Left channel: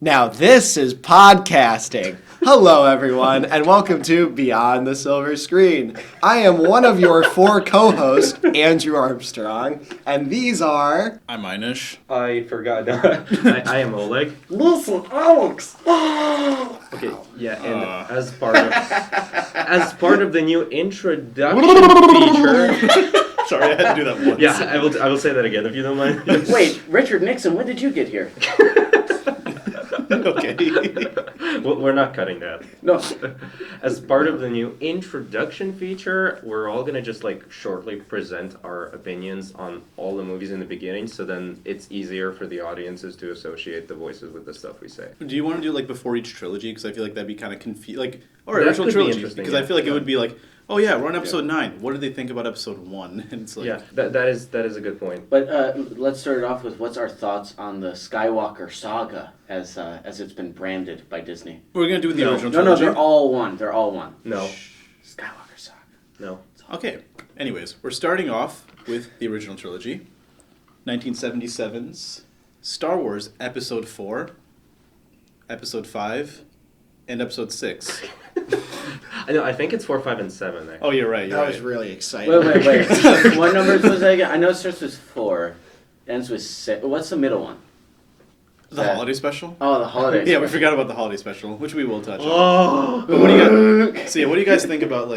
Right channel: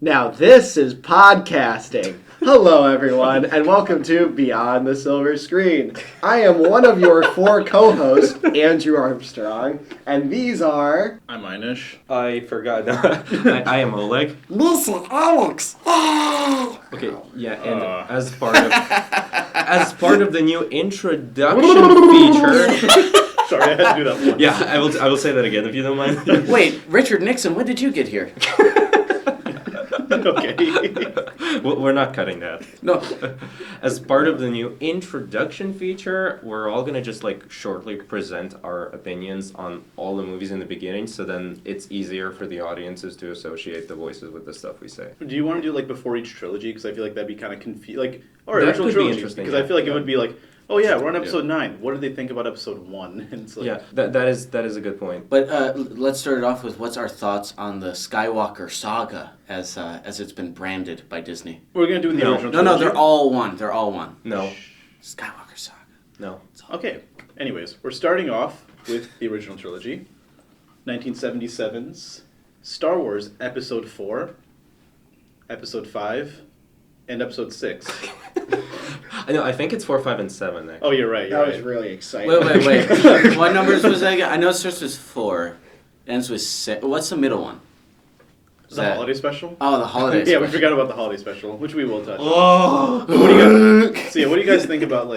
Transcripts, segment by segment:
Now this is podcasting. Hello everyone, and welcome to Beyond the Silver Screen. I am one of your four co-hosts, Andrew Armstrong, and these are... I'm Einish. I forgot. I am Oleg. Listen, Alex! Okay, yeah, and as part of the new introduction feature. Sorry, I had to do that once. Yeah, I will say that again if you don't mind. Wait, Richard Nixon, when did you get here? Okay. We're not cutting that. No. As part of the new introduction feature, we're all gonna just shortly present our opinions on all the movies in the beginning, so then it's easier for the audiences to associate the voices with the stuff we say. Do you want to do before each trilogy? Because I feel like that'd be kind of confusing. Or That original could be trilogy. interesting, Because yeah. I feel like it would be like, oh yeah, we're on episode 9. What did they think about episode 1? And it's like, Yeah, that is a good point. But let's start it off with what's our thoughts on the Skywalker saga as it's been branded by Disney. we're gonna do the original No, trilogy. they're all one. They're all one. No, Skywalker saga. no. Okay. Anyways, we're starting off with the original trilogy, 1977's Star Wars Episode 4, Episode 5, and Episode 6. I think it's 4, 5, and 7. Oh, you're right. You're That right. was really exciting. Wait. What numbers was that again? I know it starts with 4, ends with 6. What's the middle one? The holiday special? Oh, the holidays. Yeah, we forgot about the holiday special, which we will touch on. Oh. But what do you guys? So yeah, what do you guys think about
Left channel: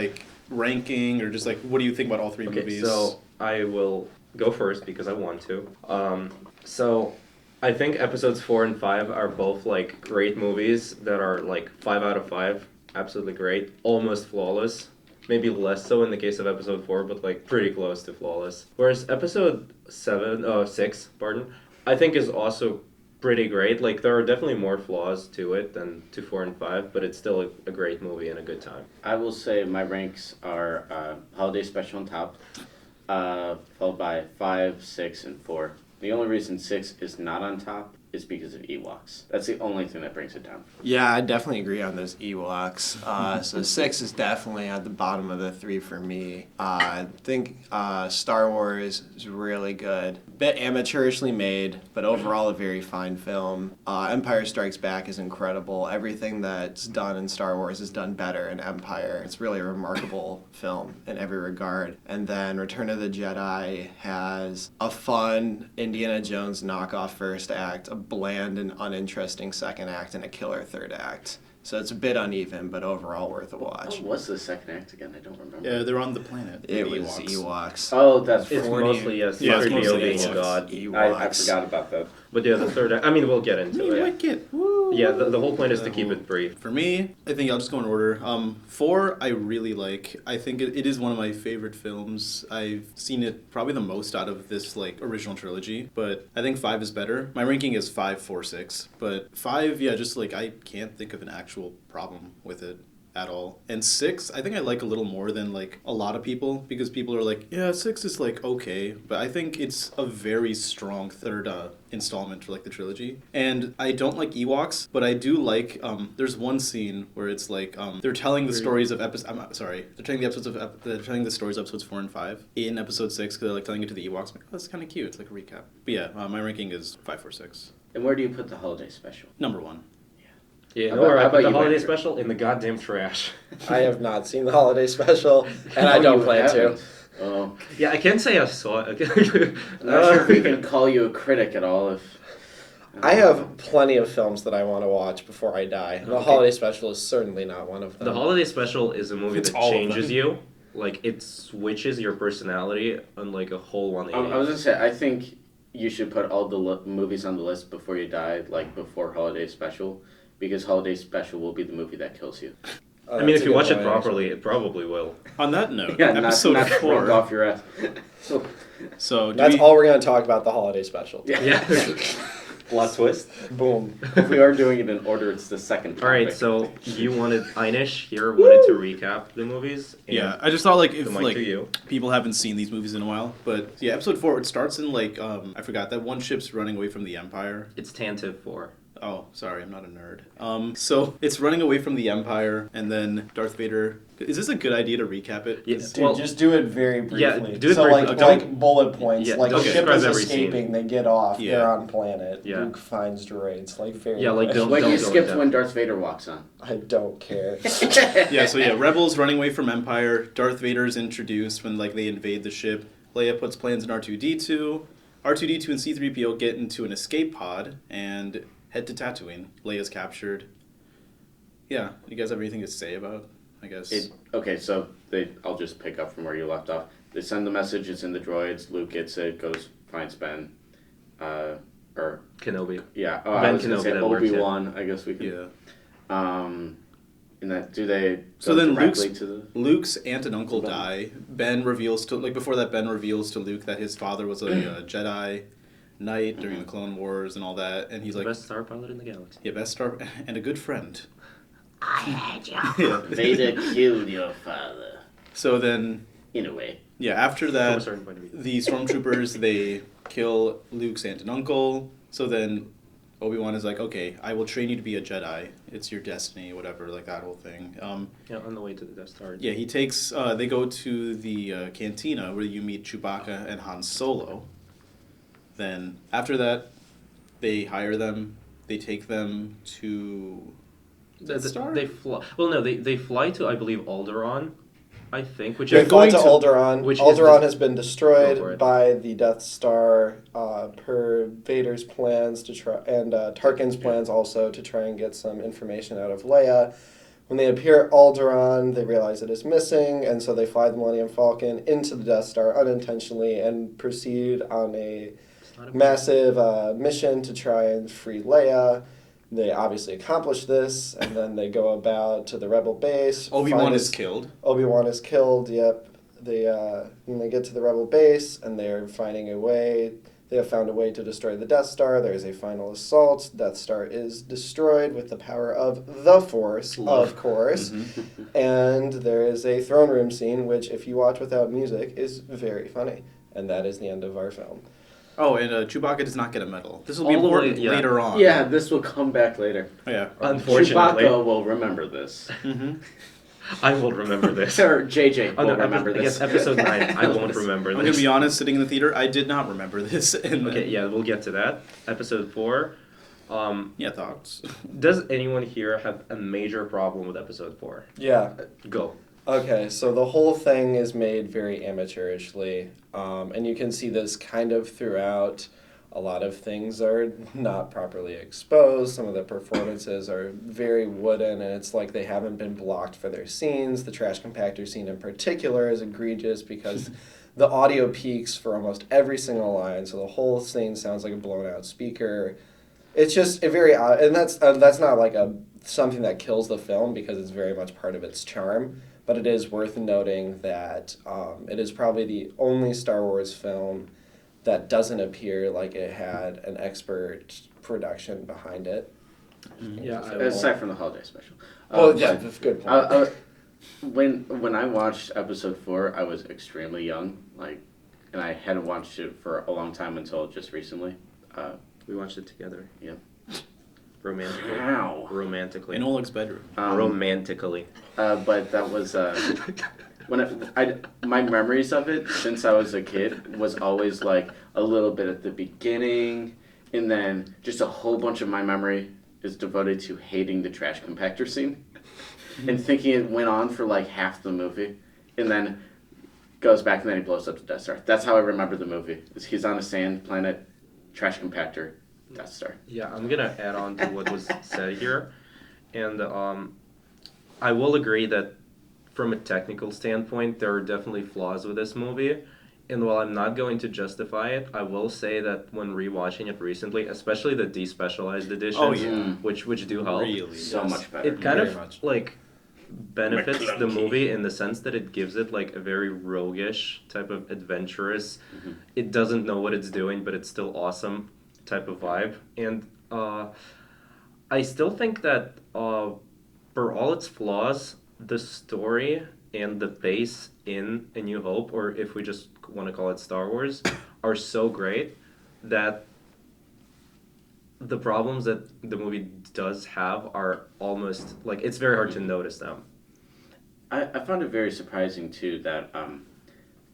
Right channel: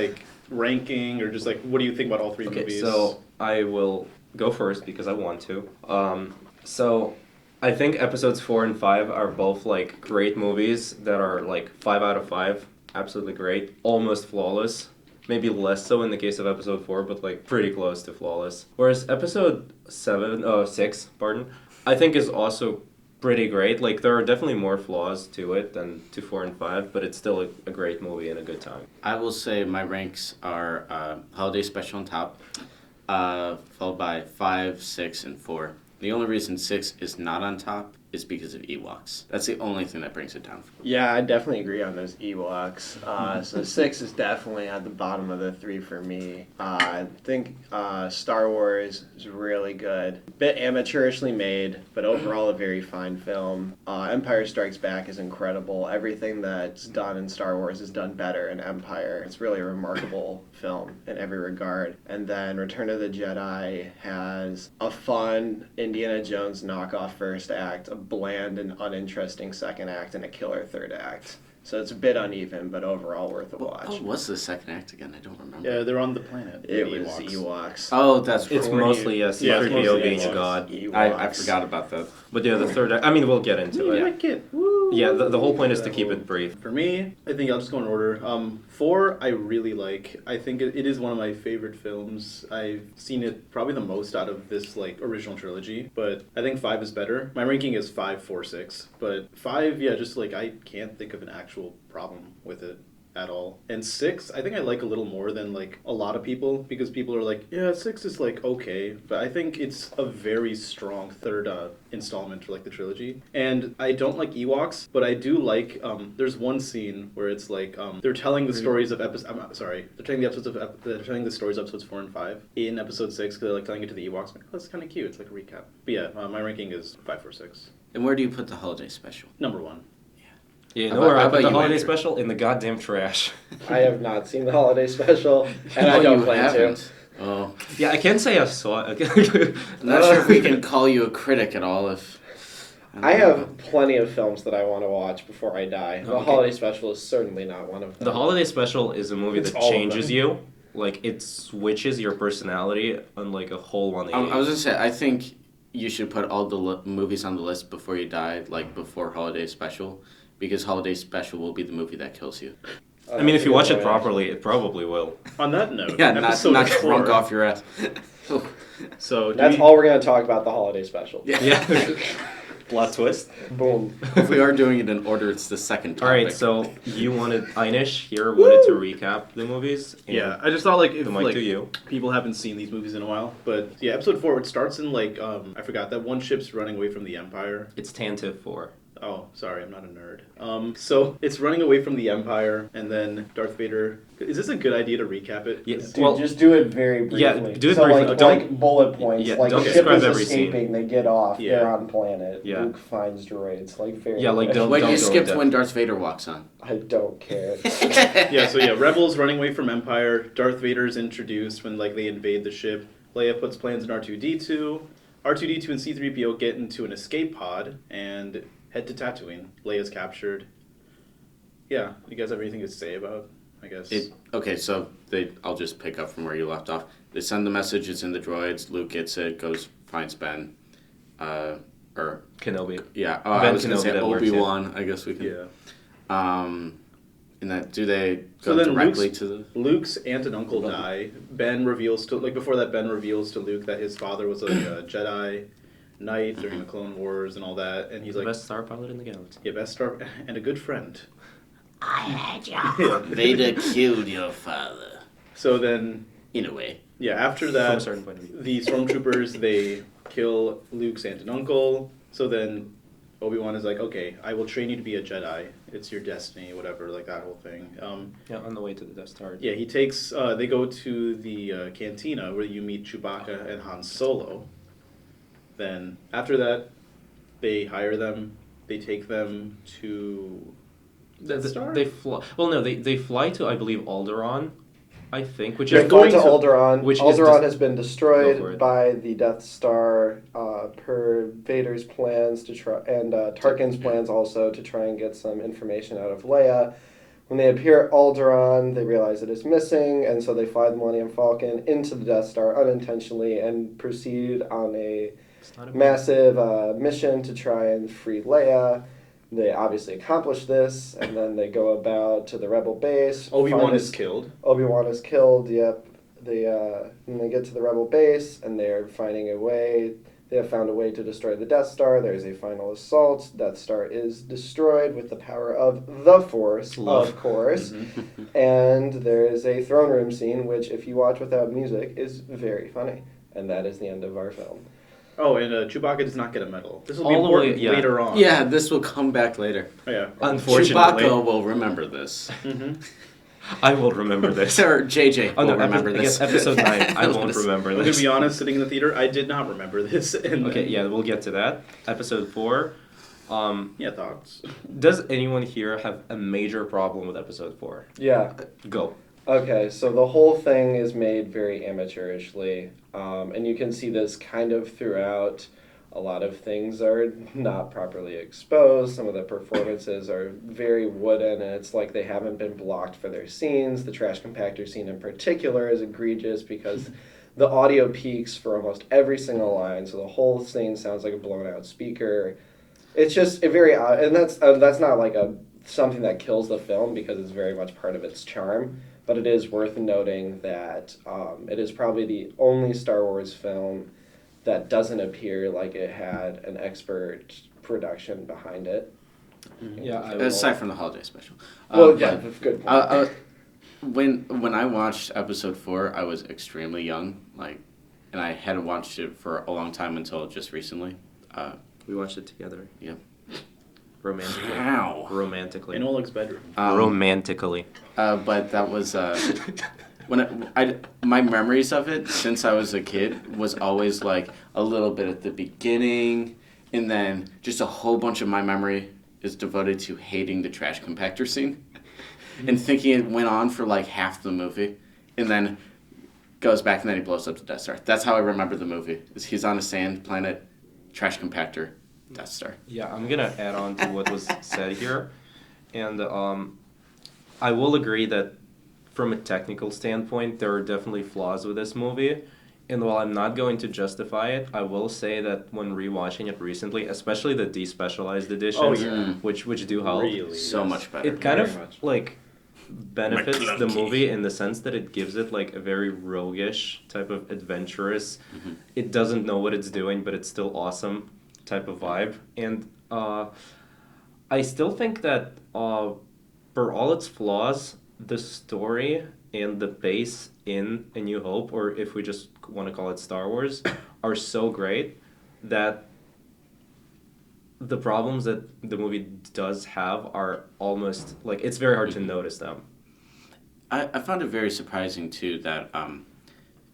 ranking or just what do you think about all three Okay, movies? so I will go first because I want to. So I think episodes 4 and 5 are both great movies that are 5 out of 5, absolutely great, almost flawless. Maybe less so in the case of episode 4, but pretty close to flawless. Whereas episode 6, I think is also pretty great. There are definitely more flaws to it than to 4 and 5, but it's still a great movie and a good time. I will say my ranks are holiday special on top, followed by 5, 6, and 4. The only reason 6 is not on top is because of Ewoks. That's the only thing that brings it down. Yeah, I definitely agree on those Ewoks. So 6 is definitely at the bottom of the 3 for me. I think Star Wars is really good. Bit amateurishly made, but overall a very fine film. Empire Strikes Back is incredible. Everything that's done in Star Wars is done better in Empire. It's really a remarkable film in every regard. And then Return of the Jedi has a fun Indiana Jones knockoff first act, a bland and uninteresting second act, and a killer third act. So it's a bit uneven, but overall worth a watch. Oh, what's the second act again? I don't remember. yeah, they're on the planet. It the was Ewoks. Ewoks. Oh, that's It's right. mostly, yes, Yeah, it's 3PO mostly being Ewoks. a god. Ewoks. I forgot about that. But yeah, the third act, we'll get into You it. like it. Woo. Yeah, the whole point is to keep it brief. For me, I think I'll just go in order. 4, I really like. I think it is one of my favorite films. I've seen it probably the most out of this original trilogy, but I think 5 is better. My ranking is 5, 4, 6, but 5, yeah, just I can't think of an actual problem with it at all. And 6, I think I like a little more than a lot of people, because people are yeah, 6 is okay, but I think it's a very strong third installment for the trilogy. And I don't like Ewoks, but I do like there's one scene where it's they're telling the stories of they're telling the stories of episodes 4 and 5 in episode 6, because they're telling it to the Ewoks. I'm like, oh, that's kind of cute. It's a recap. But yeah, my ranking is 5, 4, 6. And where do you put the holiday special? Number 1. Yeah, How no, where about- I how put about the you, holiday Mike? special in the goddamn trash. I have not seen the holiday special, and I Oh, don't you plan haven't? to. Oh, Yeah, I can't say I saw it. I'm not sure if we can call you a critic at all. I have plenty of films that I want to watch before I die. The Okay. holiday special is certainly not one of them. The holiday special is a movie It's that all of changes them. you. It switches your personality on a whole 180. I was gonna say, I think you should put all the movies on the list before you die, before holiday special, because holiday special will be the movie that kills you. I mean, if you watch it That's a good properly, it probably will. On that note, Yeah, episode not 4. drunk off your ass. So That's all we're going to talk about, the holiday special. Yeah. Plot twist. Boom. If we are doing it in order, it's the second topic. All right, so Einish here wanted to recap the movies. And Yeah, I just thought if the mic to you. people haven't seen these movies in a while, but yeah, episode 4, it starts in I forgot that one ship's running away from the Empire. It's Tantive 4. Oh, sorry, I'm not a nerd. So it's running away from the Empire, and then Darth Vader. Is this a good idea to recap it? Yeah, Dude, well, just do it very briefly. Yeah, do it so briefly. like, Don't- like bullet points. Yeah, like don't ship describe is every scene. escaping, they get off, Yeah. they're on planet. Yeah. Luke finds droids. Like very. Yeah, like, don't- Wait, you go skipped into when Darth Vader walks on. I don't care. Yeah, so Rebels running away from Empire. Darth Vader's introduced when like they invade the ship. Leia puts plans in R2D2. R2D2 and C3PO get into an escape pod and head to Tatooine. Leia's captured. Yeah, you guys have anything to say about? I guess. Okay, so I'll just pick up from where you left off. They send the message, it's in the droids. Luke gets it, goes finds Ben. Or Kenobi. yeah, Ben I was gonna Kenobi, say that works, yeah. Obi-Wan. I guess we could. Yeah. And that do they So go then directly Luke's- to the? Luke's aunt and uncle die. Ben reveals to before that Ben reveals to Luke that his father was a Jedi Knight during the Clone Wars and all that, and he's The like, best star pilot in the galaxy. yeah, best star and a good friend. Vader killed your father. So then, In a way. yeah, after From a that, certain point of view. the stormtroopers they kill Luke's aunt and uncle. So then Obi-Wan is like, okay, I will train you to be a Jedi. It's your destiny, whatever, like that whole thing. Yeah, on the way to the Death Star. Yeah, he takes. They go to the cantina where you meet Chewbacca and Han Solo. Then after that, they hire them. They take them to. Death Star? They fly. Well, no, they fly to, I believe, Alderaan, I think, which They're is going to to- Alderaan. which is Alderaan dis- has been Go for destroyed it. by the Death Star per Vader's plans to try, and Tarkin's plans also to try and get some information out of Leia. When they appear at Alderaan, they realize it is missing, and so they fly the Millennium Falcon into the Death Star unintentionally and proceed on a It's not a massive mission to try and free Leia. They obviously accomplish this, and then they go about to the Rebel base. Obi-Wan find is this- killed. Obi-Wan is killed, yep. Then they get to the Rebel base, and they're finding a way. They have found a way to destroy the Death Star. There's a final assault. Death Star is destroyed with the power of the Force, of course. And there is a throne room scene, which, if you watch without music, is very funny. And that is the end of our film. Oh, and Chewbacca does not get a medal. This will be All the way- important yeah. later on. Yeah, this will come back later. Oh, yeah. Unfortunately, Chewbacca will remember this. I will remember this. Or JJ Oh will no, remember I this. guess episode 9, I won't remember I'm gonna this. be honest. Sitting in the theater, I did not remember this. And Okay, yeah, we'll get to that. Episode 4. Yeah, thoughts. Does anyone here have a major problem with episode 4? Yeah. Go. Okay, so the whole thing is made very amateurishly, and you can see this kind of throughout. A lot of things are not properly exposed. Some of the performances are very wooden, and it's like they haven't been blocked for their scenes. The trash compactor scene in particular is egregious because the audio peaks for almost every single line, so the whole scene sounds like a blown out speaker. It's just a very odd, and that's not like something that kills the film because it's very much part of its charm. But it is worth noting that it is probably the only Star Wars film that doesn't appear like it had an expert production behind it. Yeah, I Aside from the holiday special. Well, But, yeah, that's a good point. when I watched episode 4, I was extremely young, and I hadn't watched it for a long time until just recently. we watched it together. Yeah. Romantically. Wow. Romantically. In Oleg's bedroom. Romantically. But that was when my memories of it since I was a kid was always like a little bit at the beginning, and then just a whole bunch of my memory is devoted to hating the trash compactor scene, and thinking it went on for like half the movie, and then goes back and then he blows up the Death Star. That's how I remember the movie. Is he's on a sand planet, trash compactor, Death Star. Yeah, I'm gonna add on to what was said here, and I will agree that from a technical standpoint, there are definitely flaws with this movie. And while I'm not going to justify it, I will say that when rewatching it recently, especially the despecialized editions, yeah. which do help, Really? So much better. it kind Very of much. like benefits the movie in the sense that it gives it like a very roguish type of adventurous. It doesn't know what it's doing, but it's still awesome type of vibe. And I still think that for all its flaws, the story and the base in A New Hope, or if we just want to call it Star Wars, are so great that the problems that the movie does have are almost like it's very hard to notice them. I found it very surprising too that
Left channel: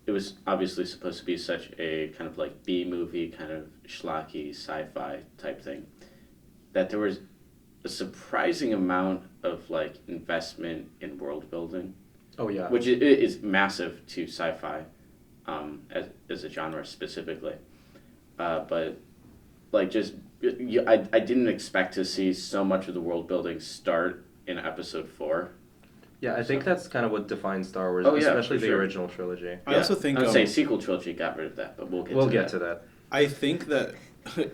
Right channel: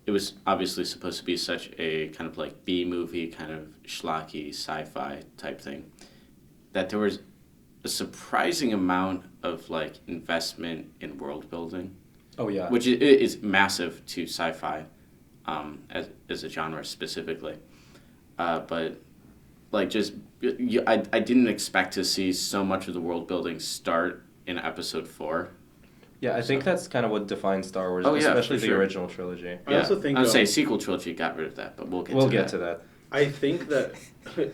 it was obviously supposed to be such a kind of like B movie, kind of schlocky sci-fi type thing, that there was a surprising amount of like investment in world building, Oh yeah. which is massive to sci-fi, as a genre specifically. But like just I didn't expect to see so much of the world building start in episode 4. Yeah, I think that's kind of what defines Star Wars, Oh, yeah, especially for the sure. original trilogy. I also think I'd say sequel trilogy got rid of that, but we'll get to that. I think that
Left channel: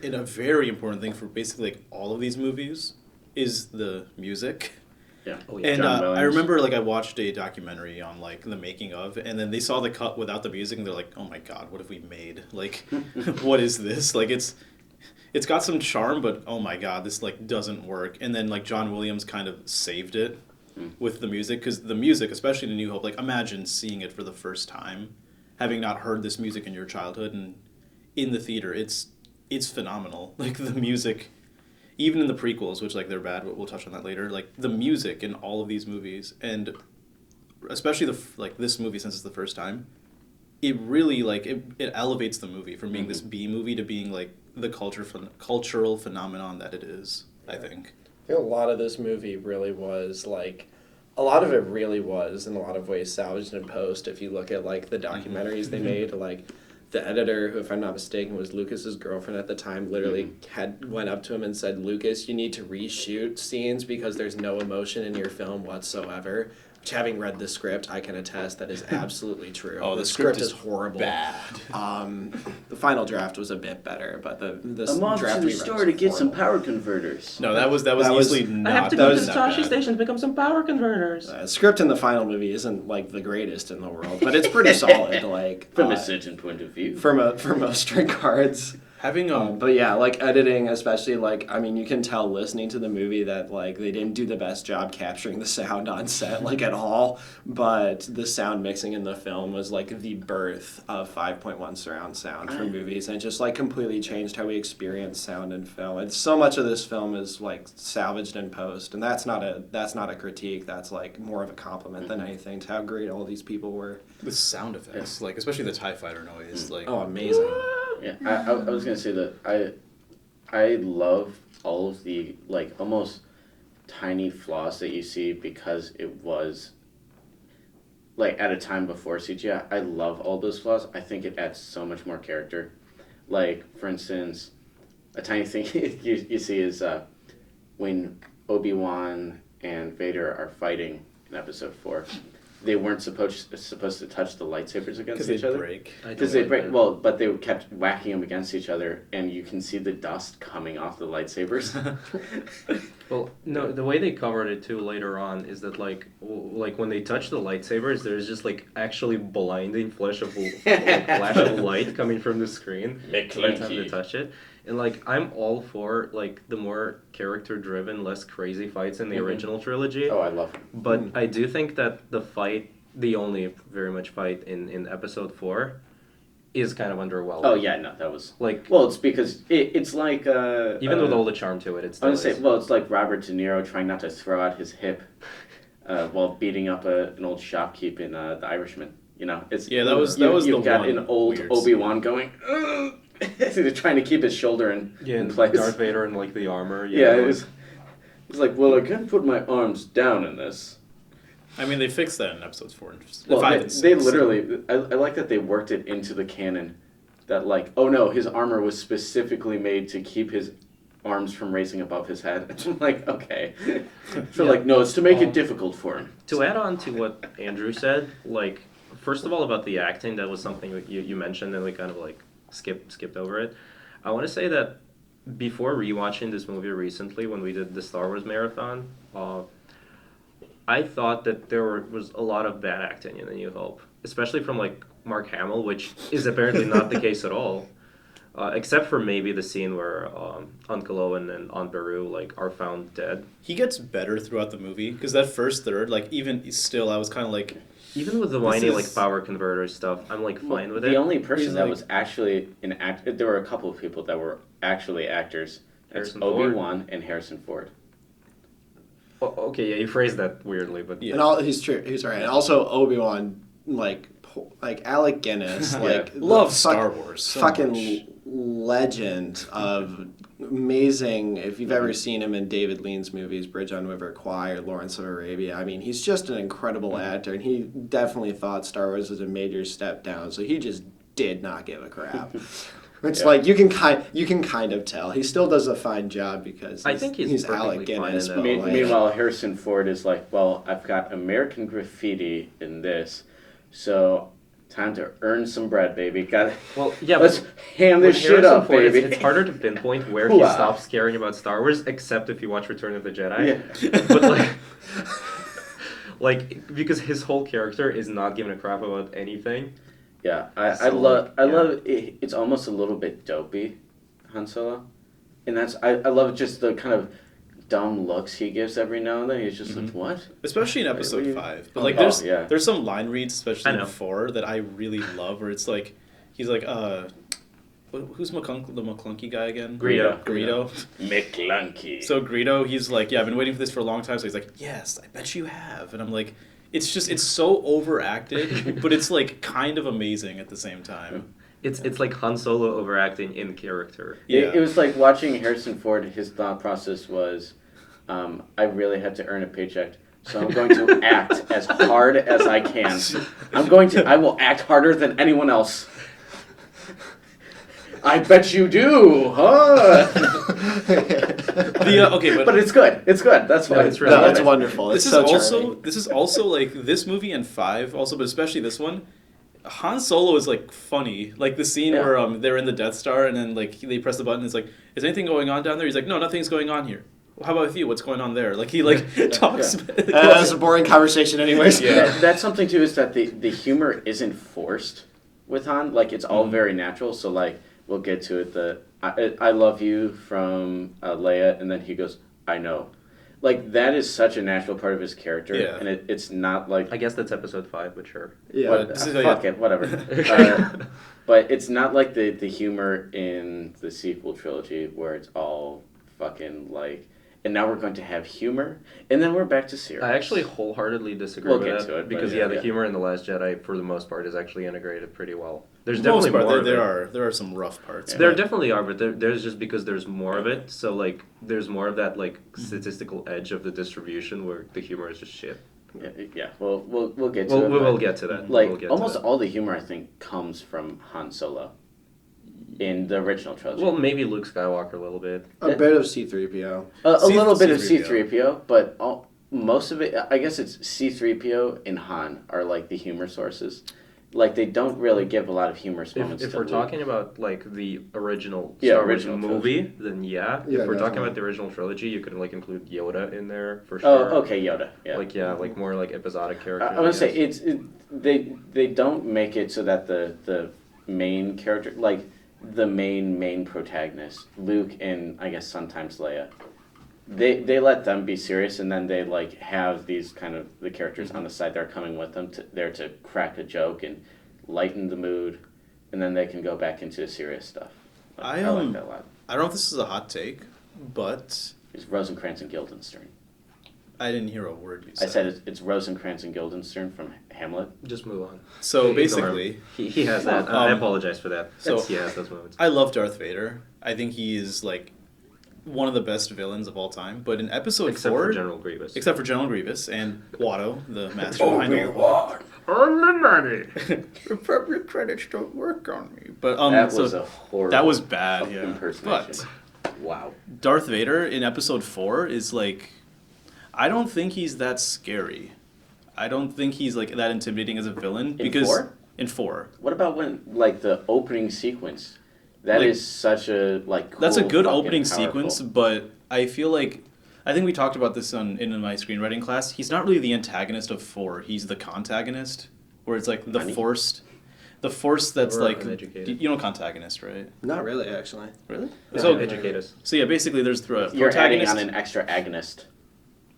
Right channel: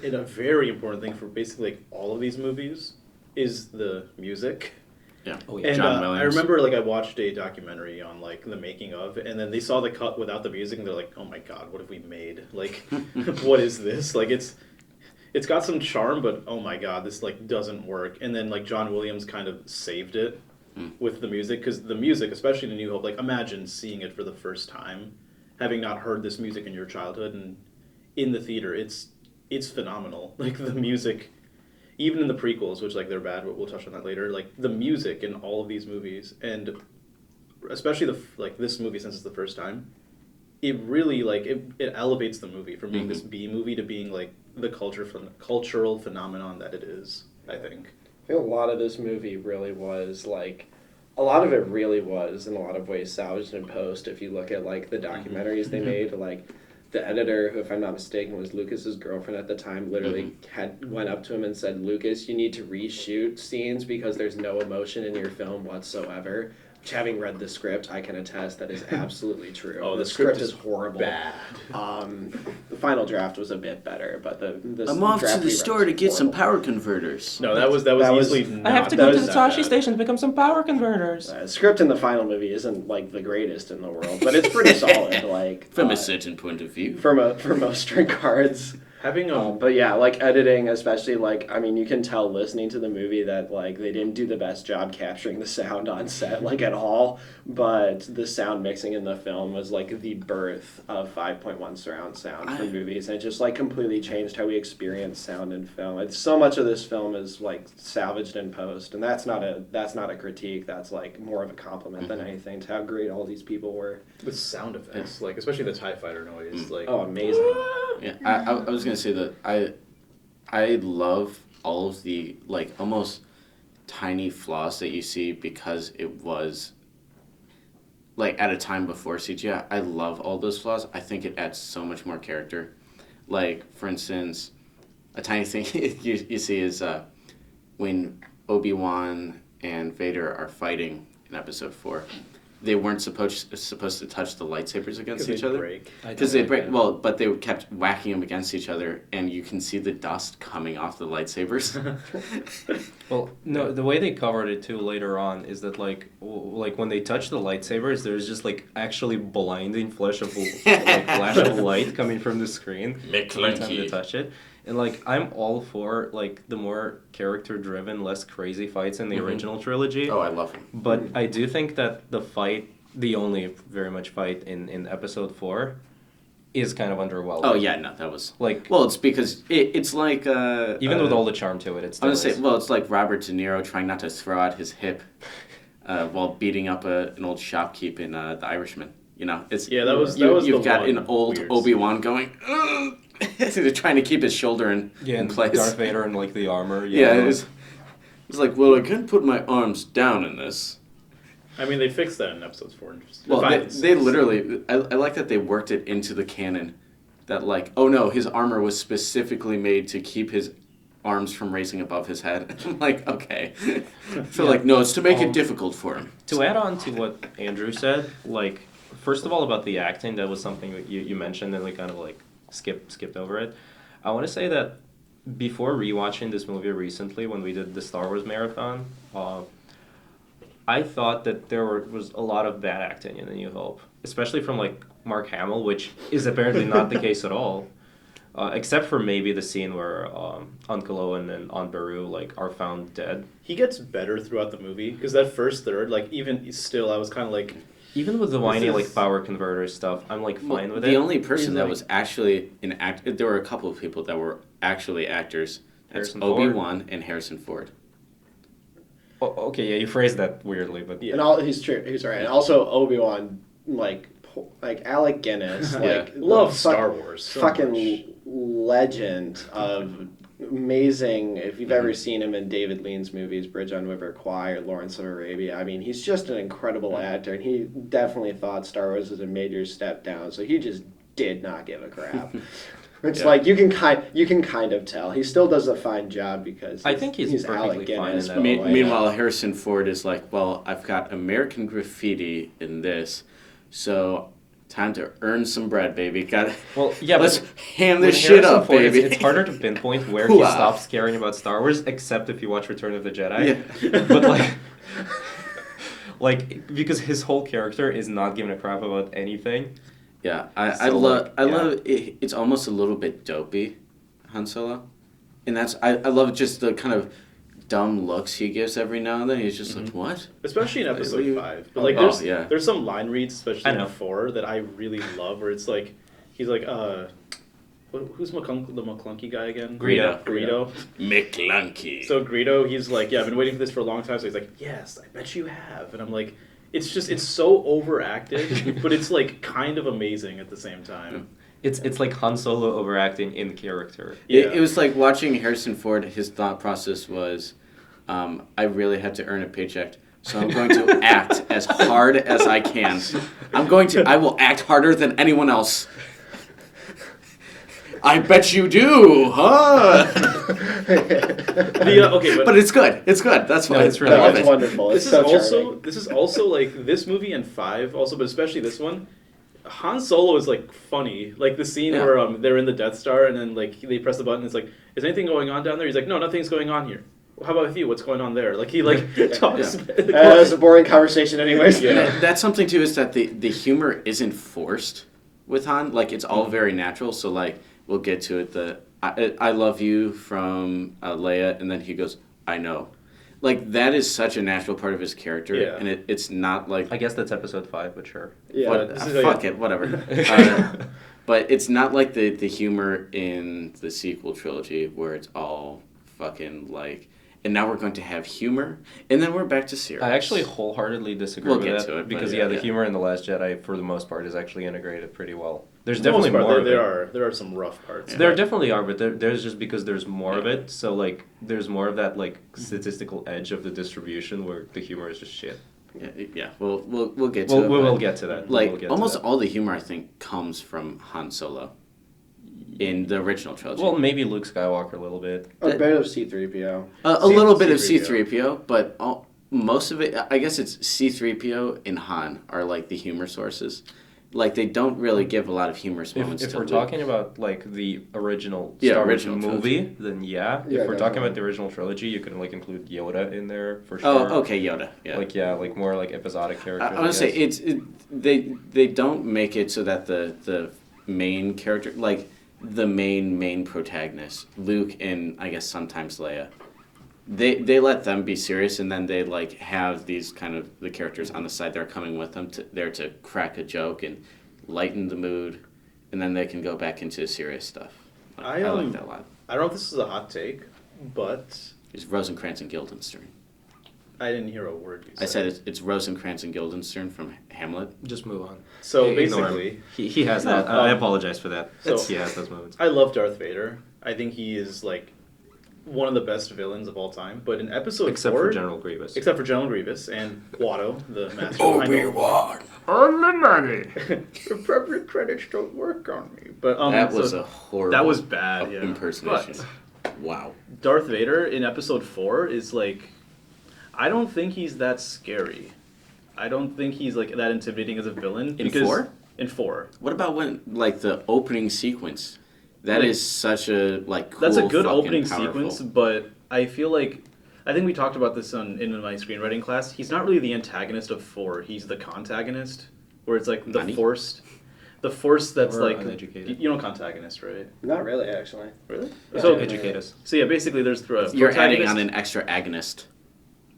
in a very important thing for basically like all of these movies is the music. Yeah. Oh, yeah. And John I Williams. remember like I watched a documentary on like the making of, and then they saw the cut without the music, and they're like, "Oh my god, what have we made? Like, what is this? Like, it's got some charm, but oh my god, this like doesn't work." And then like John Williams kind of saved it with the music, because the music, especially in New Hope, like imagine seeing it for the first time, having not heard this music in your childhood, and in the theater, it's phenomenal. Like the music. Even in the prequels, which like they're bad, but we'll touch on that later. Like the music in all of these movies, and especially like this movie, since it's the first time, it really like it elevates the movie from being this B movie to being like the cultural phenomenon that it is. I think. I feel a lot of this movie really was like, a lot of it really was in a lot of ways salvaged in post. If you look at like the documentaries they made, like the editor, who if I'm not mistaken was Lucas's girlfriend at the time, literally went up to him and said, "Lucas, you need to reshoot scenes because there's no emotion in your film whatsoever." Which, having read the script, I can attest that is absolutely true. Oh, the script is horrible. Bad. The final draft was a bit better, but the I'm off to draft the we read store was to get some horrible. power converters. No, that was that was- easily not. I have to that go to was the that Tashi bad. station to pick up some power converters. Script in the final movie isn't like the greatest in the world, but it's pretty solid. Like From a certain point of view. for most regards. Having But yeah, like editing, especially like I mean, you can tell listening to the movie that like they didn't do the best job capturing the sound on set, like at all. But the sound mixing in the film was like the birth of 5.1 surround sound for movies, and it just like completely changed how we experience sound in film. And so much of this film is like salvaged in post, and that's not a critique. That's like more of a compliment than anything to how great all these people were. the sound effects, like especially the TIE fighter noise, like Oh, amazing. Yeah, I was gonna say that I love all of the like almost tiny flaws that you see because it was like at a time before CGI. I love all those flaws. I think it adds so much more character. Like for instance, a tiny thing you see is when Obi-Wan and Vader are fighting in Episode 4. They weren't supposed to touch the lightsabers against each other. break. Because they break, well, but they kept whacking them against each other, and you can see the dust coming off the lightsabers. Well, no, the way they covered it too later on is that like when they touch the lightsabers, there's just like actually blinding flash of light coming from the screen every time they touch it. And like I'm all for like the more character driven, less crazy fights in the original trilogy. Oh, I love them. But I do think that the only very much fight in Episode 4, is kind of underwhelming. Oh yeah, no, that was Like well, it's because it's like even with all the charm to it, it's I still would say well, it's like Robert De Niro trying not to throw out his hip while beating up an old shopkeep in The Irishman. You know, it's Yeah, that was you've the got one an old weird Obi-Wan going. They're trying to keep his shoulder in and place. Darth Vader and like the armor. Yeah, it was like, well, I can't put my arms down in this. I mean, they fixed that in episodes 4 and Well, 5 they and 6. literally, I like that they worked it into the canon that, like, oh no, his armor was specifically made to keep his arms from raising above his head. I'm like, okay. So, like, no, it's to make it difficult for him. To add on to what Andrew said, like, first of all, about the acting, that was something that you mentioned, and we kind of, like, skipped over it. I want to say that before rewatching this movie recently, when we did the Star Wars marathon, I thought that there was a lot of bad acting in A New Hope, especially from, like, Mark Hamill, which is apparently not the case at all. Except for maybe the scene where Uncle Owen and Aunt Beru like are found dead. He gets better throughout the movie because that first third, like even still, I was kind of like, Even with the whiny is- like power converter stuff, I'm like fine with it. The only person He's that like- was actually an act, there were a couple of people that were actually actors, It's Harrison Ford? Obi-Wan and Harrison Ford. Okay, yeah, you phrased that weirdly, but Yeah. And all he's true. He's right. And also Obi-Wan, like Alec Guinness, like Love the Star Wars so fucking much. legend of amazing. If you've ever seen him in David Lean's movies, Bridge on River Kwai or Lawrence of Arabia, I mean, he's just an incredible actor, and he definitely thought Star Wars was a major step down. So he just did not give a crap. It's like you can kind of tell. He still does a fine job because I think he's Alec perfectly fine Guinness. in that. but, like, Meanwhile, Harrison Ford is like, well, I've got American Graffiti in this, so time to earn some bread, baby. well, yeah, Let's but ham with this shit Harrison up, Ford, baby. it's harder to pinpoint where he Hoo-ah. stops caring about Star Wars, except if you watch Return of the Jedi. Yeah. But like, because his whole character is not giving a crap about anything. Yeah, I So, love like, yeah. love it. It's almost a little bit dopey, Han Solo, and that's I love just the kind of dumb looks he gives every now and then. He's just like, what? Especially in What episode do you- 5. But like Oh, there's yeah. there's some line reads, especially I in know. 4, that I really love where it's like he's like who's the McClunky guy again? Greedo. Greedo. McClunky. So Greedo, he's like, yeah, I've been waiting for this for a long time. So he's like, yes, I bet you have. And I'm like, it's so overacted, but it's like kind of amazing at the same time. It's like Han Solo overacting in character. Yeah. It was like watching Harrison Ford. His thought process was, I really had to earn a paycheck, so I'm going to act as hard as I can. I will act harder than anyone else. I bet you do, huh? Okay, But it's good. It's good. That's why. it's really No, good. it's wonderful. It's This so is charming. also like this movie and 5 also, but especially this one. Han Solo is like funny, like the scene Yeah. where they're in the Death Star and then like they press the button. It's like, is anything going on down there? He's like, no, nothing's going on here. Well, how about with you? What's going on there? Like he talks. That was a boring conversation, anyways. Yeah. That's something too, is that the humor isn't forced with Han. Like it's all very natural. So like we'll get to it. I love you from Leia, and then he goes, I know. Like that is such a natural part of his character, Yeah. and it's not like I guess that's episode 5, but sure. Yeah. what, this is fuck it, whatever. But it's not like the humor in the sequel trilogy where it's all fucking like, and now we're going to have humor, and then we're back to serious. I actually wholeheartedly disagree We'll with get that to it, but because yeah, the yeah. humor in The Last Jedi, for the most part, is actually integrated pretty well. There's For the most definitely part, more of it. there are some rough parts. There but- definitely are, but there's just because there's more of it. So like, there's more of that like statistical edge of the distribution where the humor is just shit. Yeah. We'll get to We'll, it. we but- will get to that. Like we'll get almost to that. all the humor I think comes from Han Solo in the original trilogy. Well, maybe Luke Skywalker a little bit. A bit of C-3PO. a little bit of C-3PO. C-3PO, but most of it, I guess it's C-3PO and Han are like the humor sources. Like they don't really give a lot of humorous moments. If to we're Luke. talking about like the original Yeah, Star Wars original movie, then yeah. Yeah, If we're talking definitely. about the original trilogy, you can like include Yoda in there for sure. Oh, okay, Yoda. Yeah. Like more like episodic characters. I would say guess. they don't make it so that the main character, like the main protagonist, Luke and I guess sometimes Leia, they let them be serious, and then they like have these kind of the characters on the side that are coming with them there to crack a joke and lighten the mood, and then they can go back into serious stuff. I like that a lot. I don't know if this is a hot take, but It's Rosencrantz and Guildenstern. I didn't hear a word you said. I said it's Rosencrantz and Guildenstern from Hamlet. Just move on. So Ignore him. basically, He has that. I Um, apologize for that. so- He has those moments. I love Darth Vader. I think he is like one of the best villains of all time. But in episode Except 4, for General Grievous. except for General Grievous and Watto, the master behind Obi-Wan. Appropriate credits don't work on me. But That so was a horrible. that was bad. Yeah. impersonation. But Wow. Darth Vader in episode 4 is like, I don't think he's that scary. I don't think he's like that intimidating as a villain. In because 4? In 4. What about when, like, the opening sequence? That Like, is such a, like, cool, That's a good fucking opening powerful. sequence, but I feel like I think we talked about this in my screenwriting class. He's not really the antagonist of 4. He's the contagonist, where it's like the Nani? force that's We're like uneducated. you know contagenist, right? Not really, actually. Really? So So educate us. so yeah, basically there's the You're adding protagonist, on an extra agonist.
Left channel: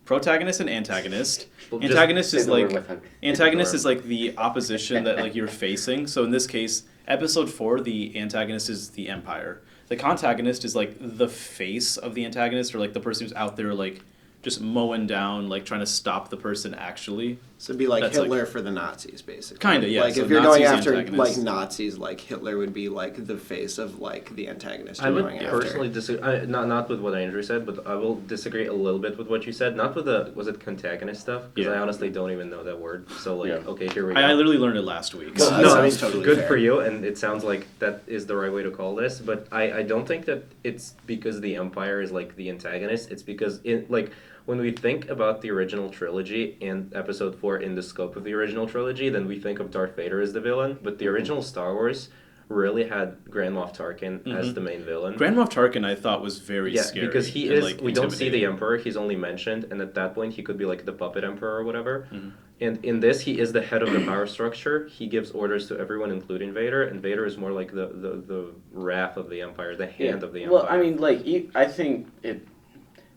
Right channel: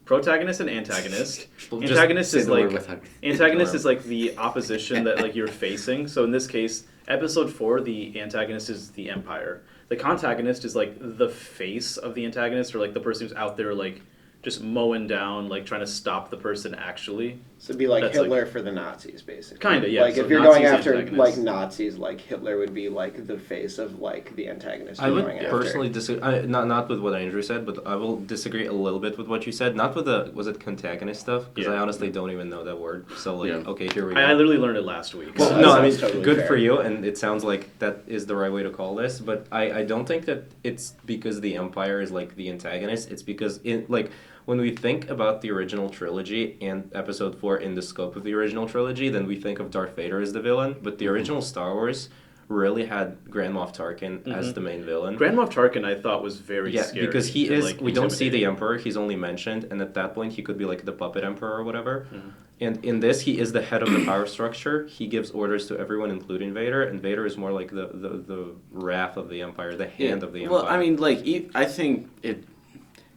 protagonist and antagonist. We'll just Antagonist Say is the word like with him. antagonist is like the opposition that like you're facing. So in this case, episode 4, the antagonist is the Empire. the contagonist is like the face of the antagonist, or like the person who's out there like just mowing down, like trying to stop the person actually. So it'd be like That's Hitler for the Nazis, basically. Kinda, yeah. Like So if you're going Nazis, after antagonists. like Nazis, like Hitler would be like the face of like the antagonist. I you're would going personally disagree. Not with what Andrew said, but I will disagree a little bit with what you said. Not with the was it contagonist stuff, because Yeah. I honestly don't even know that word. So like, Yeah. okay, here we go. I literally learned it last week. Well, so- that No, I mean, sounds totally good fair. for you, and it sounds like that is the right way to call this. But I don't think that it's because the Empire is like the antagonist. It's because like when we think about the original trilogy and Episode 4 in the scope of the original trilogy, then we think of Darth Vader as the villain. But the original Star Wars really had Grand Moff Tarkin as the main villain. Grand Moff Tarkin, I thought, was very Yeah, scary. because he and, is. like, We don't see the intimidating. Emperor. He's only mentioned, and at that point, he could be like the puppet Emperor or whatever. Mm-hmm. And in this, he is the head of the power structure. He gives orders to everyone, including Vader, and Vader is more like the wrath of the Empire, the hand of the Empire. Well, I mean, like, I think it.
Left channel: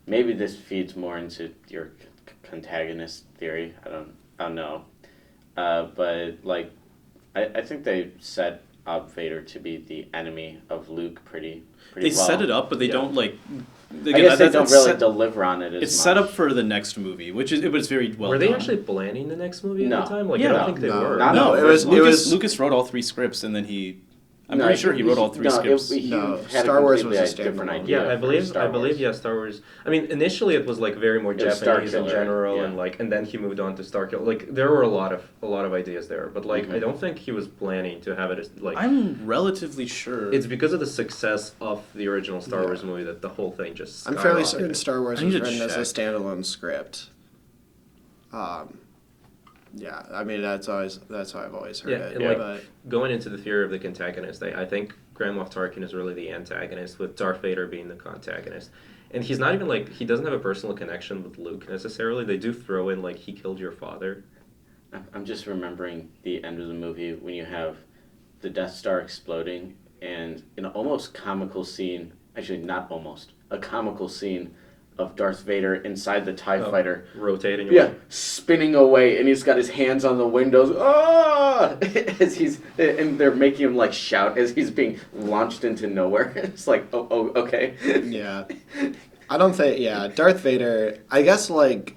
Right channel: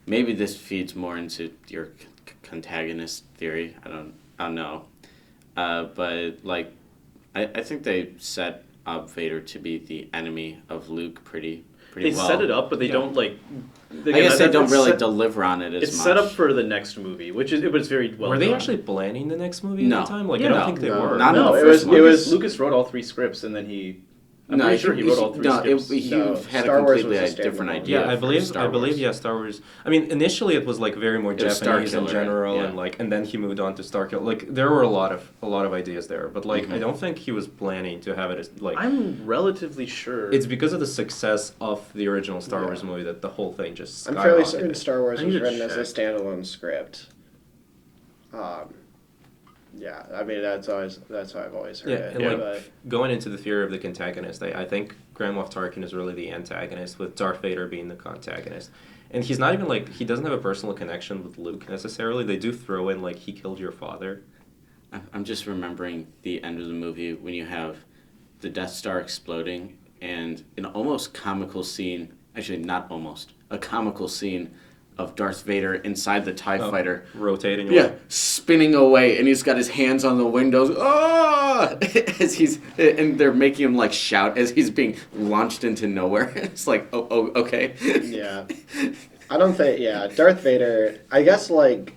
Maybe this feeds more into your contagonist theory. I don't know. But like, I think they set up Vader to be the enemy of Luke pretty They well. set it up, but they don't like. I guess they don't really Set, deliver on it as it's much. set up for the next movie, but it's very well. were they done. actually planning the next movie No. at the time? Like, Yeah. I don't think they No. were. Not No, in it the was first it one. was Lucas wrote all 3 scripts, and then I'm pretty sure he wrote all 3 scripts. He No, had Star a Wars completely was a different standalone. idea. Yeah, I for believe. Star I believe. Wars. Yeah, Star Wars. I mean, initially it was like very more It was Star Japanese in Killer, general, yeah. and like, and then he moved on to Starkill. Like, there were a lot of ideas there, but like, Mm-hmm. I don't think he was planning to have it as like. I'm relatively sure. It's because of the success of the original Star Yeah. Wars movie that the whole thing just. I'm fairly skyrocketed. certain Star Wars I was need to written as a check. standalone script. Yeah, I mean that's how I've always heard Yeah, it. and like but going into the theory of the antagonist, I think Grand Moff Tarkin is really the antagonist, with Darth Vader being the contagonist. And he's not even like, he doesn't have a personal connection with Luke necessarily. They do throw in like, he killed your father. I'm just remembering the end of the movie when you have the Death Star exploding and an almost comical scene, actually not almost, a comical scene of Darth Vader inside the TIE fighter. Rotating. Yeah, away. spinning away, and he's got his hands on the windows. Ah! And they're making him like shout as he's being launched into nowhere. It's like, oh, okay. yeah, I don't think Darth Vader. I guess like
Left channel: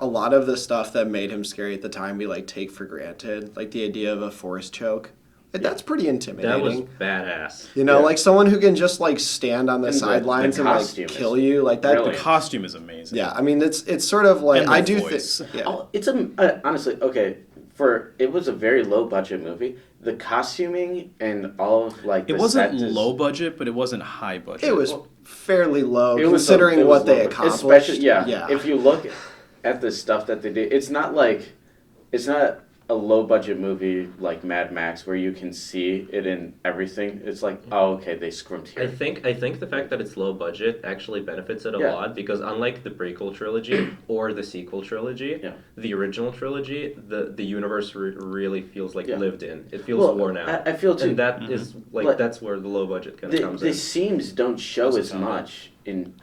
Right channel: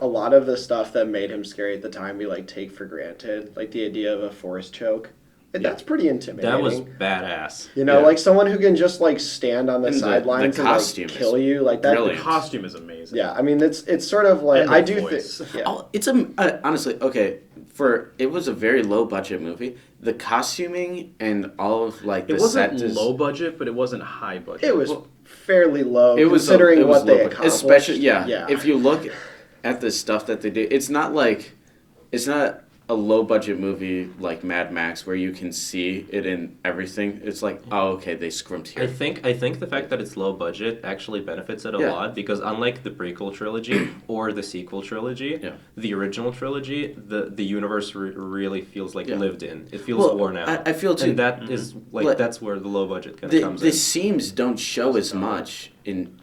a lot of the stuff that made him scary at the time we like take for granted, like the idea of a force choke. Like, that's pretty intimidating. That was badass. You know, Yeah. like someone who can just like stand on the And the sidelines and like costume is kill you, like that. the brilliant. costume is amazing. Yeah, I mean it's sort of like And I the do voice. think. Yeah. Oh, it's honestly okay. It was a very low budget movie. The costuming and all of like It the wasn't set is- low budget, but it wasn't high budget. It was fairly low It was considering it was what they low budget. accomplished. Especially yeah. If you look at the stuff that they did, it's not a low budget movie like Mad Max where you can see it in everything. It's like, oh, okay, they scrimped I here. think the fact that it's low budget actually benefits it a Yeah. lot, because unlike the prequel trilogy or the sequel trilogy, Yeah. the original trilogy, the universe really feels like Yeah. lived in. It feels Well, worn out. I feel too. And that is like Like, that's where the low budget kind of comes The in. seams don't show How's it as sound? much in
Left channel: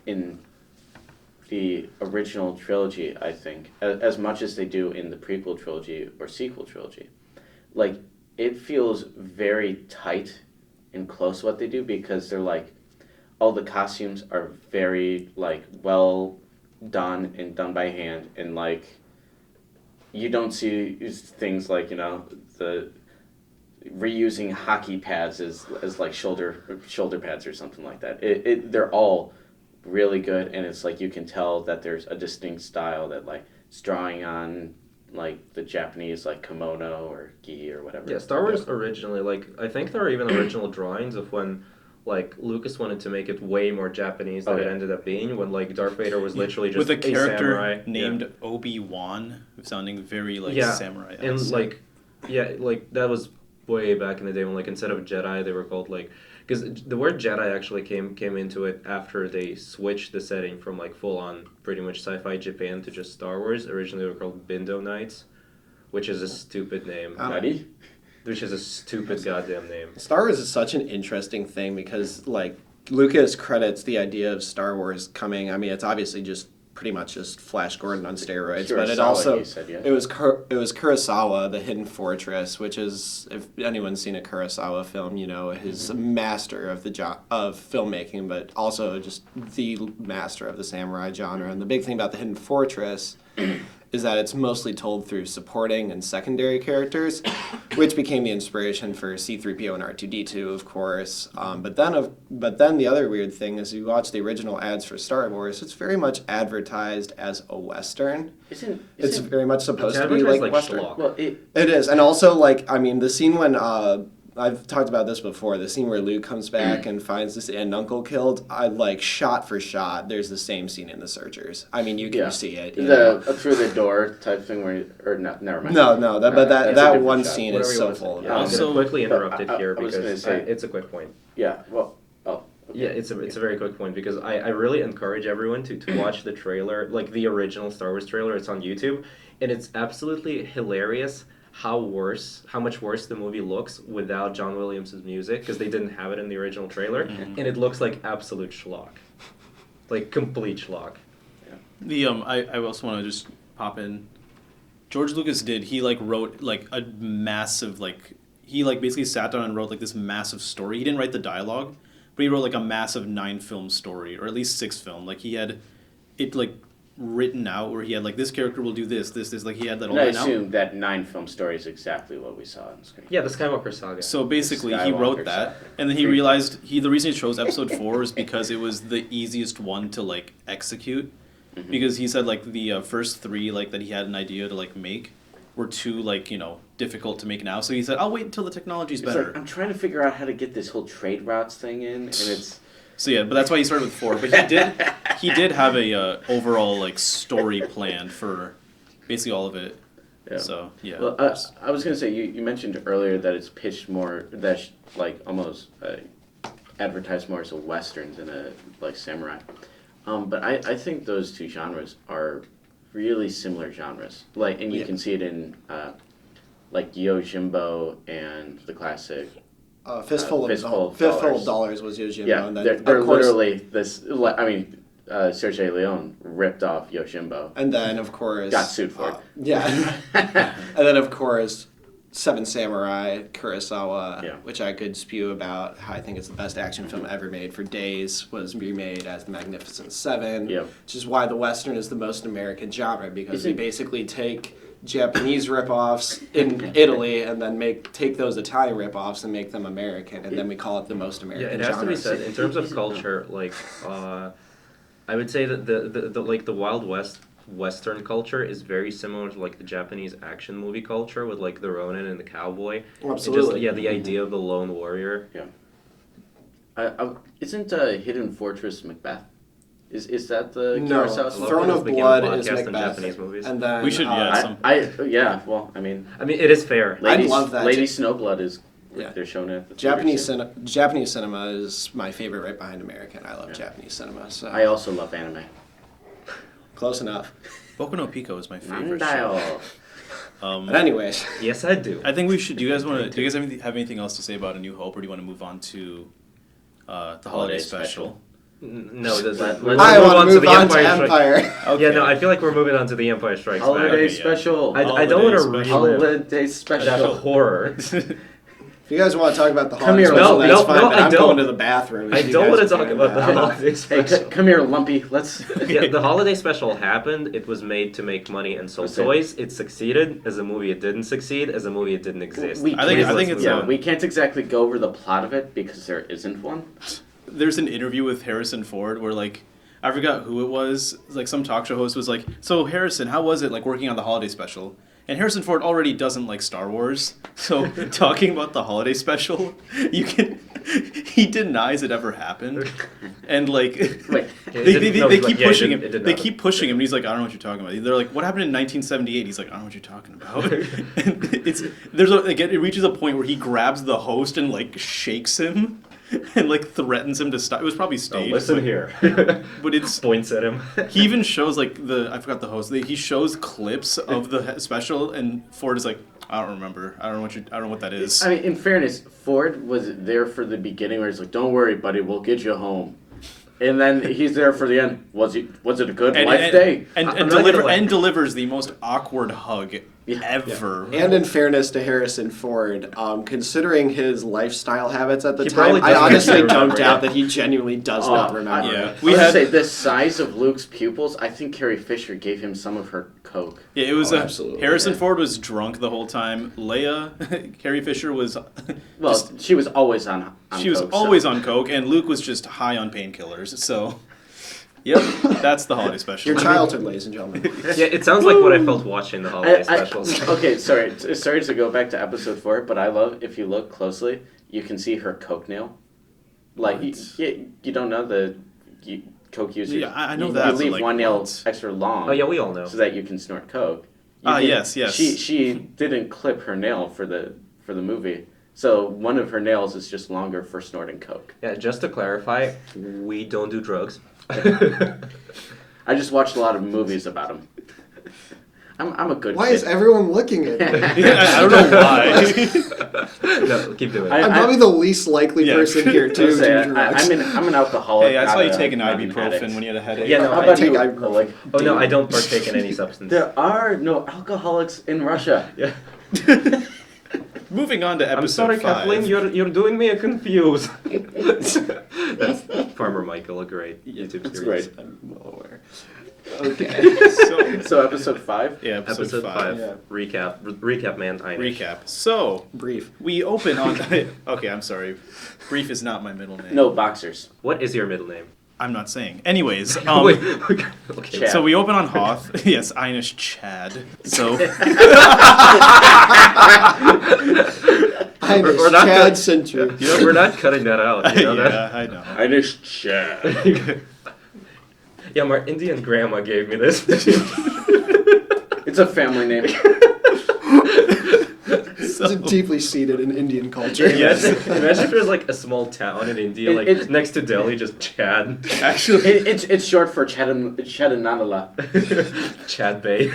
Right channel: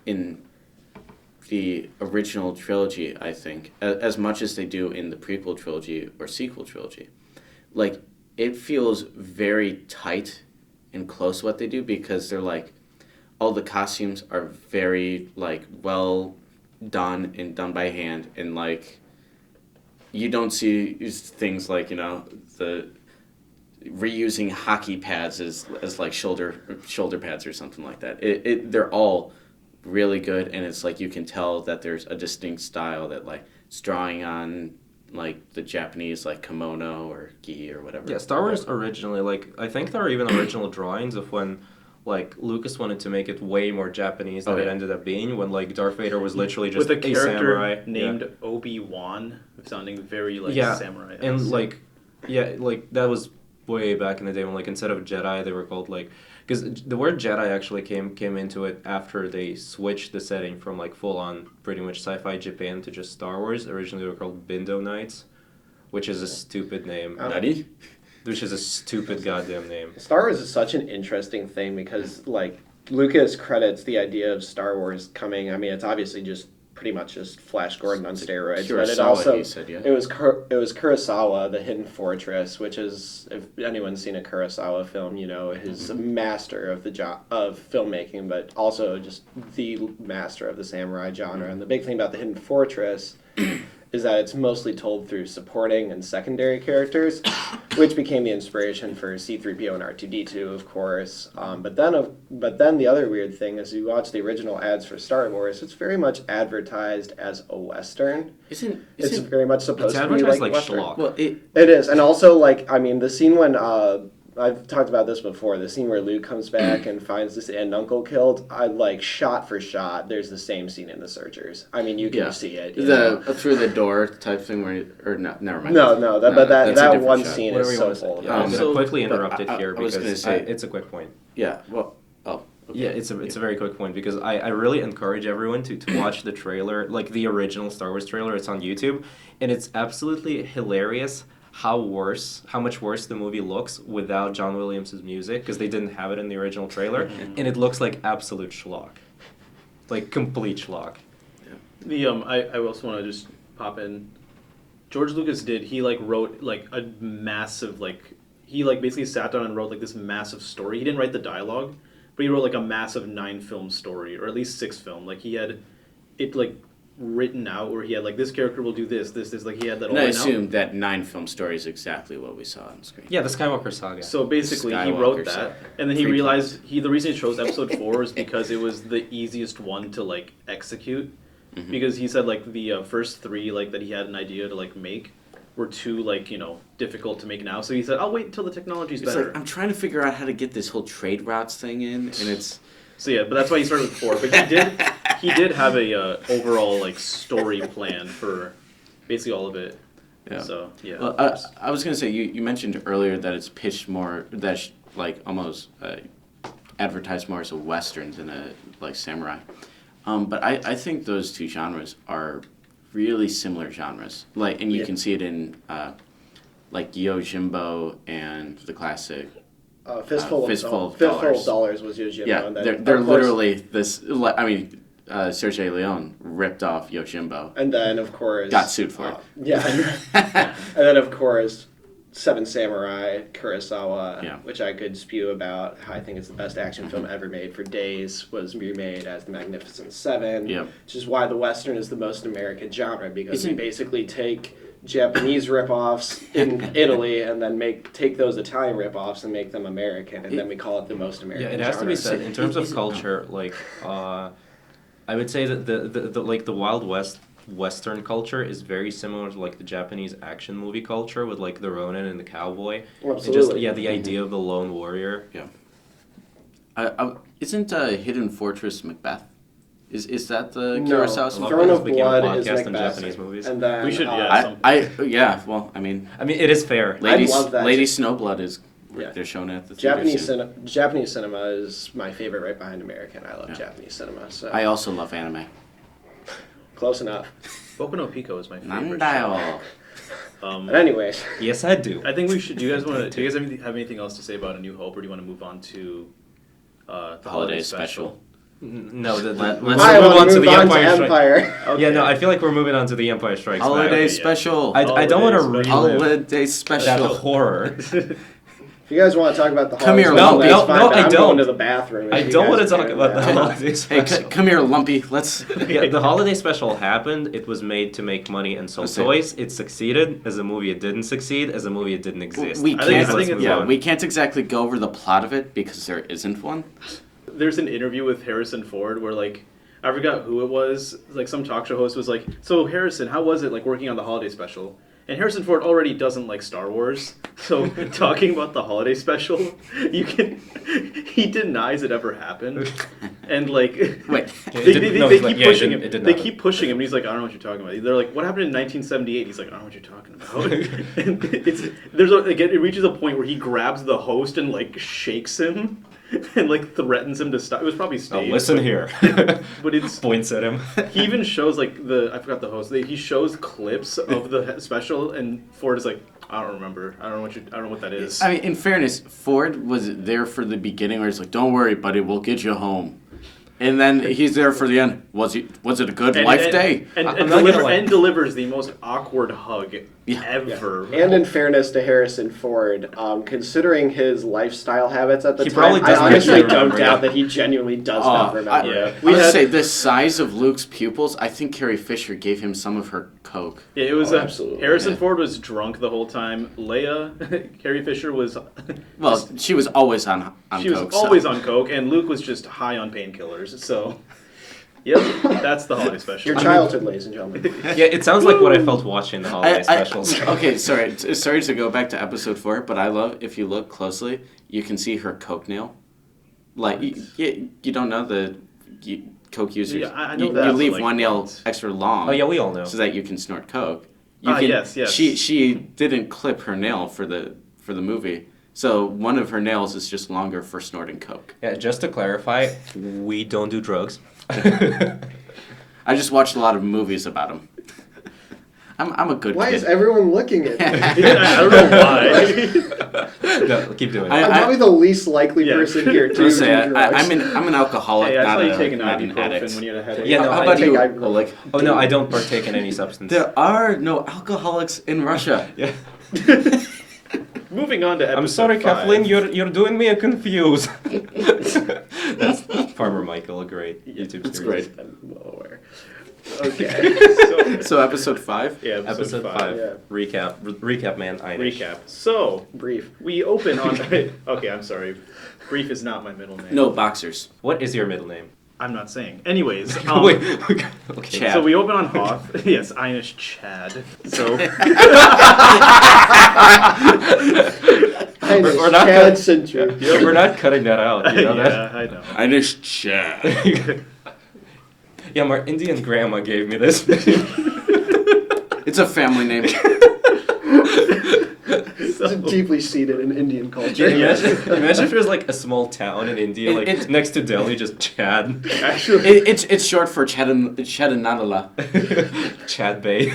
the original trilogy, I think, as much as they do in the prequel trilogy or sequel trilogy. Like, it feels very tight and close what they do, because they're like, all the costumes are very like well done and done by hand, and like you don't see things like, you know, the reusing hockey pads as like shoulder pads or something like that. They're all really good, and it's like you can tell that there's a distinct style that like it's drawing on like the Japanese like kimono or gi or whatever. Yeah, Star Wars originally, like, I think there are even original drawings of when, like, Lucas wanted to make it way more Japanese than Oh, it yeah. ended up being, when, like, Darth Vader was literally just with a a character samurai. named Obi-Wan, sounding very like Yeah. samurai. And, like, yeah, like, that was way back in the day when, like, instead of Jedi, they were called, like, because the word Jedi actually came into it after they switched the setting from, like, full-on pretty much sci-fi Japan to just Star Wars. Originally they were called Bindo Knights, which is a stupid name. Ready? Which is a stupid goddamn name. Star Wars is such an interesting thing because like Lucas credits the idea of Star Wars coming. I mean, it's obviously just pretty much just Flash Gordon on steroids. But it Kurosawa, also you said, yeah. it was Kurosawa, The Hidden Fortress, which is, if anyone's seen a Kurosawa film, you know he's a master of the of filmmaking, but also just the master of the samurai genre. And the big thing about The Hidden Fortress is that it's mostly told through supporting and secondary characters, which became the inspiration for C-3PO and R2-D2, of course. But then the other weird thing is you watch the original ads for Star Wars, it's very much advertised as a Western. It's very much supposed to be advertised like like Western. schlock. Well, It is, and also like the scene when I've talked about this before. The scene where Luke comes back and finds this aunt and uncle killed. I like shot for shot. There's the same scene in The Searchers. I mean, you can see it. You know? through the door type thing where, or no, never mind. No, but that's a that different one shot. scene Whatever is you so want to say. full of Yeah, I'm it. gonna quickly interrupt it I here was because gonna say- it's a quick point. Yeah. Well. Oh. Okay. Yeah, it's a very quick point because I really encourage everyone to watch the trailer, like the original Star Wars trailer. It's on YouTube, and it's absolutely hilarious how much worse the movie looks without John Williams' music, because they didn't have it in the original trailer, and it looks like absolute schlock, like complete schlock. I also want to just pop in. George Lucas he wrote like a massive he basically sat down and wrote like this massive story. He didn't write the dialogue, but he wrote like a massive 9-film story, or at least 6-film. Like he had it like written out where he had like this character will do this, like he had that all And I written out. assume that 9-film story is exactly what we saw on screen. Yeah, the Skywalker saga. So basically, he wrote Skywalker that, saga. and then he realized the reason he chose Episode 4 is because it was the easiest one to like execute, because he said like the first 3 like that he had an idea to like make were too like difficult to make now. So he said, "I'll wait until the technology's It's better." like, I'm trying to figure out how to get this whole trade routes thing in, and it's So yeah, but that's why he started with 4. But he did have a overall like story plan for basically all of it. Yeah. So yeah. Well, I was gonna say you mentioned earlier that it's pitched more like almost advertised more as a western than a like samurai, but I think those two genres are really similar genres. Like, and you can see it in like Yojimbo and the classic. Fistful Fistful of of Dollars was Yojimbo. Yeah, and then, they're of course, literally this. I mean, Sergei Leone ripped off Yojimbo. And then, of course... Got sued for it. Yeah. And then, of course, Seven Samurai, Kurosawa, Yeah. which I could spew about. I think it's the best action film ever made for days, was remade as The Magnificent Seven. Yep. Which is why the Western is the most American genre, because Isn't- we basically take Japanese ripoffs in Italy and then take those Italian ripoffs and make them American, and then we call it the most Yeah, American it has genre. to be said in terms of culture. Like, I would say that the Wild West Western culture is very similar to like the Japanese action movie culture with like the Ronin and the cowboy. Oh, And just absolutely. the idea of the lone warrior. Isn't Hidden Fortress Macbeth? Is that the No, Kurosawa stuff? Throne of Became a Blood is podcast on Macbeth. Japanese movies. And then We should, yeah. Yeah. Well, I mean, I mean, it is fair. I'd love that. Lady Snowblood is. Yeah. They're showing it at the Japanese theater Japanese cinema is my favorite, right behind American. I love Yeah. Japanese cinema. So soon. I also love anime. close enough. Boku no Pico is my favorite. Nandayo. But anyways, Yes, I do. I think we should. Do you guys have anything else to say about A New Hope, or do you want to move on to the holiday special? No, Let's let's I move want on to to move the on to Empire Strikes. Empire. Okay. Yeah, no, I feel like we're moving on to the Empire Strikes Back. Holiday yeah. special. I don't want to Holiday relive Holiday that special. horror. If you guys want to talk about the Come holiday here, special, no, that's no, fine, no, but I I'm don't. going to the bathroom. I if you don't guys want to are talk doing about the that. holiday Hey, special. come here, Lumpy. Let's. Yeah, the holiday special happened. It was made to make money and sell Listen. toys. It succeeded. As a movie, it didn't succeed. As a movie, it didn't exist. We I can't. think it's yeah, we can't exactly go over the plot of it because there isn't one. There's an interview with Harrison Ford where like I forgot who it was. Like some talk show host was like, "So Harrison, how was it like working on the holiday special?" And Harrison Ford already doesn't like Star Wars, so talking about the holiday special, he denies it ever happened, and like Wait. they keep pushing him. It did They not keep pushing him, and he's like, "I don't know what you're talking about." They're like, "What happened in 1978?" He's like, "I don't know what you're talking about." And it reaches a point where he grabs the host and like shakes him. And like threatens him to stop. It was probably staged. listen but- here. but it's Points at him. he even shows like I forgot the host. He shows clips of the special, and Ford is like, I don't remember. I don't know what that is. I mean, in fairness, Ford was there for the beginning where he's like, "Don't worry, buddy, we'll get you home." And then he's there for the end. Was it a good life day? And I'm not gonna lie. delivers the most awkward hug ever. And in fairness to Harrison Ford, considering his lifestyle habits at the He time, probably I doesn't honestly actually don't remember. doubt that he genuinely does not remember. yeah. it. We had- say the size of Luke's pupils. I think Carrie Fisher gave him some of her coke. Yeah, it was absolutely, Harrison yeah. Ford was drunk the whole time. Leia, Carrie Fisher was. Well, she was always on She was coke. always on coke, and Luke was just high on painkillers. So, yep, that's the holiday special. Your childhood, ladies and gentlemen. Yeah, it sounds like what I felt watching the holiday specials. Okay, sorry to go back to episode 4, but I love if you look closely, you can see her coke nail. Like you don't know coke users. Yeah, I know you, that, You but, leave like, one nail what? extra long. Oh yeah, we all know. So that you can snort coke. Yes. She didn't clip her nail for the movie, so one of her nails is just longer for snorting coke. Yeah, just to clarify, we don't do drugs. I just watched a lot of movies about them. I'm a good Why kid. is everyone looking at me? I don't know why. No, keep doing it. I- I'm probably the least likely Yeah. person here to do Let's say, drugs. I'm an alcoholic. Hey, I not saw you a- take an not an ibuprofen addict. when you had a headache. Yeah, no, How I about take you, ibuprofen. Oleg? Oh no, I don't partake in any substance. There are no alcoholics in Russia. Yeah. Moving on to episode I'm sorry, 5. Kathleen, you're doing me confused. That's Farmer Michael, a great YouTube It's series. great. I'm well aware. So, So episode 5. yeah, Episode 5. Yeah. Recap, man. Recap. So, Brief. we open on. Okay, I'm sorry. Brief is not my middle name. No boxers. What is your middle name? I'm not saying. Anyways, Wait. Okay. Chad. so we open on Hoth. Yes, Einish Chad. So, I'm We're not Chad gonna- Century. We're not cutting that out. You know yeah, I know. Inish Chad. that? Yeah, my Indian grandma gave me this. It's a family name. It's deeply seated in Indian culture. Yes. Imagine if there's like a small town in India, like It's- next to Delhi, just Chad. Actually, It's short for Chadanadala. Chad Bay.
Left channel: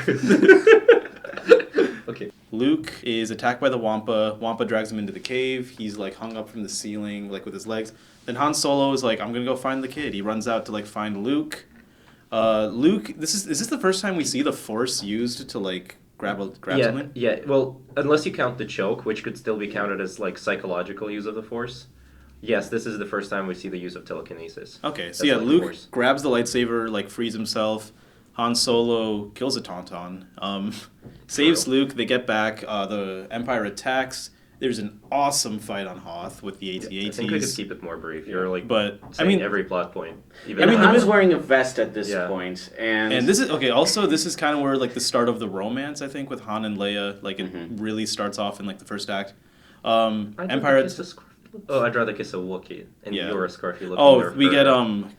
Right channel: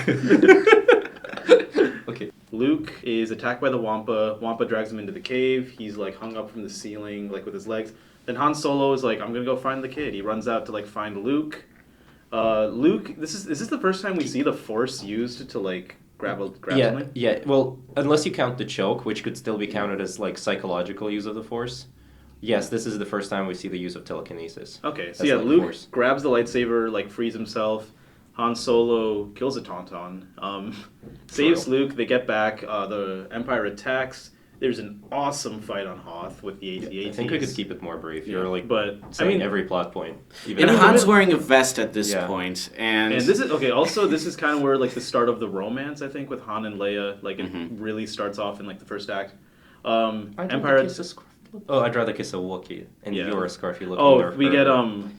Okay. Luke is attacked by the Wampa. Wampa drags him into the cave. He's like hung up from the ceiling, like with his legs. Then Han Solo is like, "I'm gonna go find the kid." He runs out to like find Luke. Luke, is this the first time we see the Force used to like grab Yeah, something? yeah. Well, unless you count the choke, which could still be counted as like psychological use of the Force. Yes, this is the first time we see the use of telekinesis. Okay, so That's yeah, like the Luke Force. grabs the lightsaber, like frees himself. Han Solo kills a Tauntaun, saves Luke. They get back. The Empire attacks. There's an awesome fight on Hoth with the AT-ATs. I think we could keep it more brief. You're like But I saying mean, every plot point. Even And I mean, Han's wearing a vest at this Yeah. point, and this is okay. Also, this is kind of where like the start of the romance, I think, with Han and Leia. Like it really starts off in like the first act. I'd Empire. rather kiss a Scarfy. Oh, I'd rather kiss a Wookiee, and Yeah. you're a Scarfy looking. Oh, we get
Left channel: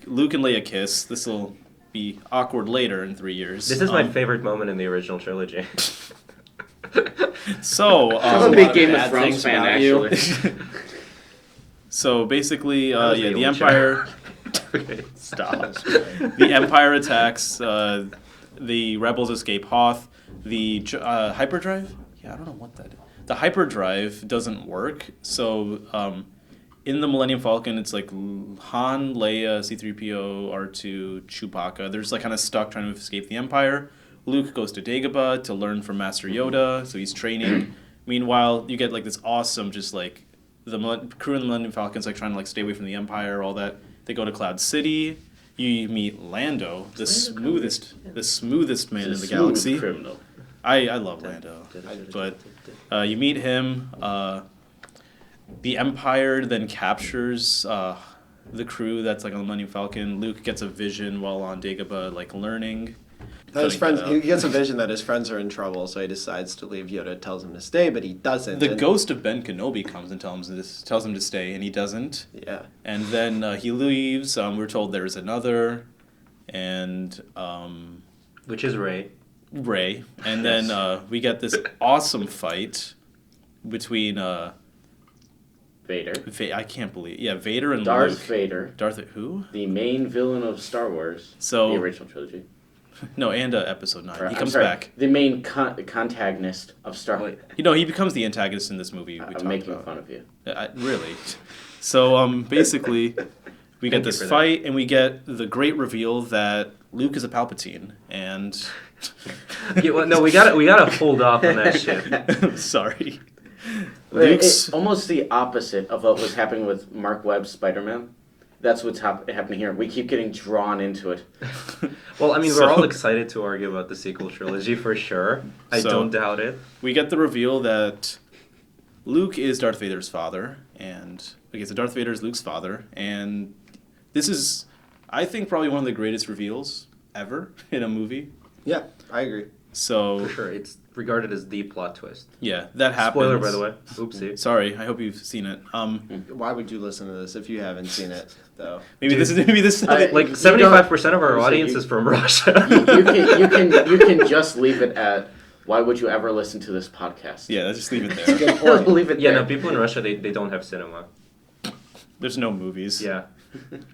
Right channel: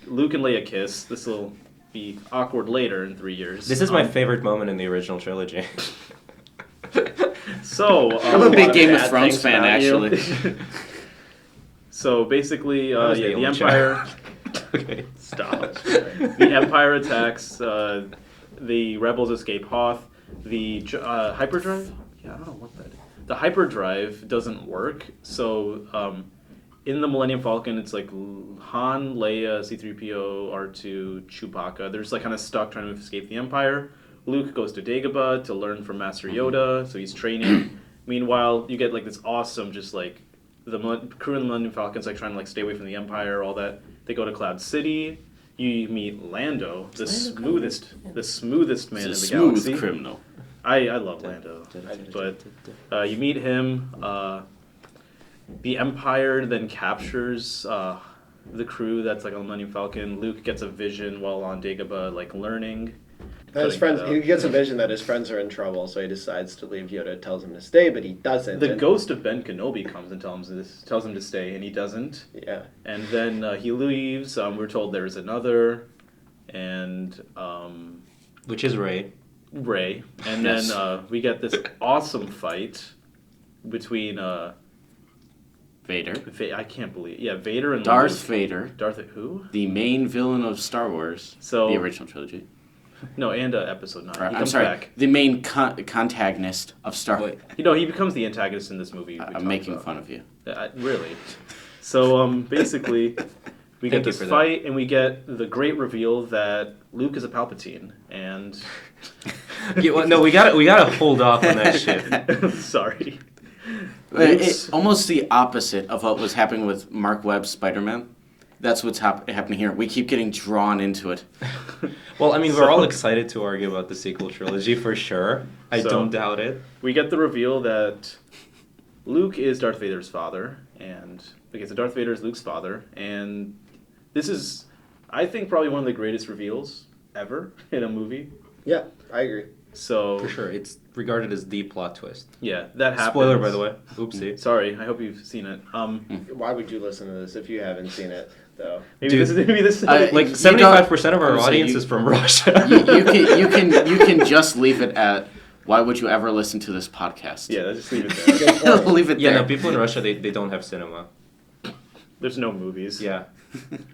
Luke and Leia kiss. This will be awkward later in 3 years. This is my favorite moment in the original trilogy. So I'm a a big lot Game of of bad Thrones things fan, about you. actually. So basically, That was yeah, the Aemon Empire. Okay. Stop. The Empire attacks. The rebels escape Hoth. The hyperdrive. Yeah, I don't know what that is. The hyperdrive doesn't work. So in the Millennium Falcon, it's like Han, Leia, C-3PO, R2, Chewbacca. They're just like kind of stuck trying to escape the Empire. Luke goes to Dagobah to learn from Master Yoda, so he's training. Meanwhile, you get like this awesome, just like the crew of the Millennium Falcon's like trying to like stay away from the Empire, all that. They go to Cloud City. You meet Lando, the smoothest man in He's the a smooth galaxy. criminal. I love Lando, but you meet him. The Empire then captures the crew that's like on the Millennium Falcon. Luke gets a vision while on Dagobah, like learning. His friends, he gets a vision that his friends are in trouble, so he decides to leave. Yoda tells him to stay, but he doesn't. The and- ghost of Ben Kenobi comes and tells him to stay, and he doesn't. Yeah. And then he leaves. We're told there's another, and Which is Rey. Rey. And then we get this awesome fight between Vader. I can't believe, Vader and Darth Luke. Vader, Darth who? the main villain of Star Wars, So the original trilogy. no, and Episode 9. Or, He I'm comes sorry, back. the main contagonist of Star Wars. He becomes the antagonist in this movie. I'm making fun of you. Really. So basically, We get Thank you this for that. fight, and we get the great reveal that Luke is a Palpatine, and Yeah, well, no, we gotta hold off on that shit. sorry, It's almost the opposite of what was happening with Mark Webb's Spider-Man. That's what's happening here. We keep getting drawn into it. Well, I mean, So- we're all excited to argue about the sequel trilogy for sure. I So- don't doubt it. we get the reveal that Luke is Darth Vader's father, and okay, so Darth Vader is Luke's father, and this is, I think, probably one of the greatest reveals ever in a movie. Yeah, I agree. So For sure, it's regarded as the plot twist. yeah, that happens. Spoiler, by the way. Oopsie. Sorry, I hope you've seen it. Why would you listen to this if you haven't seen it, though? Maybe this is I- Like You 75% of our don't- audience you- is from Russia. You can just leave it at, why would you ever listen to this podcast? yeah. Let's just leave it there. Leave it Yeah, there. no, people in Russia, they don't have cinema. There's no movies. Yeah.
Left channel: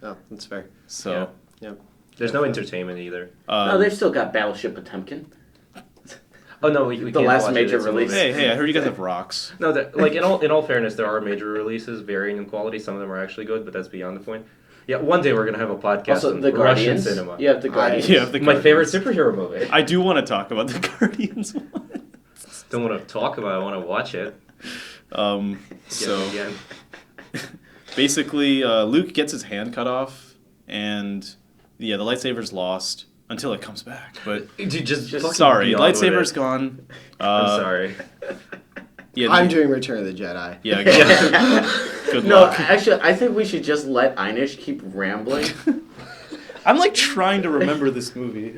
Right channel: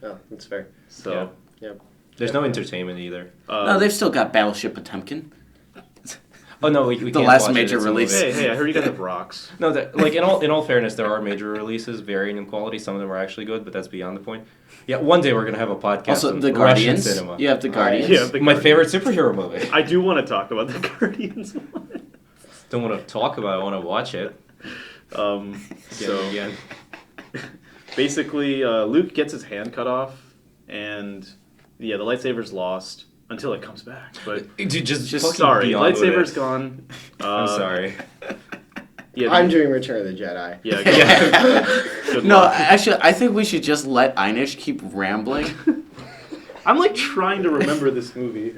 Oh, that's fair. So. Yeah. There's no entertainment either. No, they've still got Battleship Potemkin. Oh no, we The can't last watch it, major it's a release. movie. Hey, I heard you guys have rocks. No, like in all fairness, there are major releases varying in quality. Some of them are actually good, but that's beyond the point. Yeah, one day we're gonna have a podcast Also, on The Russian Guardians. cinema. You have The Guardians. Yeah, the My Guardians. favorite superhero movie. I do want to talk about the Guardians one. Don't want to talk about it. I want to watch it. So yeah. basically, Luke gets his hand cut off, and yeah, the lightsaber's lost until it comes back. But Dude, just fucking sorry, be on with lightsaber's it. gone. I'm sorry. Yeah, I'm doing Return of the Jedi. Yeah. Good No, luck. actually, I think we should just let Einish keep rambling. I'm like trying to remember this movie.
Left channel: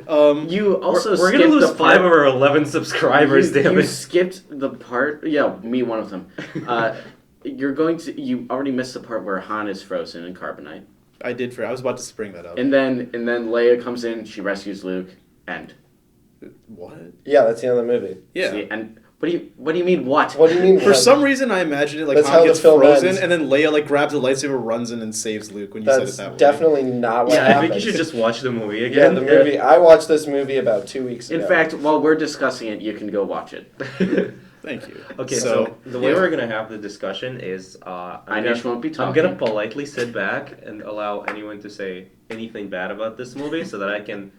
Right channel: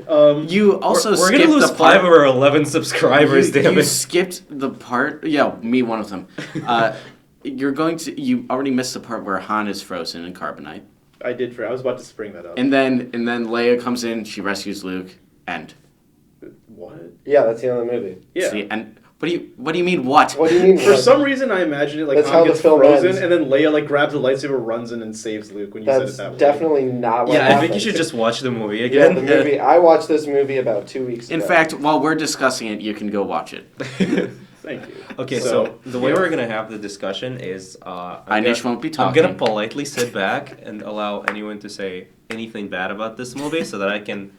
You also We're skipped gonna lose the part. 5 of our 11 subscribers. you Damn it. skipped the part. Yeah, me one of them. You already missed the part where Han is frozen in carbonite, I did. I was about to spring that up. and then Leia comes in. She rescues Luke. End. What? Yeah, that's the end of the movie. Yeah. See, and what do you mean what? What do you mean? For some reason, I imagined it like That's Han how the gets film frozen, ends. and then Leia like grabs the lightsaber, runs in, and saves Luke. When you That's said it that way. definitely not what Yeah, I happened. think you should just watch the movie Yeah, again. the movie. I watched this movie about 2 weeks ago. In fact, while we're discussing it, you can go watch it. Thank you. Okay, so the way we're gonna have the discussion is Einish won't be I'm talking. gonna politely sit back and allow anyone to say anything bad about this movie so that I can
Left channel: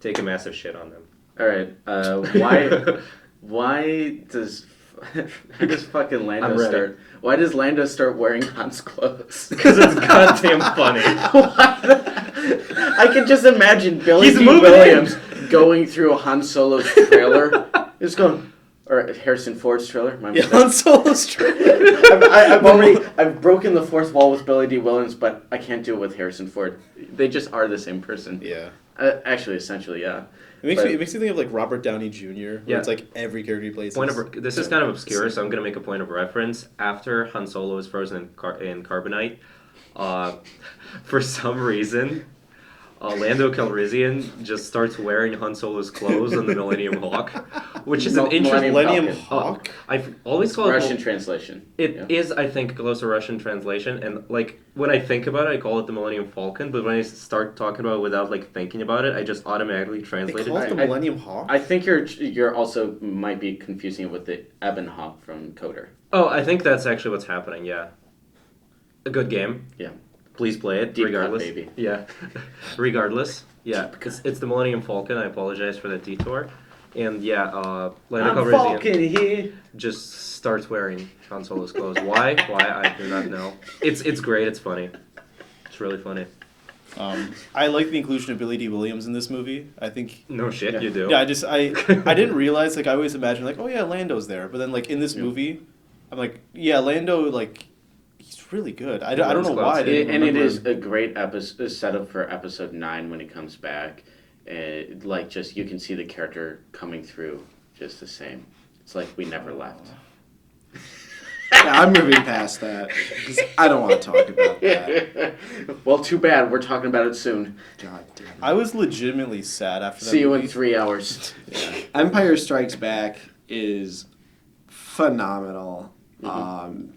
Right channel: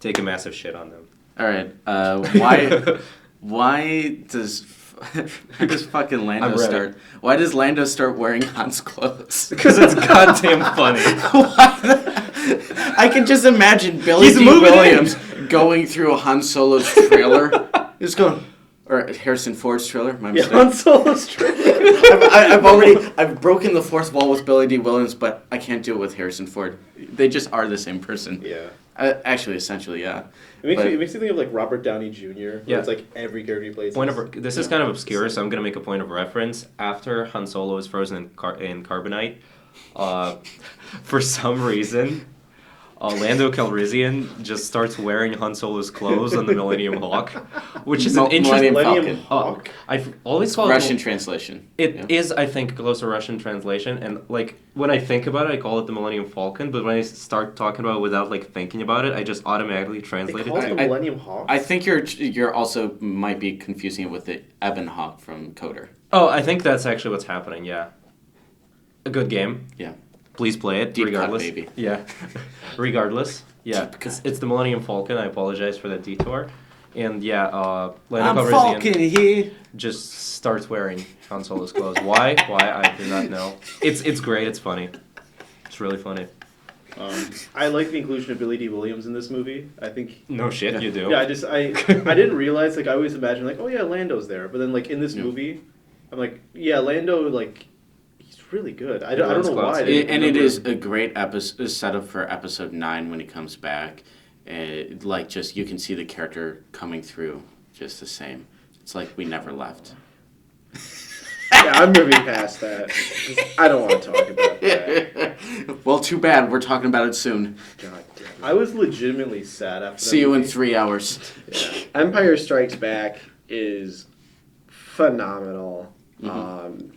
take a massive shit on them. All right. Why does fucking Lando I'm ready. start? Why does Lando start wearing Han's clothes? Because it's goddamn funny. I can just imagine Billy He's D. moving in. Williams going through a Han Solo's trailer. Just going, or Harrison Ford's trailer. My Yeah, mistake. Han Solo's trailer. I've broken the fourth wall with Billy D. Williams, but I can't do it with Harrison Ford. They just are the same person. Yeah. Actually, essentially, yeah. It But- makes you think of like Robert Downey Jr. where Yeah. It's like every character he plays. This is kind of obscure, so I'm gonna make a point of reference. After Han Solo is frozen in carbonite, for some reason, Lando Calrissian just starts wearing Han Solo's clothes on the Millennium Hawk, which is an interesting. Millennium Millennium Falcon. Hawk. I've always called Russian translation. It Yeah. is, I think, close to Russian translation, and like when I think about it, I call it the Millennium Falcon. But when I start talking about it without like thinking about it, I just automatically They translate call it it. the Millennium Hawk. I think you're also might be confusing it with the Ebon Hawk from Coder. Oh, I think that's actually what's happening. Yeah, a good game. Yeah. Please play it. Deep cut, regardless. baby. Yeah, regardless. Yeah, it's the Millennium Falcon. I apologize for the detour. And yeah, Lando Calrissian here. just starts wearing Han Solo's clothes. Why? I do not know. It's great. It's funny. It's really funny. I like the inclusion of Billy D. Williams in this movie. I think. No shit, you do. Yeah, I didn't realize, like, I always imagined, like, oh yeah, Lando's there, but then like in this movie, I'm like, yeah, Lando, like, he's really good. I don't know why. I didn't And it remember. is a great episode setup for episode 9 when he comes back. Like just you can see the character coming through just the same. It's like we never left. Yeah, I'm moving past that. 'Cause I don't want to talk about that. Well, too bad. We're talking about it soon. God damn it. I was legitimately sad after that See you in movie. 3 hours. Empire Strikes Back is phenomenal. Mm-hmm.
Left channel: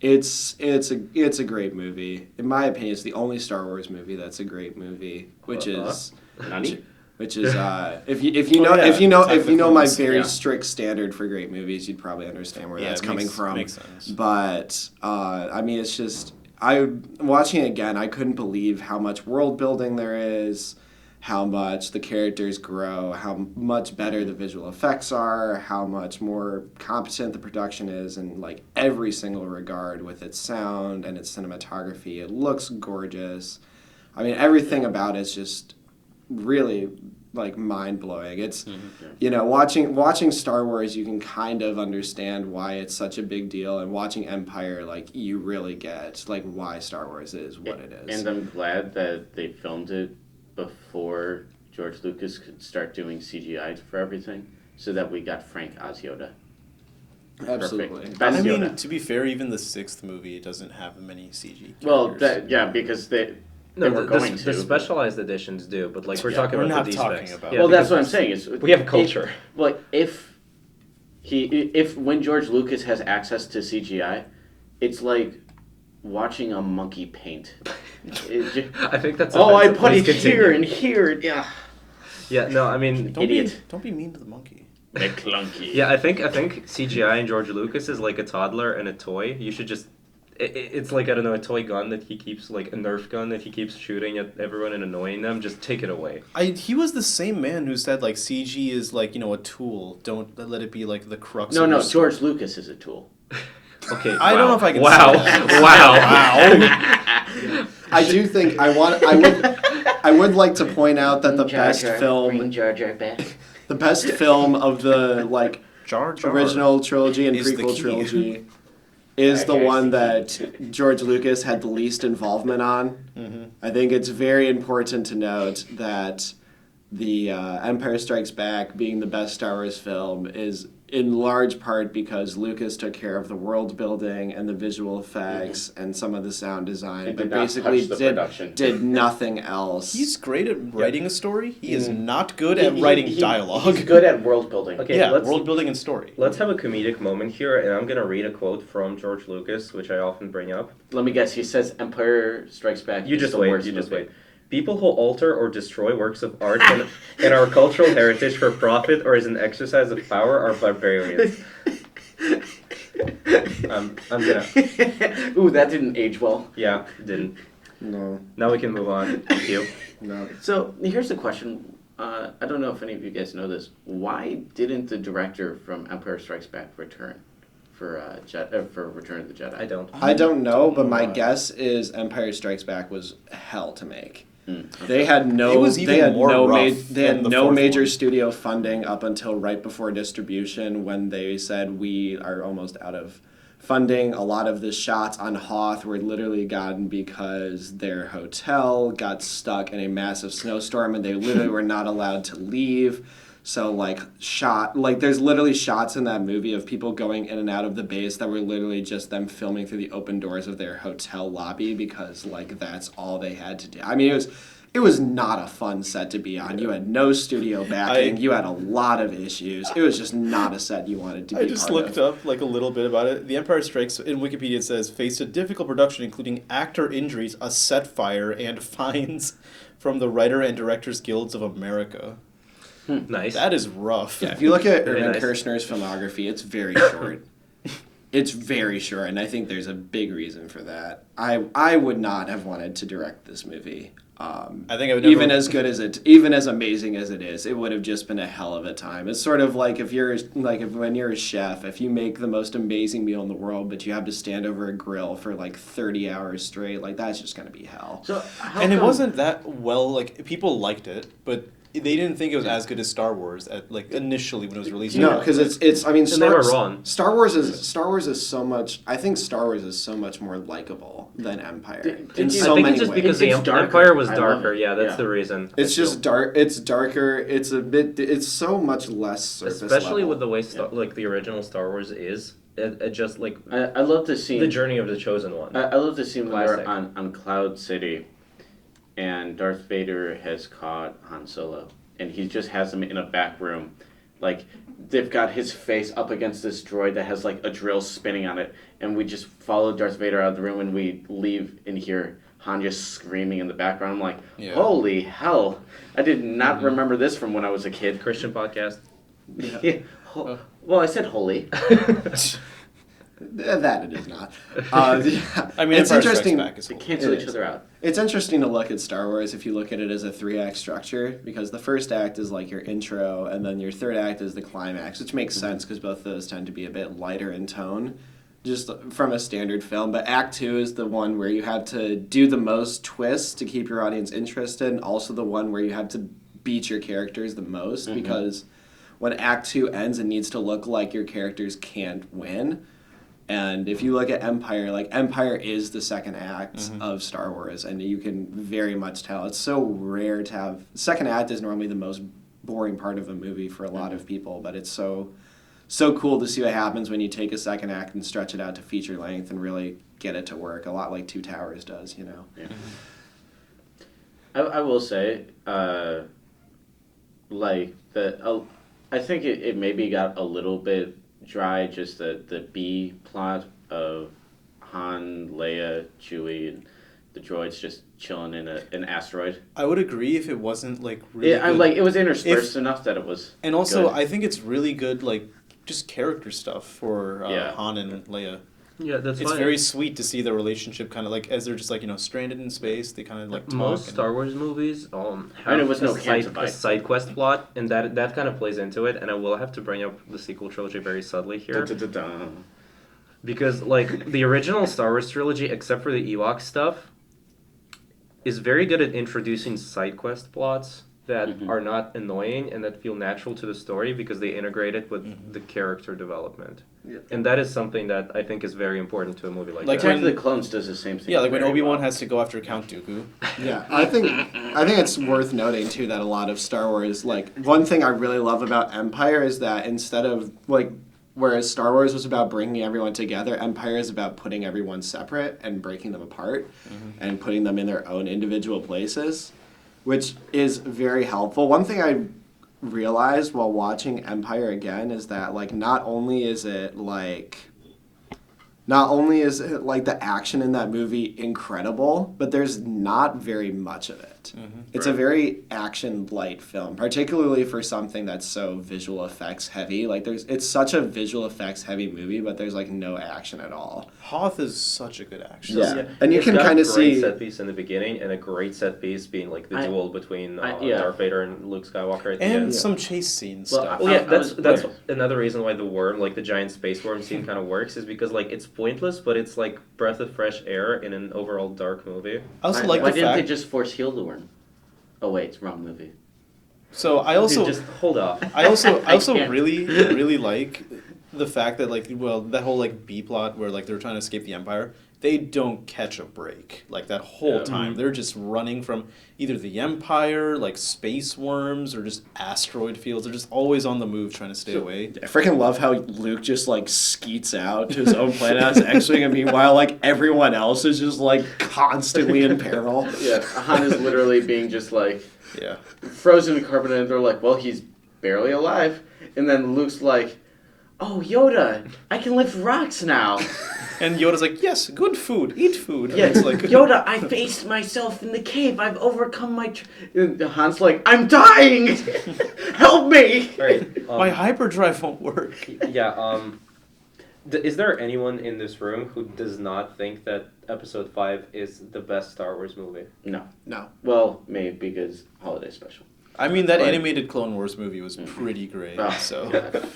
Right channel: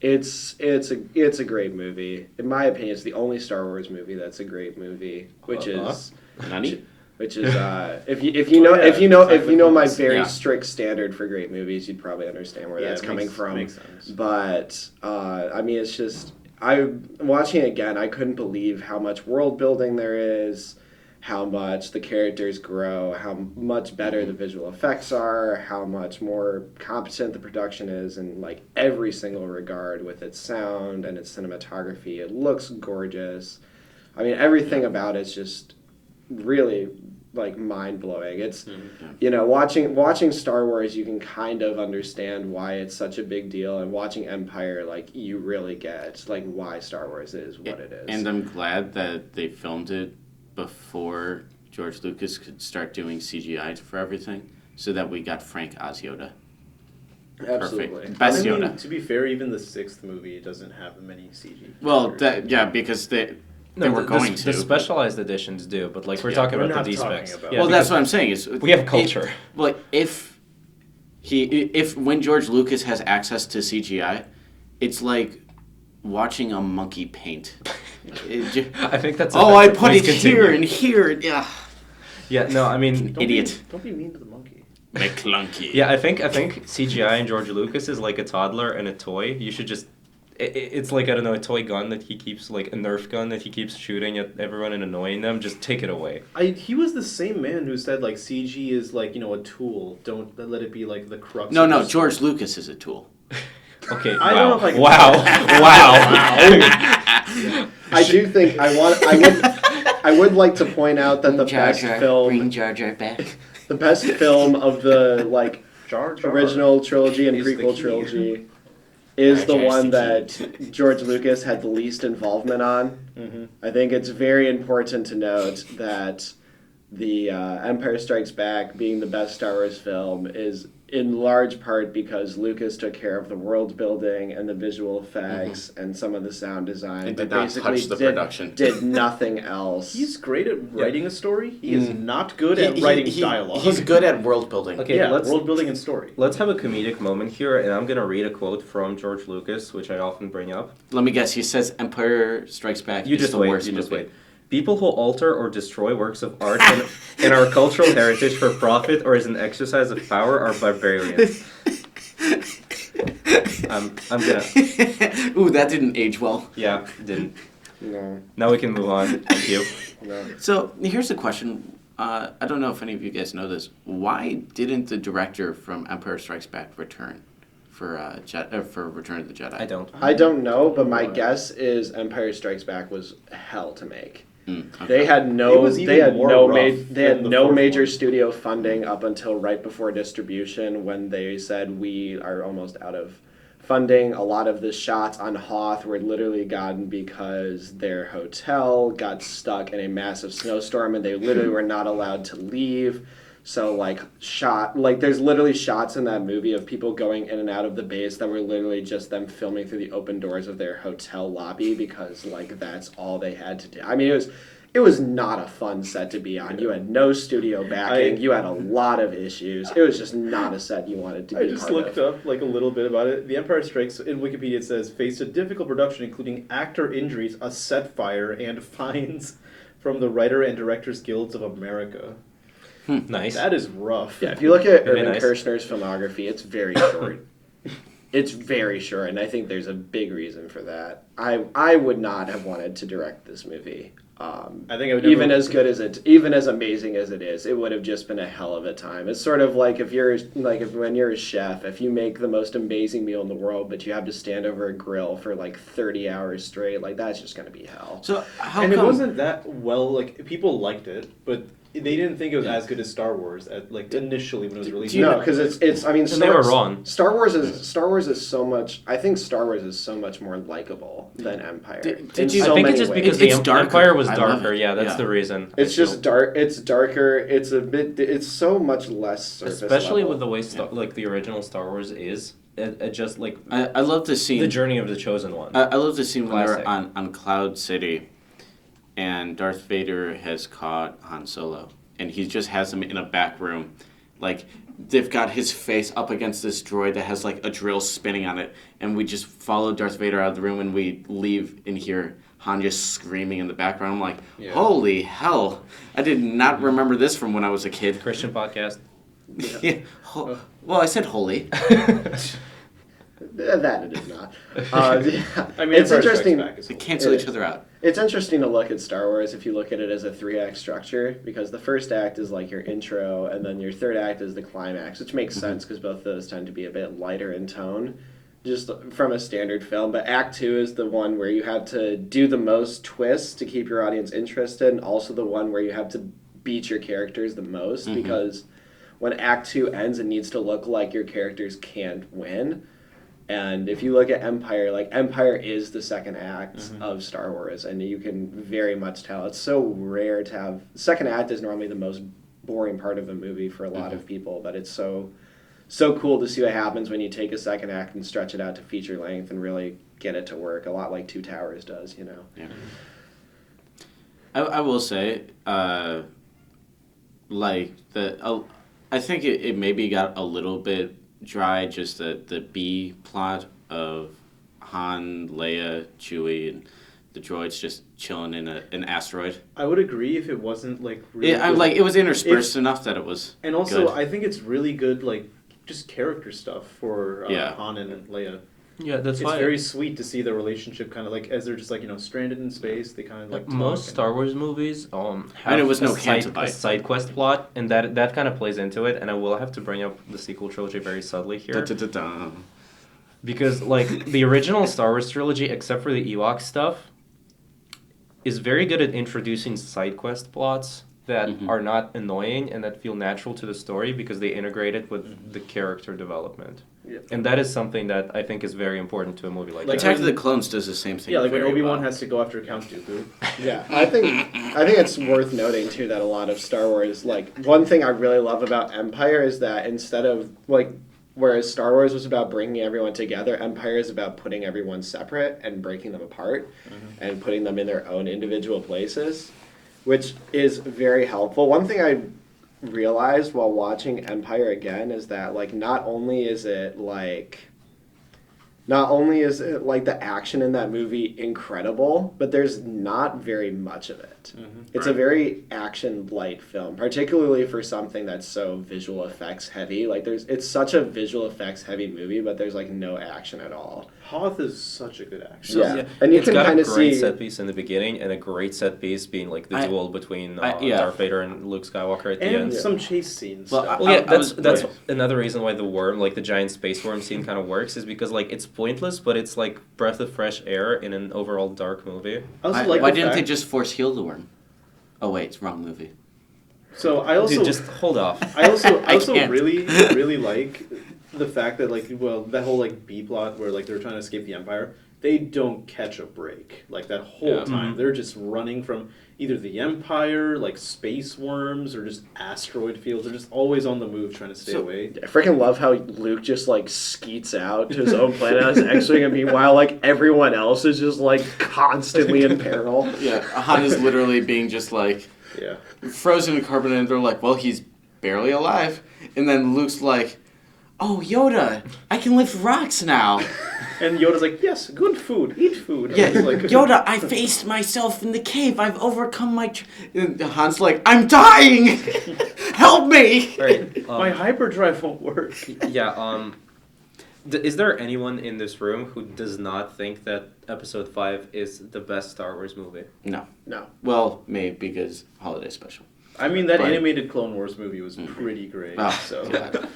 It's a great movie. In my opinion, it's the only Star Wars movie that's a great movie, which is Nani? if you know yeah, if you know my Attack very yeah. strict standard for great movies, you'd probably understand where Yeah, that's it coming makes- from. makes sense. But I mean, it's just I watching it again, I couldn't believe how much world building there is, how much the characters grow, how much better the visual effects are, how much more competent the production is in like every single regard with its sound and its cinematography. It looks gorgeous. I mean, everything about it's just really like mind blowing. It's you know, watching Star Wars, you can kind of understand why it's such a big deal, and watching Empire, like you really get like why Star Wars is what it is. And I'm glad that they filmed it before George Lucas could start doing CGI for everything, so that we got Frank Oz Yoda. Absolutely. Perfect. I Best mean, Yoda. to be fair, even the 6th movie doesn't have many CG. Well, characters. because they No, were going to. the specialized editions do, but like we're Yeah, talking we're about the not talking D-specs. about- Yeah, Well, that's because what I'm saying. Is we have culture. Well, if when George Lucas has access to CGI, it's like watching a monkey paint. I think that's. Oh, I offensive. put Please it here continue. and here. And, yeah, Yeah, no, I mean, idiot. Don't be mean to the monkey. McClunky. yeah, I think CGI and George Lucas is like a toddler and a toy. You should just. It's like, I don't know, a toy gun that he keeps, like a Nerf gun that he keeps shooting at everyone and annoying them. Just take it away. He was the same man who said like CG is like, you know, a tool. Don't let it be like the crux. No, of no. the George Lucas is a tool. Okay. I don't know if I can Wow. Wow. I do think I would like to point out that the best film Jar Jar back. the best film of the like Jar Jar. original trilogy and is the prequel key. trilogy is the Jar Jar's one the that George Lucas had the least involvement on. Mhm. I think it's very important to note that the Empire Strikes Back being the best Star Wars film is in large part because Lucas took care of the world building and the visual effects and some of the sound design, He but did not basically touch the production. did nothing else. He's great at writing a story. He is not good at He- writing he- dialogue. He's good at world building. Okay, yeah, let's world building and story. let's have a comedic moment here, and I'm gonna read a quote from George Lucas, which I often bring up. Let me guess. He says Empire Strikes Back. You is just the wait. worst You just movie. wait. People who alter or destroy works of art and our cultural heritage for profit or as an exercise of power are barbarians. I'm gonna. Ooh, that didn't age well. Yeah, didn't. No, Now we can move on. Thank you. no. So here's the question. I don't know if any of you guys know this. Why didn't the director from Empire Strikes Back return for Return of the Jedi? I don't. I don't know, but my Why? guess is Empire Strikes Back was hell to make. Okay. They had It no was they even had more no rough they had than the no fourth major one. studio funding up until right before distribution when they said we are almost out of funding. A lot of the shots on Hoth were literally gotten because their hotel got stuck in a massive snowstorm and they literally were not allowed to leave. So there's literally shots in that movie of people going in and out of the base that were literally just them filming through the open doors of their hotel lobby because like that's all they had to do. I mean it was not a fun set to be on. You had no studio backing. You had a lot of issues. It was just not a set you wanted to be I just part looked of. up like a little bit about it. The Empire Strikes in Wikipedia it says faced a difficult production including actor injuries, a set fire, and fines from the Writer and Directors Guilds of America. Nice. That is rough. Yeah, if you look at Very Irvin nice. Kershner's filmography, it's very short. It's very short, and I think there's a big reason for that. I would not have wanted to direct this movie. I think I would Even never- even as amazing as it is, it would have just been a hell of a time. It's sort of like when you're a chef, if you make the most amazing meal in the world, but you have to stand over a grill for like 30 hours straight, like that's just gonna be hell. So how and come? it wasn't that well. Like people liked it, but they didn't think it was as good as Star Wars at like initially when it was released. No, because it's. I mean, And they were wrong. Star Wars is so much. I think Star Wars is so much more likable than Empire. Did in you- so I think many it's just ways. because It's the darker. Empire was I love darker. it. Yeah, that's Yeah. the reason. It's just dark. It's darker. It's a bit. It's so much less surface Especially level. with the way like the original Star Wars is. It just like I love the scene. the journey of the chosen one. I love the scene when they're Classic. on Cloud City, and Darth Vader has caught Han Solo, and he just has him in a back room, like they've got his face up against this droid that has like a drill spinning on it, and we just follow Darth Vader out of the room, and we leave and hear Han just screaming in the background. I'm like, Yeah. holy hell! I did not remember this from when I was a kid. Christian podcast. Well, I said holy. That it is not. Yeah. I mean, it's Empire Strikes interesting. Back is They cool. cancel It each is. other out. It's interesting to look at Star Wars if you look at it as a 3-act structure, because the first act is like your intro, and then your third act is the climax, which makes sense because both of those tend to be a bit lighter in tone, just from a standard film. But Act 2 is the one where you have to do the most twists to keep your audience interested, and also the one where you have to beat your characters the most, because when Act 2 ends, it needs to look like your characters can't win. And if you look at Empire, like Empire is the second act of Star Wars, and you can very much tell. It's so rare to have. Second act is normally the most boring part of a movie for a lot of people, but it's so cool to see what happens when you take a second act and stretch it out to feature length and really get it to work. A lot like Two Towers does, you know. Yeah. I will say, I think it maybe got a little bit dry, just the B plot of Han, Leia, Chewie, and the droids just chilling in an asteroid. I would agree if it wasn't like really. Yeah, good. it was interspersed enough that it was. And also, good. I think it's really good, like just character stuff for Yeah. Han and Leia. Yeah, that's It's why very sweet to see the relationship kind of like as they're just like stranded in space. They kind of like talk. most and- Star Wars movies have And it was no a Cantabite. side quest plot, and that kind of plays into it. And I will have to bring up the sequel trilogy very subtly here. Da-da-da-da. Because, like, the original Star Wars trilogy, except for the Ewok stuff, is very good at introducing side quest plots that are not annoying and that feel natural to the story because they integrate it with the character development. Yeah. And that is something that I think is very important to a movie like Like that. Attack of the Clones does the same thing. Yeah, like when very Obi-Wan well. has to go after Count Dooku. Yeah, I think it's worth noting too that a lot of Star Wars, like one thing I really love about Empire is that instead of like whereas Star Wars was about bringing everyone together, Empire is about putting everyone separate and breaking them apart and putting them in their own individual places, which is very helpful. One thing I realized while watching Empire again is that like not only is it like the action in that movie incredible, but there's not very much of it. It's a very action light film, particularly for something that's so visual effects heavy. Like it's such a visual effects heavy movie, but there's like no action at all. Hoth is such a good actor. Yeah, and you It's can got kind a of great see. set piece in the beginning and a great set piece being like the duel between yeah. Darth Vader and Luke Skywalker at the And end. some chase scenes Well, stuff. yeah, I was- that's right. another reason why the worm, like the giant space worm scene, kind of works is because like it's pointless, but it's like breath of fresh air in an overall dark movie. I also Why, like why the didn't fact, they just force heal the worm? Oh wait, it's wrong movie. So I also Dude, just hold off. I also can't. really like the fact that like that whole like B plot where like they're trying to escape the Empire. They don't catch a break like that whole Yeah. time. They're just running from either the Empire, like space worms, or just asteroid fields. They're just always on the move trying to stay away. I freaking love how Luke just like skeets out to his own planet on his X-wing, and meanwhile like everyone else is just like constantly in peril. Yeah, Han is literally being just like Yeah. frozen in carbon, and they're like, well, he's barely alive. And then Luke's like, oh, Yoda, I can lift rocks now. And Yoda's like, yes, good food, eat food. And Yes, it's like, Yoda, I faced myself in the cave. I've overcome my... And Han's like, I'm dying! Help me! Right. my hyperdrive won't work. Yeah. Is there anyone in this room who does not think that Episode 5 is the best Star Wars movie? No. No. Well, maybe because holiday special. I mean, that Right. animated Clone Wars movie was pretty great. Ah, So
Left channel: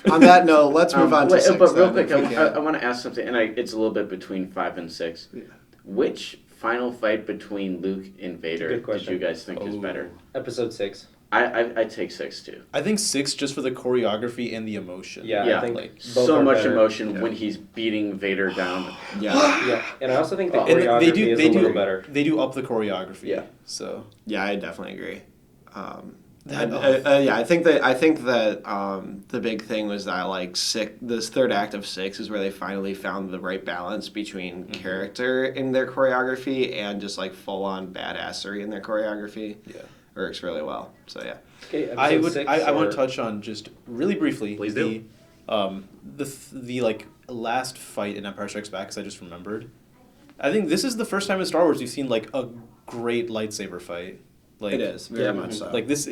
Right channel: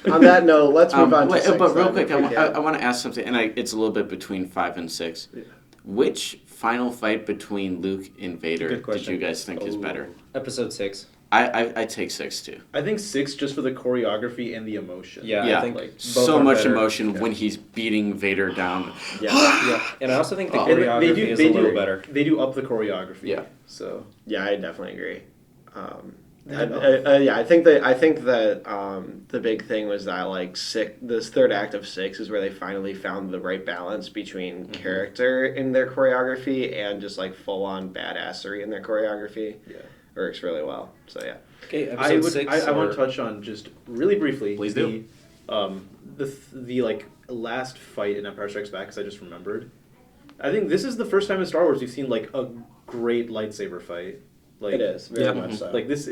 On that note, let's move on to wait, 6. but real then, quick, if we can. I want to ask something, and it's a little bit between 5 and 6. Yeah. Which final fight between Luke and Vader Good did question. you guys think is better? Episode 6. I take 6 too. I think 6 just for the choreography and the emotion. Yeah, Yeah, I think like, both So are much better. emotion when he's beating Vader down. Yeah. Yeah, and I also think the Oh. And choreography is a little better. they do up the choreography. Yeah. So Yeah, I definitely agree. That- I think that the big thing was that like this third act of 6 is where they finally found the right balance between character in their choreography and just like full on badassery in their choreography. Yeah. Works really well. So yeah. Okay, I episode would 6 I want or- to touch on just really briefly Please the do. the like last fight in Empire Strikes Back, because I just remembered. I think this is the first time in Star Wars you've seen like a great lightsaber fight. Like, It is very Yeah. much so. Like this.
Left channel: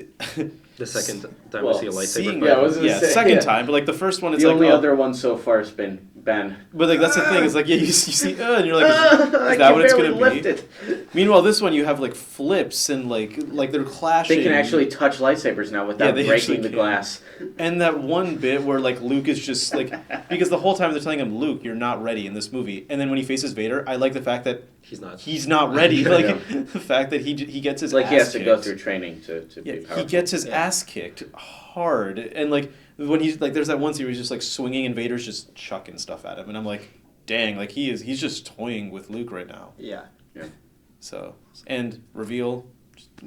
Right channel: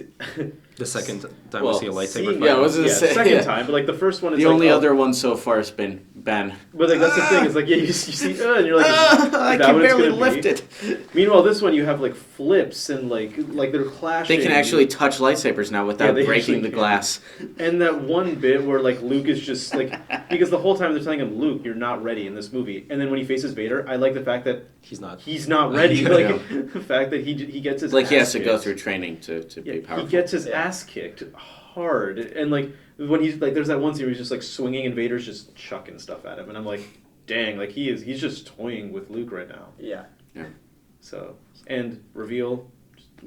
The second time Well, we see a lightsaber Seeing, fight. yeah, I was gonna yeah, say, second yeah. time, but like the first one, it's The like only oh. other one so far has been Ben. But like that's the thing is like yeah you see and you're like is I that can what it's barely gonna lift be? it. Meanwhile, this one you have like flips and like they're clashing. They can actually touch lightsabers now without they breaking actually the can. glass. And that one bit where like Luke is just like because the whole time they're telling him Luke, you're not ready in this movie, and then when he faces Vader, I like the fact that He's not. ready. I Like know. the fact that he gets his Like ass he has to go kicked. through training to Yeah, be powerful. he gets his ass kicked hard, and like when he's like, there's that one scene where he's just like swinging, and Vader's just chucking stuff at him, and I'm like, dang, like he's just toying with Luke right now. Yeah. So and reveal,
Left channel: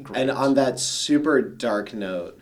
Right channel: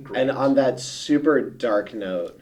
great. And on that super dark note,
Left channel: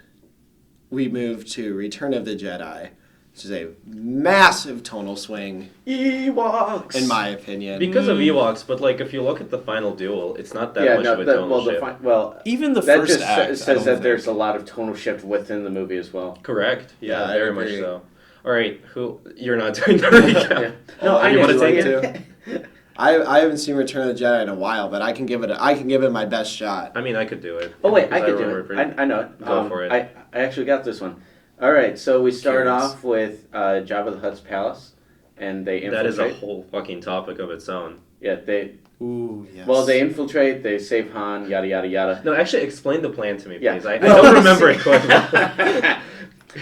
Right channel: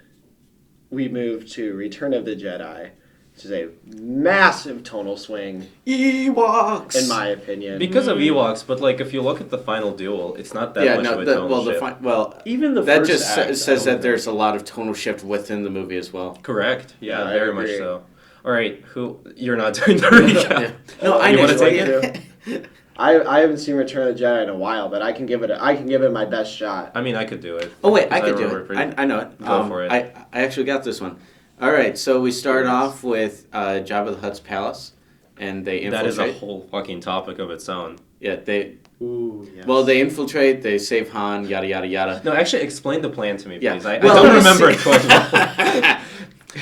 we move to Return of the Jedi, which is a massive tonal swing, Ewoks, in my opinion. Because of Ewoks, but like if you look at the final duel, it's not that much of a tonal shift. even the that first just act, says I don't that there's a lot of tonal shift within the movie as well. Correct. Yeah, Yeah, I very much agree. so. All right, who you're not doing the recap? Yeah. No, I You know. wanna Would take you it? like to? I haven't seen Return of the Jedi in a while, but I can give it my best shot. I mean, I could do it. Oh wait, I because could do remember it. I know it. Go for it. I actually got this one. All right, so we start Yes. off with Jabba the Hutt's palace, and they That is infiltrate. a whole fucking topic of its own. Yeah, they Ooh, yes. well they infiltrate. They save Han. Yada yada yada. No, actually, explain the plan to me, Yeah. please. I Well, don't you remember see- it quite well.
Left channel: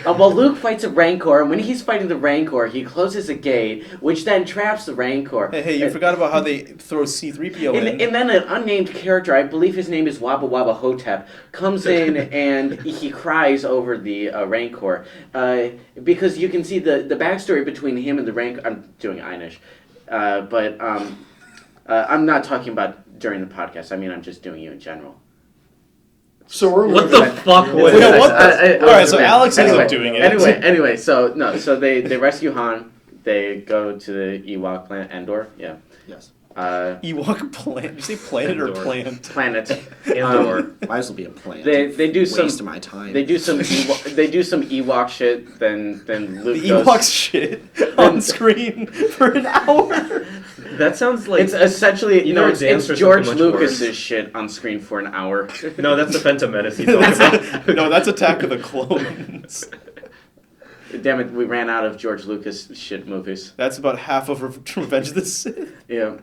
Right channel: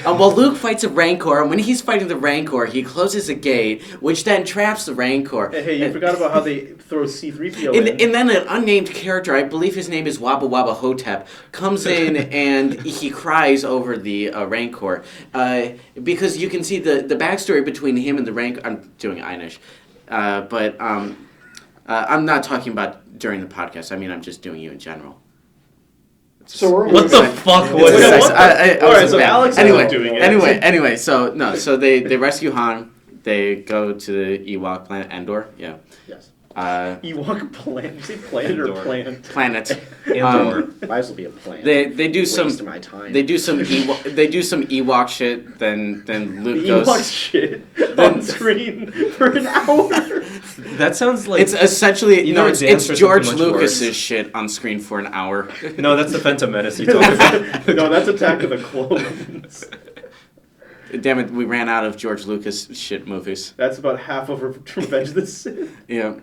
Well, Luke fights a Rancor, and when he's fighting the Rancor, he closes a gate, which then traps the Rancor. Hey, you And- forgot about how they throw C-3PO And, in. and then an unnamed character, I believe his name is Wabba Wabba Hotep, comes in and he cries over the Rancor. Because you can see the backstory between him and the Rancor. I'm doing Einish. But I'm not talking about during the podcast. I mean, I'm just doing you in general. So we're What the fuck was It's that? like, I All right, was so a fan. Alex anyway, isn't doing it. Anyway, so they rescue Han. They go to the Ewok planet Endor. Yeah. Yes. Ewok plant. Did you say planet or Endor. plant? Planet. Andor. Might as well be a plan. They do Waste some of my time. they do some Ewok shit. Then Luke The goes. Ewok shit on screen for an hour. That sounds like It's essentially You know, it's dance or George something much Lucas's worse. shit on screen for an hour. no, that's the Phantom Menace you talk about. No, that's Attack of the Clones. Damn it, we ran out of George Lucas shit movies. That's about half of Revenge of the Sith. Yeah,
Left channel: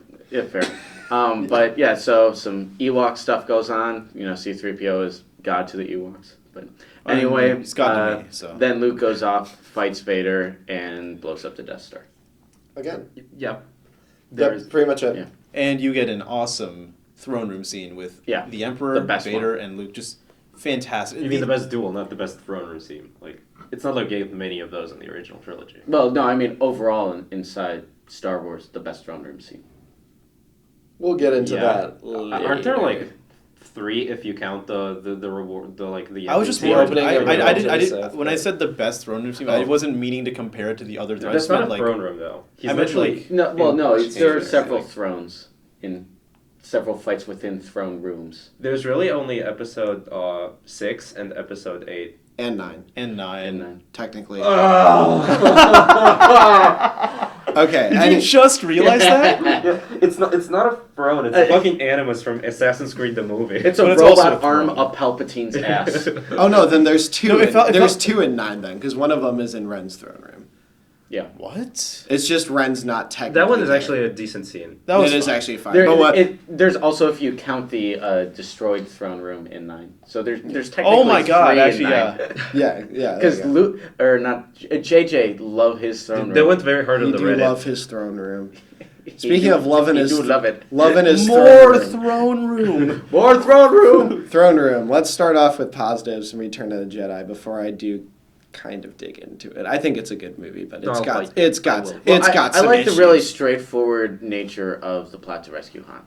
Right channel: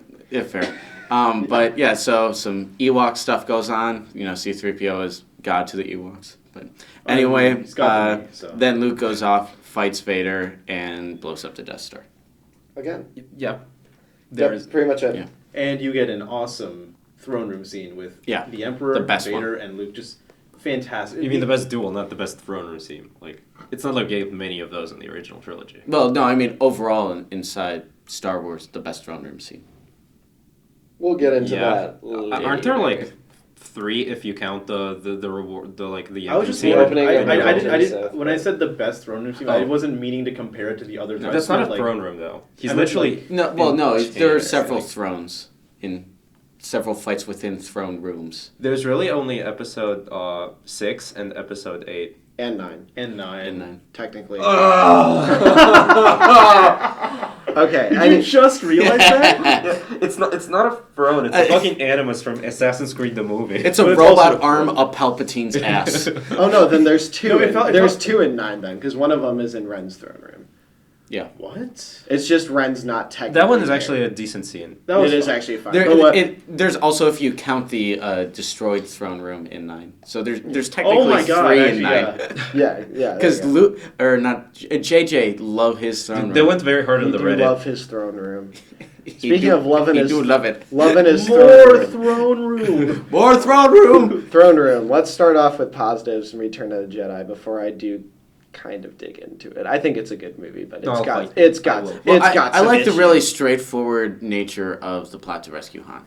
fair. But yeah, so some Ewok stuff goes on. You know, C-3PO is God to the Ewoks. But anyway, He's got to be, so. then Luke goes off, fights Vader, and blows up the Death Star. Again. Yeah. There That's is. pretty much it. Yeah. And you get an awesome throne room scene with Yeah, the Emperor, the best Vader, and Luke. Just fantastic. You mean the best duel, not the best throne room scene. Like, it's not like we gave many of those in the original trilogy. Well, no, I mean overall inside Star Wars, the best throne room scene. We'll get into Yeah. that. Aren't there like 3 if you count the reward, the like the I was just The wondering. opening of I Revenge did. of the Sith. When I said the best throne room scene, I Oh. wasn't meaning to compare it to the others. I That's just not meant, a like, throne room though. He's I meant, literally like, No, well, no, in there are Vader, several I think. thrones in several fights within throne rooms. There's really only episode 6 and episode 8. And 9, and 9. And technically. Ah! Okay. Did I you didn't- just realize that? Yeah, it's not a throne. It's a fucking animus from Assassin's Creed the movie. it's a But it's robot also- arm up Palpatine's ass. Oh no, then there's 2. No, it felt- There's 2 in 9 then, because one of them is in Ren's throne room. Yeah. What? It's just Ren's not technically. That one is there. actually a decent scene. That was It is fun. actually fine. There, but what? there's also if you count the destroyed throne room in 9. So there's technically Oh my god! 3 Actually, in 9. yeah. yeah. Because there you Luke or not JJ love his throne They room. went very hard go. on You the do Reddit. love his throne room. He Speaking do- of loving he his, do love it. loving his More throne throne room. More throne room. Throne room. Let's start off with positives and Return of the Jedi before I do kind of dig into it. I think it's a good movie, but No, got like- it's got Well, it's got I some like the issues. really straightforward nature of the plot to rescue Han.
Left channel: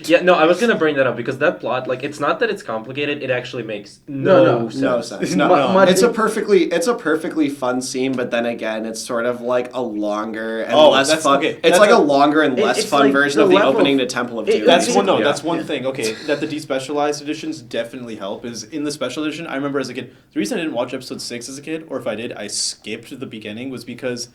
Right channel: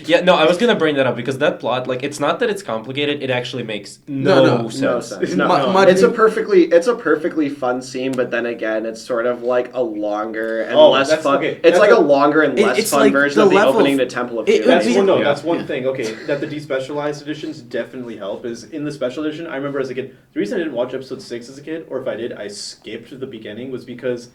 Yeah, no, I was gonna bring that up because that plot, like, it's not that it's complicated. It actually makes no sense. No sense. No, Mu- it's a perfectly fun scene, but then again, it's sort of like a longer and Oh, less that's- fun. okay, It's that's like a- a longer and less it's fun like version the of the level opening of- to Temple of it- Doom. That's Yeah. one. No, Yeah. that's one thing. Okay, that the despecialized editions definitely help. Is in the special edition. I remember as a kid, the reason I didn't watch episode 6 as a kid, or if I did, I skipped the beginning, was because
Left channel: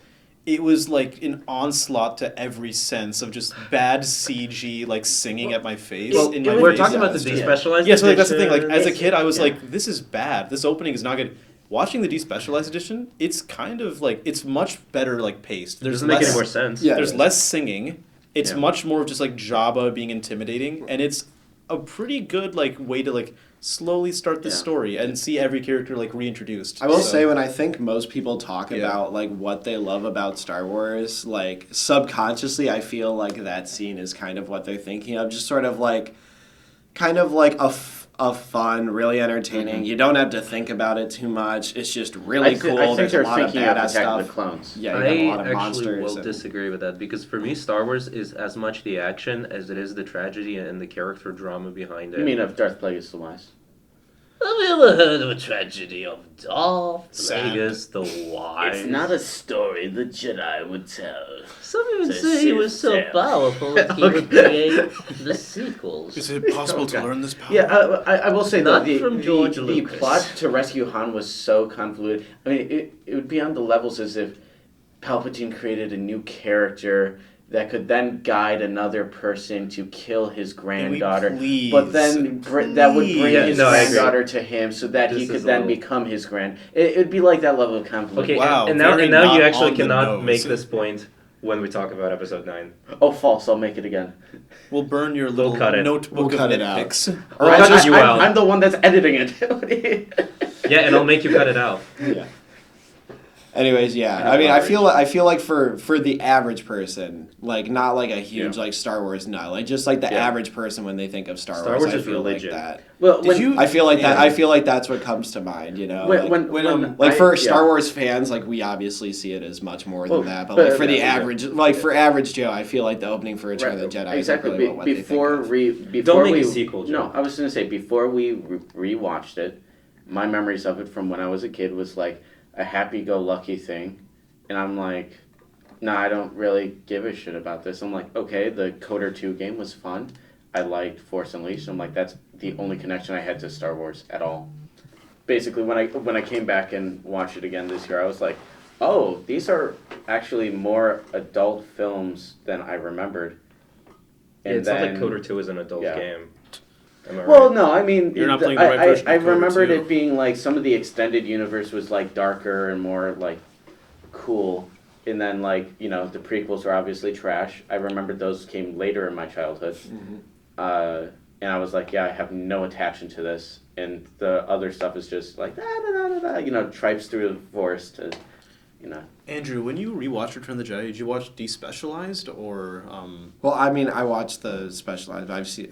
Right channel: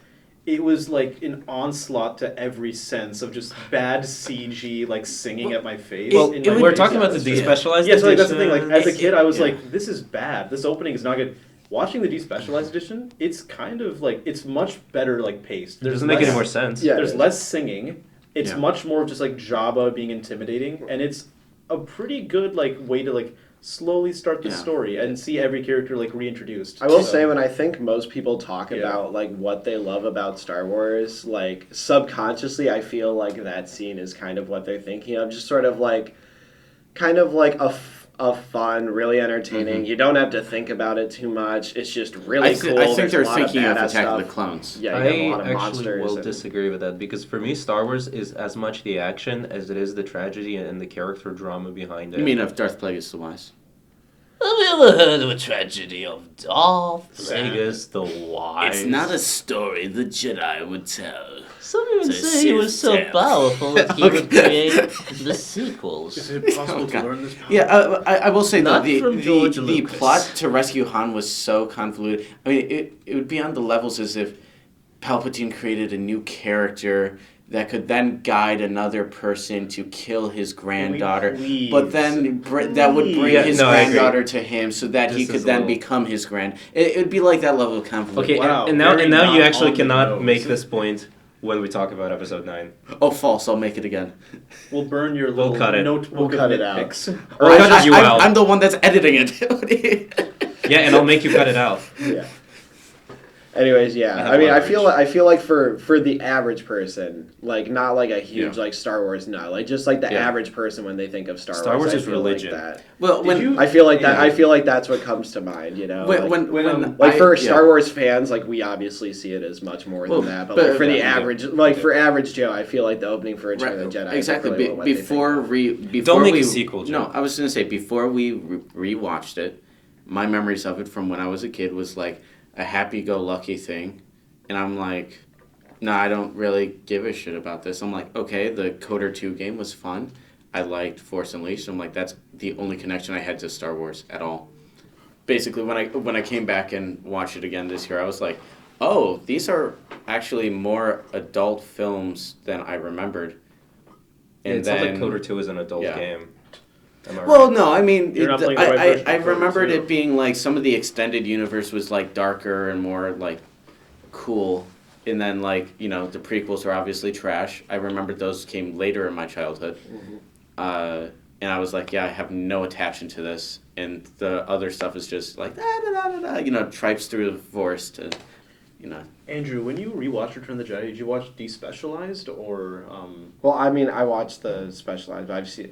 it was like an onslaught to every sense of just bad CG, like singing at my face. Well, in my we're face. talking about the Yeah. despecialized Yeah, so like, that's the thing. Like as a editions. kid, I was Yeah. like, "This is bad. This opening is not good." Watching the despecialized edition, it's kind of like it's much better like paced. It doesn't make any more sense. Yeah. There's less singing. It's Yeah. much more just like Jabba being intimidating, and it's a pretty good like way to like slowly start the Yeah. story and see every character like reintroduced. I will So- say when I think most people talk Yeah. about like what they love about Star Wars, like subconsciously I feel like that scene is kind of what they're thinking of, just sort of like kind of like a fun, really entertaining. You don't have to think about it too much. It's just really cool. I think There's they're a lot thinking of of badass Attack of the stuff. Clones. Yeah, you have a I lot of actually monsters. will and- disagree with that because for me, Star Wars is as much the action as it is the tragedy and the character drama behind it. You mean of Darth Plagueis the Wise? Have you ever heard of a tragedy of Darth Sad. Plagueis the Wise? It's not a story the Jedi would tell. Some even It's a say he was Sith so tale. powerful that he would create the sequels. Is it possible to Okay. learn this power? Yeah, I will say though Not the from George the Lucas. plot to rescue Han was so convoluted. I mean, it would be on the levels as if Palpatine created a new character that could then guide another person to kill his granddaughter, please? but then that would bring Yeah, his no, I agree. granddaughter to him so that he This could is a then little- become his grand. It would be like that level of convolution. Okay, Wow, and now very you not actually on the cannot nose. make this point when we talk about Episode 9. Oh, false! I'll make it again. We'll burn your We'll little cut it. notebook We'll cut of it out. nitpicks. Or cut you I'm, out. I'm the one that's editing it. Yeah, and I'll make you cut it out. Yeah. Anyways, yeah. And I mean, I leverage. feel like for the average person, like not like a huge Yeah. like Star Wars nut, like just like the Yeah. average person when they think of Star Star Wars, Wars I is feel religion. like that. Well, Did when you- I feel like that. Yeah. I feel like that's what comes to mind. You know, like, when like I- for yeah. Star Wars fans, like we obviously see it as much more Well, than that. But, but- like for the yeah. average, like for average Joe, I feel like the opening for Return of the Jedi. Exactly. Is really what they think Before of. before make we a sequel, Joe. No, I was gonna say before we rewatched it, my memories of it from when I was a kid was like a happy-go-lucky thing, and I'm like, no, I don't really give a shit about this. I'm like, okay, the Coder 2 game was fun. I liked Force Unleashed. I'm like, that's the only connection I had to Star Wars at all. Basically, when I came back and watched it again this year, I was like, oh, these are actually more adult films than I remembered. And It's not like then- Coder 2 is an adult yeah. game. Am I Well, right? no, I mean, You're not playing the right version I of Coder remembered 2. it being like some of the extended universe was like darker and more like cool, and then like the prequels are obviously trash. I remembered those came later in my childhood, and I was like, yeah, I have no attachment to this, and the other stuff is just like tripes through the forest to, Andrew, when you rewatched Return of the Jedi, did you watch Despecialized or Well, I mean, I watched the specialized. I've seen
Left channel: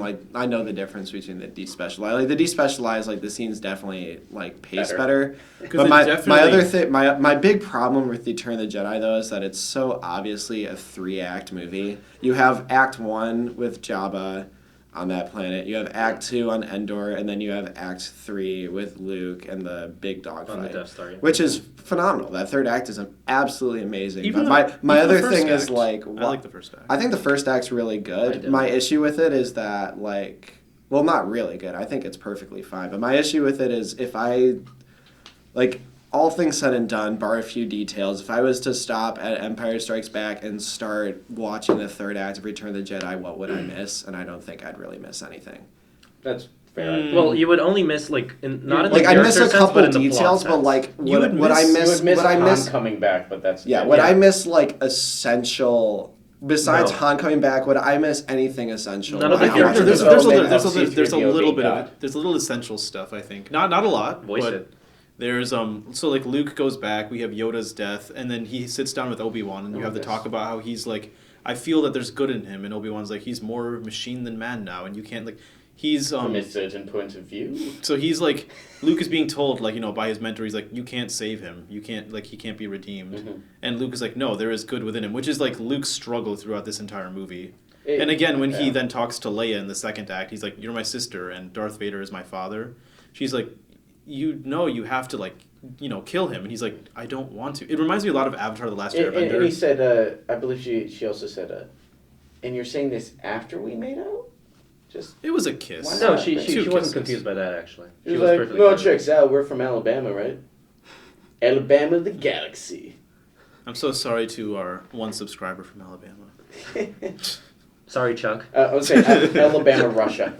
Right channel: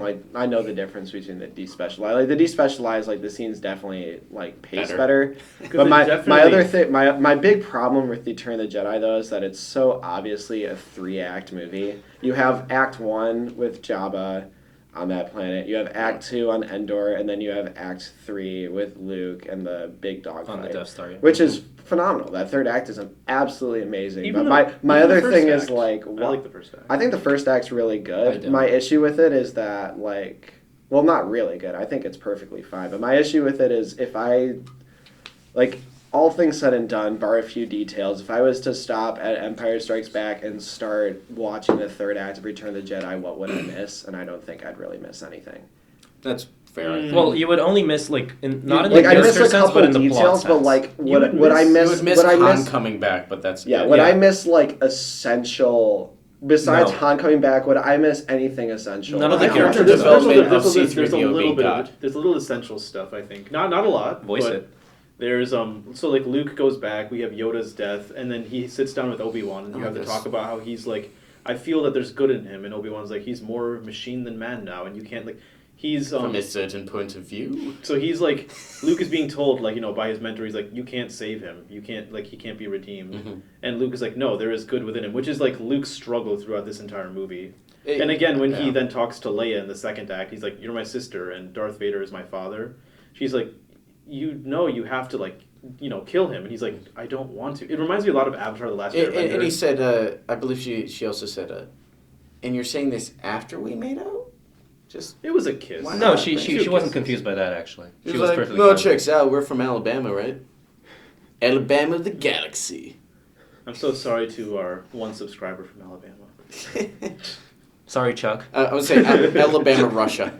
like I know the difference between the despecialized. Like the despecialized, like the scenes definitely like pace better. But it my definitely- other thing, my big problem with Return of the Jedi though is that it's so obviously a 3-act movie. You have Act 1 with Jabba on that planet. You have Act 2 on Endor, and then you have Act 3 with Luke and the big dog On the fight. Death Star. Which is phenomenal. That third act is absolutely amazing. Even But the- my even the other first thing is act. like, I like the first act. I think the first act's really I good. do. My issue with it is that like, well, not really good. I think it's perfectly fine. But my issue with it is if I, like, all things said and done, bar a few details, if I was to stop at Empire Strikes Back and start watching the third act of Return of the Jedi, what would I miss? And I don't think I'd really miss anything. that's fair. Well, you would only miss not in the Like I miss character a sense, couple but in the details, plot but like sense. would I miss? You would miss would I Han miss? coming back, but that's Yeah, it. would I miss like essential? Besides No. Han coming back, would I miss anything essential? None of when the I watch characters it? development there's of a C-3PO little being bit God. of there's a little essential stuff I think. Not a lot. Voice but it. There's so like Luke goes back, we have Yoda's death, and then he sits down with Obi-Wan and you Oh, have to yes. talk about how he's like I feel that there's good in him and Obi-Wan's like he's more machine than man now and you can't like he's From a certain point of view. so he's like Luke is being told like by his mentor he's like you can't save him. You can't like he can't be redeemed. Mhm. And Luke is like no, there is good within him, which is like Luke's struggle throughout this entire movie. It- And again, when he yeah. then talks to Leia in the second act, he's like, "You're my sister, and Darth Vader is my father." She's like, "You know, you have to like, kill him." And he's like, "I don't want to." It reminds me a lot of Avatar: The Last Airbender. And he said, I believe she also said, and you're saying this after we made out? Just it was a kiss. Why No, not? she Two wasn't kisses. confused by that actually. he She was was like, perfectly no fine. chicks, we're from Alabama, right? Alabama the Galaxy. I'm so sorry to our one subscriber from Alabama. Sorry, Chuck. I would say Alabama, Russia.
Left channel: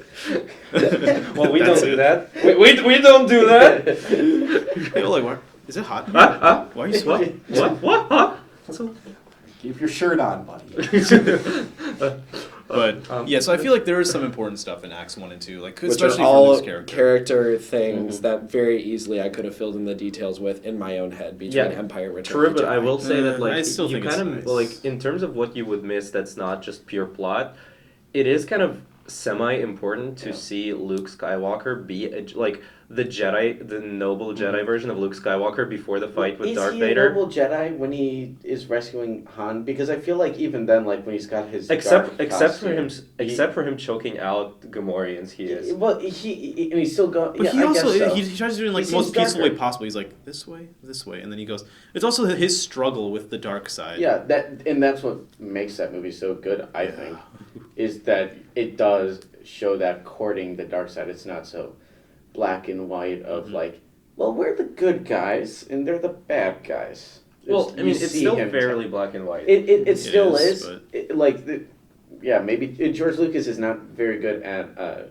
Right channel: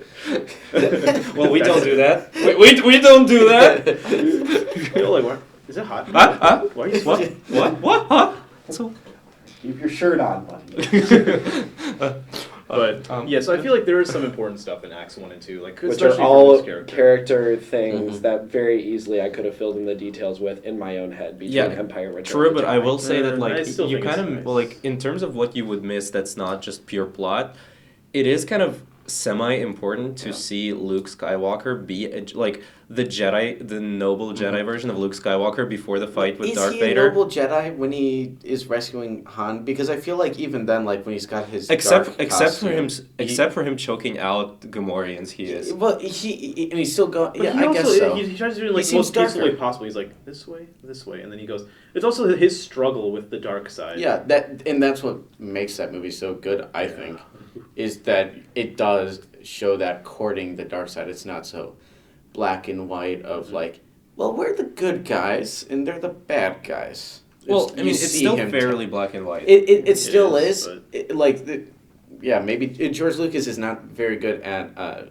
Well, we don't do that. We don't do that. Hey, Ole, why? Is it hot? Huh? Why are you What? sweating? What? Huh? So. Keep your shirt on, buddy. But yeah, so I feel like there is some important stuff in Acts 1 and 2, like Which especially are all for Luke's character. character things Mhm. that very easily I could have filled in the details with in my own head between Yeah, Empire and Return True, of the but I Jedi. will say that I like still you think it's kind of nice. like in terms of what you would miss that's not just pure plot, it is kind of semi-important to see Luke Skywalker be like the Jedi, the noble Jedi version of Luke Skywalker before the fight with is Darth he Vader. a noble Jedi when he is rescuing Han? Because I feel like even then, like when he's got his dark Except for him choking out Gamorreans, he is. Well, he and he's still going. But Yeah, he I also, guess so. he tries to do it like He the most seems peaceful way darker. possible. He's like, this way, and then he goes. It's also his struggle with the dark side. Yeah, that's what makes that movie so good. I think is that it does show that courting the dark side. It's not so black and white of like, well, we're the good guys and they're the bad guys. Well, I You mean, it's see still him fairly black and white. It still is, is. but- Like, yeah, maybe George Lucas is not very good at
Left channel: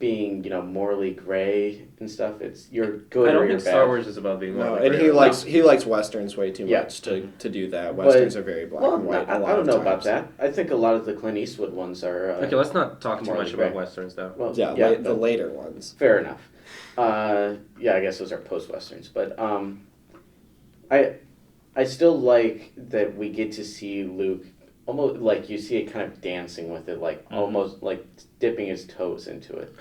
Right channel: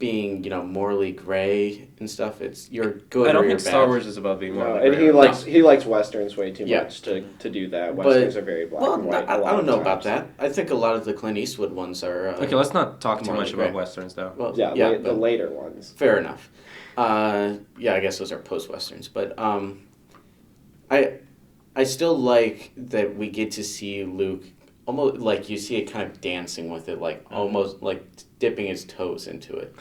being, morally gray and stuff. It's you're good I don't or you're think Star bad. Wars is about being No, morally and gray. he likes westerns way too Yeah. much to do that. Westerns are very black Well, and white. a lot I don't of know about times. that. I think a lot of the Clint Eastwood ones are. Okay, let's not talk too morally much about gray. westerns though. Well, Yeah, the but- later ones. Fair enough. Yeah, I guess those are post westerns, but I still like that we get to see Luke almost like you see it kind of dancing with it, like almost like dipping his toes into it.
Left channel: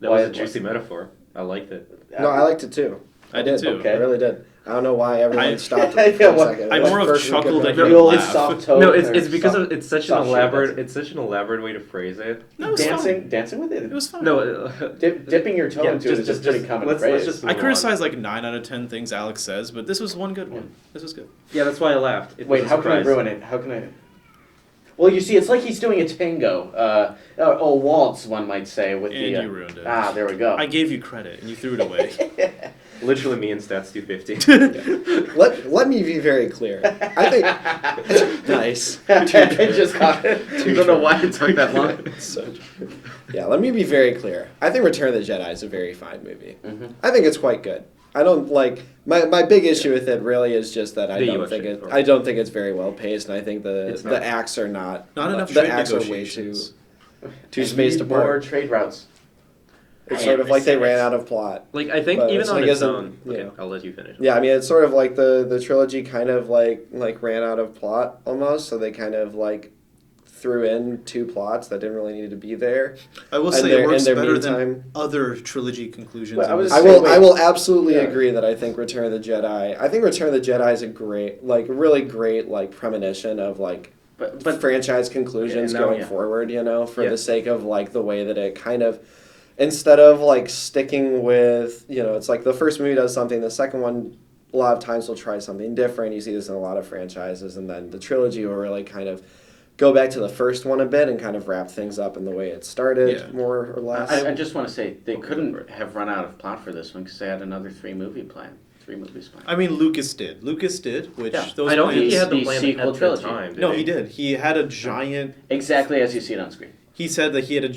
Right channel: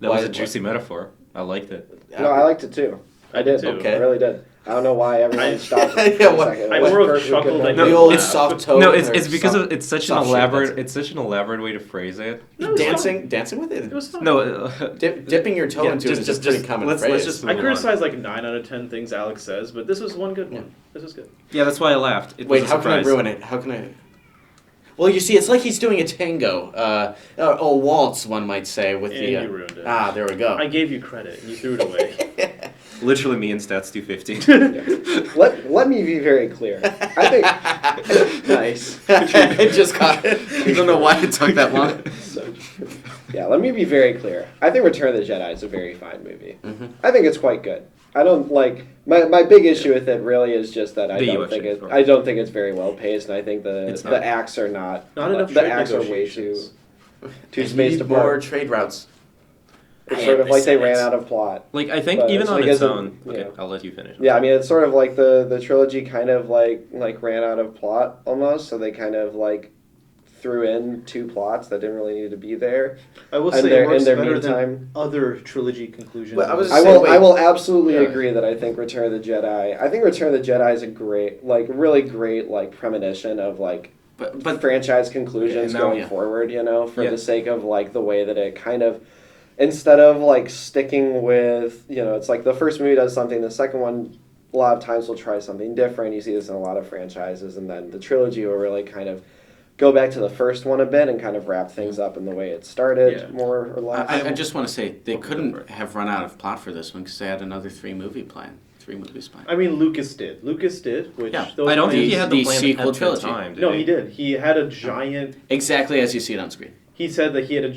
That was Why- a juicy metaphor. I liked it. No, I liked it too. I did too. Okay. I really did. I don't know why everyone I- stopped. Yeah, for a what- second. I Like, more of first we chuckled couldn't- than The you old laugh. soft toe. No, or it's because soft- it's such an soft shit, elaborate that's it. it's such an elaborate way to phrase it. No, it was dancing with it. It was fun. No, Dipping your toe yeah, into it is a pretty common let's phrase. just I move on. criticize like 9 out of 10 things Alex says, but this was one good one. This was good. Yeah, that's why I laughed. It Wait, was a how can I surprise. ruin it? How can I? Well, you see, it's like he's doing a tango, a waltz, one might say, with And the. you ruined it. There we go. I gave you credit and you threw it away. Literally me in stats 250. Let me be very clear. I think nice. It just got. I don't know why it took that long. So true. Yeah, let me be very clear. I think Return of the Jedi is a very fine movie. Mhm. I think it's quite good. I don't like my big issue with it. Really, is just that I The don't US think shape, I don't think it's very well paced, and I think It's the not. acts are not Not enough the trade acts are way too negotiations. spaced More apart. trade routes. It's sort of like they Besides- ran out of plot. Like I think But even it's on like its isn't- own. you Okay, know. I'll let you finish. Yeah, I mean, it's sort of like the trilogy kind of like ran out of plot almost, so they kind of like threw in 2 plots that didn't really need to be there. I will And say their- it works in their better meantime- than other trilogy conclusions. Well, I was- I Say, will. wait. I will absolutely Yeah. agree that I think Return of the Jedi. I think Return of the Jedi is a great, really great, premonition of But franchise conclusions Yeah, now- going yeah. forward. For Yeah. the sake of the way that it kind of, instead of sticking with it's like the first movie does something, the second one a lot of times will try something different. You see this in a lot of franchises, and then the trilogy will really kind of go back to the first one a bit and kind of wrap things up in the way it started, Yeah. more or less. I just want to say they couldn't have run out of plot for this one because they had another 3 movies planned. I mean, Lucas did, which Yeah. those I don't think he plans- had the the plan sequel at the trilogy. time. No, he did. He had a giant. Exactly as you see it on screen. He said that he had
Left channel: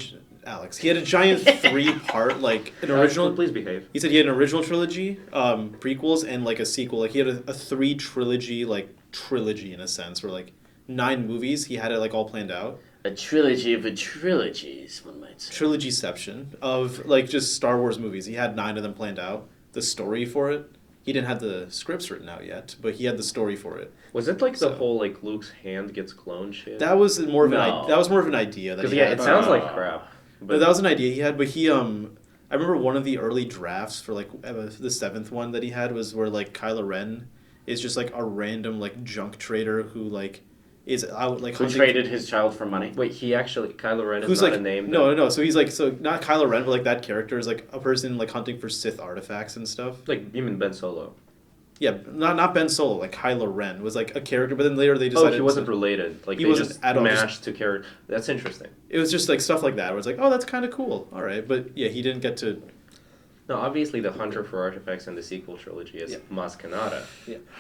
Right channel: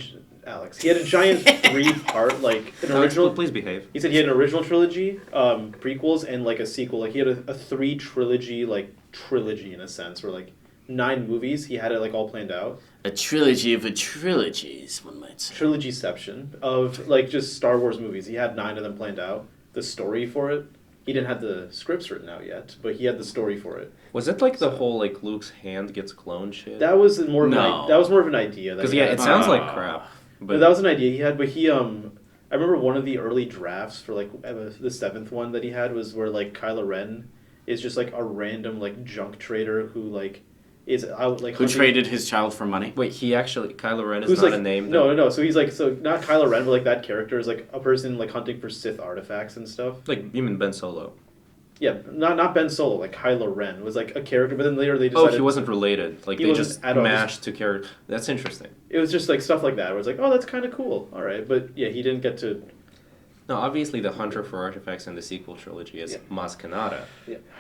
he had a giant 3-part an original. Please behave. He said he had an original trilogy, prequels, and a sequel. He had a 3 trilogy trilogy in a sense, where 9 movies. He had it all planned out. A trilogy of trilogies, one might say. Trilogyception of just Star Wars movies. He had 9 of them planned out. The story for it. He didn't have the scripts written out yet, but he had the story for it. Was it the So- whole Luke's hand gets cloned shit? That was more of No. that was more of an idea. Because he yeah, had. it sounds like Uh, crap. But But that was an idea he had. But he I remember one of the early drafts for the 7th one that he had was where Kylo Ren is just a random junk trader who is out Who hunting- traded his child for money? wait, he actually Kylo Ren is who's not a name. No. So he's so not Kylo Ren, but that character is a person hunting for Sith artifacts and stuff. You mean Ben Solo? Yeah, not Ben Solo, Kylo Ren was a character, but then later they Oh, decided he wasn't related. He They wasn't just at all, mashed to character. That's interesting. It was just stuff like that where it's oh, that's kind of cool. All right, but yeah, he didn't get to No, obviously the Hunter for Artifacts and the sequel trilogy is Maz Kanata.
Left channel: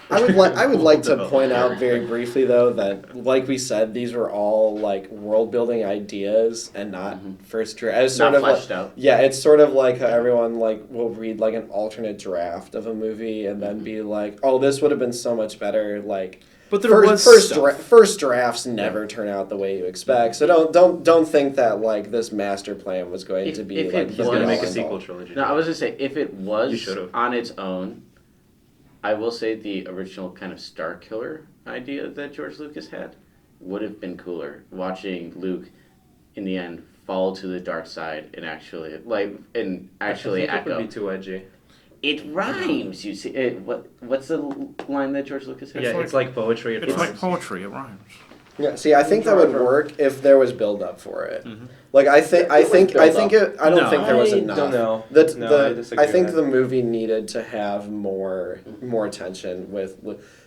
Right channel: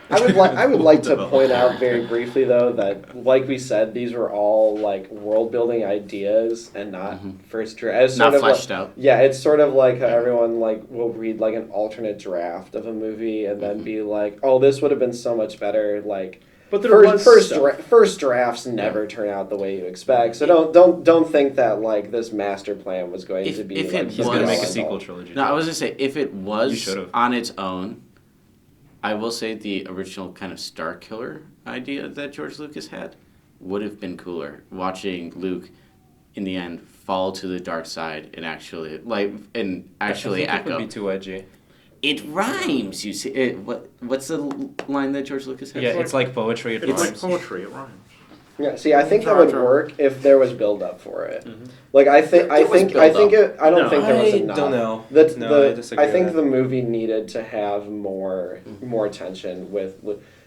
I would like to point out very briefly though that, like we said, these were all like world building ideas and not first draft. Not fleshed out. Yeah, it's sort of like how everyone like will read like an alternate draft of a movie and then be like, oh, this would have been so much better. Like, But there was first drafts never turn out the way you expect. So don't think that like this master plan was going to be. If like, it He's gonna was- make a sequel trilogy. No, I was gonna say if it You was should've. on its own, I will say the original kind of Star Killer idea that George Lucas had would have been cooler. Watching Luke, in the end, fall to the dark side and actually I think it echo. would be too edgy. It rhymes. You see, what's the line that George Lucas has? Yeah, it's like poetry. It It's like rhymes. poetry. It rhymes. Yeah, see, I think that would work if there was build up for it. Like I think There was I build-up. don't think there was I enough. don't know. That No, I disagree I think with the movie needed to have more tension with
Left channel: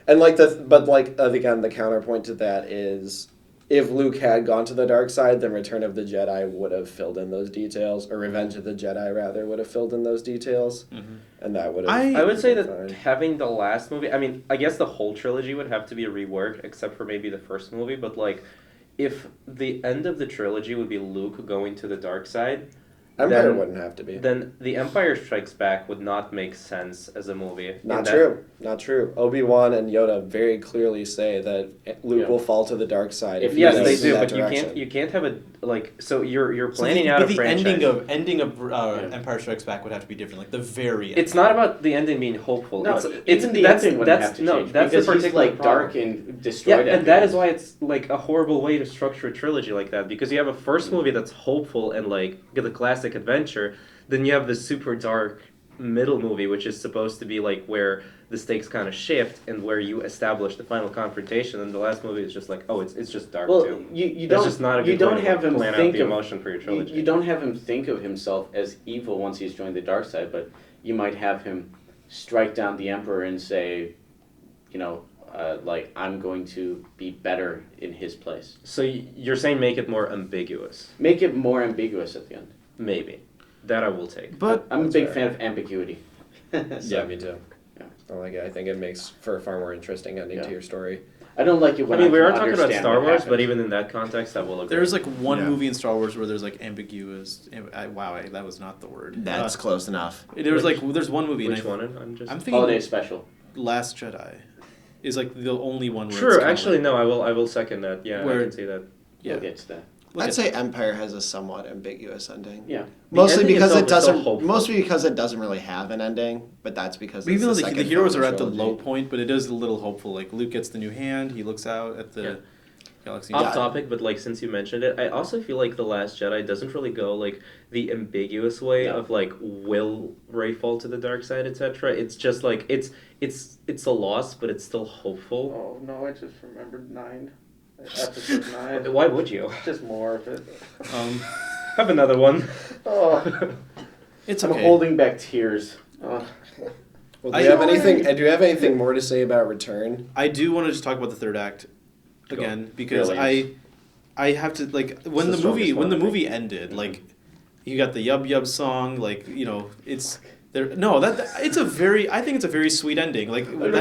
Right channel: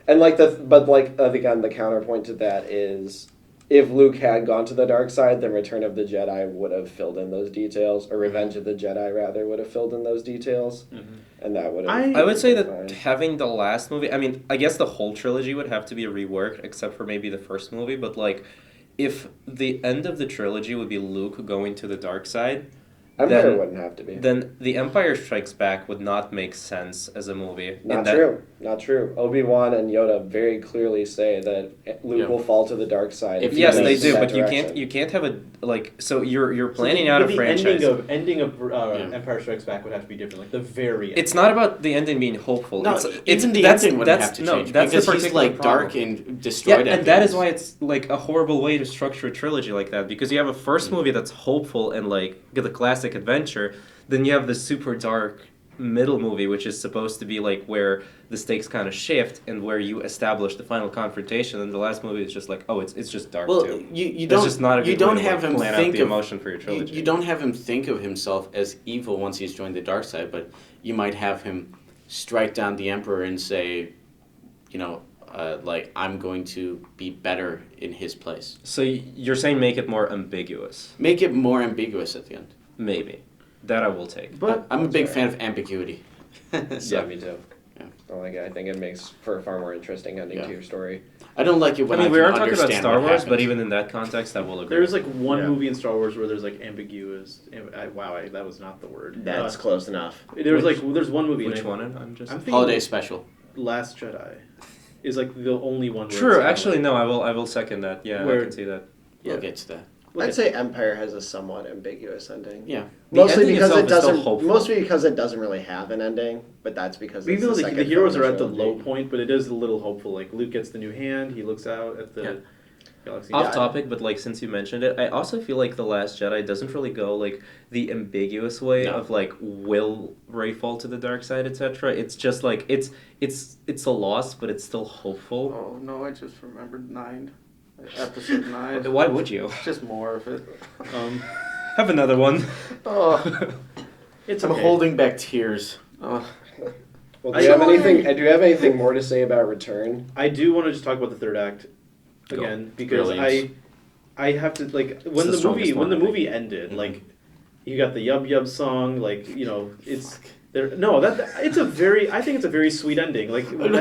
and like again the counterpoint to that is if Luke had gone to the dark side, then Return of the Jedi would have filled in those details, or Revenge of the Jedi rather would have filled in those details, and that would have. I would say that fine. having the last movie, I mean, I guess the whole trilogy would have to be a rework, except for maybe the first movie, but like, if the end of the trilogy would be Luke going to the dark side, Empire then- wouldn't have to be. then The Empire Strikes Back would not make sense as a movie. Not In true. Not true. Obi-Wan and Yoda very clearly say that Luke Yeah. will fall to the dark side. If he Yes, goes they in do, that but direction. you can't have a like. So you're planning out a the franchise. ending of Empire Strikes Back would have to be different. Like the very end. It's not about the ending being hopeful. No, it's even the that's, ending would that's, have to no, change that's because the he's particular like problem. dark and Yeah, destroyed. and that is why it's like a horrible way to structure a trilogy like that, because you have a first movie that's hopeful and like the classic adventure, then you have the super dark middle movie which is supposed to be like where the stakes kind of shift and where you establish the final confrontation, and the last movie is just like, oh, it's just dark Well, too. you It's don't just not a good you don't way to have like, him plan out think the of emotion for your trilogy. you don't have him think of himself as evil once he's joined the dark side, but you might have him strike down the emperor and say, like I'm going to be better in his place. So you're saying make it more ambiguous? Make it more ambiguous at the end. Maybe. That I will take. But I'm a big fan of ambiguity. So, Yeah, me too. Yeah. I like it. I think it makes for a far more interesting ending Yeah. to your story. I don't like it when I mean, we can are talking about understand Star what Wars, happened. but even in that context, I will agree. there's like one Yeah. movie in Star Wars where there's like ambiguous. That was not the word. That's close enough. There's there's one movie. Which and one? I'm just. I'm thinking Holiday special. Last Jedi is like the only one. Where it's True. kinda Actually, like, no. I will second that. Yeah, I Where- can see that. We'll get to that. Look I'd at- say Empire has a somewhat ambiguous ending. Yeah. The Mostly ending because itself it is still doesn't. hopeful. Mostly because it doesn't really have an ending, but that's because Even though it's the second heroes film are in at the trilogy. low point, but it is a little hopeful. Like Luke gets the new hand, he looks out at the Yeah. galaxy. Off topic, but like since you mentioned it, I also feel like The Last Jedi doesn't really go like the ambiguous way No. of like will Rey fall to the dark side, etc. It's just like it's a loss, but it's still hopeful. Oh no! I just remembered 9. Episode 9. Why would you Just more of it. have another one? Oh, It's I'm okay. holding back tears. Oh. Well, I do you have don't anything? Do you have anything more to say about Return? I do want to just talk about the third act again because Really? I have to like when It's the the movie strongest when the one, I movie ended like you got the Yub Yub song like it's there no that it's a very I think it's a very sweet ending like when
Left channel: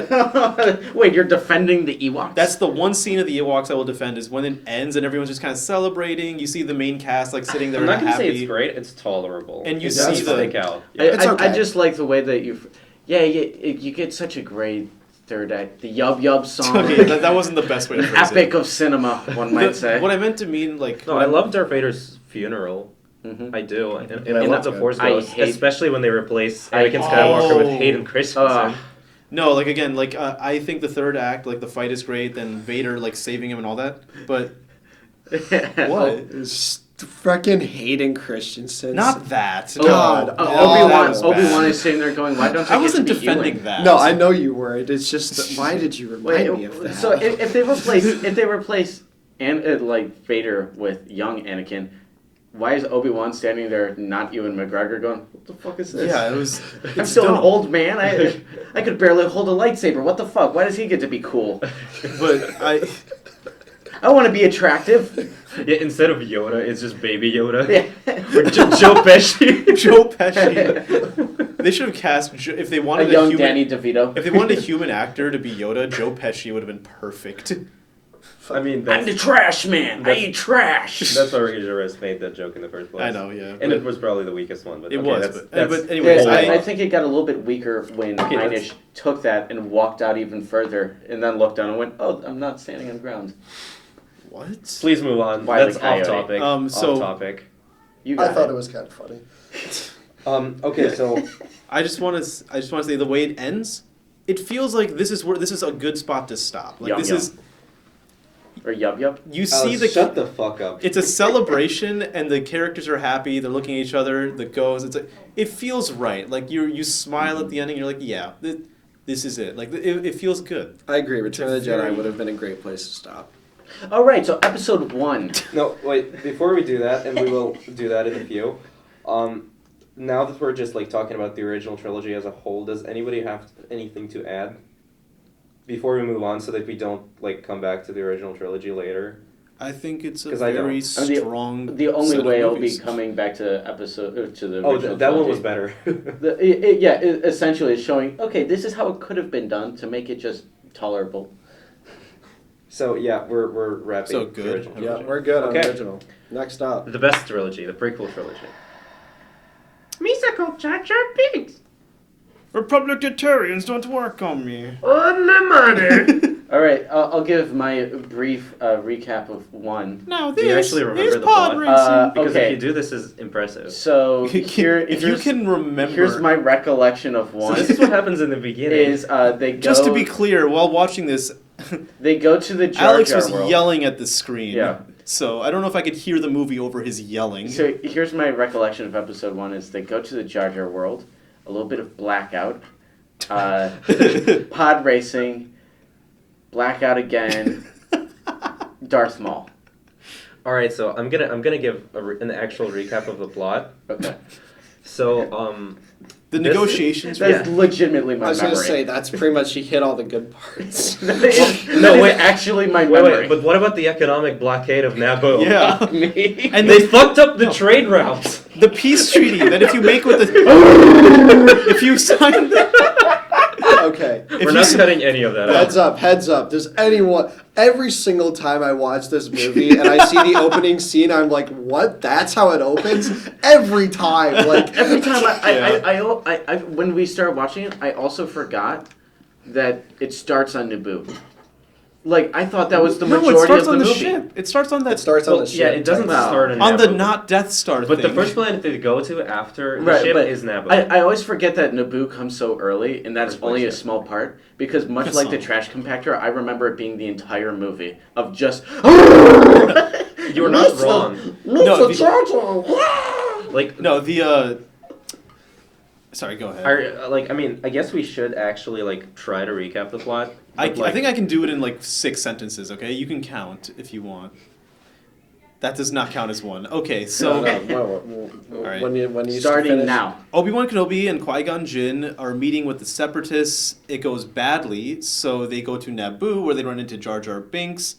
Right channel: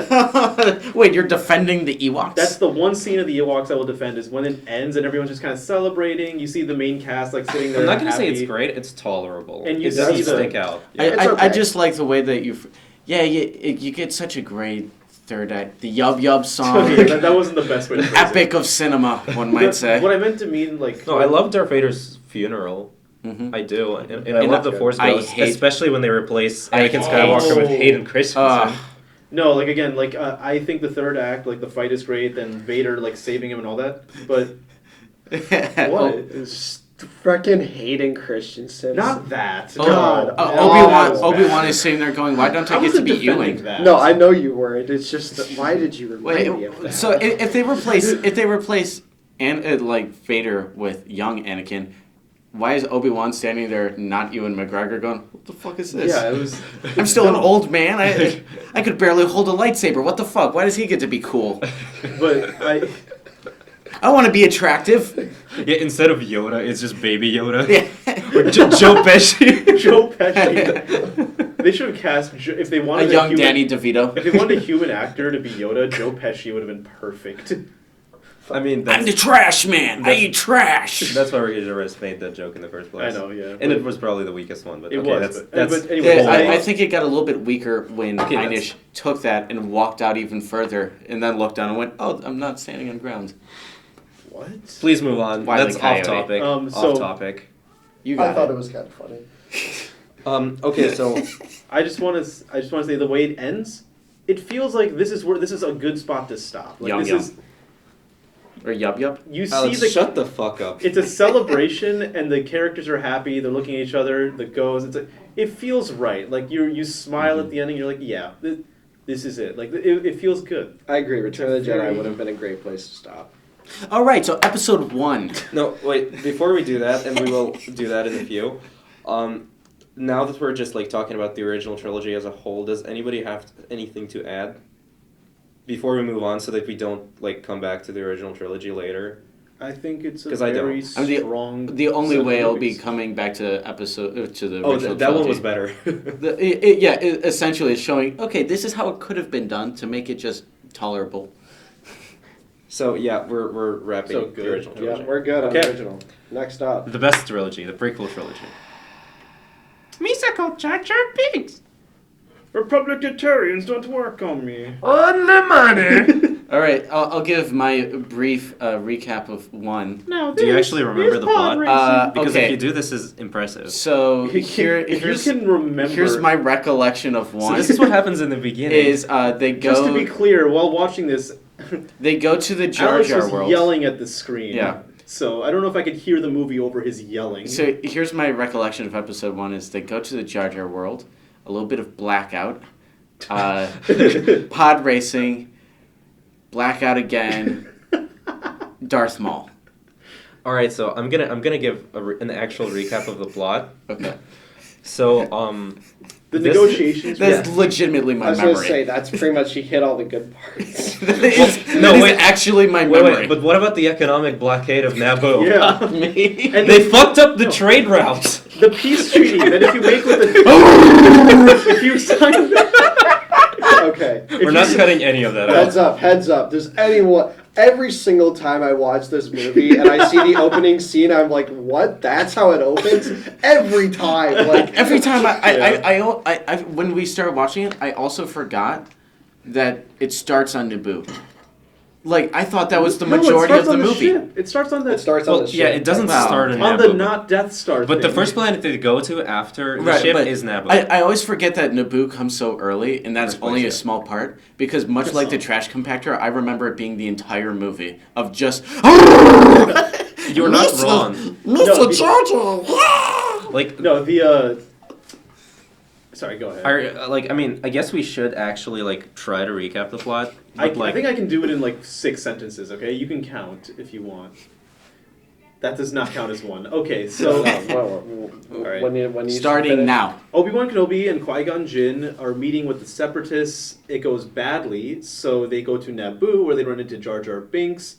Wait, you're defending the Ewoks? that's the one scene of the Ewoks I will defend is when it ends and everyone's just kind of celebrating. You see the main cast like sitting there. I'm not gonna happy. say it's great. It's tolerable. And you it see does the- stick out. I, It's I okay. just like the way that you get such a great third act. The Yub Yub song. Okay, that wasn't the best way to phrase it. Epic of cinema, one might say. What I meant to mean like No, I love Darth Vader's funeral. Mhm. I do, and I And love the Force I Ghost, hate- especially when they replace I Anakin hate- Skywalker with Oh. Hayden Christensen. No, like again, like I think the third act, like the fight is great, then Vader like saving him and all that. But what? Freaking Hayden Christensen. Not that. God. No. That was Obi-Wan bad. is sitting there going, why don't I I get to wasn't be defending Ewing? that. No, I know you weren't. It's just that- why did you remind me of Wait, that? so if they replace like Vader with young Anakin, why is Obi-Wan standing there, not Ewan McGregor, going, what the fuck is this? Yeah, it was. I'm still an dumb. old man. I could barely hold a lightsaber. What the fuck? Why does he get to be cool? But I want to be attractive. Yeah, instead of Yoda, it's just Baby Yoda. Yeah. Or Joe Pesci. Joe Pesci. They should have cast if they A wanted young human, Danny DeVito. If they wanted a human actor to be Yoda, Joe Pesci would have been perfect. I mean, I'm that's, the trash man. I eat trash. that's why Idris made that joke in the first place. I know, yeah. And it was probably the weakest one, but It okay, was, that's, but- that's but anyways, Yeah, I- I think it got a little bit weaker when Okay, Einish took that and walked out even further, and then looked down and went, "Oh, I'm not standing on ground." What? Please move on. Wile E. That's Coyote. off topic. So- off topic. You got I thought it. it was kind of funny. Okay, so I just want to say the way it ends, it feels like this is a good spot to stop. Like Yum, this yum. is Or yup. you see Alex, the shut the fuck up. it's a celebration and the characters are happy. They're looking at each other. The goes. It feels right. Like you smile at the ending. You're like, yeah, this is it. Like it feels good. I agree. Return of the Very- Jedi would have been a great place to stop. All right, so episode 1. No, wait. Before we do that, and we will do that in a few. Now that we're just like talking about the original trilogy as a whole, does anybody have anything to add before we move on, so that we don't like come back to the original trilogy later? I think it's a 'Cause I don't. very I mean, strong. The only set of way I'll be movies. coming back to episode to the Oh, original that one trilogy. was better. It essentially is showing, okay, this is how it could have been done to make it just tolerable. So yeah, we're wrapping So the good. original trilogy. Yeah, we're good on Okay. original. Next up. The best trilogy, the prequel trilogy. Misako Jar Jar Binks. Republicitarians don't work on me. On the money. All right, I'll give my brief recap of 1. No, Do you actually remember the plot? Because okay. if you do, this is impressive. So here, if you here's, can remember, here's my recollection of 1. So this is what happens in the beginning. is they go just to be clear, while watching this, they go to the Jar Alex Jar was world. yelling at the screen. Yeah. So I don't know if I could hear the movie over his yelling. So here's my recollection of episode 1: is they go to the Jar Jar world, a little bit of blackout, pod racing, blackout again, Darth Maul. All right, so I'm gonna give an actual recap of the plot. Okay, So the this- negotiations. that's legitimately my I was memory. gonna say that's pretty much he hit all the good parts. That is No, wait. actually my wait, memory. but what about the economic blockade of Naboo? Yeah. Me. And They fucked up the trade routes. the peace treaty that if you make with the if you sign Okay. if We're you not s- cutting any of that Heads out. up, heads up. Does anyone, every single time I watch this movie and I see the opening scene, I'm like, what? That's how it opens? Every time. Like, Every time Yeah. I when we started watching it, I also forgot that it starts on Naboo. Like I thought that was the No, it majority starts of the on the movie. ship. It starts on that. it starts on Well, the yeah, ship. it doesn't No. start in on the Naboo. not Death Star. But the thing. first planet they go to after the Right, ship but is Naboo. I always forget that Naboo comes so early, and that's First only a place, yeah. small part. Because much It's like the not. trash compactor, I remember it being the entire movie of just. You're not wrong. No, the- Jar Jar. Like No, the. Sorry, go ahead. I mean, I guess we should actually like try to recap the plot. I but, like, think I can do it in like 6 sentences. Okay, you can count if you want. That does not count as one. Okay, so right. when you Starting now. Obi-Wan Kenobi and Qui-Gon Jinn are meeting with the Separatists. It goes badly, so they go to Naboo where they run into Jar Jar Binks.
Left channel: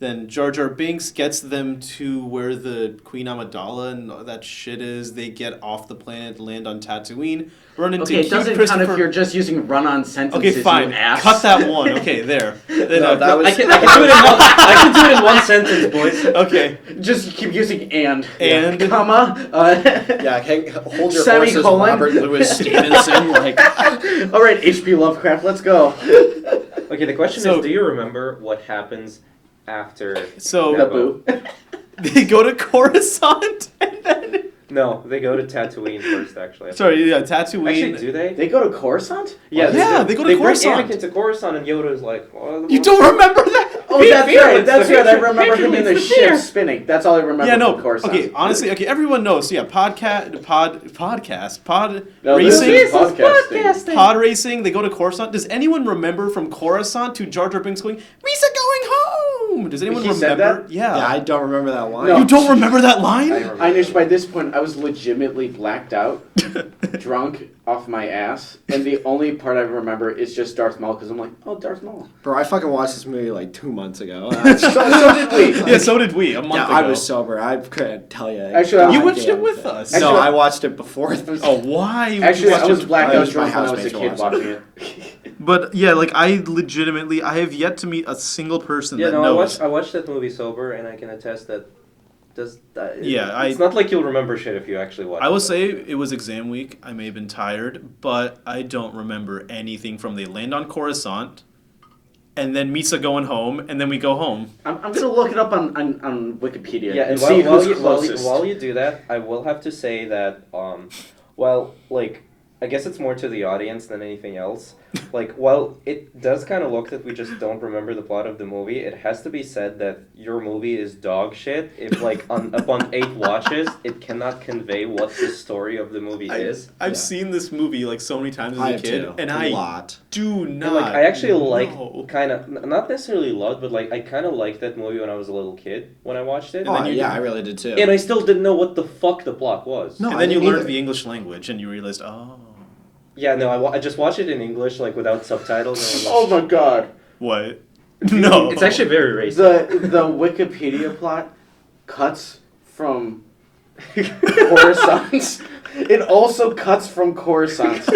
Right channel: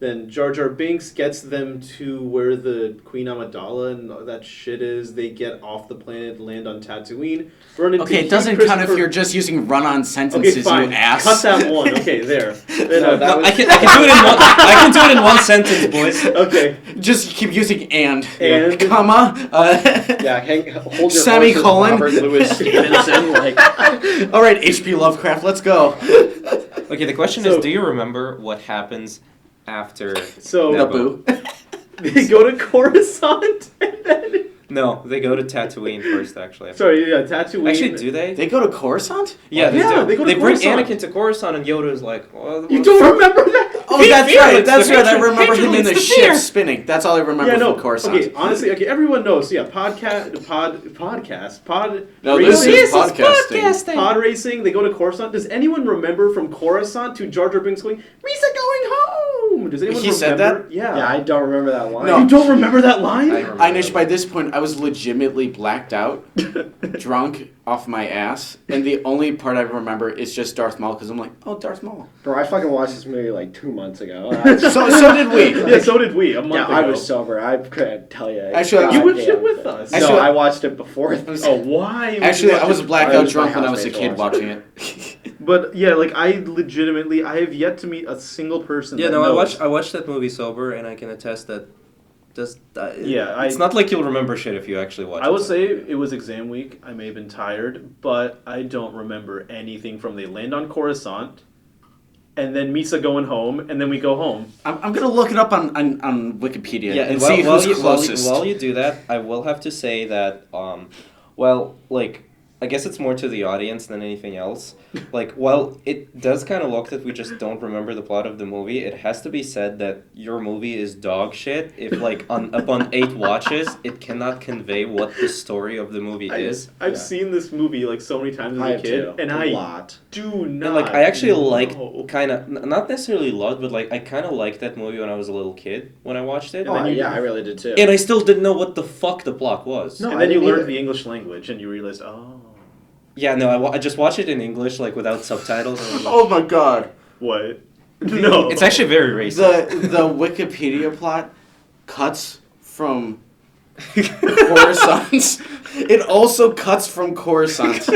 Then Jar Jar Binks gets them to where the Queen Amidala and that shit is. They get off the planet, land on Tatooine, burn into Okay, it Hugh doesn't count if Christopher- you're just using run-on Okay, sentences, fine. you ass. Cut that one. Okay, there. No, that was- I can do it in one, I can do it in one sentence, boys. Okay. Just keep using and. And. Comma. Yeah, hey, hold your Semicolon. horses, Robert Louis Stevenson. Like, All right, H.P. Lovecraft, let's go. Okay, the question So- is, do you remember what happens after So Naboo. they go to Coruscant and then. No, they go to Tatooine first, actually. Sorry, yeah, Tatooine. Actually, do they? They go to Coruscant? Yeah, Yeah, do. they go to They bring Coruscant. Anakin to Coruscant, and Yoda is like, well, You don't remember that? Oh, Fear, that's fear, right. it's That's the right. I hatred. remember him in Hatred the leads to ship fear. spinning. That's all I remember Yeah, no. from Coruscant. Okay, honestly, okay, everyone knows. So yeah, pod No, this racing. is podcasting. Pod racing. They go to Coruscant. Does anyone remember from Coruscant to Jar Jar Binks going, "Risa going home"? Does anyone He remember? said that? Yeah. yeah, I don't remember that line. No. You don't remember that line? I remember. Einish, by this point, I was legitimately blacked out. drunk off my ass, and the only part I remember is just Darth Maul because I'm like, oh, Darth Maul. Bro, I fucking watched this movie like 2 months ago. So did we. Yeah, so did we. A month Yeah, ago. I was sober. I couldn't tell you. Actually, You I- watched it with us. No, Actually- I watched it before this. Oh, why? would you Actually, watch I was it? blackout I was drunk my when I was a housemates kid to watching watch it. But yeah, like I have yet to meet a single person Yeah, that no, knows. I watched that movie sober, and I can attest that. Yeah, it's not like you'll remember shit if you actually watch it. I will say it was exam week. I may have been tired, but I don't remember anything from they land on Coruscant, and then Misa going home, and then we go home. I'm gonna look it up on Wikipedia Yeah, and while, see who's you, closest. while you do that, I will have to say that, well, like, I guess it's more to the audience than anything else. Like, while it does kind of look that we just don't remember the plot of the movie, it has to be said that your movie is dog shit. If, like, upon 8 watches, it cannot convey what the story of the movie is. I've seen this movie like so many times as I a have kid, too. and a I lot. do And, not. like, I actually like know. kind of, not necessarily loved, but, like, I kind of liked that movie when I was a little kid, when I watched it. Oh, then you- yeah, I really did too. And I still didn't know what the fuck the plot was. No, And I then you didn't learned either. the English language, and you realized, oh, Yeah, no, I just watched it in English, like, without subtitles. And Oh my god. what? No, It's actually very racist. The Wikipedia plot cuts from Coruscant. It also cuts from Coruscant.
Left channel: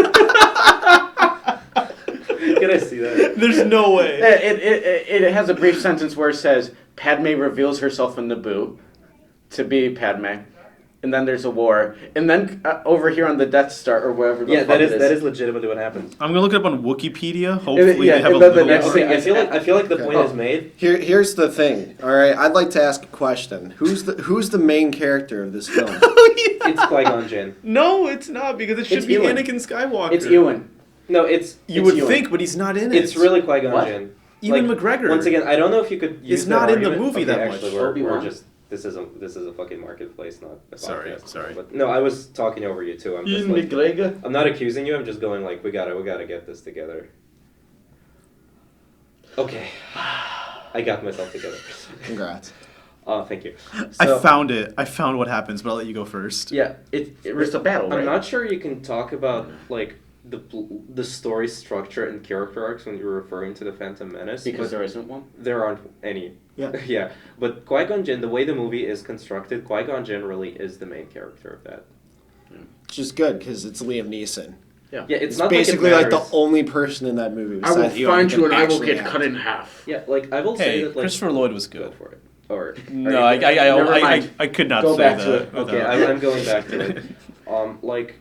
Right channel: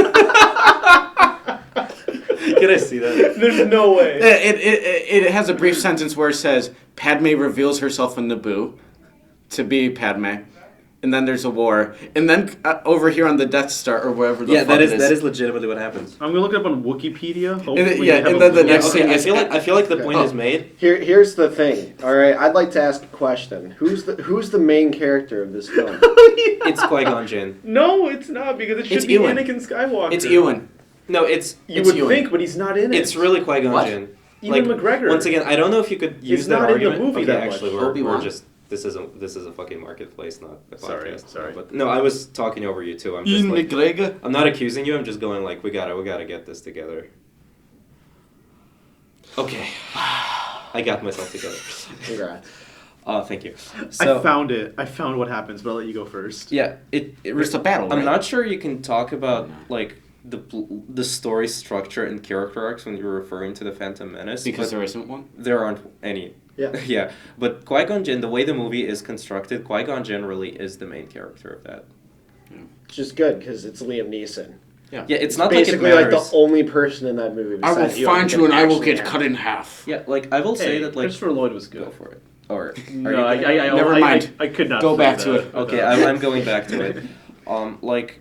Can I see that? There's no way. It has a brief sentence where it says Padme reveals herself in Naboo to be Padme, and then there's a war, and then over here on the Death Star or wherever the Yeah, fuck that it is legitimately what happens. I'm gonna look it up on Wikipedia. Hopefully, yeah, they have and a then the little- next thing Okay, is I feel like the point is made. Here's the thing. All right, I'd like to ask a question. Who's the main character of this film? It's Qui-Gon Jinn. No, it's not because it should It's be Ewan. Anakin Skywalker. It's Ewan. No, it's You It's would Ewan. think, but he's not in it. it's really Qui-Gon What? Jinn. Ewan Like, McGregor. Once again, I don't know if you could use He's that not in the argument. movie okay, that actually, much. we're Obi-Wan. just this is a fucking marketplace, not a Sorry, podcast. sorry. But no, I was talking over you too. I'm just Ewan like, McGregor. I'm not accusing you. I'm just going like we gotta get this together. Okay, I got myself together. Congrats. Thank you. I So, found it. I found what happens, but I'll let you go first. yeah, It's a battle, I'm right? not sure you can talk about like the story structure and character arcs when you're referring to the Phantom Menace Because but there isn't one. there aren't any. Yeah. Yeah, but Qui-Gon Jinn, the way the movie is constructed, Qui-Gon Jinn really is the main character of that. Which is good because it's Liam Neeson. Yeah, it's It's not basically like like it matters. the only person in that movie. I will besides Ewan find who you and I will actually get have- cut in half. Yeah, like I will say Hey, that like Christopher Lloyd was go good. for it. Or No, I Never mind. I could not Go say back to that it. okay, without- I'm going back to it. Like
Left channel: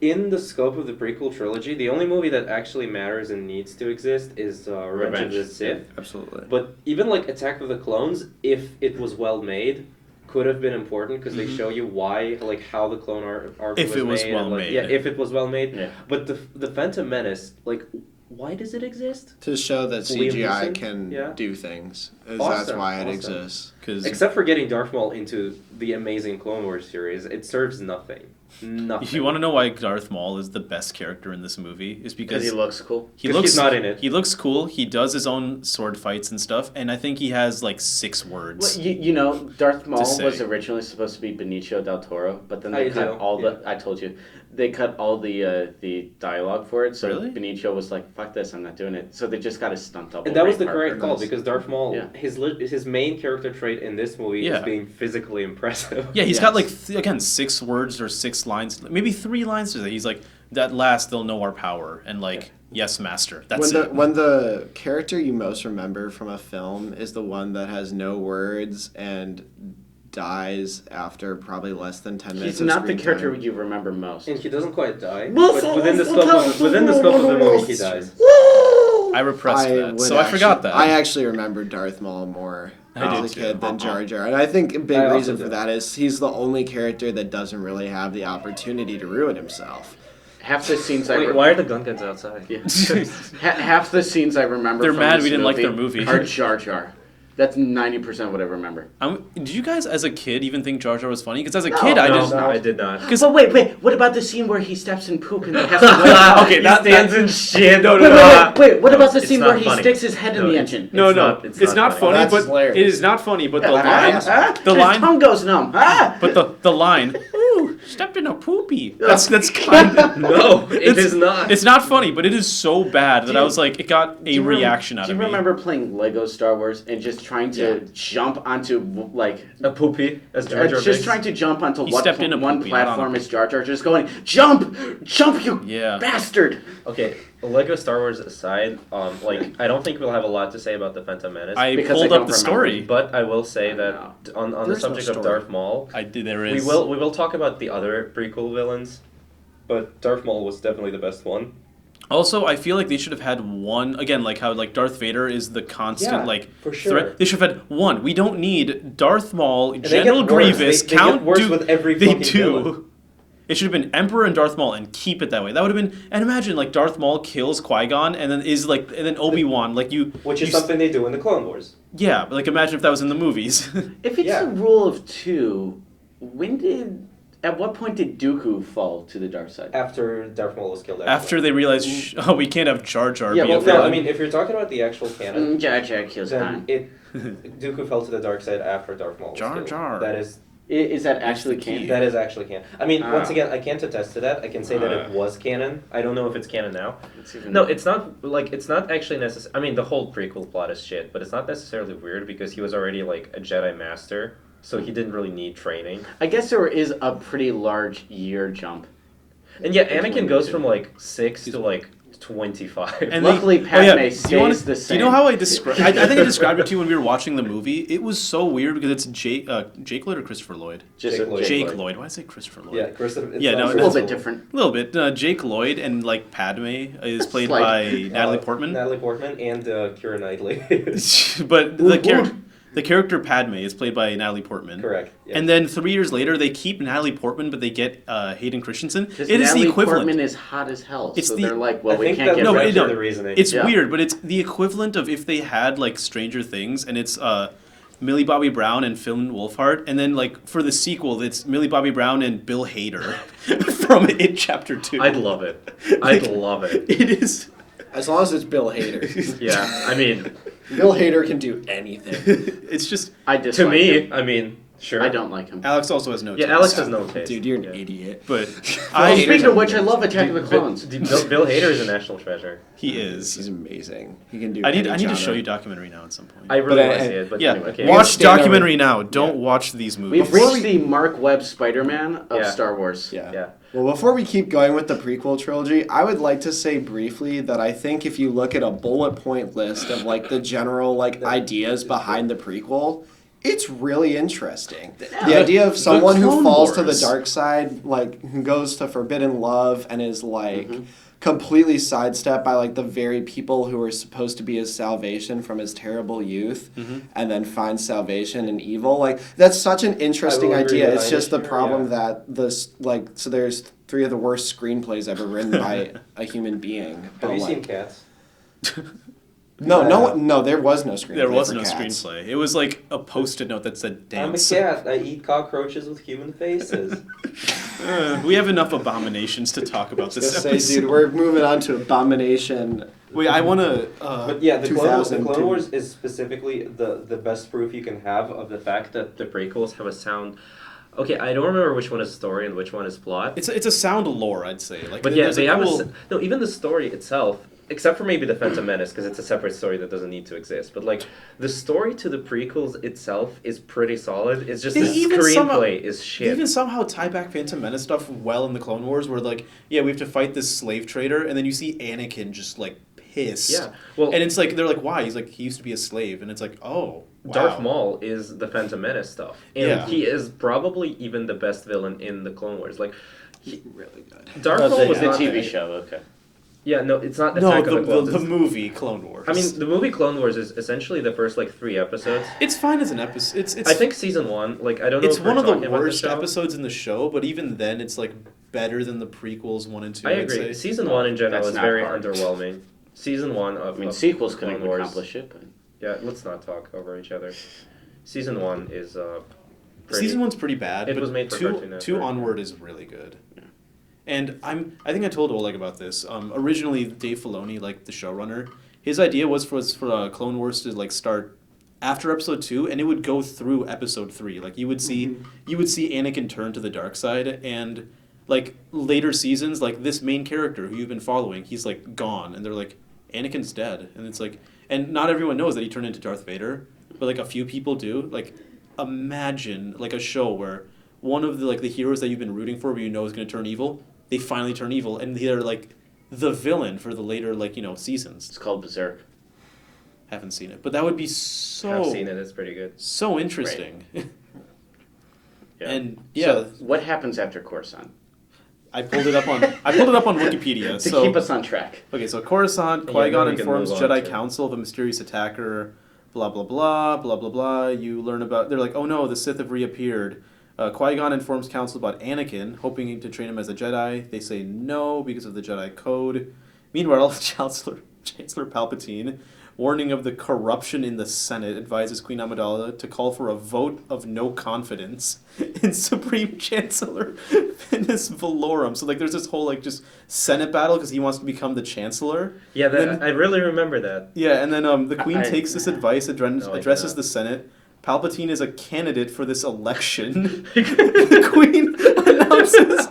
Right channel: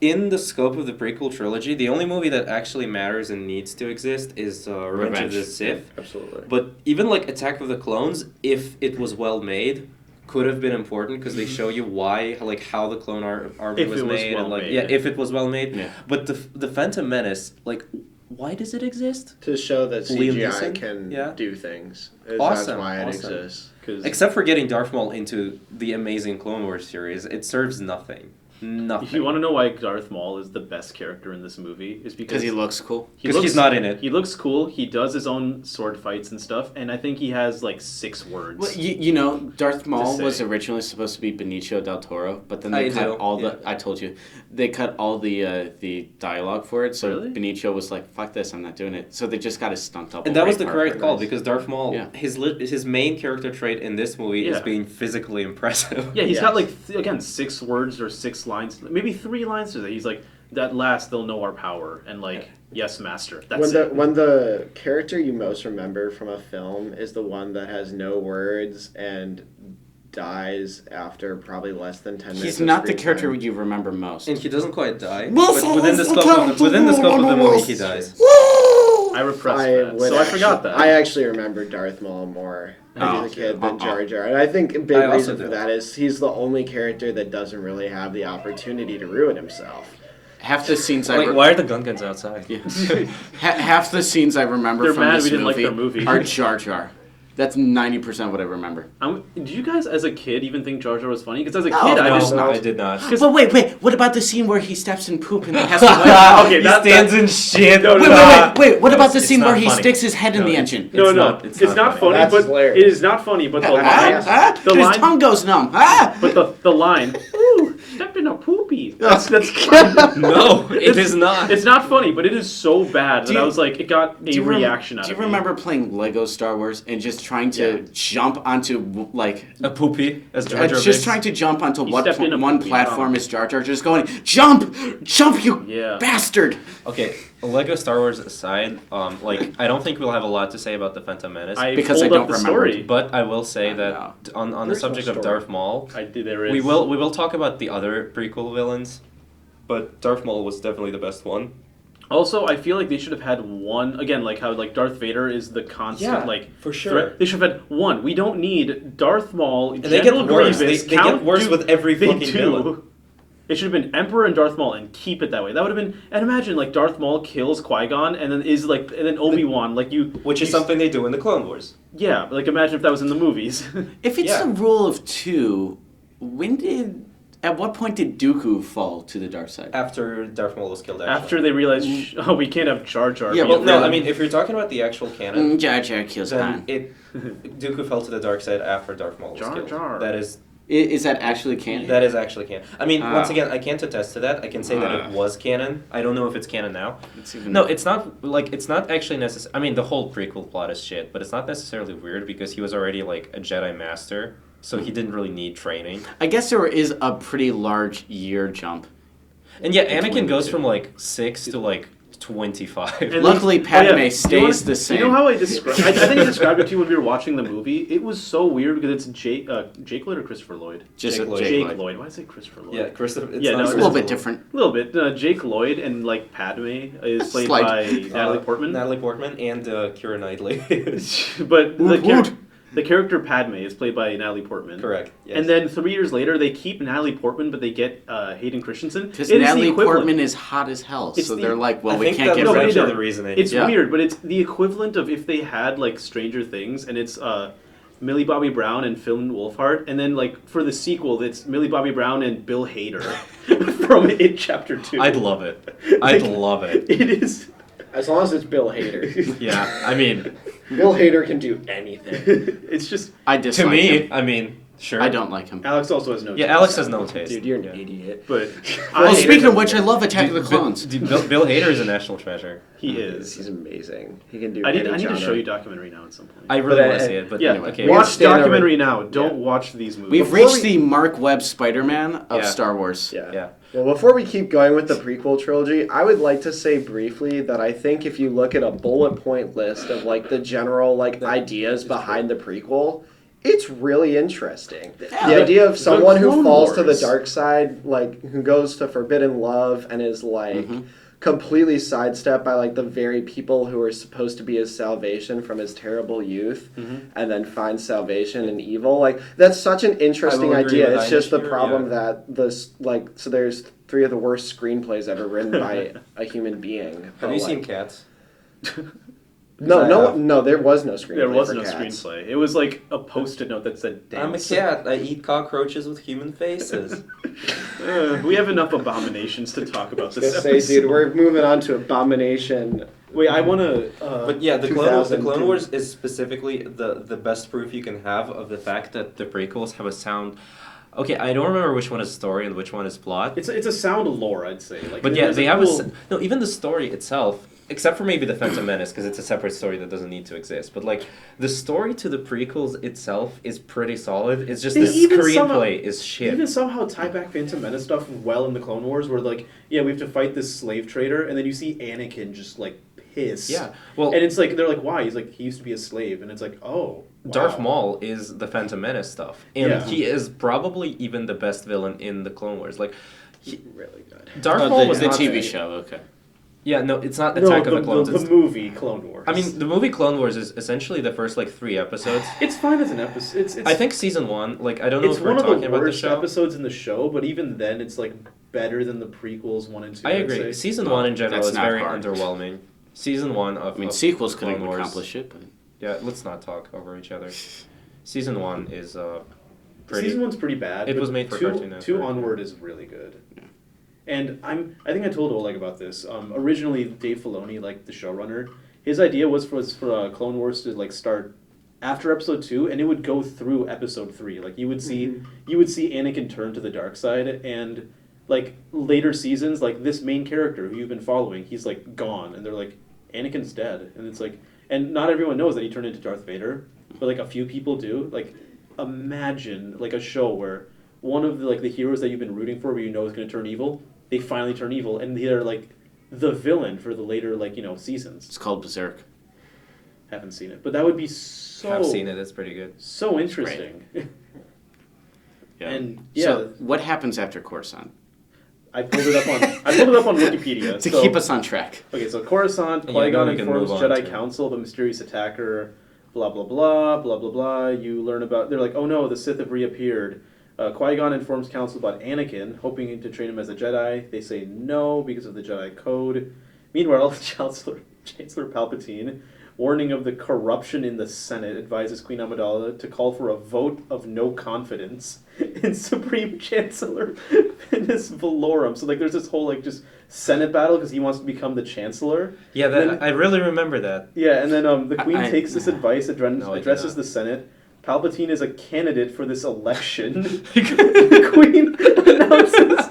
in the scope of the prequel trilogy, the only movie that actually matters and needs to exist is Revenge of the Sith. Absolutely. But even like Attack of the Clones, if it was well made, could have been important because they show you why, like how the clone army If was it was made. well and, like, made. Yeah, if it was well made. Yeah. But the Phantom Menace, like, why does it exist? To show that Liam CGI Neeson? can Yeah. do things. That's Awesome, why it awesome. exists. 'Cause Except for getting Darth Maul into the amazing Clone Wars series, it serves nothing. Nothing. if you want to know why Darth Maul is the best character in this movie, is because Because he looks cool. he 'Cause looks he's not in it. He looks cool. He does his own sword fights and stuff, and I think he has like 6 Well, words. you know, Darth Maul say. was originally supposed to be Benicio del Toro, but then I they cut do, all yeah. the. I told you, they cut all the dialogue for it. So Really? Benicio was like, "Fuck this, I'm not doing it." So they just got a stunt double. And that was the Ray correct Parker. call Nice. because Darth Maul, Yeah. his main character trait in this movie Yeah. is being physically impressive. Yeah, he's Yes. got like again 6 words or 6 lines, maybe 3 lines to that. He's like, "That last they'll know our power," and like, "Yes, master." That's when it. when the character you most remember from a film is the one that has no words and dies after probably less than 10 minutes. He's of not the screen character time. you remember most. And he doesn't quite die. Well, But within the scope of the movie, he dies. I repressed that, would so I forgot that. I actually remember Darth Maul more I as did a kid too. than Jar Jar, and I think a big I also reason for do. that is he's the only character that doesn't really have the opportunity to ruin himself. Half the scenes I Wait, re- why are the gun guns outside? Yeah. half the scenes I remember They're from mad this we didn't like movie their movie. are Jar Jar. That's 90% what I remember. Did you guys, as a kid, even think Jar Jar was funny? Because as a No, kid, I no, just no. I did not. But wait, what about the scene where he steps in poop and he has to wait? Okay, He that- stands in shit. Wait, what about the it's scene not where he funny. sticks his head in No, the it- engine? No, It's no, not- it's it's not not funny, That's but hilarious. it is not funny. But the Ah, line, ah, the his line, tongue goes numb. Ah! but the line. Ooh, stepped in in a poopy. That's kind of, No, it is not. it's not funny, but it is so bad that you- I was like, it got a you reaction out Do of you me. remember playing Lego Star Wars and just trying to jump onto like A poopy, as Jar Jar just Binks. trying to jump onto He what stepped in a one poopy, I don't platform know. is Jar Jar, just going jump, you Yeah. bastard. Okay, Lego Star Wars aside, like I don't think we'll have a lot to say about the Phantom Menace. I Because pulled I up don't the remember. story. But I will say that No. on the There's no subject of story. Darth Maul, There is. we will talk about the other prequel villains, but Darth Maul was definitely the best one. Also, I feel like they should have had one again, like how like Darth Vader is the constant Yeah, like for sure. threat. They should have had one. We don't need Darth Maul, they General get worse. Grievous, They Count get worse Dooku. with every They fucking do. villain. It should have been Emperor and Darth Maul and keep it that way. That would have been. And imagine like Darth Maul kills Qui-Gon and then is like and then Obi-Wan like you. Which is you- something they do in the Clone Wars. Yeah, but like imagine if that was in the movies. If it's Yeah. a rule of two, at what point did Dooku fall to the dark side? After Darth Maul was killed. After they realized, oh, we can't have Jar Jar. Yeah, be well, a No, villain. I mean if you're talking about the actual canon, Jar Jar kills then Han. Dooku fell to the dark side after Darth Maul was Jar killed. Jar. Is that actually canon? That is actually canon. I mean, once Ah. again, I can't attest to that. I can say that Ah. it was canon. I don't know if it's canon now. It's even- No, it's not it's not actually necessary. I mean, the whole prequel plot is shit, but it's not necessarily weird because he was already like a Jedi master, so he didn't really need training. I guess there is a pretty large year jump. And yeah, Anakin goes from like 6 to like 25. And Luckily, like- Padme do you stays wanna- the same. You know how I described? I think I described it to you when we were watching the movie. It was so weird because it's Jake Lloyd or Christopher Lloyd. Just Jake a Lloyd. Jake Lloyd. Why did I say Christopher Lloyd? yeah, Christopher. Yeah, no, It's a little bit different. A little bit. Jake Lloyd and like Padme is played Slight. by Natalie Portman. Natalie Portman and Keira Knightley. But Woot woot. the character Padme is played by Natalie Portman. Correct. Yes. And then 3 years later, they keep Natalie Portman, but they get Hayden Christensen. Because It is the Natalie equivalent. Portman is hot as hell, It's so the- they're like, well, I we think can't that get was No, rid but of actually no, the reasoning. It's Yeah. weird, but it's the equivalent of if they had like Stranger Things and it's Millie Bobby Brown and Finn Wolfhard, and then like for the sequel, it's Millie Bobby Brown and Bill Hader from It Chapter 2. I'd love it. I'd love it. It is. As long as it's Bill Hader. Yeah, I mean, Bill Hader can do anything. It's just. I to dislike me, him. I mean, sure. I don't like him. Alex also has no. Yeah, taste. Alex has no taste. Dude, you're an Yeah. idiot. But Well, I. speaking of which, I love Attack of the Clones. Bill Hader is a national treasure. He is. He's amazing. He can do. I need any to genre. show you a documentary now at some point. I really But want to I- see it, but Yeah, anyway. Okay. watch Stand over- documentary now. Don't watch these movies. We've reached the Mark Webb Spider-Man of Yeah. Star Wars. Yeah. Yeah. Well, before we keep going with the prequel trilogy, I would like to say briefly that I think if you look at a bullet point list of like the general like ideas behind the prequel, it's really interesting. The idea of someone who Clone falls to the Wars. dark side, like who goes to forbidden love and is like completely sidestepped by like the very people who were supposed to be his salvation from his terrible youth, and then finds salvation in evil. Like that's such an interesting will agree idea. with It's just the Inish here, problem yeah. that this like so there's 3 of the worst screenplays ever written by a human being. Have you But, seen like, Cats? no, there was no screenplay. There was for no Cats. screenplay. It was like a post-it note that said I'm a dance. cat. I eat cockroaches with human faces. We have enough abominations to talk about this Just say, episode. dude, we're moving on to Abomination. Wait, I want to. But yeah, the Clone 2002. Wars is specifically the best proof you can have of the fact that the prequels have a sound. Okay, I don't remember which one is story and which one is plot. it's a sound lore, I'd say. Like, But yeah, there's they have cool- no. Even the story itself, except for maybe the Phantom Menace, because it's a separate story that doesn't need to exist. But like the story to the prequels itself is pretty solid. It's just They the even somehow- screenplay is They shit. even somehow tie back Phantom Menace stuff well in the Clone Wars, where like, yeah, we have to fight this slave trader, and then you see Anakin just like pissed. Yeah, well, and it's like they're like, why? He's like, he used to be a slave, and it's like, oh, wow. Darth Maul is the Phantom Menace stuff, and Yeah. he is probably even the best villain in the Clone Wars. Like, Really good. Darth The- Maul was The not. TV show, okay. Yeah, no, it's not No, Attack the, of the Clones. the it's- movie Clone Wars. I mean, the movie Clone Wars is essentially the first like 3 episodes. it's fine as an episode. It's I think season 1, like I don't know it's if we're one of talking the about worst the show. episodes in the show, but even then, it's like better than the prequels 1 and 2. I I'd agree. say. Season 1 in general That's is not very hard. underwhelming. Season 1 of I mean, of sequels the couldn't Clone Wars. accomplish it, but Yeah, let's not talk over each other. Season 1 is pretty. Season 1's pretty bad. It but was made for two, Cartoon two Network. onward is really good. And I think I told Oleg about this. Originally, Dave Filoni, like the showrunner, his idea was for Clone Wars to like start after episode 2, and it would go through episode 3. Like you would see Anakin turn to the dark side, and like later seasons, like this main character who you've been following, he's like gone, and they're like, Anakin's dead, and it's like, and not everyone knows that he turned into Darth Vader, but like a few people do. Like, imagine like a show where one of the like the heroes that you've been rooting for, but you know is going to turn evil, they finally turn evil, and they're like the villain for the later like seasons. It's called Berserk. Haven't seen it, but that would be so I've seen it. It's pretty good. so interesting. Yeah. And yeah, So what happens after Coruscant? I pulled it up on Wikipedia To so, keep us on track. Okay, so Coruscant, Yeah, Qui-Gon then we can informs move on Jedi to- Council of a mysterious attacker, blah, blah, blah, blah, blah, blah. You learn about... They're like, oh no, the Sith have reappeared. Qui-Gon informs Council about Anakin, hoping to train him as a Jedi. They say no because of the Jedi Code. Meanwhile, Chancellor Palpatine, warning of the corruption in the Senate, advises Queen Amidala to call for a vote of no confidence in Supreme Chancellor Finis Valorum. So, like, there's this whole, like, just Senate battle because he wants to become the Chancellor. Yeah, Then- I really remember that. Yeah, and then the Queen I- takes this advice, addresses yeah. the Senate. Palpatine is a candidate for this election. The Queen announces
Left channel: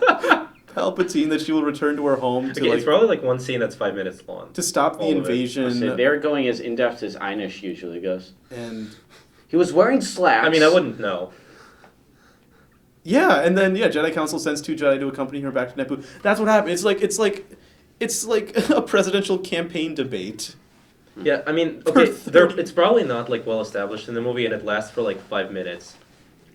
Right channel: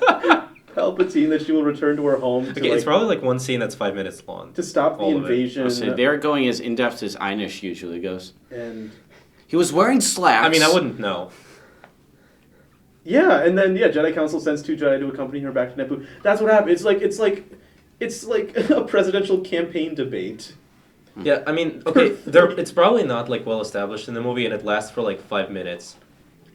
Palpatine that she will return to her home to, Okay, it's like, probably like one scene that's 5 minutes long. to stop the all of it. invasion. So they're going as in-depth as Einish usually goes. And He was wearing slacks. I mean, I wouldn't know. yeah, and then Jedi Council sends 2 Jedi to accompany her back to Naboo. That's what happened. It's like a presidential campaign debate. Yeah, I mean, okay, it's probably not like well established in the movie, and it lasts for like 5 minutes.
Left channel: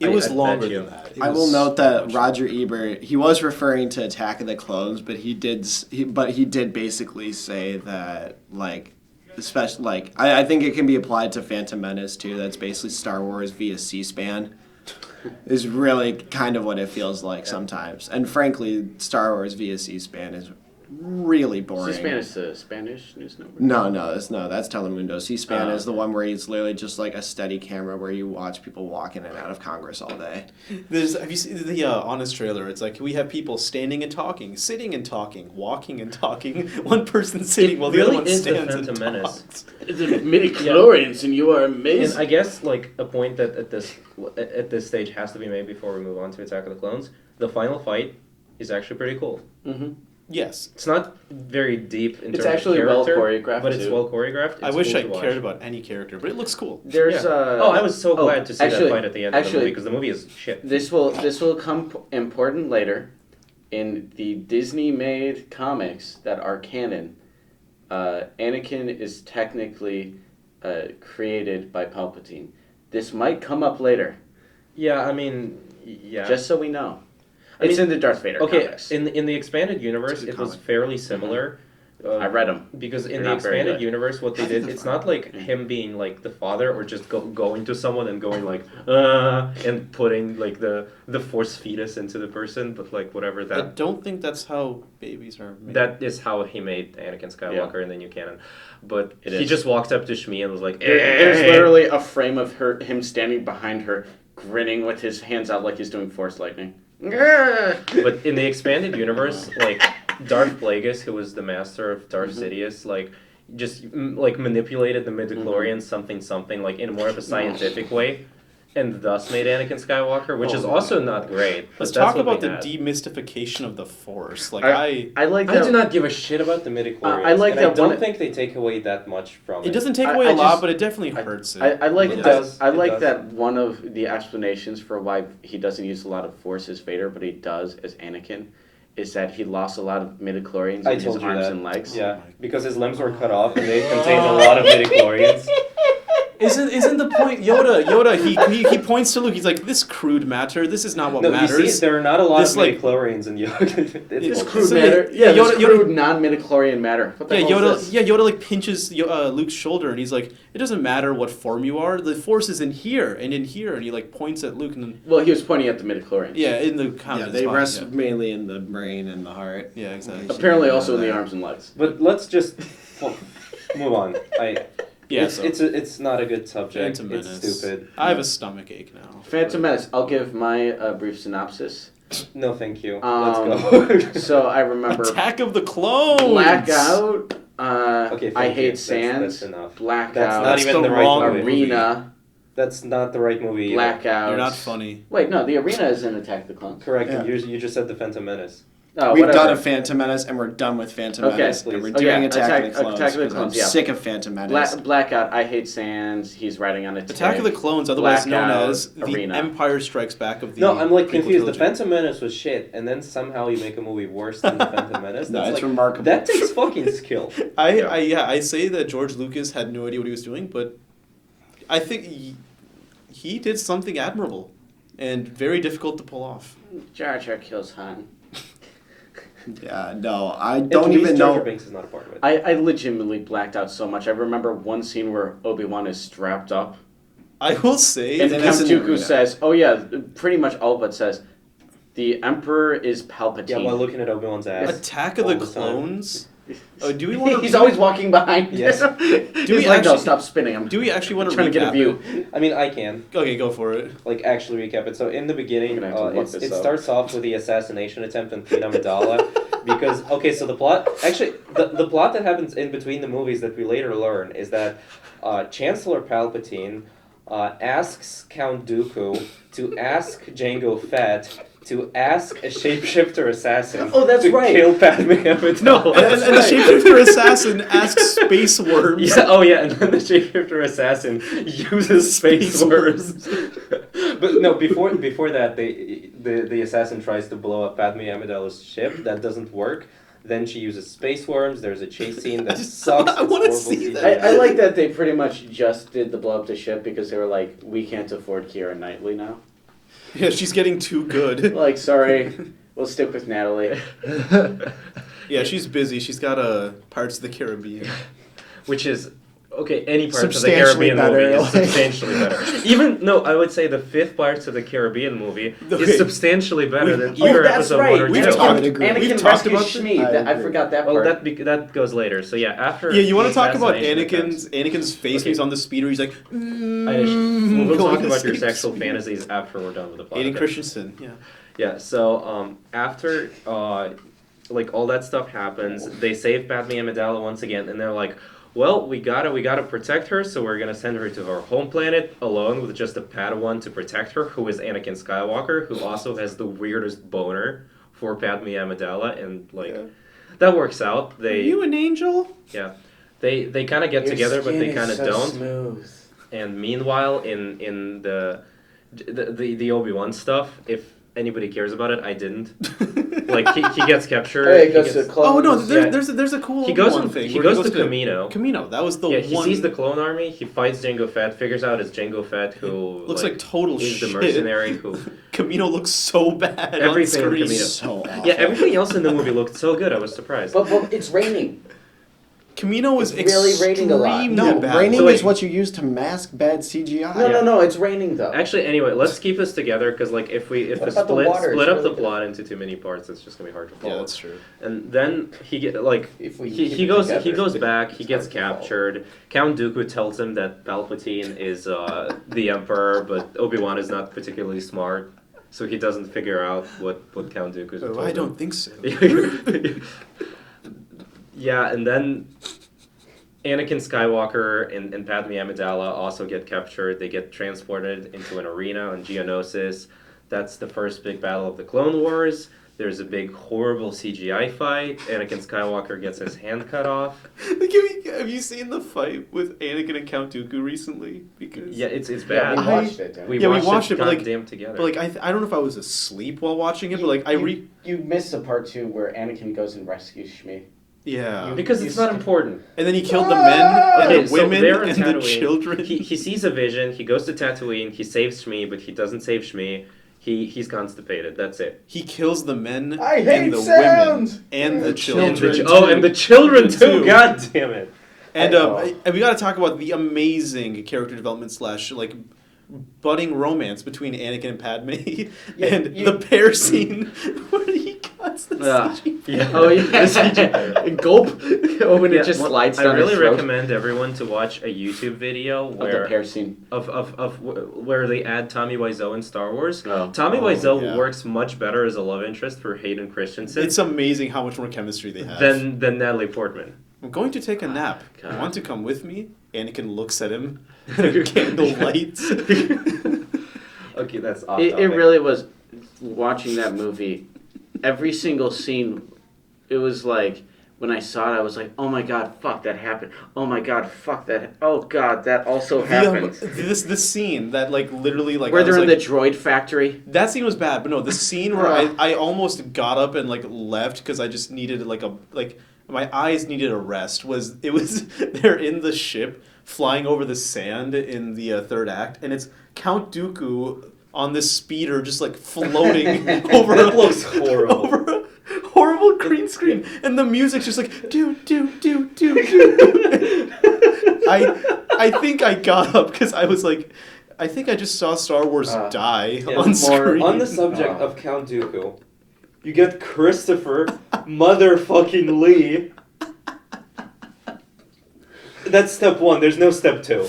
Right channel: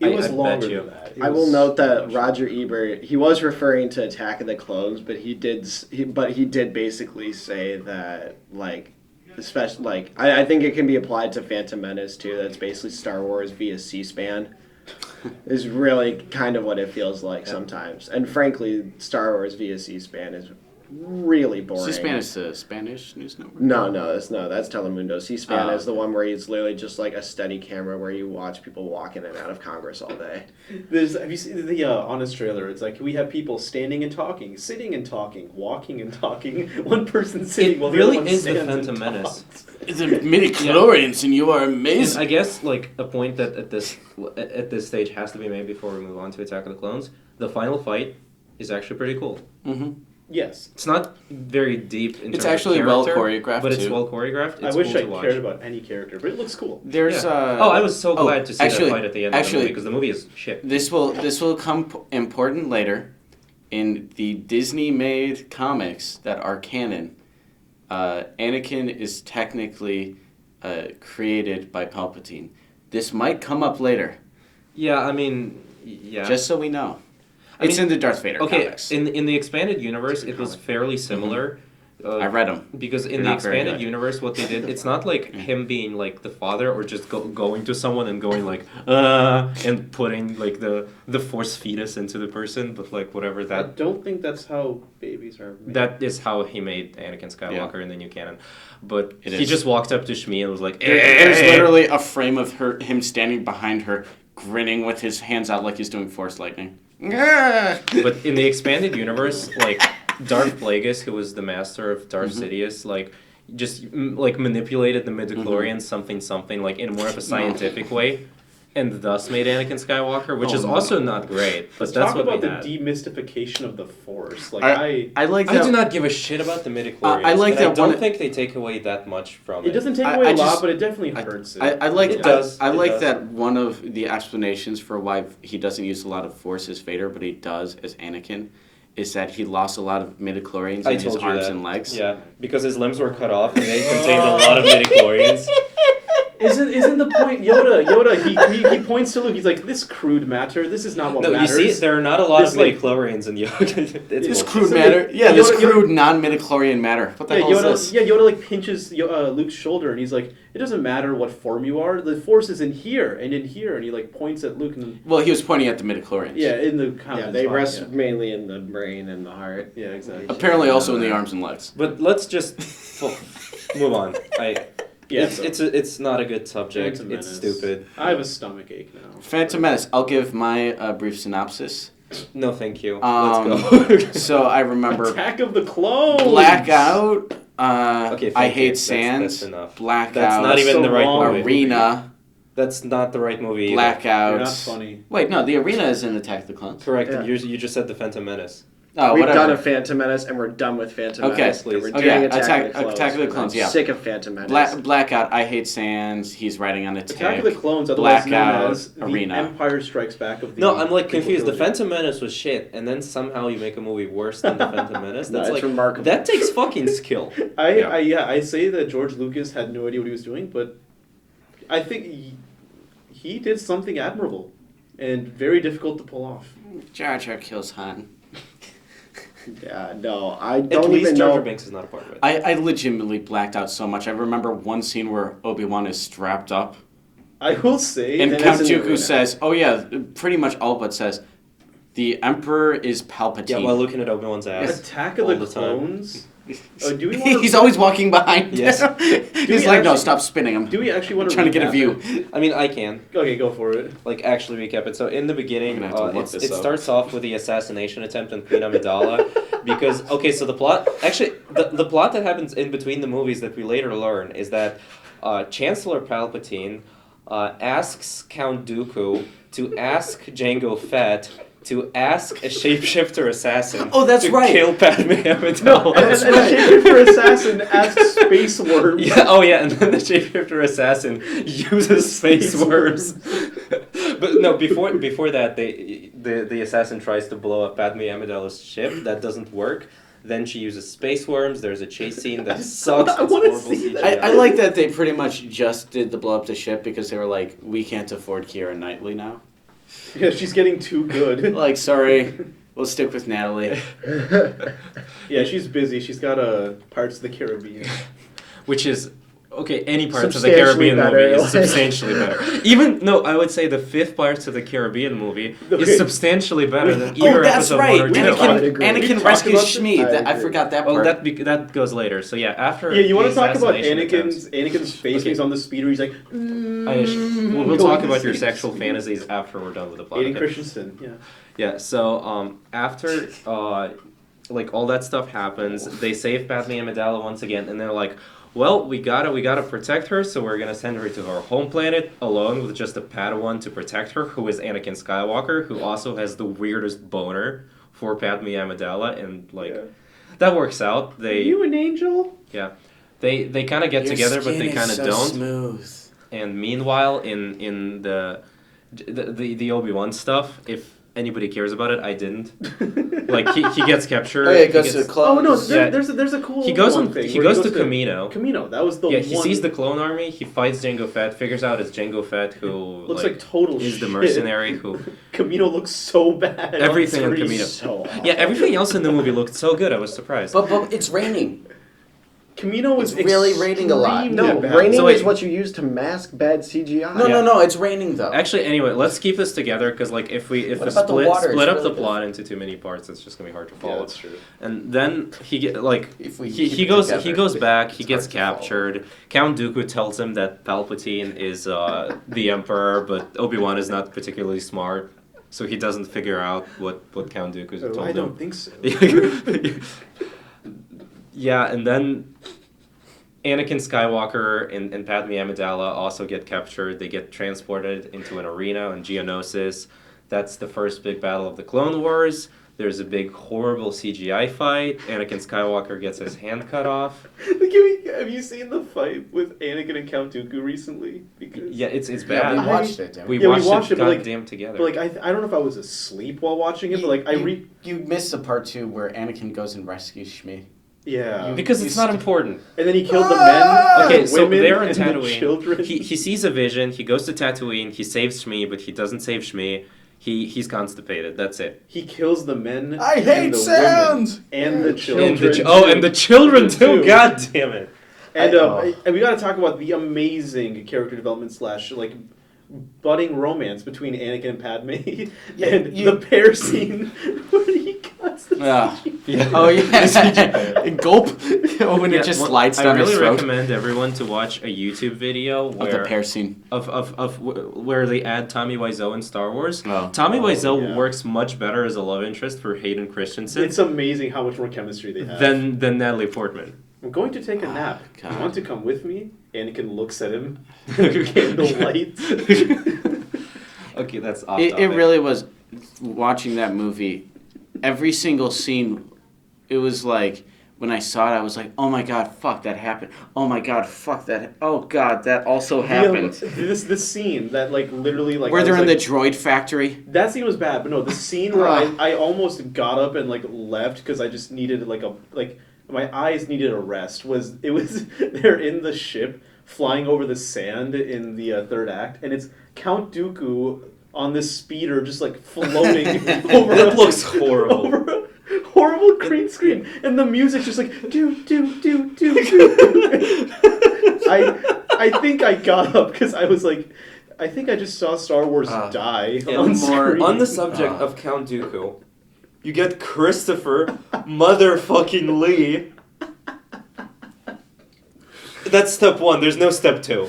It was I bet longer you. than that. It I will was note so that much. Roger Ebert, he was referring to Attack of the Clones, but he did basically say that, like, especially, like, I think it can be applied to Phantom Menace too. That's basically Star Wars via C-SPAN. Is really kind of what it feels like sometimes. And frankly, Star Wars via C-SPAN is really boring. C-SPAN is the Spanish news network. No, that's Telemundo. C-SPAN Oh. is the one where it's literally just like a steady camera where you watch people walk in and out of Congress all day. Have you seen the Honest trailer? It's like we have people standing and talking, sitting and talking, walking and talking. One person sitting It while the really other one is the stands and Phantom Menace. talks. It's a midi-chlorians and you are And amazing. I guess like a point that at this stage has to be made before we move on to Attack of the Clones. The final fight is actually pretty cool. Mm-hmm. Yes. It's not very deep in It's terms actually of well character, choreographed, but it's too. well choreographed. I It's wish cool I to watch. cared about any character, but it looks cool. There's Yeah. I was so glad to see actually- that fight at the end of the actually- movie because the movie is shit. This will come important later. In the Disney-made comics that are canon, Anakin is technically created by Palpatine. This might come up later, Yeah, I mean, yeah. just so we know. I It's mean, in the Darth Vader Okay, comics. in the expanded universe, It's a it was comic. fairly similar. I read them. Because They're in the not very expanded good. universe, what they did, it's not like him being like the father or just going to someone and going like, and putting like the force fetus into the person, but like whatever I that. don't think that's how babies are made. That is how he made Anakin Skywalker in the new canon. But It he is. just walked up to Shmi and was like, There's literally a frame of him standing behind her, grinning with his hands out like he's doing Force lightning. But in the expanded universe, like Darth Plagueis, who was the master of Darth Sidious, like just like manipulated the midichlorians something like in more of a scientific way, and thus made Anakin Skywalker, which is also not great. But Let's that's talk what about we the had. demystification of the Force. Like I like I that. do not give a shit about the midichlorians. I like and that I don't one- think they take away that much from it. it doesn't take I- away I a lot, just- but it definitely hurts it. I like It does. I It like does. that one of the explanations for why he doesn't use a lot of Force as Vader, but he does as Anakin, is that he lost a lot of midichlorians I in his told you arms that. and legs. Yeah, because his limbs were cut off and they contained a lot of midichlorians. Isn't the point Yoda he points to Luke, he's like, this crude matter, this is not what No, you matters. see, there are not a lot This, of like- midichlorians in Yoda. This It's crude So matter. they- Yeah, this Yoda- crude non-midichlorian matter. What the Yeah, hell is this? Yoda like pinches Luke's shoulder and he's like, it doesn't matter what form you are, the Force is in here and in here, and he like points at Luke and then Well, he was pointing at the midichlorians. in the Yeah, comments. they rest mainly in the brain and the heart. Yeah, exactly. Apparently, also in the arms and legs. But let's just move on. Yeah, It's not a good subject. Phantom It's Menace. stupid. I have a stomach ache now. Phantom Menace. I'll give my brief synopsis. No, thank you. Um, Let's go. So I remember Attack of the Clones. Blackout. Okay, I thank you. Hate Sands. That's enough. Blackout. That's not That's even the the right wrong movie. Arena. That's not the right movie. either. You're not Blackouts. funny. Wait, no, the arena is in Attack of the Clones. Correct. Yeah. And you just said the Phantom Menace. Oh, We've whatever. done a Phantom Menace and we're done with Phantom Okay, Menace. please. And we're Oh, doing yeah, Attack of the Clones. Attack of the because Clones, I'm yeah. sick of Phantom Menace. Blackout. I hate Sands. He's riding on a tank. Attack of the Clones, otherwise Blackout, known as the Arena. Empire Strikes Back of the. No, I'm like prequel confused. The trilogy. Phantom Menace was shit, and then somehow you make a movie worse than the Phantom Menace. No, That's it's like remarkable. that takes fucking skill. I say that George Lucas had no idea what he was doing, but I think he did something admirable and very difficult to pull off. Jar Jar kills Han. Yeah, no, I At don't least even Jar Jar know. Binks is not a part of it. I legitimately blacked out so much. I remember one scene where Obi-Wan is strapped up, I will say and It Count is in the Dooku arena. says, "Oh yeah," pretty much all but says, "The Emperor is Palpatine." Yeah, while looking at Obi-Wan's ass. Attack of all the the time. Clones. Do we want He's always walking behind. Yes. He's we like, "No, actually- stop spinning him." Do we actually want I'm to trying to get a recap? view. I mean, I can Okay, go for it. like actually recap it. So in the beginning, I'm gonna have to look it this up. starts off with the assassination attempt on Queen Amidala, because so the plot actually the plot that happens in between the movies that we later learn is that Chancellor Palpatine asks Count Dooku to ask Jango Fett to ask a shapeshifter assassin Oh, that's to right. kill Padme Amidala. And the shapeshifter assassin asks space worms. Yeah, oh yeah, and then the shapeshifter assassin uses space worms. But no, before that, the assassin tries to blow up Padme Amidala's ship. That doesn't work. Then she uses space worms. There's a chase scene that sucks. I It's wanna horrible see CGI. I like that they pretty much just did the blow up the ship because they were like, "We can't afford Keira Knightley now." Yeah, she's getting too good. Like, sorry, we'll stick with Natalie. Yeah, she's busy. She's got Parts of the Caribbean. Which is okay. Any parts of the Substantially Caribbean better, movie is like- substantially better. Even no, I would say the fifth Pirates of the Caribbean movie is substantially better than either that's episode right. one or We two. I would agree. We Anakin talked rescues about- Shmi. I I agree. forgot that Oh, part. that goes later. So yeah, after Yeah, you want the to talk about assassination attempts- Anakin's face Okay. when he's on the speeder? He's like, We'll talk going about your to sexual speed. fantasies after we're done with the plot. Aiden Okay. Christensen. Yeah. Yeah. So after like all that stuff happens, they save Padme Amidala once again, and they're like, "Well, we gotta protect her, so we're gonna send her to her home planet alone with just a Padawan to protect her, who is Anakin Skywalker, who also has the weirdest boner for Padme Amidala, and like Yeah. that works out. Are They you an angel? they kind of get Your together, but they skin kind is of so don't. Smooth. And meanwhile, in the Obi-Wan stuff, if anybody cares about it, I didn't. Like he gets captured. Oh, yeah, he it goes gets- to the Oh no, clones. Yeah. there's a cool he goes one in, thing. he where goes to Camino. Camino. That was the Yeah, he one. sees the clone army. He fights Jango Fett. Figures out it's Jango Fett who looks like total is shit. the mercenary who. Camino looks so bad. Everything on in screen. Camino. So awful. Yeah, everything else in the movie looked so good. I was surprised. But it's raining. Camino was It's really raining a lot. extremely No, bad. raining So wait. is what you use to mask bad CGI. No, it's raining though. Actually, anyway, let's keep this together because like if we What about the water? split It's up the really plot into too many parts, it's just gonna be hard to follow. Yeah, that's true. And then he get like If we he keep it goes together, back. He it's gets hard to follow. captured. Count Dooku tells him that Palpatine is the Emperor, but Obi-Wan is not particularly smart, so he doesn't figure out what Count Dooku's told I him. don't think so. Yeah, and then Anakin Skywalker and Padme Amidala also get captured. They get transported into an arena on Geonosis. That's the first big battle of the Clone Wars. There's a big, horrible CGI fight. Anakin Skywalker gets his hand cut off. Have you seen the fight with Anakin and Count Dooku recently? Because Yeah, it's Yeah, bad. we watched it. We Yeah, we watched, watched it, it, but, like- goddamn together. But like I don't know if I was asleep while watching it, but like you missed the part 2 where Anakin goes and rescues Shmi. yeah. because it's not important. And then he killed the men, like Okay, the so women, they're in and the Tatooine. children. He sees a vision. He goes to Tatooine. He saves Shmi, but he doesn't save Shmi. He's constipated. That's it. He kills the men. I and hate the sounds! women and the And children. and the children too. Too. God damn it. And Oh. and we got to talk about the amazing character development / like budding romance between Anakin and Padme, and the pair scene where he cuts the Yeah. CGI. Oh yeah. Gulp. Oh, when Yeah, it just well, slides I down his really throat. recommend everyone to watch a YouTube video Of the where pear scene. where they add Tommy Wiseau in Star Wars. Oh. Tommy Wiseau yeah. works much better as a love interest for Hayden Christensen It's amazing how much more chemistry they have. than Natalie Portman. I'm going to take a nap. God. You want to come with me? Anakin looks at him. Candle lights. Okay, that's off It topic. really was, watching that movie, every single scene, it was like, when I saw it, I was like, oh my god, fuck, that happened. Oh my god, fuck, that, oh god, that also happened. This scene that like literally like Where I was they're in the like, droid factory. that scene was bad, but no, the scene where I almost got up and like left because I just needed like my eyes needed a rest. It was they're in the ship flying over the sand in the third act, and it's Count Dooku on this speeder just like floating over. That looks horrible. Over a horrible green screen, and the music's just like do do do do do. I think I got up because I was like, I think I just saw Star Wars die Yeah, on screen. On the subject of Count Dooku, you get Christopher motherfucking Lee. That's step one. There's no step two.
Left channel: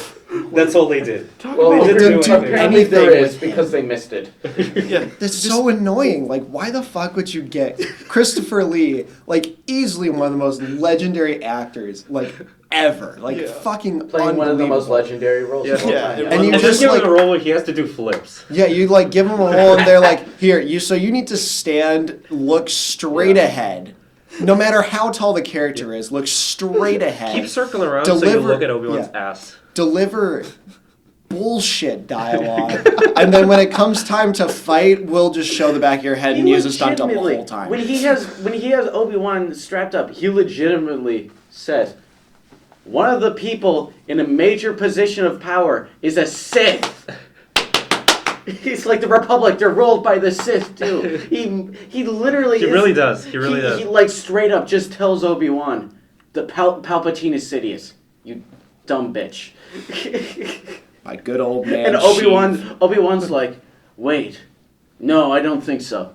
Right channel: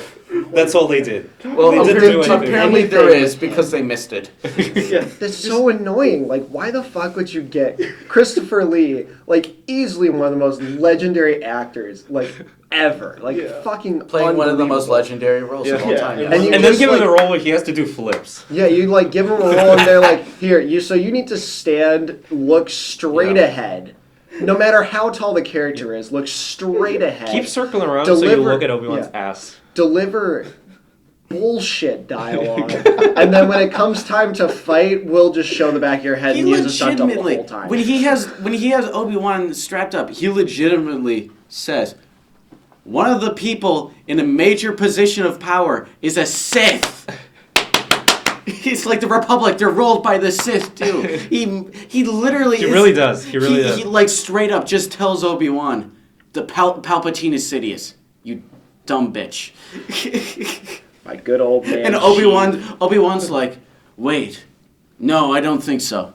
That's all they did. Well, they didn't do anything. Apparently there is, because they missed it. Yeah. That's so annoying. Like, why the fuck would you get Christopher Lee, like, easily one of the most legendary actors, like, ever. Like, fucking Playing one of the most unbelievable. legendary roles Yeah. of all Yeah, time. and And you And then just, give him like, a role where he has to do flips. yeah, you, like, give him a role and they're like, here, you need to stand, look straight ahead. No matter how tall the character is, look straight ahead. Keep circling around so you Deliver- look at Obi-Wan's yeah. ass. Deliver bullshit dialogue. And then when it comes time to fight, we'll just show the back of your head and use a stunt double the whole time. when he has Obi-Wan strapped up, he legitimately says, one of the people in a major position of power is a Sith. He's like the Republic. They're ruled by the Sith too. He literally. He really does. He really does. He like straight up just tells Obi-Wan, the Palpatine is Sidious. You dumb bitch. My good old man. And Obi-Wan's like, wait, no, I don't think so.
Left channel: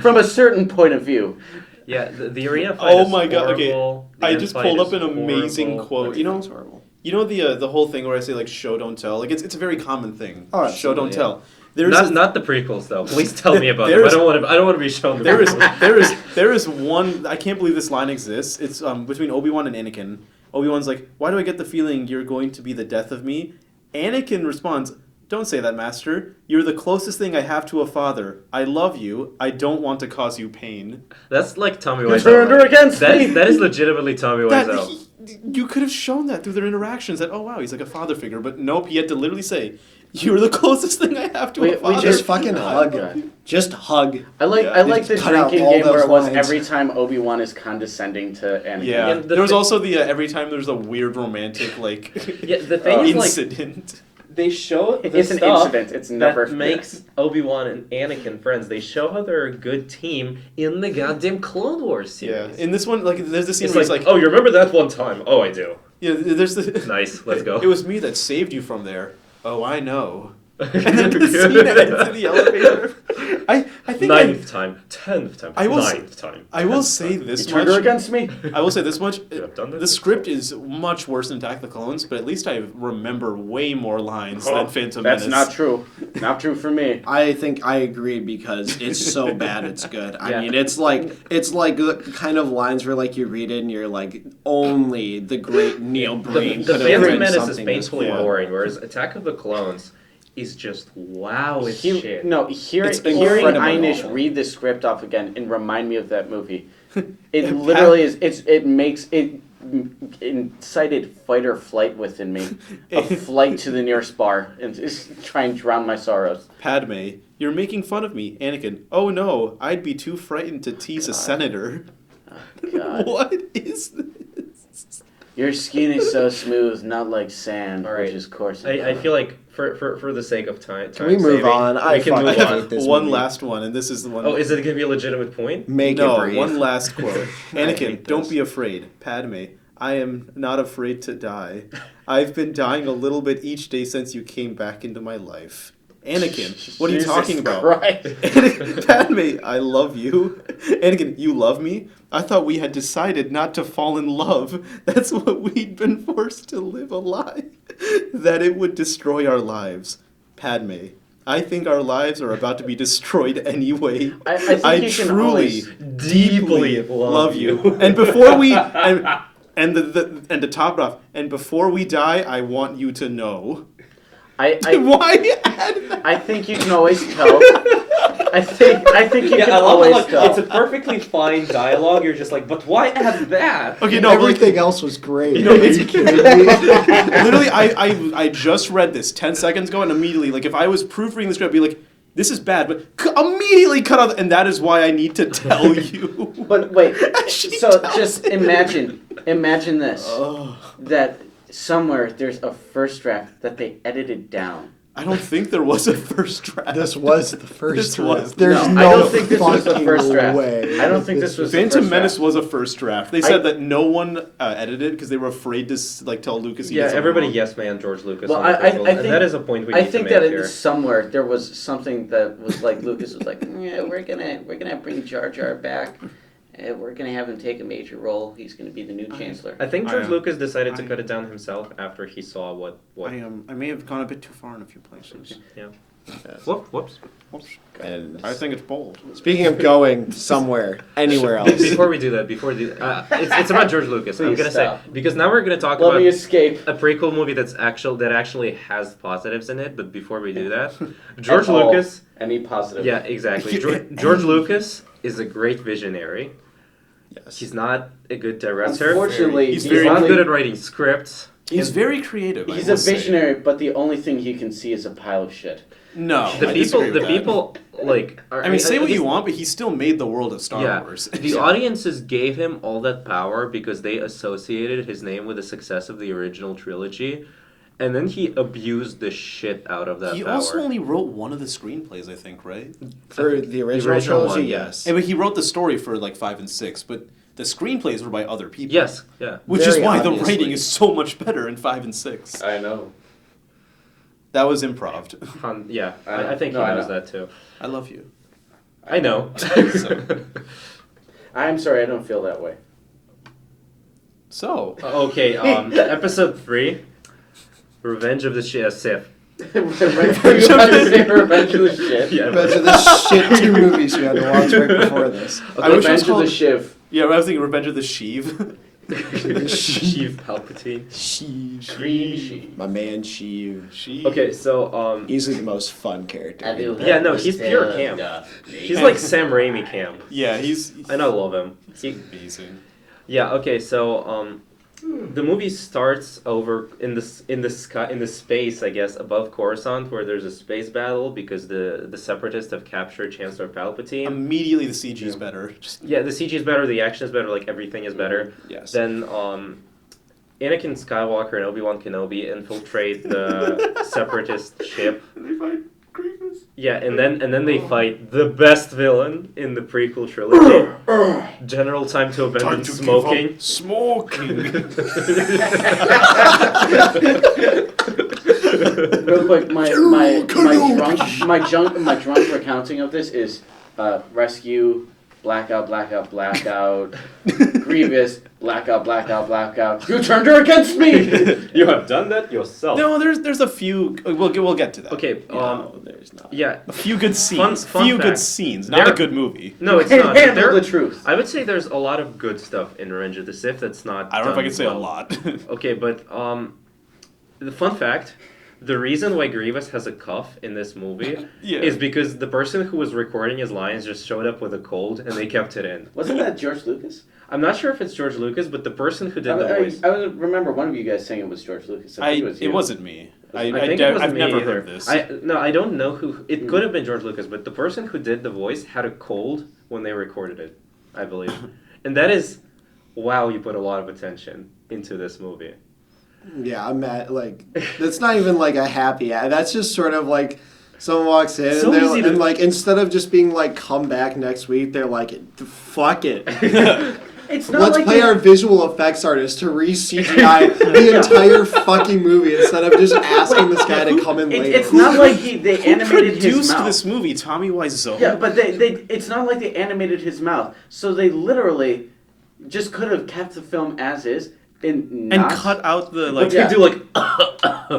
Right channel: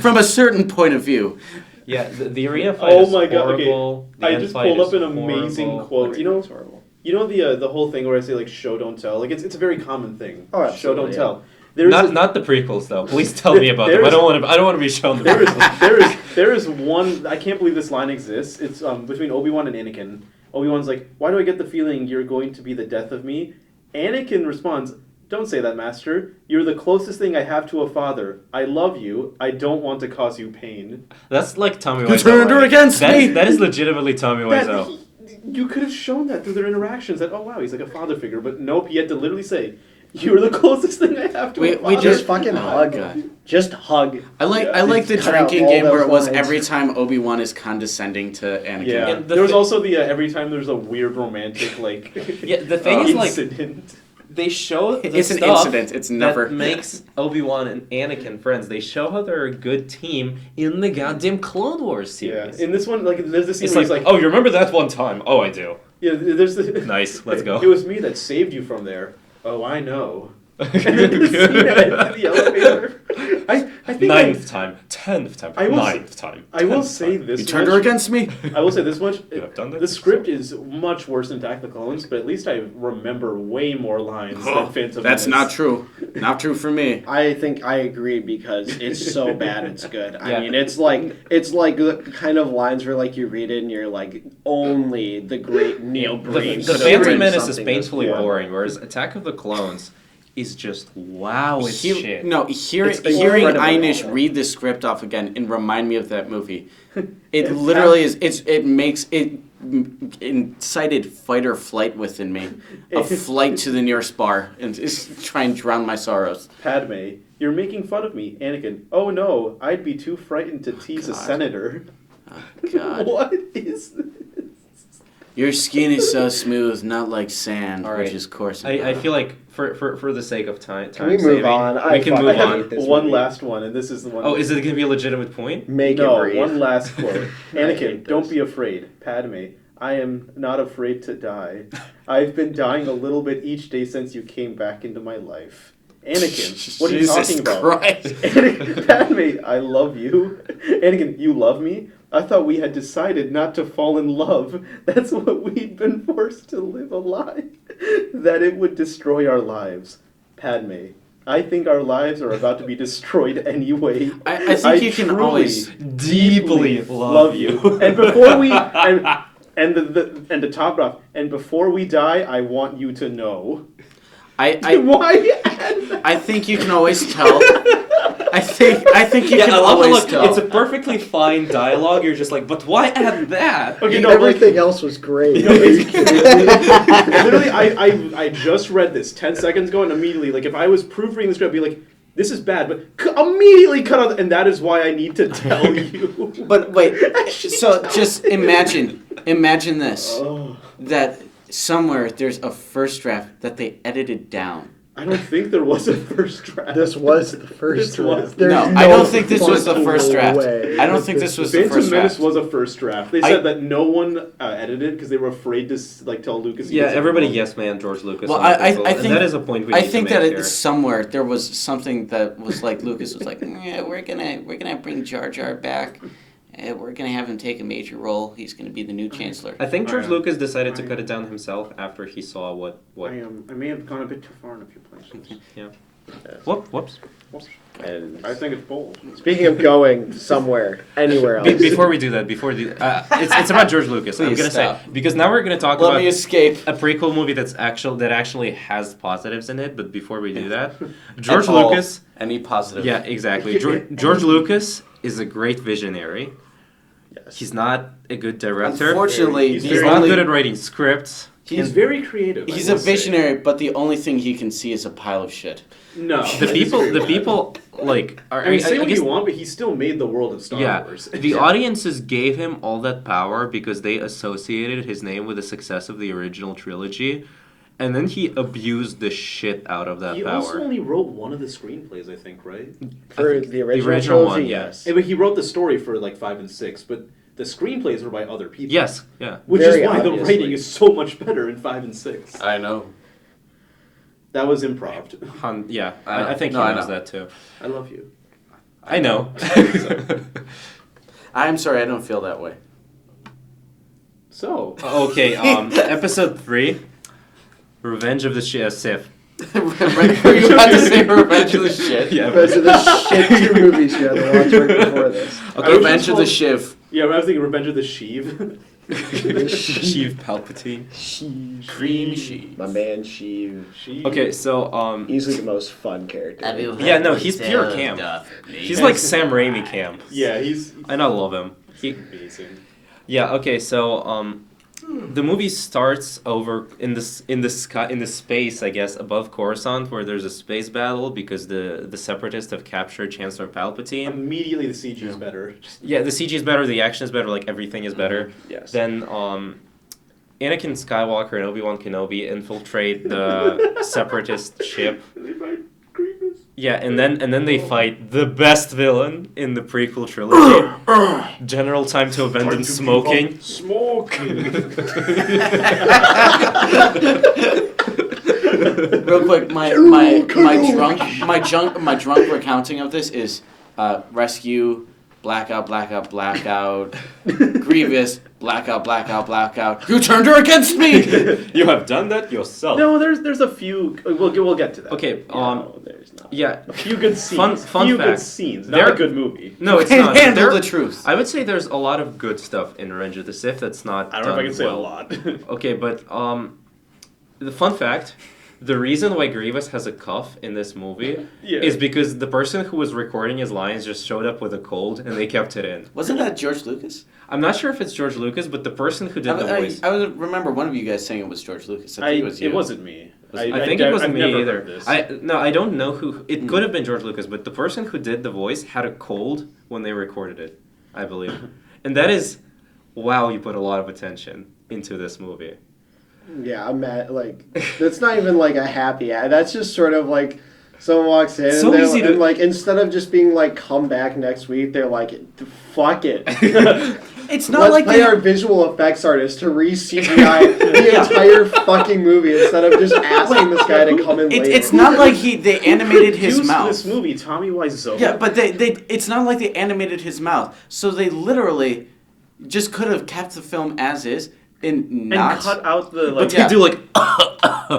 From a certain point of view. Yeah, the arena fight Oh is my god! Okay, horrible. The I end just fight pulled is up an amazing horrible. quote. You know the whole thing where I say like show don't tell. Like it's a very common thing. Oh, show don't absolutely, yeah. tell. There's Not the prequels though. Please tell me about them. I There's- don't want to be shown the prequels. there is one. I can't believe this line exists. It's between Obi-Wan and Anakin. Obi-Wan's like, "Why do I get the feeling you're going to be the death of me?" Anakin responds, "Don't say that, Master. You're the closest thing I have to a father. I love you. I don't want to cause you pain." That's like Tommy You Wiseau. turned her against me. That is legitimately Tommy Wiseau. You could have shown that through their interactions. That wow, he's like a father figure. But nope, he had to literally say, "You're the closest thing I have to We a father." Just fucking Oh, hug. God. Just hug. I like the Cut out drinking all game where those it was lines. every time Obi-Wan is condescending to Anakin. Yeah, And the there was thi- also the every time there's a weird romantic like Yeah, the thing is, like, incident. they show the It's an stuff incident. It's never that makes Obi-Wan and Anakin friends. They show how they're a good team in the goddamn Clone Wars Yeah, series. in this one, like there's the scene It's where like, he's like, oh, you remember that one time? Oh, I do. yeah, there's the Nice, let's go. It was me that saved you from there. Oh, I know. And then the scene ends in the elevator. I think Ninth time, 10th time, I will s- 9th time. I will 10th say time. this You turned much. her against me. I will say this much. Yeah, I've done that. The script is much worse than Attack of the Clones, but at least I remember way more lines than Phantom That's Menace. not true. Not true for me. I think I agree because it's so bad it's good. I Yeah. mean, it's like the kind of lines where like you read it and you're like, only the great Neil Breen The could have Phantom written Menace is something this painfully well. boring, whereas Attack of the Clones is just wow as shit. Hearing It's incredible. Einish read this script off again and remind me of that movie. It literally is. It makes it incited fight or flight within me, a flight to the nearest bar and just try and drown my sorrows. Padme, you're making fun of me. Anakin, oh no, I'd be too frightened to tease a senator. God, What is this? your skin is so smooth, not like sand, All right. which is coarse. I feel like for the sake of time we move saving, on? I we can fucking move I have on. hate this one movie. last one, and this is the one. Oh, is it going to be a legitimate point? Make no, it breathe. one last quote. I Anakin, hate don't this. be afraid. Padme, I am not afraid to die. I've been dying a little bit each day since you came back into my life. Anakin, what are you Jesus talking about? Christ. Padme, I love you. Anakin, you love me? I thought we had decided not to fall in love. That's what we'd been forced to live a lie. That it would destroy our lives. Padme, I think our lives are about to be destroyed anyway. I think you can truly, always Deeply love love you. And before we and to top it off, and before we die, I want you to know. Why? I think you can always tell. I think you can I love always it. tell. It's a perfectly fine dialogue. You're just like, but why add that? Okay, no, like, Everything else was great. literally, I just read this 10 seconds ago, and immediately, like, if I was proofreading the script, I'd be like, this is bad, but immediately cut out, and that is why I need to tell you. But wait, so just imagine this, that somewhere there's a first draft that they edited down. I don't think there was a first draft. This was the first This draft. was- There's No, I don't think this was the fucking first draft. way I don't that think this was the Phantom first Menace draft. was a first draft. They said that no one edited because they were afraid to like tell Lucas. he Yeah, did something everybody wrong. yes man George Lucas. Well, on the proposal, I and think that is a point we need I think to that make here. it's somewhere there was something that was like Lucas was like, yeah, we're gonna bring Jar Jar back, and we're gonna have him take a major role. He's gonna be the new chancellor. I think George I- Lucas decided to I- cut it down himself after he saw what. I may have gone a bit too far in a few places. Whoops. And I think it's bold. speaking of going somewhere, anywhere else. Before we do that, it's about George Lucas. I'm Please gonna stop. say because now we're gonna talk Let about me escape. a prequel movie that actually has positives in it. But before we do that, George At all. Lucas. Any positive? Yeah, exactly. George Lucas is a great visionary. Yes. He's not a good director. Unfortunately, He's the He's very- not only- good at writing scripts. He's very creative. He's a visionary, but the only thing he can see is a pile of shit. No. The people like. Are, I mean, say what guess- you want, but he still made the world of Star Yeah, Wars. the audiences gave him all that power because they associated his name with the success of the original trilogy, and then he abused the shit out of that He power. also only wrote one of the screenplays, I think, right? For the original trilogy, one, yeah. yes. But he wrote the story for like 5 and 6, but the screenplays were by other people. Yes, yeah. Which Very is why the obviously. writing is so much better in 5 and 6. I know. That was improv. Yeah, I I think know, he I knows know. that too. I love you. I know. I'm sorry, I don't feel that way. So, Okay, episode 3, Revenge of the Sith. Were you about to say Revenge of the Shit? Yeah, Those are the shit 2 movies you had to watch right before this. I wish it was Revenge of the called- Shiv. yeah, I was thinking Revenge of the Sheev. Sheev Palpatine. Cream Sheev. My man Sheev. Sheev. Okay, so Easily the most fun character. yeah, no, he's pure camp. He's like Sam Raimi camp, Yeah, he's and I love him. amazing. Yeah. Okay. So the movie starts over in the sky in the space, I guess, above Coruscant, where there's a space battle because the Separatists have captured Chancellor Palpatine. Immediately the CG is better. Just Yeah, the CG is better, the action is better, like everything is better. Yes. Then Anakin Skywalker and Obi-Wan Kenobi infiltrate the Separatist ship. Yeah, and then they fight the best villain in the prequel trilogy, General Time to Abandon Smoking. Smoking. Real quick, my drunk recounting of this is rescue, blackout, Grievous, blackout. You turned her against me. You have done that yourself. No, there's a few. We'll get to that. Okay. No, there's not. Yeah. A few good scenes. Fun few good fact. scenes. Not There- a good movie. No, it's Can't not. handle There- the truth. I would say there's a lot of good stuff in Revenge of the Sith that's not. I don't know if I done can say well. a lot. Okay, but the fun fact, the reason why Grievous has a cough in this movie Yeah. is because the person who was recording his lines just showed up with a cold and they kept it in. Wasn't that George Lucas? I'm not sure if it's George Lucas, but the person who did the voice. I remember one of you guys saying it was George Lucas. I think it was you. It wasn't me. I think it wasn't I've me never either. heard this. I don't know who. It could have been George Lucas, but the person who did the voice had a cold when they recorded it, I believe. And that is, wow, you put a lot of attention into this movie. Yeah, I'm mad. Like, that's not even like a happy ad. That's just sort of like someone walks in So and they're easy to- and like instead of just being like come back next week, they're like fuck it. It's not Let's like pay they, our visual effects artist to re-CGI the entire fucking movie instead of just asking this guy to come in later. it's not like they animated his Produced mouth. this movie, Tommy Wiseau. Yeah, but they it's not like they animated his mouth. So they literally just could have kept the film as is and and not cut out the like. But yeah. they do like.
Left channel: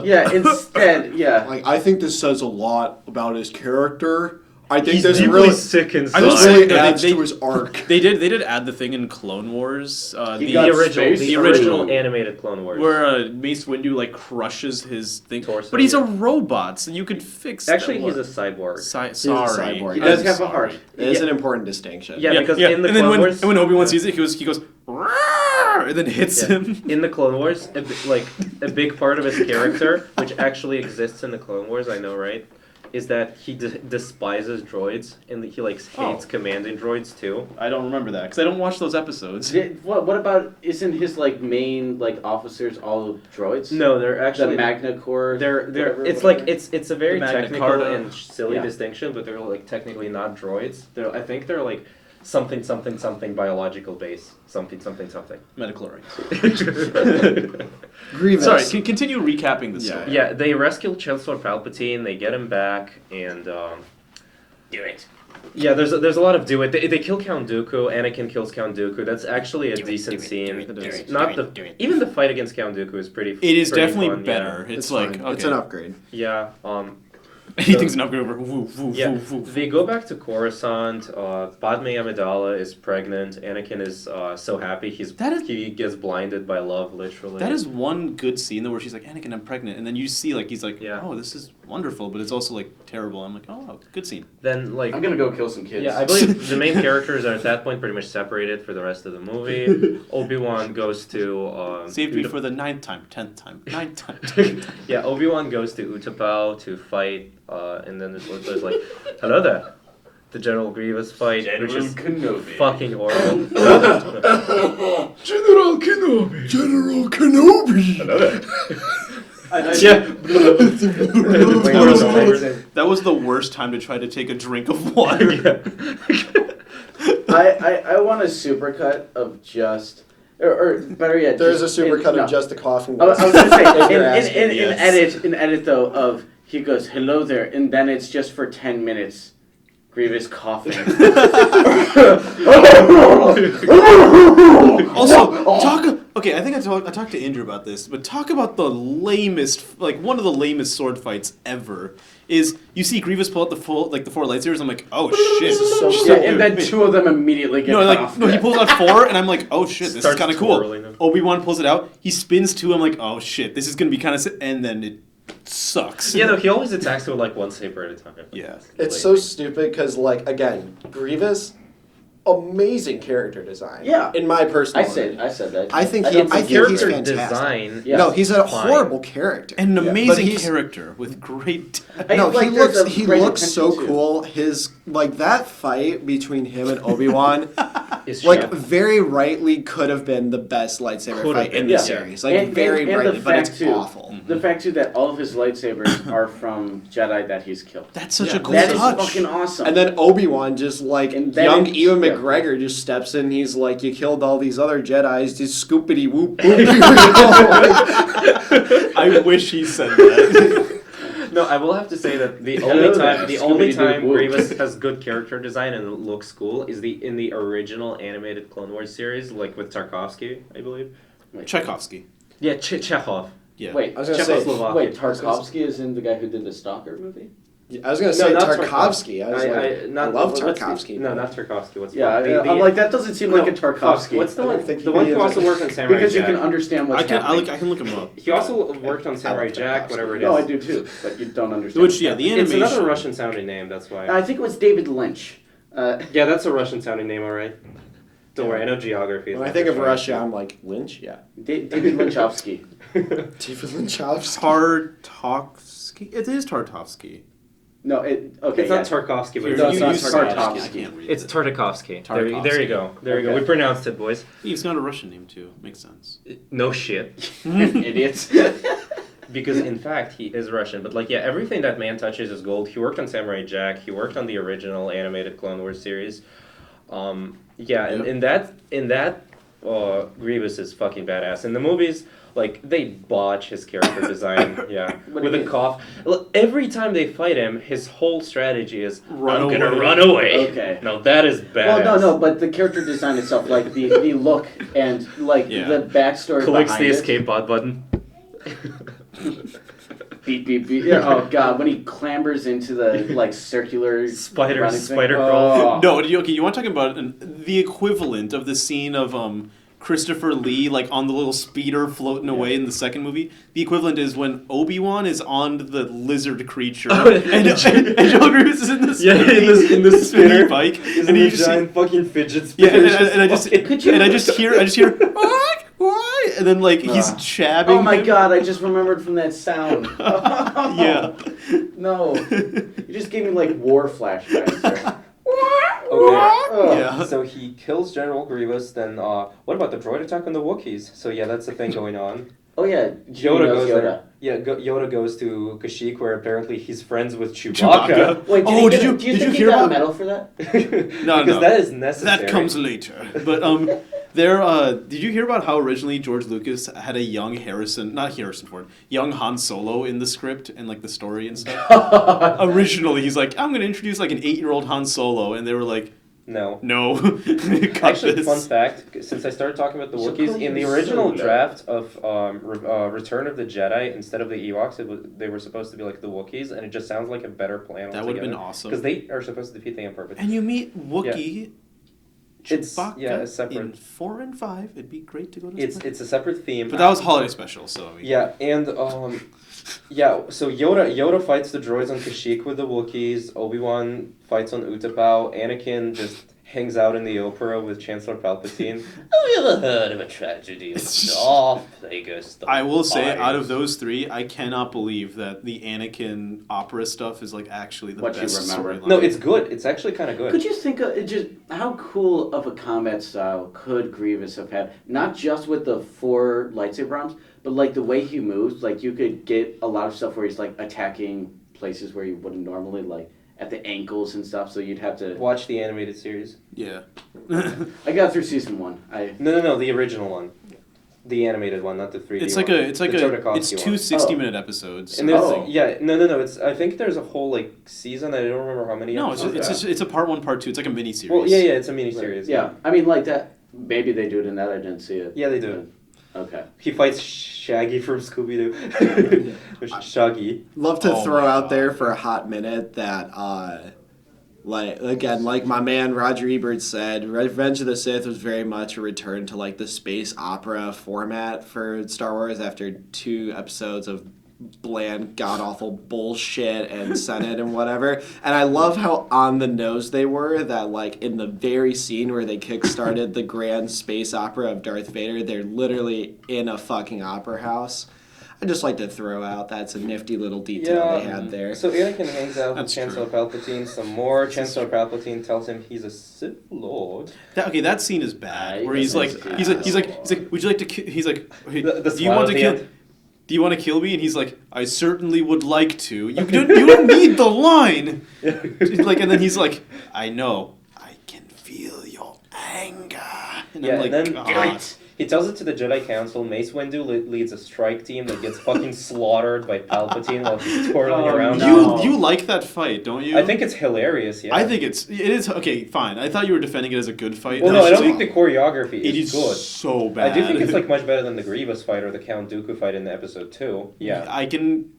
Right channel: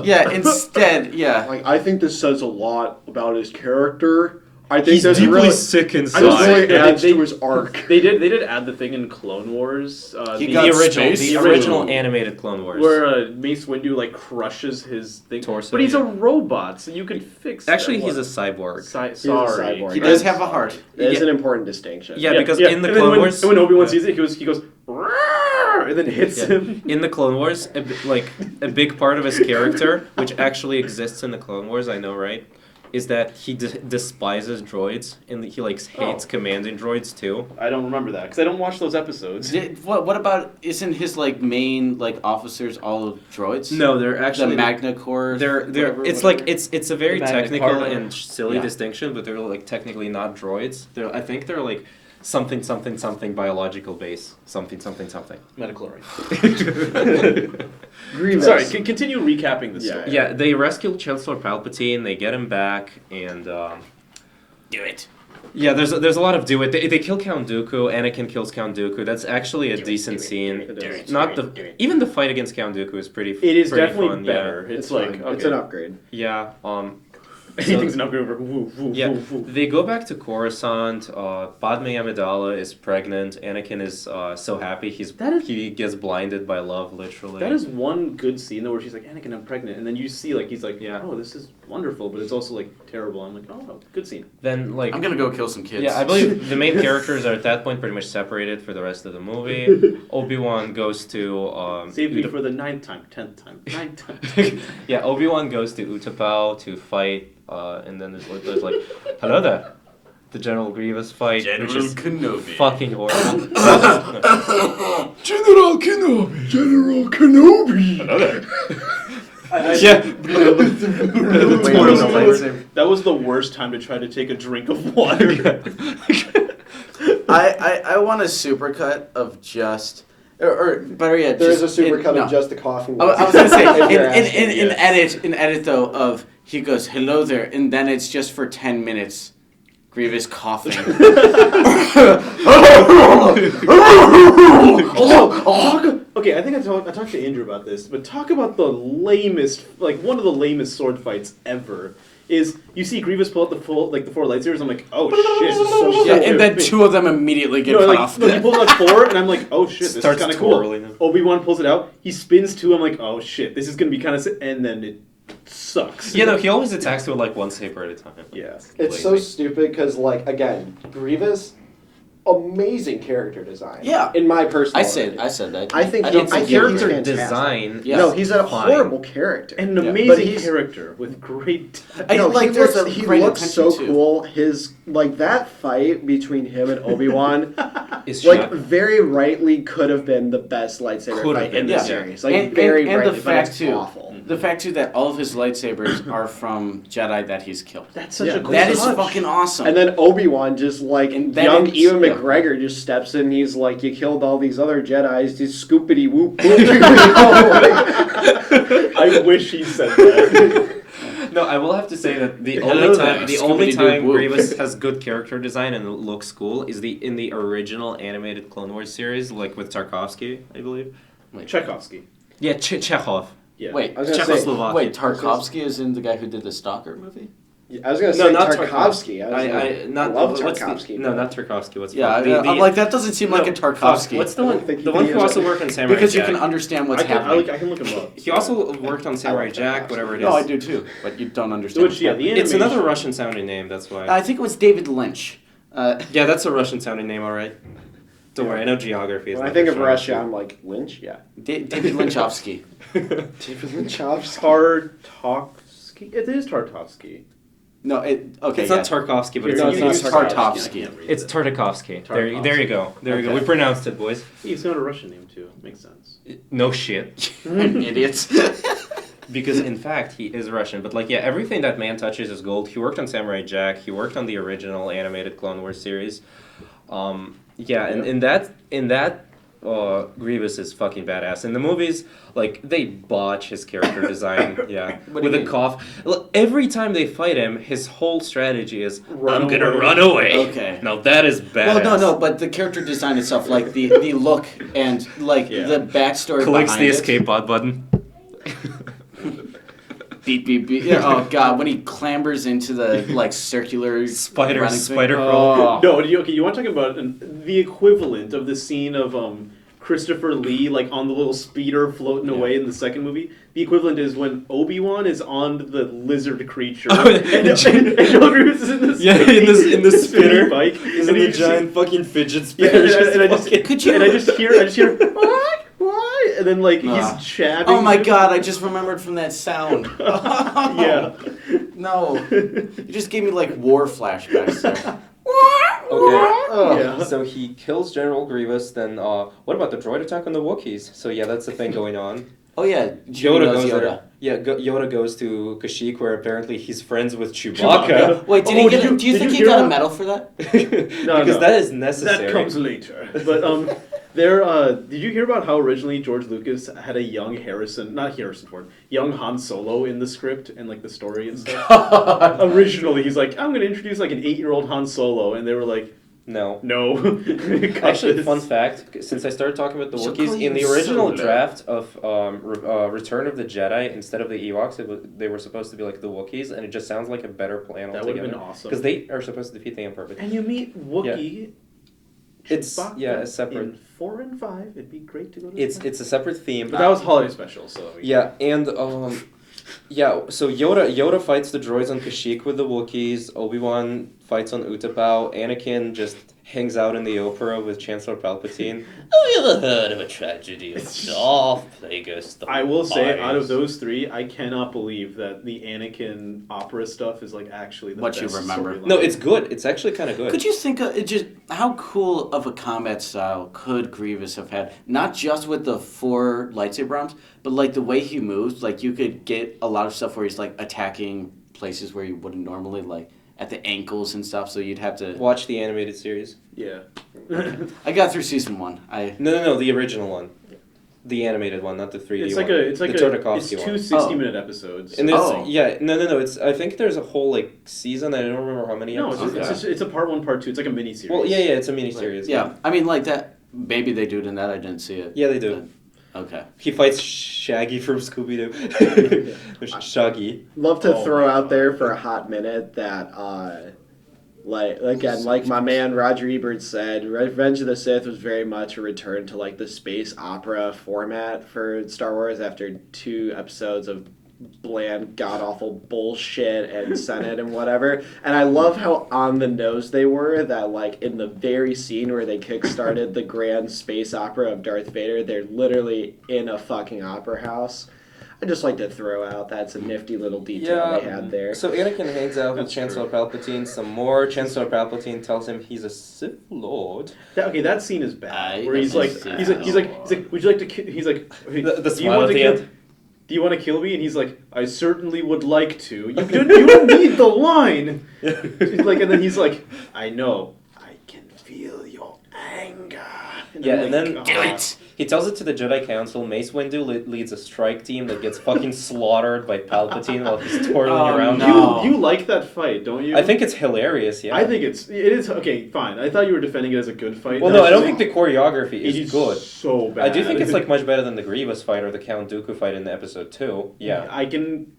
Yeah, instead, yeah. Like, I think this says a lot about his character. I think He's there's deeply really sick I inside. just really say- adds they- to his arc. They did add the thing in Clone Wars. He the got original, space the food. original animated Clone Wars. where Mace Windu like crushes his thing. Torso, But he's a yeah. robot, so you can fix. Actually, that. he's a cyborg. Sorry. cyborg. He does have a heart. It is Yeah. an important distinction. Yeah, because in the and then Clone when, Wars, and when Obi-Wan sees it, he goes, "Roar!" and then hits Yeah. him. In the Clone Wars, like a big part of his character, which actually exists in the Clone Wars, I know, right, is that he despises droids and he like hates commanding droids too. I don't remember that because I don't watch those episodes. What about, isn't his like main like officers all droids? No, they're The actually Magna Corps. They're whatever, it's whatever? like it's a very The Magna technical Carta. and silly Yeah. distinction, but they're like technically not droids. I think they're like something biological base, something. Metachlorine. Grievous. Sorry, continue recapping the story. Yeah, they rescue Chancellor Palpatine. They get him back, and Do it. yeah, there's a lot of do it. They kill Count Dooku. Anakin kills Count Dooku. That's actually a decent scene. Even the fight against Count Dooku is pretty. It is pretty definitely fun, yeah. better. It's, It's like fine. okay. It's an upgrade. Yeah. Anything's an upgrade over. Woo, woo, Yeah, woo, woo. they go back to Coruscant. Padme Amidala is pregnant. Anakin is so happy. He gets blinded by love, literally. That is one good scene though, where she's like, "Anakin, I'm pregnant," and then you see like he's like, Yeah. "Oh, this is wonderful," but it's also like terrible. I'm like, "Oh, good scene." Then like I'm gonna go kill some kids. yeah, I believe the main characters are at that point pretty much separated for the rest of the movie. Obi-Wan goes to Saved me Utap- for the 9th time, 10th time, 9th time. yeah, Obi-Wan goes to Utapau to fight, and then there's like, hello there, the General Grievous fight, which is Kenobi. fucking horrible. General Kenobi. General Kenobi. yeah. That was the worst time to try to take a drink of water. I want a supercut of just or better yet, There's a just supercut no. of just the coughing. I was gonna say If you're asking, in yes. edit though of he goes hello there and then it's just for 10 minutes Grievous coughing. Also, okay, I think I talked to Andrew about this, but talk about the lamest, like one of the lamest sword fights ever. Is you see Grievous pull out the four lightsabers? I'm like, oh shit! Yeah, and then two of them immediately get No, cut like off. no, he pulls out four, and I'm like, oh shit, this Starts is kind of cool. twirling them. Obi-Wan pulls it out. He spins two. I'm like, oh shit, this is gonna be kind of, and then it sucks. Yeah, no, he always attacks with like one saber at a time. Yeah. It's so stupid because, like, again, Grievous, amazing character design. Yeah. In my personal I said opinion. that. I think don't he's Character fantastic. design. Yeah. No, he's a Fine. horrible character. And an But amazing he's- character with great. I No, like there's a he great looks so attention to- cool. His like that fight between him and Obi-Wan, Is like shot. very rightly could have been the best lightsaber Could have fight been, in the yeah. series. Like And- very and brightly, the but fact it's too, awful. The fact too that all of his lightsabers are from Jedi that he's killed. That's such Yeah. a cool That is touch. fucking awesome. And then Obi-Wan just like And then young it's- Ewan yeah. McGregor just steps in. He's like, "You killed all these other Jedi's. Just scoopity whoop whoop." I wish he said that. No, I will have to say that the Hello only there, time Scooby-Doo-woo. Grievous has good character design and it looks cool is in the original animated Clone Wars series, like with Tarkovsky, I believe. Tchaikovsky. Yeah, Chekhov. Yeah. Wait, I was gonna say, Czechoslovakia. wait, Tarkovsky is in the guy who did the Stalker movie? I was gonna No, say not Tarkovsky. I love what's Tarkovsky. No, not Tarkovsky. What's Yeah, I'm like that doesn't seem like a Tarkovsky. What's the I don't one? think The he one who is. also worked on Samurai because you Jack. can understand what's happening. I can look him up. He also worked on Samurai Jack, whatever it is. No, I do too, but you don't understand. Which, yeah, the It's animation. another Russian sounding name. That's why. I think it was David Lynch. Yeah, that's a Russian sounding name, alright. Don't worry, I know geography. When I think of Russia, I'm like Lynch. Yeah. David Lynchovsky. David Lynchovsky. Tartovsky. It is Tartovsky. No, okay. It's not Tarkovsky, but No, it's it's not Tartovsky. It's Tartakovsky. There Tarkovsky. you go. There you go. Okay. We pronounced it, boys. It's not a Russian name too. Makes sense. No shit. Idiots. Because in fact he is Russian. But like yeah, everything that man touches is gold. He worked on Samurai Jack. He worked on the original animated Clone Wars series. Yeah, and in that Grievous is fucking badass. In the movies, like they botch his character design. Yeah, What do with you a mean? cough. Every time they fight him, his whole strategy is Run I'm gonna away." run away. Okay. Now that is badass. Well, no, but the character design itself, like the look and like Yeah. the backstory Clicks behind the it. escape pod button. beep beep beep. Oh god, when he clambers into the like circular Spider running thing. crawl. Oh. No, you want to talk about the equivalent of the scene of Christopher Lee like on the little speeder floating away in the second movie? The equivalent is when Obi-Wan is on the lizard creature and John Grievous is in the in the spinning spinner bike, He's and in you a just giant fucking fidget yeah, spinner. and I just Could you- and I just hear what? And then like he's chabbing. Oh my him. god, I just remembered from that sound. Yeah. No. You just gave me like war flashbacks there. Okay. Yeah. So he kills General Grievous. Then what about the droid attack on the Wookiees? So yeah, that's the thing going on. Oh yeah, Yoda knows goes there. Yeah, Yoda goes to Kashyyyk, where apparently he's friends with Chewbacca. Chewbacca. Wait, Oh, do you did think you he hear got a about- medal for that? No, Because that is necessary. That comes later. But did you hear about how originally George Lucas had a young Harrison Ford, young Han Solo in the script and like the story and stuff? Originally, he's like, I'm gonna introduce like an 8-year-old Han Solo, and they were like, No. no. Cut Actually, this. fun fact, since I started talking about the She'll call Wookiees, you in the original Solo. draft of Return of the Jedi, instead of the Ewoks, they were supposed to be like the Wookiees, and it just sounds like a better plan That would have been awesome. Because they are supposed to defeat the Emperor. And you meet Wookiee. It's- Chewbacca yeah, it's separate. In 4 and 5, it'd be great to go to. It's a separate theme. But that was holiday special, so Yeah, and so Yoda fights the droids on Kashyyyk with the Wookiees. Obi-Wan fights on Utapau. Anakin just hangs out in the opera with Chancellor Palpatine. Have you ever heard of a tragedy of Darth Plagueis? I will say, out of those 3, I cannot believe that the Anakin opera stuff is like actually the What you best remember. storyline. No, it's good. It's actually kind of good. Could you think of it just how cool of a combat style could Grievous have had? Not just with the 4 lightsaber arms, but like the way he moves. Like you could get a lot of stuff where he's like attacking places where you wouldn't normally, like at the ankles and stuff. So you'd have to. Watch the animated series. Yeah. I got through season 1. No, the original one. The animated one, not the 3D It's one. like it's the Tartakovsky two one. 60-minute episodes. And there's, Oh. yeah, no. It's. I think there's a whole like season. I don't remember how many. No, episodes. it's a part 1, part 2. It's like a mini series. Well, yeah, it's a mini series. Yeah, I mean like that. Maybe they do it in that. I didn't see it. Yeah, they do. Okay. He fights Shaggy from Scooby Doo. Shaggy. Love to Oh throw my out God. there for a hot minute that, like my man Roger Ebert said, Revenge of the Sith was very much a return to like the space opera format for Star Wars after 2 episodes of bland, god awful bullshit and Senate and whatever. And I love how on the nose they were that like in the very scene where they kickstarted the grand space opera of Darth Vader, they're literally in a fucking opera house. I just like to throw out that's a nifty little detail they had there. So Anakin hangs out with That's Chancellor Palpatine some more. Chancellor Palpatine tells him he's a Sith Lord. That scene is bad. Where He's he's like, would you like to kill? He's like, hey, The do you smile want at to the kill? end. Do you want to kill me? And he's like, I certainly would like to. You don't need the line. She's like, and then he's like, I know. I can feel your anger. And Yeah, I'm like, and then "God." he tells it to the Jedi Council. Mace Windu leads a strike team that gets fucking slaughtered by Palpatine while he's twirling Oh, around. no. You like that fight, don't you? I think it's hilarious. Yeah. I think it is okay. Fine. I thought you were defending it as a good fight. Well, no, I That's don't just- think the choreography it is is good. so bad. I do think it's like much better than the Grievous fight or the Count Dooku fight in the episode 2. Yeah. I can.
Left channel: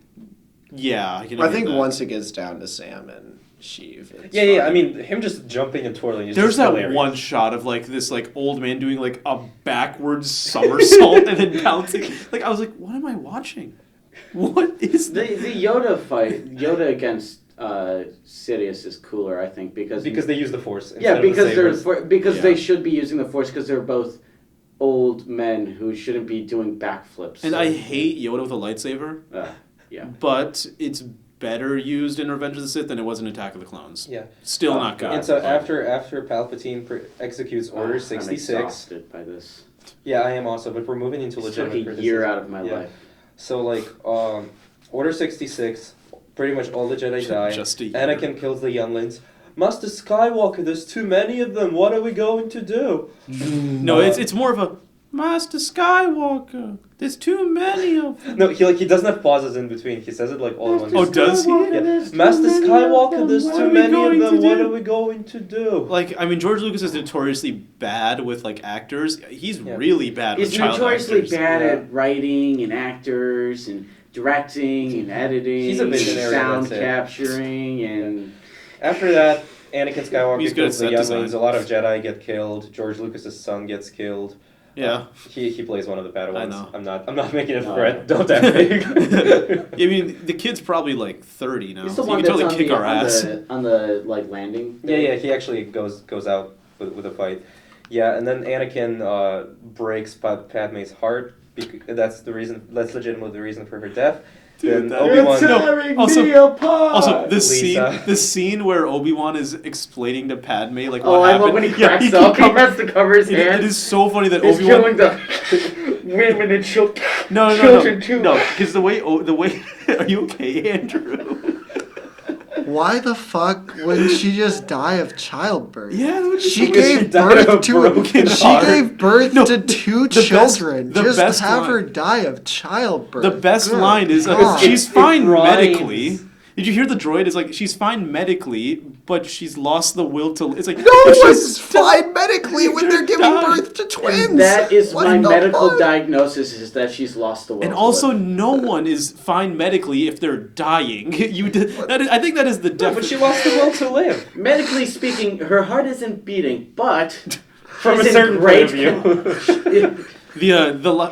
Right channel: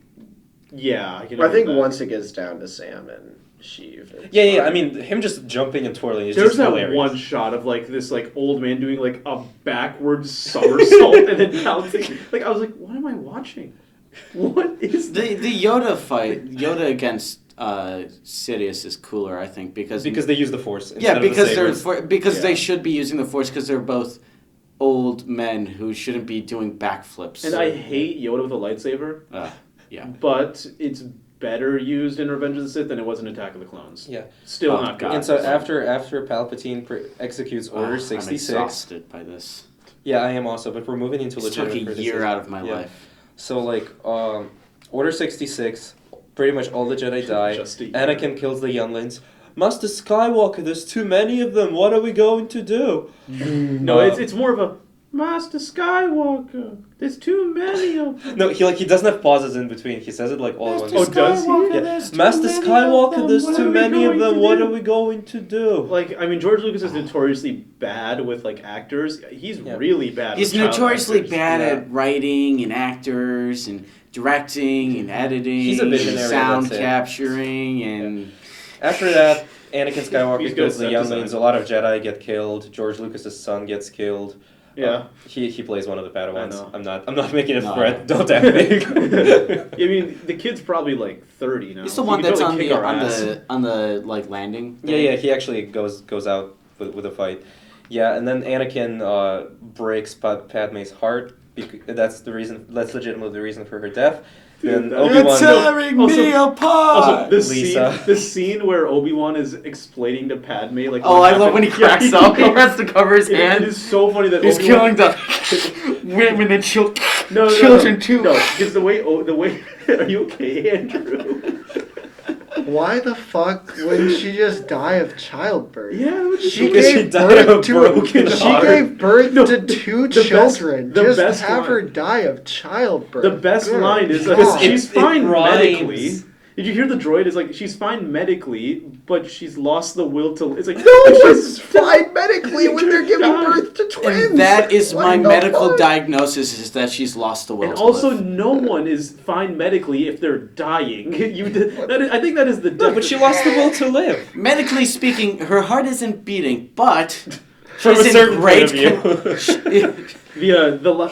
Yeah, I can. I agree think with that. once it gets down to Sam and Sheev, it's Yeah. fine. I mean, him just jumping and twirling is There's just that hilarious. one shot of like this like old man doing like a backwards somersault and then bouncing. Like I was like, what am I watching? What is The Yoda fight, Yoda against Sidious is cooler, I think, because Because they use the Force. yeah, instead of the because they're sabers. because Yeah. they should be using the Force because they're both old men who shouldn't be doing backflips. And I hate Yoda with a lightsaber, yeah. but it's better used in Revenge of the Sith than it was in Attack of the Clones. Yeah. Still Oh, not good. God. And so after Palpatine executes Order I'm 66. exhausted by this. Yeah, I am also, but we're moving into It legitimate took a criticism. year out of my Yeah. life. So like Order 66, pretty much all the Jedi die. Just a year. Anakin kills the younglings. Master Skywalker, there's too many of them. What are we going to do? No, it's more of a Master Skywalker. There's too many of them. No, he doesn't have pauses in between. He says it like all at once. Oh, does he? Yeah. Master Skywalker, there's too many of them. What are we going to do? Like, I mean, George Lucas is notoriously bad with like actors. He's Yeah. really bad. He's with child notoriously actors. bad Yeah. at writing and actors and directing and editing, He's a visionary, sound that's it. capturing, and After that, Anakin Skywalker He's good kills at the set design. younglings. A lot of Jedi get killed. George Lucas's son gets killed. Yeah. He plays one of the Padawans. know. I'm not making a No. threat. Don't at me. I mean, the kid's probably like 30 now. he's the so one he can that's totally on kick the, our ass. on the like landing. Yeah, he actually goes out with a fight. Yeah, and then Anakin breaks Padme's heart. That's legitimately the reason for her death. Then Obi-Wan. tearing me apart. Also, the Lisa. scene where Obi-Wan is explaining to Padme like. Oh, what I love happened. when he Yeah, cracks up. He has to cover his It hand. is so funny that He's Obi-Wan. killing the women and children. No, children too. No, because the way. Are you okay, Andrew? Why the fuck wouldn't she just die of childbirth? Yeah, it was just She because she gave died of birth a to broken she heart. gave birth No, to two the best- children. the Just best have line- her die of childbirth. The best Good line is God. she's It fine rhymes. medically. Did you hear the droid? It's like she's fine medically, but she's lost the will to. It's like No, but she's fine medically when they're giving died. birth to twins. And that is What my the medical fuck? diagnosis: is that she's lost the will. And to also, live. no one is fine medically if they're dying. I think that is the No, but she lost the will to live. medically speaking, her heart isn't beating, but From a she's in certain great point of view.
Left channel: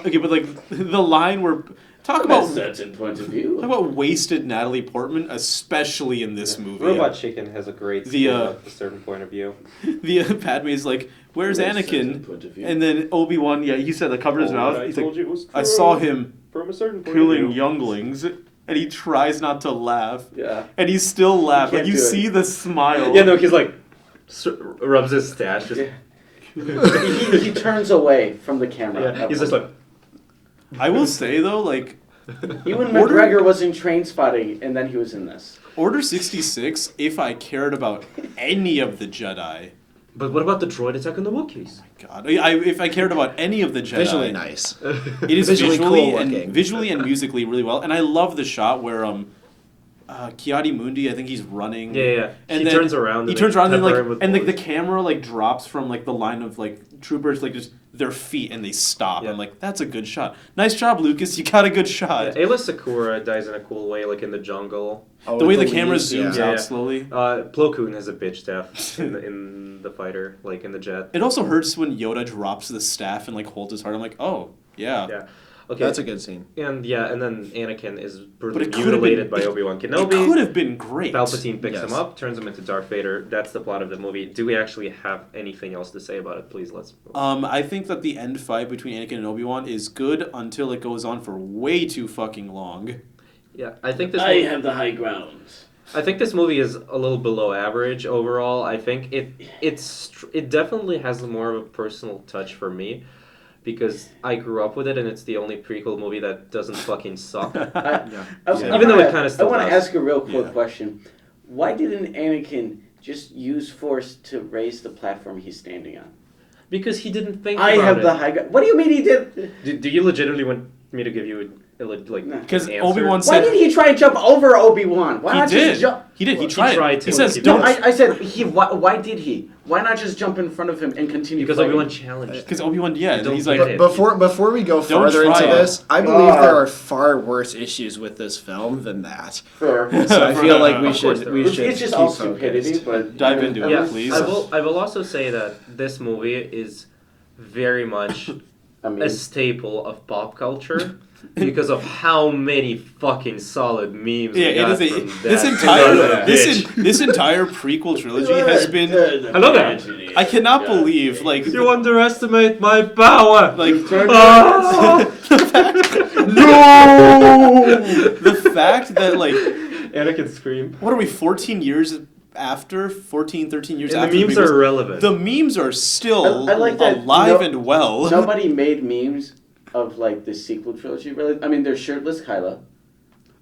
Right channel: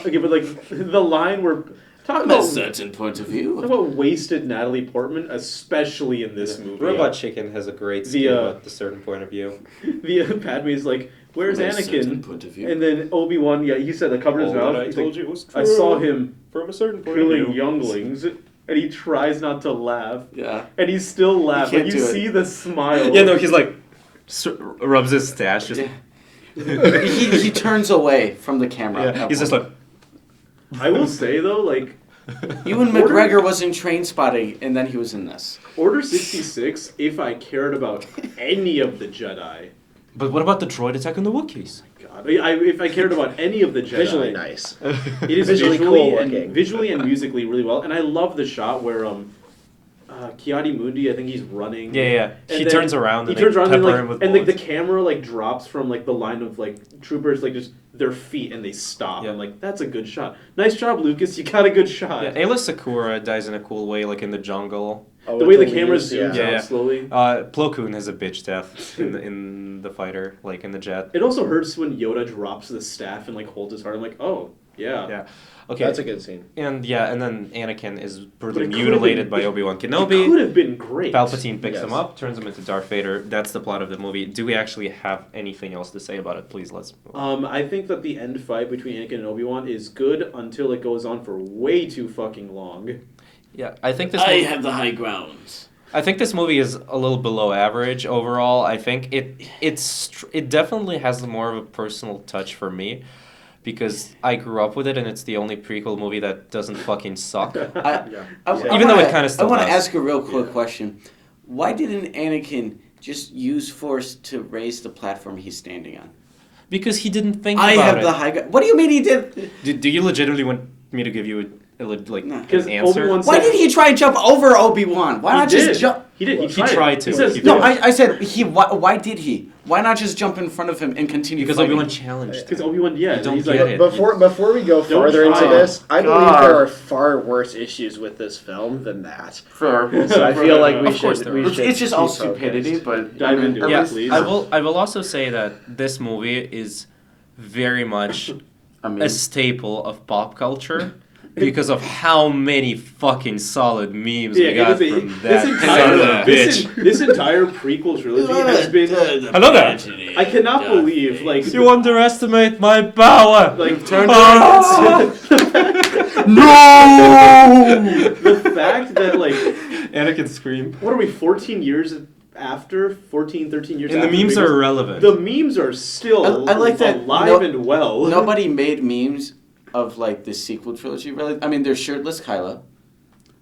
okay, but like the line where talk From a about certain point of talk view. about wasted Natalie Portman, especially in this movie. Robot Chicken has a great The, scene uh, at a certain point of view. The Padme is like, "Where's From a certain Anakin?" point of view. And then Obi-Wan, yeah, he said that covers his mouth. He's like, you was I saw him from a certain killing younglings, and he tries not to laugh, Yeah. and he still laughs. He Like can't you do it. see the smile. Yeah, no, he's like rubs his stash. Just, Yeah. he turns away from the camera. yeah, he's just like. I will say though, like Ewan McGregor was in Train Spotting, and then he was in this. Order 66. If I cared about any of the Jedi, But what about the droid attack on the Wookiees? God, if I cared about any of the Jedi, Visually nice. It is Visually visually, cool and looking. visually and musically really well, and I love the shot where Kiadi Mundi, I think he's running. Yeah. And He then turns around. He and turns they around and pepper him with like, and the bullets. camera like drops from like the line of like troopers like just their feet and they stop. Yeah. I'm like, that's a good shot. Nice job, Lucas. You got a good shot. Yeah, Ayla Sakura dies in a cool way, like in the jungle. Oh, The way with the camera leaves, zooms yeah. out slowly. Plo Koon has a bitch death in the fighter, like in the jet. It also hurts when Yoda drops the staff and like holds his heart. I'm like, oh yeah. Yeah. Okay. That's a good scene. And then Anakin is brutally But it could've mutilated been- by Obi-Wan It could Kenobi. have been great. Palpatine picks him Yes. up, turns him into Darth Vader. That's the plot of the movie. Do we actually have anything else to say about it? Please, let's. I think that the end fight between Anakin and Obi-Wan is good until it goes on for way too fucking long. Yeah, I think this. I movie, have the high ground. I think this movie is a little below average overall. I think it definitely has more of a personal touch for me, because I grew up with it and it's the only prequel movie that doesn't fucking suck. Even though it kinda still I want to does. ask a real quick Yeah. question. Why didn't Anakin just use force to raise the platform he's standing on? Because he didn't think I about have it. the high ground. What do you mean he did? Do you legitimately want me to give you like No. his 'Cause answer? Obi-Wan Why did he try and jump over Obi-Wan? Why not he did. just jump? He did. He He tried. tried to. He says He No, did. I said he. Why did he? Why not just jump in front of him and continue Because fighting? Obi-Wan challenged. Because Obi-Wan, yeah, Don't he's like, get it. Before we go further into try. this, I believe God. there are far worse issues with this film than that. Fair. So I feel like we Of course should. there We are. should It's just all keep focused. stupidity, but Dive into it. Yeah, please. I will also say that this movie is very much I mean, a staple of pop culture because of how many fucking solid memes yeah, we got it is from this that entire son of a bitch. this entire prequel trilogy has been. Hello there. I cannot believe like You underestimate my power. like turn Ah! the fact that like Anakin scream. what are we 14 years after 14 13 years And the after memes are irrelevant. the memes are still I like that alive no- and well. nobody made memes of like the sequel trilogy. Really, I mean, there's shirtless Kylo.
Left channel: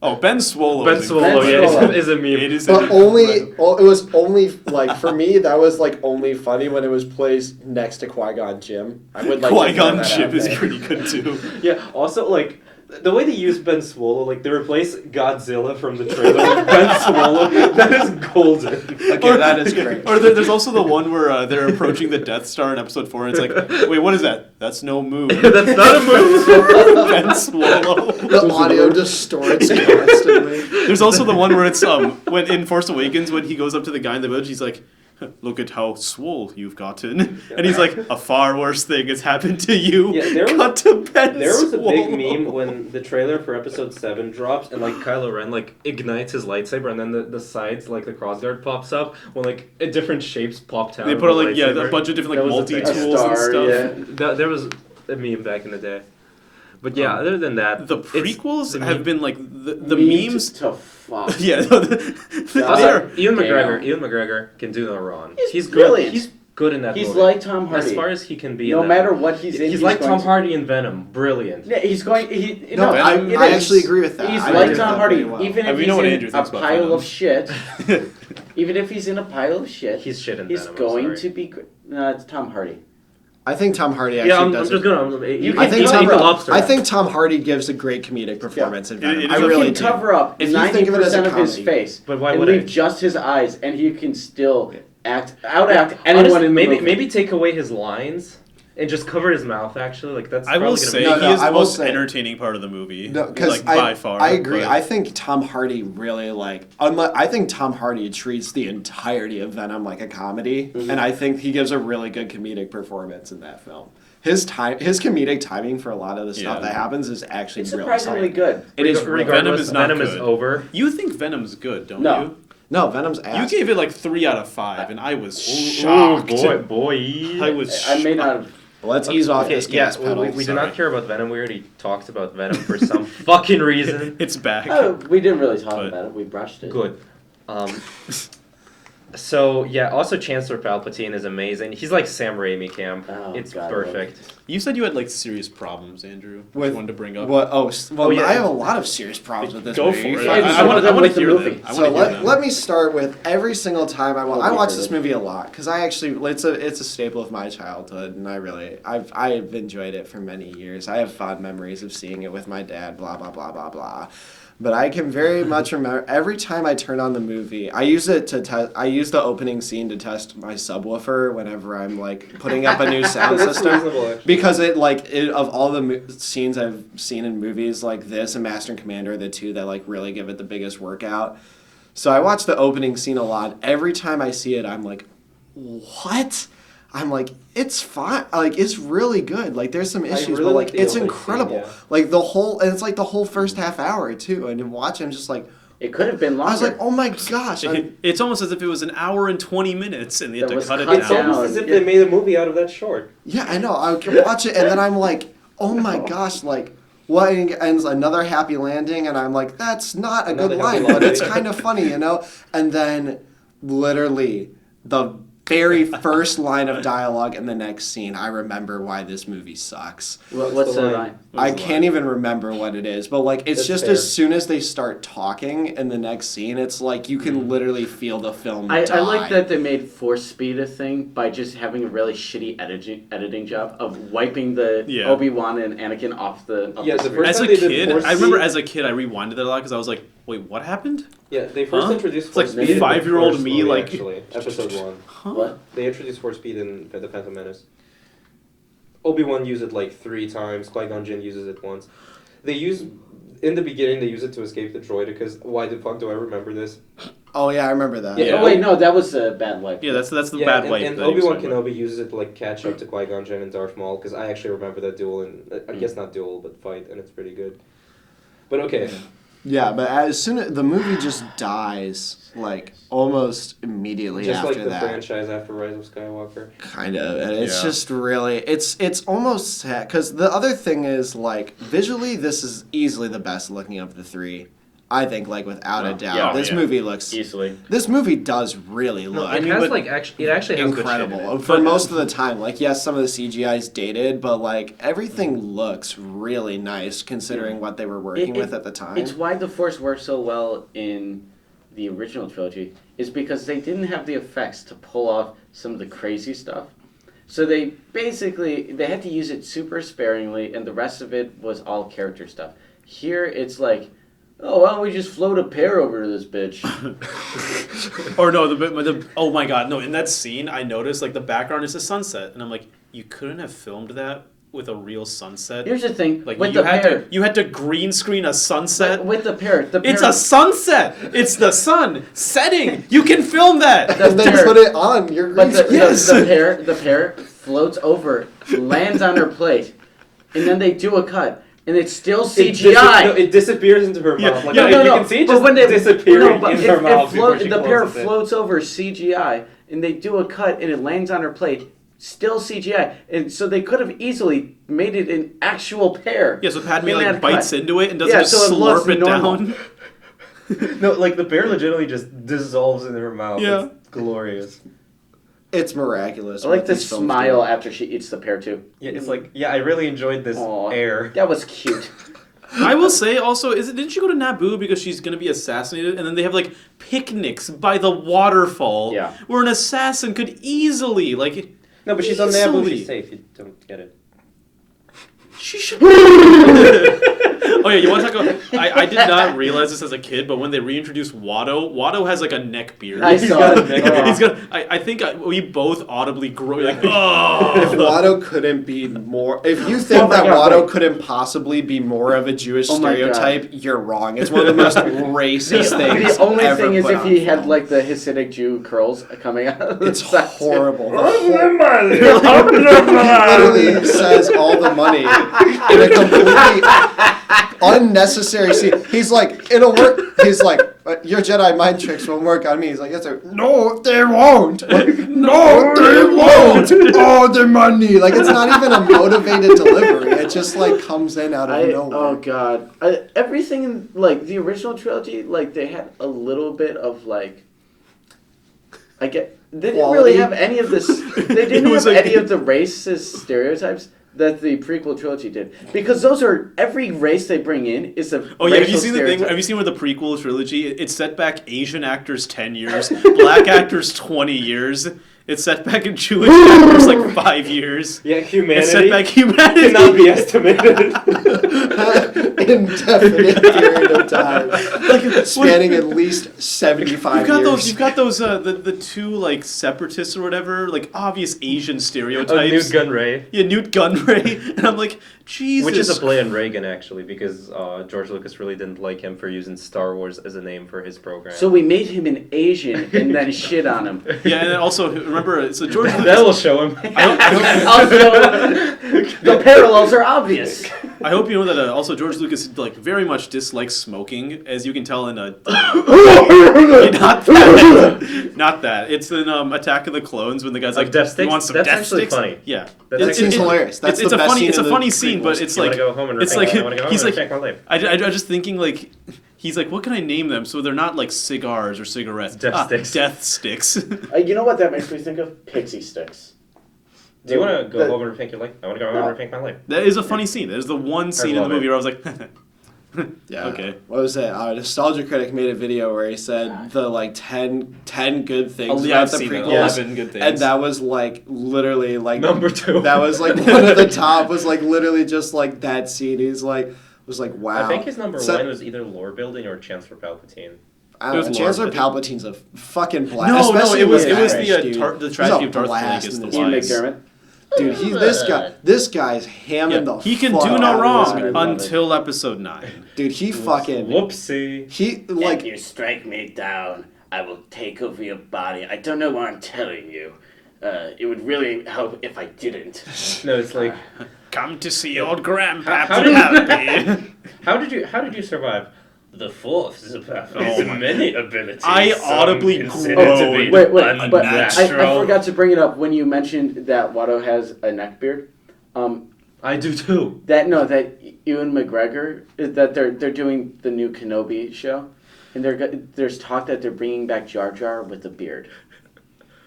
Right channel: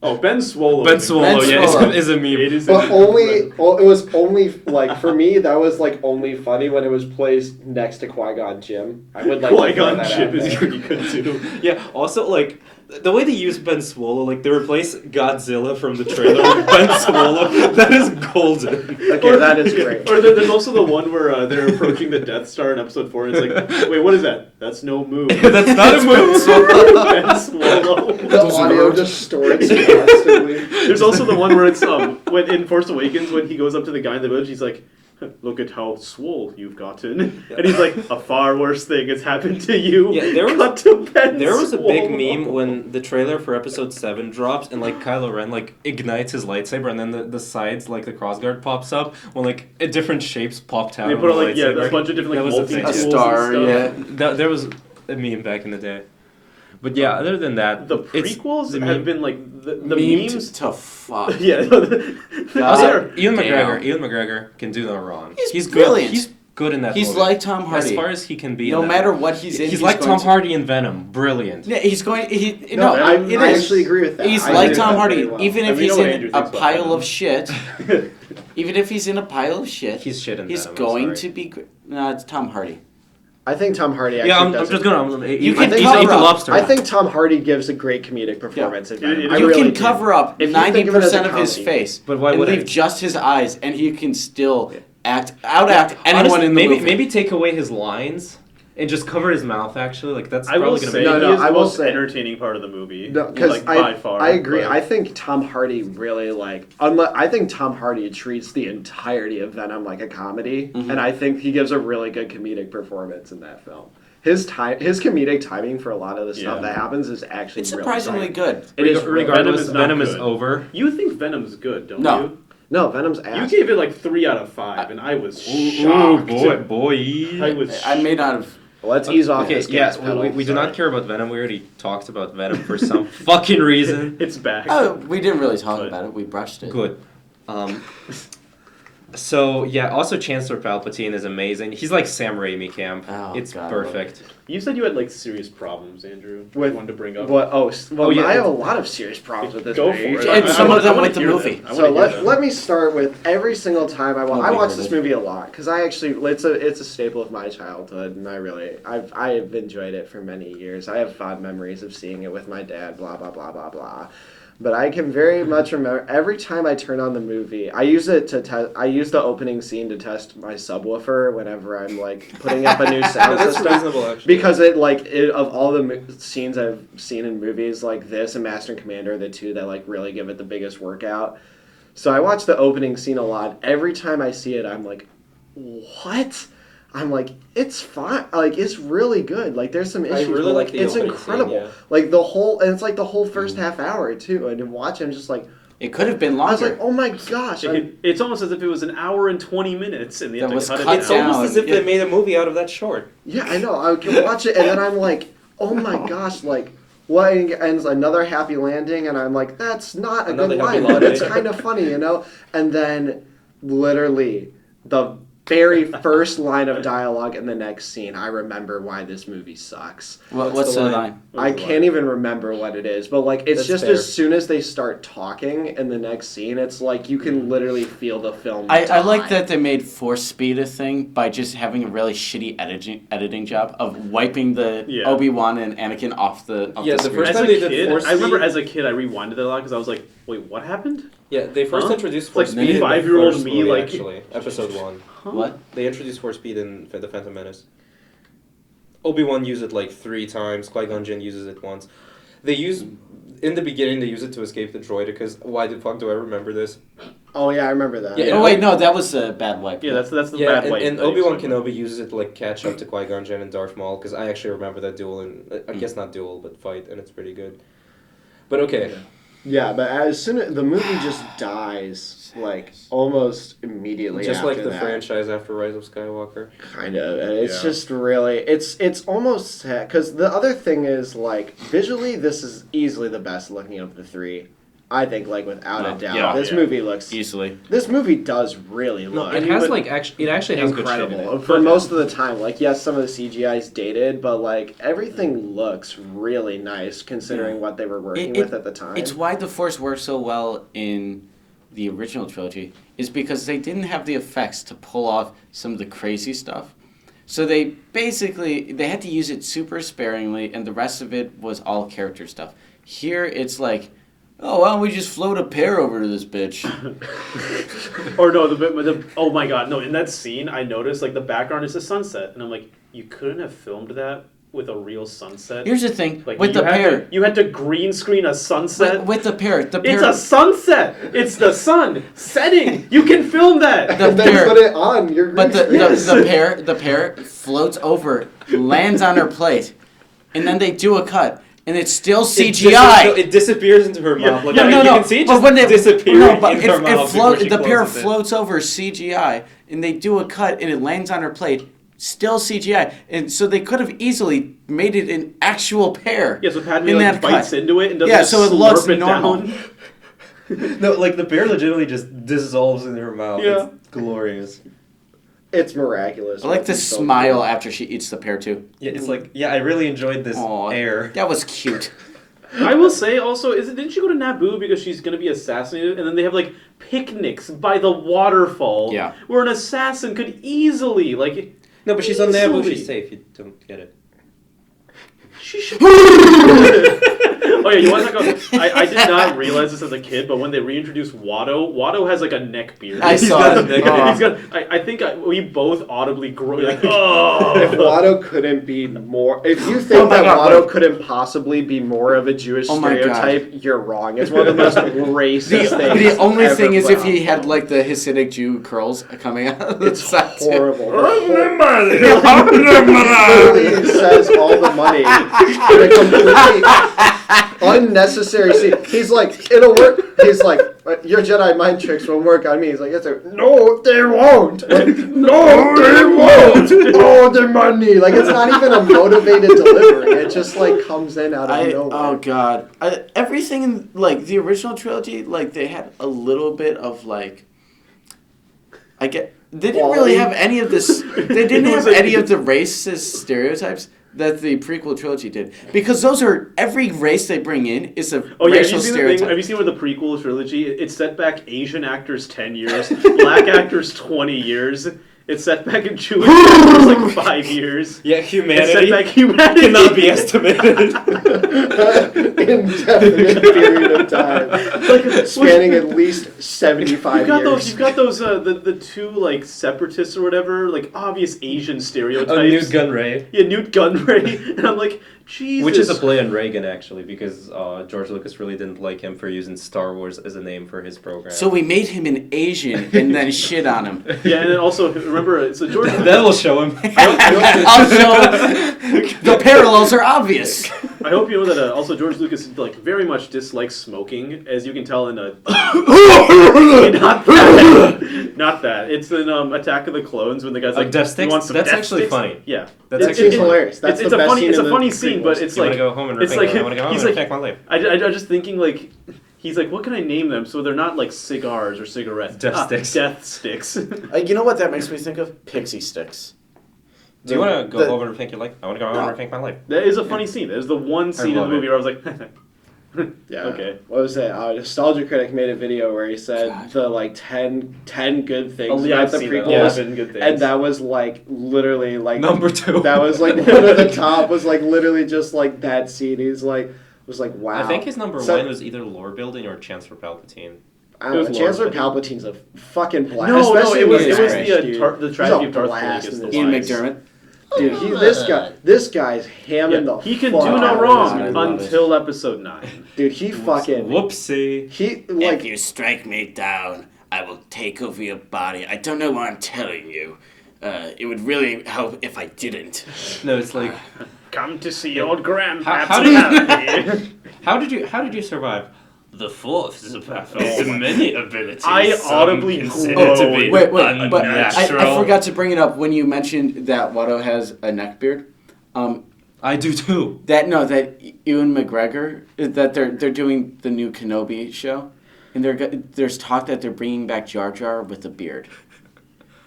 Oh, Ben Swallow. Ben Swallow, Ben yeah, Swallow. is a meme. It is But only, it was only like for me that was like only funny when it was placed next to Qui-Gon Jinn. I would like to throw Qui-Gon that Jinn out is there. pretty good too. Yeah, also, like, The way they use Ben Swallow, like they replace Godzilla from the trailer with Ben Swallow, that is golden. Okay, that is great. Or there's also the one where they're approaching the Death Star in episode 4, and it's like, wait, what is that? That's no moon. That's not a move. Ben Swallow. The audio distorts constantly. There's also the one where it's when in Force Awakens when he goes up to the guy in the village, he's like, "Look at how swole you've gotten," and he's like, "A far worse thing has happened to you." Yeah, there was- Cut to Ben There was a big Swallow. meme when the trailer for episode 7 drops and like Kylo Ren like ignites his lightsaber and then the sides like the crossguard pops up when like different shapes popped out. They of put the on like lightsaber. a bunch of different That like was a thing. multi A tools star, and stuff. yeah. There was a meme back in the day. But yeah, other than that, The it's- prequels the have meme- been like the Memed memes. to fuck. Yeah. Also, Ian Damn. McGregor can do no wrong. He's good. brilliant. He's good in that He's movie. like Tom As Hardy. far as he can be. No in that matter movie. what he's in, He's like going Tom to- Hardy in Venom. Brilliant. Yeah, he's going. No, I it is. actually agree with that. He's I like agree Tom with that Hardy, pretty well. even I if mean, you he's know what in Andrew a thinks about pile Venom. of shit. Even if he's in a pile of shit, He's shit in he's Venom, I'm going sorry. to be. No, it's Tom Hardy. I think Tom Hardy actually Yeah, I'm does just it. gonna. You I can think cover he's the up. lobster. I think Tom Hardy gives a great comedic performance in Venom. You I You really can do. cover up If you think of it as a 90% of his comedy. face, But why and would leave I? just his eyes, and he can still outact anyone Honestly, in the maybe movie. maybe take away his lines and just cover his mouth. Actually, like that's I probably will gonna say be. No, no, he is I the will most say- entertaining part of the movie. No, because like, by far. I agree. but- I think Tom Hardy really I think Tom Hardy treats the entirety of Venom like a comedy, and I think he gives a really good comedic performance in that film. His comedic timing for a lot of the stuff Yeah. that happens is actually it's really surprisingly good. good. It is really Regardless, Venom is not Venom is good. over. You think Venom's good, don't No. you? No, Venom's ass. You gave it like 3 out of 5, and I was Ooh, shocked. boy. I was. I may not have. Let's ease off Okay, this yeah, gas well, pedal. we do sorry. not care about Venom. We already talked about Venom for some fucking reason. It's back. Oh, we didn't really talk But- about it. We brushed it. Good. So yeah, also Chancellor Palpatine is amazing. He's like Sam Raimi camp. Oh, It's God, I perfect. You said you had like serious problems, Andrew. With you wanted to bring up. What? Well, Oh, yeah. I have a lot of serious problems with this Go movie. for it. And I some wanna- of them I wanna with the hear movie. them. I So wanna hear let, them. let me start with every single time I Oh, I we watch did this it. movie a lot because I actually it's a staple of my childhood and I've enjoyed it for many years. I have fond memories of seeing it with my dad. Blah blah blah blah blah. But I can very much remember every time I turn on the movie. I use it to test. I use the opening scene to test my subwoofer whenever I'm like putting up a new sound That's system. reasonable, actually. Because of all the scenes I've seen in movies like this and Master and Commander, are the two that like really give it the biggest workout. So I watch the opening scene a lot. Every time I see it, I'm like, what? I'm like, it's fine. Like, it's really good. Like, there's some issues, really but like like, the it's opening incredible. scene, yeah. Like and it's like the whole first half hour too. And to watch, I'm just like, It could have been I was longer. like, oh my gosh. It's almost as if it was an hour and 20 minutes, and they had That to was cut it cut It's down. down. almost as if Yeah. they made a movie out of that short. Yeah, I know. I can watch it, and then I'm like, oh my gosh, like, well, it ends another happy landing, and I'm like, that's not a good Another line, happy but it's landing. kind of funny, you know? And then, literally, the very first line of dialogue in the next scene, I remember why this movie sucks. What's the line? I can't even remember what it is, but like it's That's just fair. as soon as they start talking in the next scene, it's like you can literally feel the film. I like die. that they made force speed a thing by just having a really shitty editing job of wiping the Yeah. Obi-Wan and Anakin off the Yeah, the screen. first As time a they did kid, Force I remember Speed- as a kid, I rewinded it a lot because I was like, wait, what happened? Yeah, they first Huh? introduced It's like Force Speed in the 5-year-old first me, movie, like- actually, episode 1. What? They introduced Force Speed in The Phantom Menace. Obi-Wan used it like 3 times. Qui-Gon Jinn uses it once. In the beginning, they use it to escape the droid because why the fuck do I remember this? Oh yeah, I remember that. Yeah. Oh wait, no, that was a bad wipe. Yeah, that's the Yeah, bad and, wipe. and that you Obi-Wan said. Kenobi uses it to like catch up to Qui-Gon Jinn and Darth Maul because I actually remember that duel and I guess not duel but fight and it's pretty good. But okay, Yeah, but as soon as the movie just dies, like almost immediately just after like the that, franchise after Rise of Skywalker. kind of, and it's Yeah. just really, it's almost sad because the other thing is like visually, this is easily the best looking of the three. I think, like without a Well, doubt, yeah, this yeah. movie looks. Easily. This movie does really look. It has like it actually has good shit in incredible it. for most of the time. Like, yes, some of the CGI is dated, but like everything looks really nice considering what they were working with at the time. It's why the Force worked so well in the original trilogy, is because they didn't have the effects to pull off some of the crazy stuff. So they had to use it super sparingly, and the rest of it was all character stuff. Here it's like, oh, why don't we just float a pear over to this bitch? Or no, oh my god, no! In that scene, I noticed like the background is a sunset, and I'm like, you couldn't have filmed that with a real sunset. Here's the thing, Like with you the had pear, to, you had to green screen a sunset. with the pear, It's a sunset. It's the sun setting. You can film that. the And then pear, put it on your but green screen. the pear floats over, lands on her plate, and then they do a cut, and it's still CGI. It disappears into her mouth. Like, yeah, you no, can see it but just when it disappearing no, but in her mouth before she the pear closes it. floats over CGI, and they do a cut, and it lands on her plate. Still CGI, and so they could have easily made it an actual pear. Yeah, so Padme in like that bites cut. into it and doesn't Yeah, just so it slurp looks it normal. down. No, like the bear legitimately just dissolves in her mouth. Yeah. It's glorious. It's miraculous. I like what to these films smile do. after she eats the pear too. Yeah, it's like, yeah, I really enjoyed this Aw, air. that was cute. I will say also, didn't she go to Naboo because she's gonna be assassinated, and then they have like picnics by the waterfall, Yeah. where an assassin could easily like. No, but she's on the Easily. Naboo. She's safe. You don't get it. She should. Oh yeah, you want to talk about? I did not realize this as a kid, but when they reintroduced Watto, Watto has like a neck beard. I saw it. He's got. I think we both audibly grew like. Oh. If Watto couldn't be more, if you think Oh my that God, Watto wait. couldn't possibly be more of a Jewish Oh my God. stereotype, you're wrong. It's one of the most racist things. The only ever thing is put if on he had film. like the Hasidic Jew curls coming out of the It's side too. horrible. He literally says all the money in a completely unnecessary scene. He's like, it'll work. He's like, your Jedi mind tricks won't work on me. He's like, yes, sir. No, they won't. Like, no, they won't. Oh, the money. Like, it's not even a motivated delivery. It just like comes in out of nowhere. Oh god, everything in like the original trilogy, like they had a little bit of like, they didn't really Quality. have any of this. They didn't It was have like- any of the racist stereotypes that the prequel trilogy did, because those are every race they bring in is a Oh yeah, racial stereotype. have you seen with the prequel trilogy? It's set back Asian actors 10 years, black actors 20 years. It's set back in Jewish actors like 5 years. Yeah, It's set humanity back humanity. cannot be estimated. Indefinite period of time, spanning at least 75 You've got years. those. You've got those. The two like separatists or whatever, like obvious Asian stereotypes. Newt Gunray. Yeah, Newt Gunray, and I'm like, Jesus. Which is a play on Reagan, actually, because George Lucas really didn't like him for using Star Wars as a name for his program. So we made him an Asian and then shit on him. Yeah, and then also remember, so George. that will show him. Also, the parallels are obvious. I hope you know that also George Lucas like very much dislikes smoking, as you can tell in a. not that. Not that. It's in Attack of the Clones when the guy's like, Death "He Sticks? wants some That's death actually sticks." funny. Yeah, That's That actually scene's funny. hilarious. That's it's the a best funny. scene It's a in the funny scene, prequels. but it's You like wanna go home and it's reflect? like I wanna go home he's and like reflect my life. I'm just thinking like. He's like, what can I name them so they're not like cigars or cigarettes? Death sticks. Death sticks. You know what that makes me think of? Pixie sticks. Do you want to go The- home and rethink your life? I want to go home and rethink my life. That is a funny scene. That is the one scene in the love movie it. where I was like, Yeah. okay. What was it? Nostalgia Critic made a video where he said the like 10 good things Oh, yeah, about I've the seen that. prequels. 11 good things. And that was like literally like Number 2. That was like one of the top. Was like literally just like that scene. He's like was like wow. I think his number So- 1 was either lore building or Chancellor Palpatine. I don't It know, was Chancellor Lord, Palpatine's a fucking blast. No, especially it in was this the, age, dude. the He's tragedy a of Darth blast Plagueis, in the this Ian wise. McDermott. Dude, this guy's hamming the. He can fuck do out no of wrong this movie. until episode 9. Dude, he fucking. Whoopsie. He like. If you strike me down, I will take over your body. I don't know why I'm telling you. It would really help if I didn't. No, it's like, Come to see your grandpa. How did you survive? The Force is a powerful with many abilities. I Some audibly consider groaned. to be Wait, but I unnatural. forgot to bring it up when you mentioned that Watto has a neckbeard. I do too. That Ewan McGregor, that they're doing the new Kenobi show, and there's talk that they're bringing back Jar Jar with a beard.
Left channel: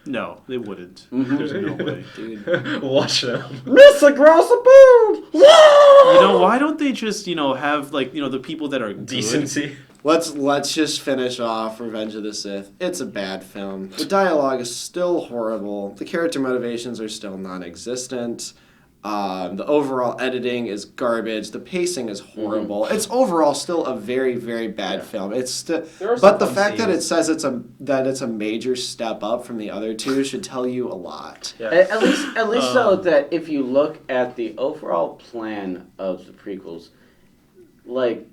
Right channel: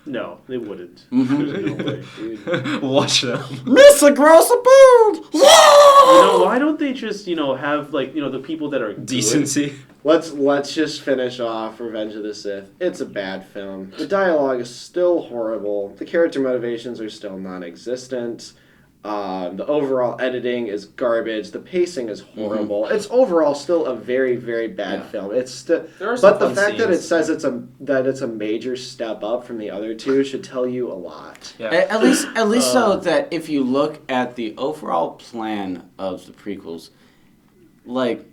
No, they wouldn't. Mm-hmm. There's no way. Watch them. Mr. Gross a beard. You know, why don't they just, have like, the people that are good? Decency. Let's just finish off Revenge of the Sith. It's a bad film. The dialogue is still horrible. The character motivations are still non-existent. The overall editing is garbage. The pacing is horrible. It's overall still a very, very bad film. It's There are some but the fun fact that scenes. it says it's a major step up from the other two should tell you a lot. Yeah. At least so that if you look at the overall plan of the prequels, like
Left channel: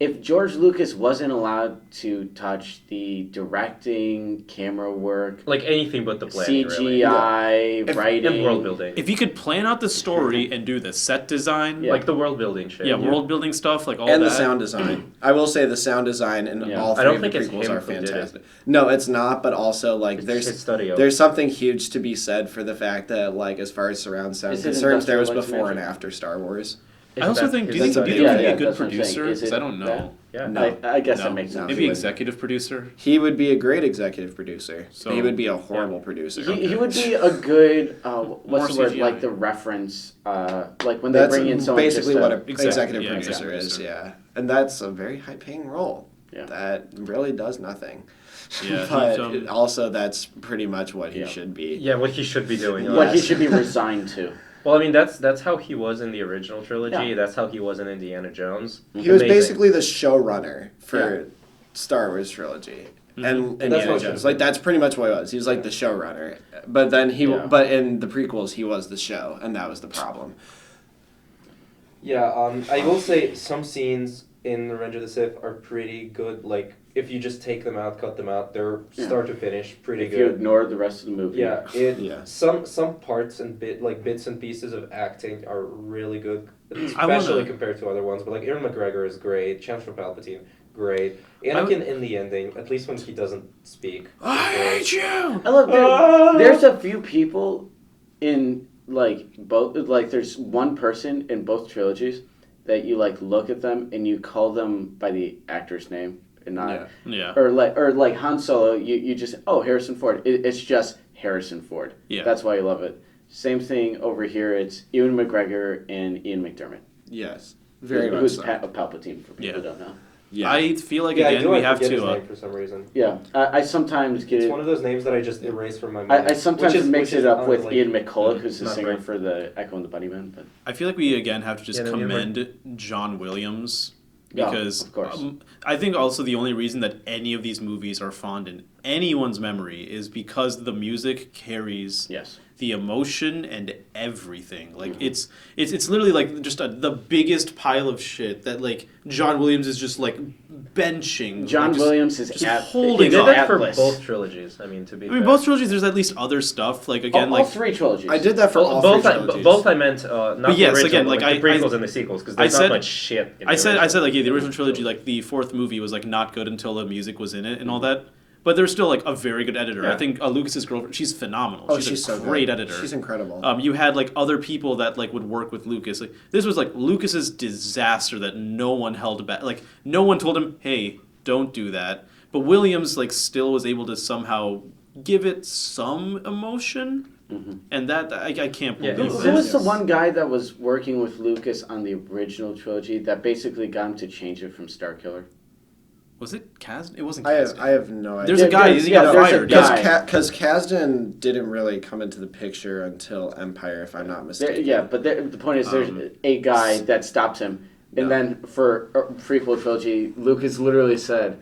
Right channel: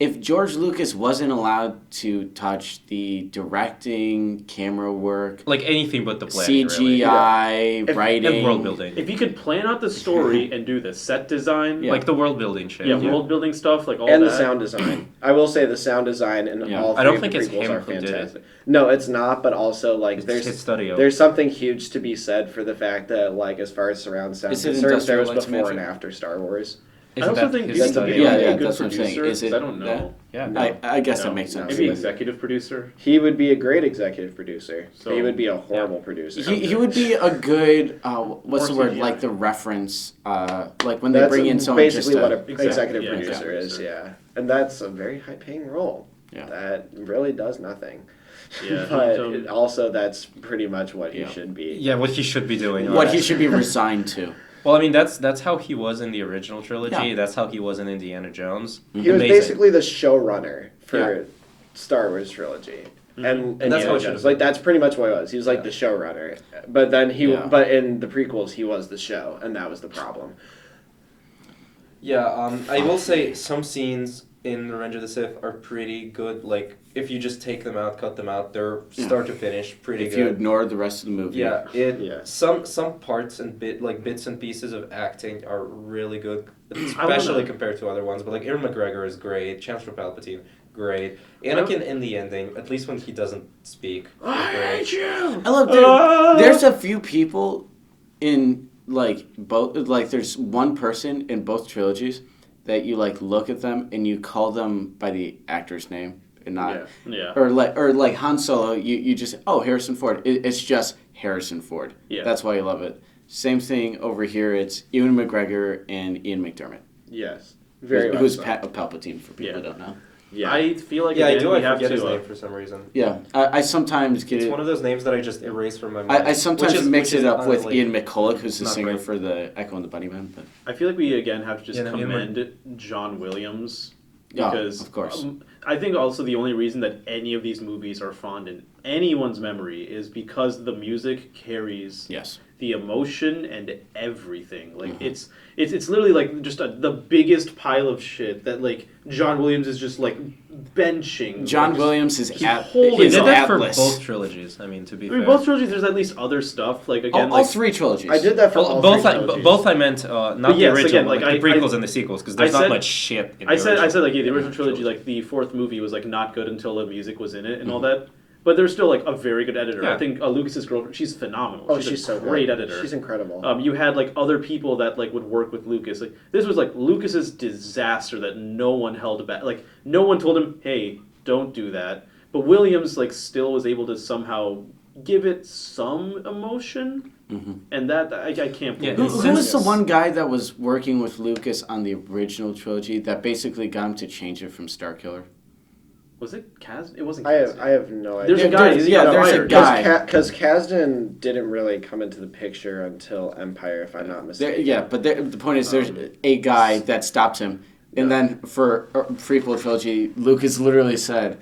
if George Lucas wasn't allowed to touch the directing, camera work, Like anything but the plan. CGI, Really. writing, And world building. If you could plan out the story and do the set design, Yeah. Like the world building shit. yeah, world building stuff, like all And that. the sound design. I will say the sound design in Yeah. all I three don't of the think it's prequels him are who did it. fantastic. No, it's not. But also, like, It's his studio. there's something huge to be said for the fact that, like, as far as surround sound Is it concerns, there was industrial before and intimation? after Star Wars. I also think, do you his think studio? he Yeah, would be yeah, a good that's what I'm saying. producer? Is 'Cause it I don't know. that? Yeah. No. I guess No. that makes sense. Maybe executive producer. He would be a great executive producer. So- He would be a horrible producer. He would be a good what's More the word, CGI. like the reference, like when they That's bring in someone basically just what to- an Exactly, executive yeah, producer executive is, producer. yeah. And that's a very high-paying role. Yeah. That really does nothing. Yeah, but he's, also, that's pretty much what he Yeah. should be. Yeah, what he should be doing. what he right? should be resigned to. Well, I mean, that's how he was in the original trilogy. Yeah. That's how he was in Indiana Jones. He was Amazing. basically the showrunner for Star Wars trilogy. And That's Indiana how it Jones. should Like, that's pretty much what he was. He was like the showrunner. But then but in the prequels, he was the show, and that was the problem. Yeah, I will say some scenes in Revenge of the Sith are pretty good. Like, if you just take them out, cut them out, they're start to finish pretty If good. you ignore the rest of the movie. Yeah, Yeah. some parts and bits and pieces of acting are really good, I wanna- especially compared to other ones. But like Ewan McGregor is great, Chancellor Palpatine, great. Anakin in the ending, at least when he doesn't speak. is great. you! I love there's a few people in like both like there's one person in both trilogies that you like look at them and you call them by the actor's name and not Yeah. or like Han Solo you just Harrison Ford it's just Harrison Ford. Yeah. That's why I love it. Same thing over here, it's Ewan McGregor and Ian McDermott. Yes. Very much Who's so. Palpatine for people Yeah. who don't know. Yeah. I feel like Yeah, I again do. we I have forget his to. name for some reason. Yeah, I sometimes get It's it. one of those names that I just erase from my mind. I sometimes which is- mix which it is up with unrelated. Ian McCulloch, who's the Not singer right. for the Echo and the Bunnymen. But I feel like we again have to just Yeah, no, you're right. commend John Williams Yeah, because of course. I think also the only reason that any of these movies are fond in anyone's memory is because the music carries yes, the emotion and everything. Like Mm-hmm. it's literally like just the biggest pile of shit that like John Williams is just like benching. John like, just- Williams is he's at holding He he's did on. that for Atlas. both trilogies. I mean, to be I mean, fair. both trilogies. There's at least other stuff. Like again, all like three trilogies. I did that for all both three I, trilogies. both I meant not But the yes, original, again, like like, the I- prequels and the sequels, because I there's said- not much shit. In I the said original. like yeah, the original trilogy, like the fourth movie was like not good until the music was in it and all that. But there's still like a very good editor. Yeah. I think Lucas's girlfriend, she's phenomenal. Oh, she's a so great good. editor. She's incredible. You had like other people that like would work with Lucas. Like this was like Lucas's disaster that no one held back. Like no one told him, "Hey, don't do that." But Williams like still was able to somehow give it some emotion, and that I can't Yeah, believe. Who was the this. one guy that was working with Lucas on the original trilogy that basically got him to change it from Starkiller? Was it Kaz? It wasn't I Kaz. have no idea. There's a guy. He got there's a fired. guy. Because Kasdan didn't really come into the picture until Empire, if I'm not mistaken. The point is there's a guy that stops him. And then for a prequel trilogy, Lucas literally said,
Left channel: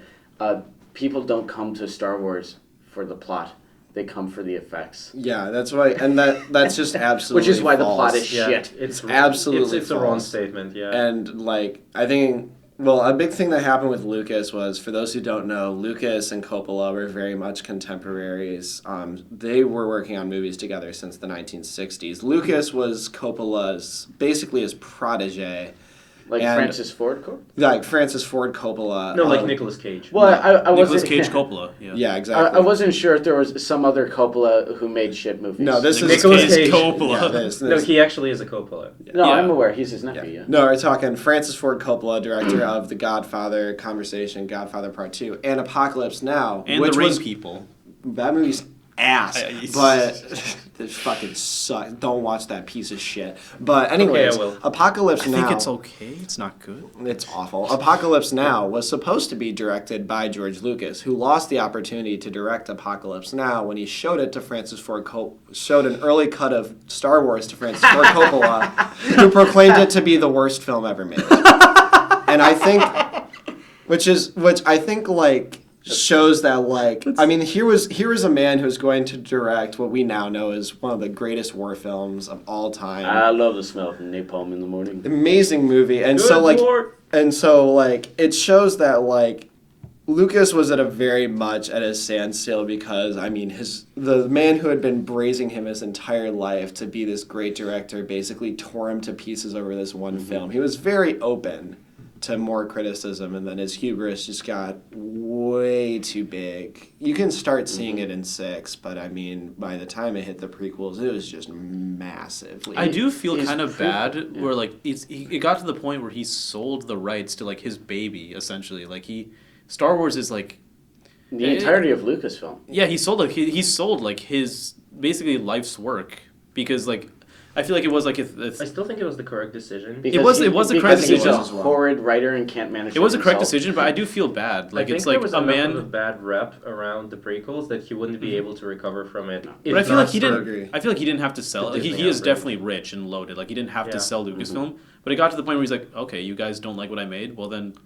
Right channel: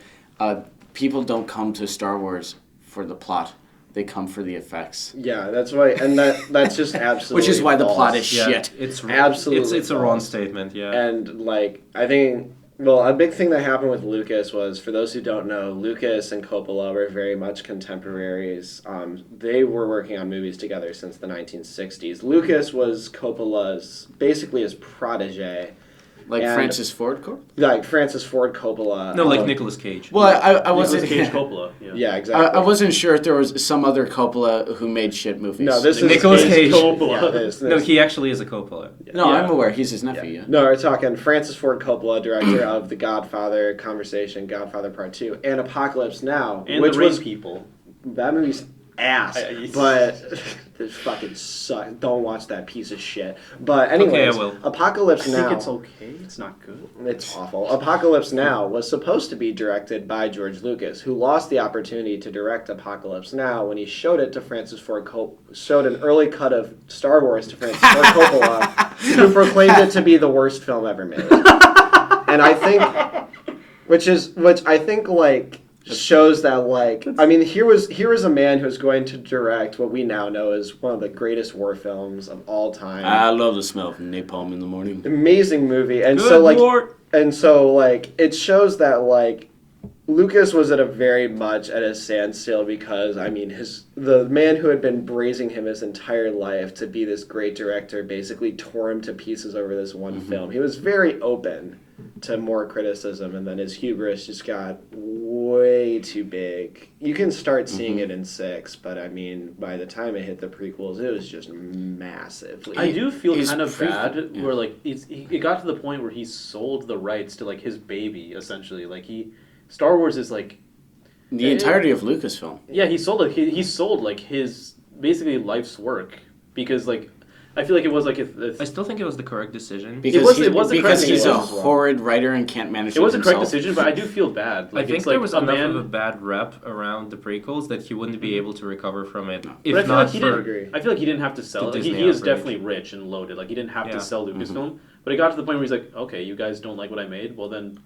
people don't come to Star Wars for the plot. They come for the effects. Yeah, that's why, and that's just absolutely Which is why the false. plot is Yeah, shit. It's Absolutely It's a wrong false. statement. Yeah. And like I think, well, a big thing that happened with Lucas was, for those who don't know, Lucas and Coppola were very much contemporaries. They were working on movies together since the 1960s. Lucas was Coppola's basically his protege, Like And- Francis Ford Corp? like Francis Ford Coppola. no, like Nicolas Cage. Well, I Nicolas wasn't Cage Coppola. Yeah. Yeah, exactly. I wasn't sure if there was some other Coppola who made shit movies. No, this is Nicolas Cage. Coppola. Yeah, this. No, he actually is a Coppola. No, Yeah. I'm aware. He's his nephew. Yeah. No, we're talking Francis Ford Coppola, director of The Godfather, Conversation, Godfather Part 2, and Apocalypse Now, And which the Rain was People. that movie's ass, I- but it fucking sucks. Don't watch that piece of shit. But anyways, I will. Apocalypse I Now. think it's okay. It's not good. It's awful. Apocalypse Now was supposed to be directed by George Lucas, who lost the opportunity to direct Apocalypse Now when he showed it to Francis Ford Coppola, showed an early cut of Star Wars to Francis Ford Coppola, who proclaimed it to be the worst film ever made. And I think, which I think like shows that like I mean here was a man who's going to direct what we now know as one of the greatest war films of all time. I love the smell of napalm in the morning. Amazing movie, and Good so like Lord. and so like it shows that like Lucas was at a very much at a standstill because I mean the man who had been praising him his entire life to be this great director basically tore him to pieces over this one film. He was very open to more criticism, and then his hubris just got way too big. You can start seeing it in 6, but I mean, by the time it hit the prequels, it was just massively. I do feel He's kind of pre- bad yeah. where like it got to the point where he sold the rights to like his baby essentially. Like Star Wars is like The entirety of Lucasfilm. he sold like his basically life's work because like I feel like it was like I still think it was the correct decision. was a correct because he's a decision. horrid writer and can't manage it was a it correct himself. decision, but I do feel bad. Like I think it's there like was a enough man. of a bad rep around the prequels that he wouldn't be able to recover from it. If But I feel not like he for- didn't. agree. I feel like he didn't have to sell The it. Like, he Disney is outbreak. definitely rich and loaded. Like he didn't have Yeah. to sell Lucasfilm. But it got to the point where he's like, okay, you guys don't like what I made. Well then,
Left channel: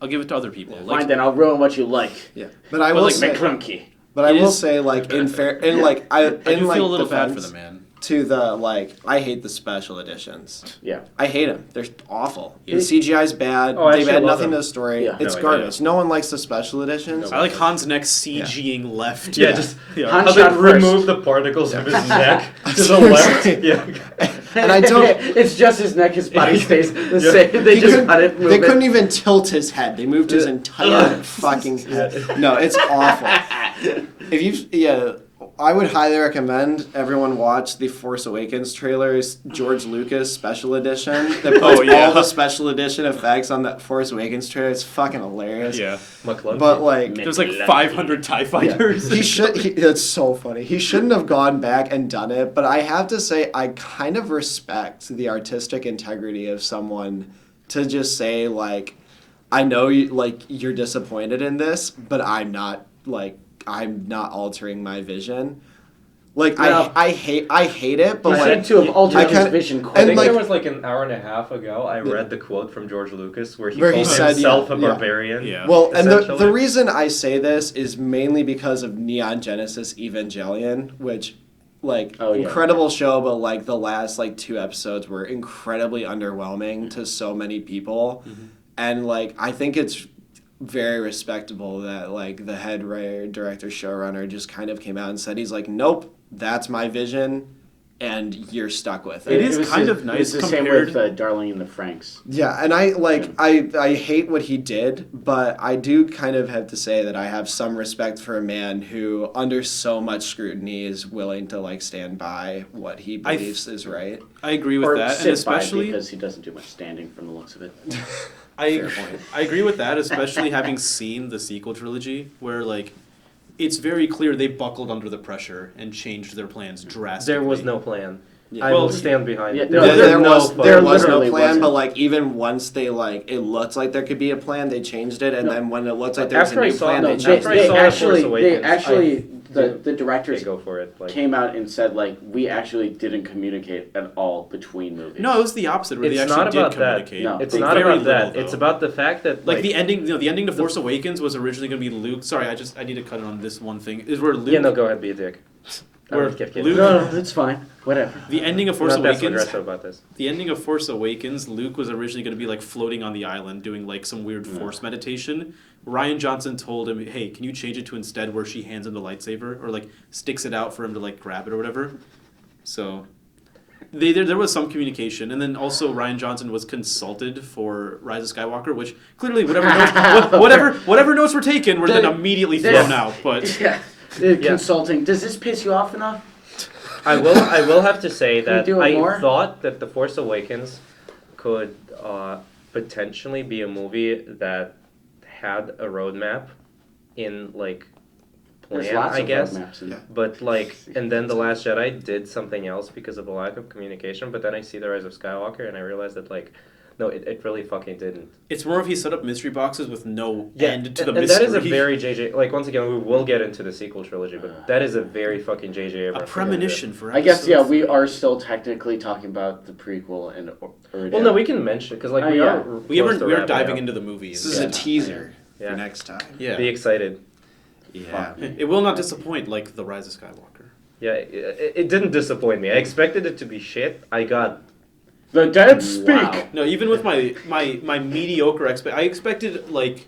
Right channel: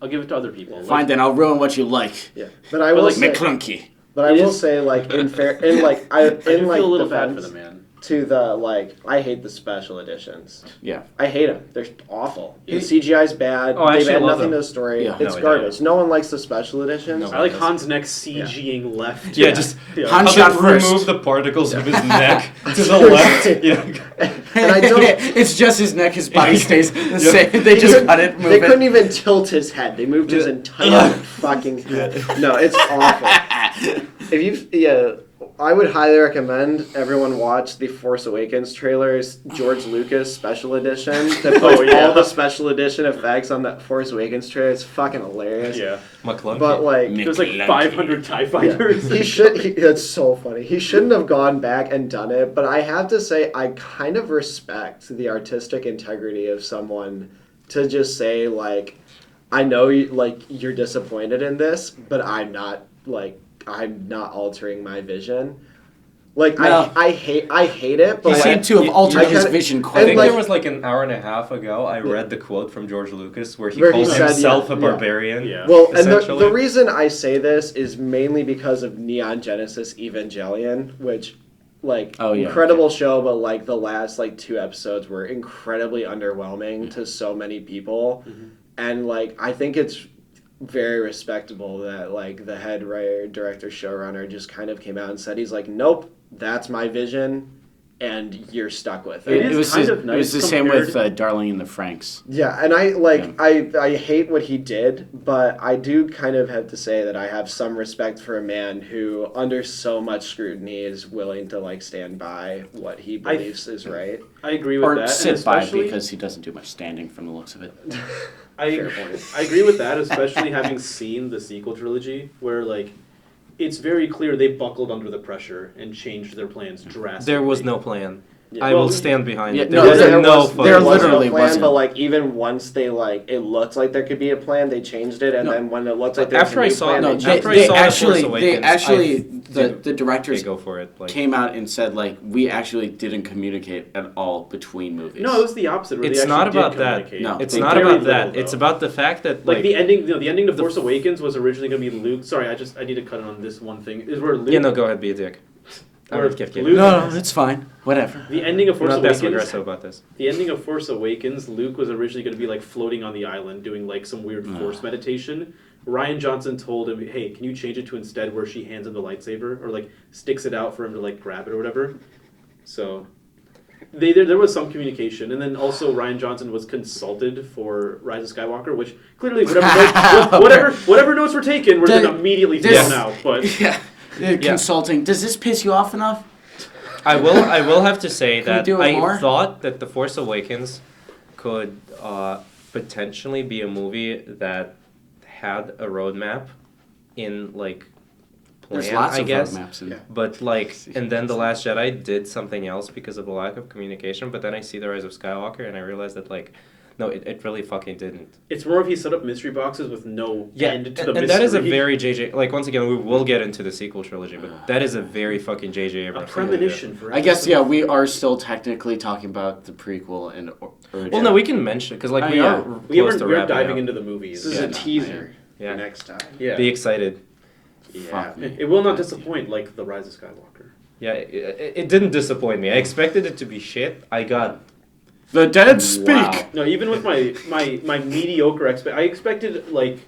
I'll give it to other people. Fine, then I'll ruin what you like. Yeah, but I But, will like, say, McClunky. but I it will is- say, like in fair, in like I I in do like feel a little bad for defense the man. to the like I hate the special editions. Yeah. I hate them. They're awful. Yeah. The CGI's bad. Oh, I They've actually add love nothing them. to the story. Yeah. It's No, garbage. No one likes the special editions. I like Hans Neck CGing left. Yeah, just Yeah. Han I'll shot just first. remove the particles of his neck to the left. Yeah. And I don't. It's just his neck, his body stays the Yeah. same. They He just couldn't- cut it, move they it. couldn't even tilt his head. They moved his entire fucking head. No, it's awful. If you, I would highly recommend everyone watch the Force Awakens trailers, George Lucas Special Edition. That puts all the special edition effects on that Force Awakens trailer. It's fucking hilarious. Yeah. McClunky. But like, There's like 500 TIE fighters. that's so funny. He shouldn't have gone back and done it, but I have to say I kind of respect the artistic integrity of someone to just say like, I know you're disappointed in this, but I'm not altering my vision. Like No. I hate it, but He like, seemed to have altered I his kinda- vision I quite and think like- there was like an hour and a half ago I read the quote from George Lucas where he Where he called said, himself yeah, a yeah. barbarian. Yeah. Well, and the essentially. reason I say this is mainly because of Neon Genesis Evangelion, which, like, Oh, yeah. incredible show, but, like, the last, like, 2 episodes were incredibly underwhelming to so many people. And, like, I think it's very respectable that, like, the head writer, director, showrunner just kind of came out and said, he's like, nope, that's my vision, and you're stuck with it. It is was kind the- of It was nice the same with compared- Darling in the Franks. Yeah, and I hate what he did, but I do kind of have to say that I have some respect for a man who, under so much scrutiny, is willing to like stand by what he believes is right. I agree with Or that, and sit by especially because he doesn't do much standing from the looks of it. I agree with that, especially having seen the sequel trilogy, where like it's very clear they buckled under the pressure and changed their plans drastically. There was no plan. I Well, will stand behind yeah, it. no, There was there no was- fucking There was no literally plan, wasn't. but like even once they like it looked like there could be a plan, they changed it, and No. then when it looked like there was a After I new saw- plan, no, they after changed I it. saw actually, Force they Awakens, actually, the Okay, directors go for it. Like, came out and said like we actually didn't communicate at all between movies. No, it was the opposite. Where it's they actually not did about that. communicate. No. It's They not very about little, that. though. It's about the fact that like the ending. The ending of Force Awakens was originally going to be Luke. Sorry, I need to cut in on this one thing. Is where Luke. Yeah, no, go ahead, be a dick. I Where would give Luke- no, it's fine. Whatever. The ending of Force Not passive Awakens. aggressive about this. The ending of Force Awakens, Luke was originally going to be like floating on the island doing like some weird force meditation. Ryan Johnson told him, "Hey, can you change it to instead where she hands him the lightsaber or like sticks it out for him to like grab it or whatever?" So there was some communication, and then also Ryan Johnson was consulted for Rise of Skywalker, which clearly whatever notes were taken were then immediately thrown out. But Yeah. Consulting. Does this piss you off enough? I will have to say Can we that do it I more? thought that The Force Awakens could potentially be a movie that had a roadmap in like plan, There's lots I of guess. roadmaps in But like, and then The Last Jedi did something else because of the lack of communication. But then I see The Rise of Skywalker and I realized that like No, it really fucking didn't. It's more if he set up mystery boxes with no end to the and mystery. that is a very JJ. Like once again, we will get into the sequel trilogy, but that is a very fucking JJ a Abrams. premonition for. I guess, episode yeah, we 4. are still technically talking about the prequel and original. Well, no, we can mention it because like Oh, we yeah. are. We close to are wrapping diving up. into the movies. This is Yeah. a teaser Yeah. for next time. Yeah. Be excited. Yeah. It will not disappoint like the Rise of Skywalker. Yeah, it didn't disappoint me. I expected it to be shit. I got The dead speak. Wow. No, even with my mediocre I expected like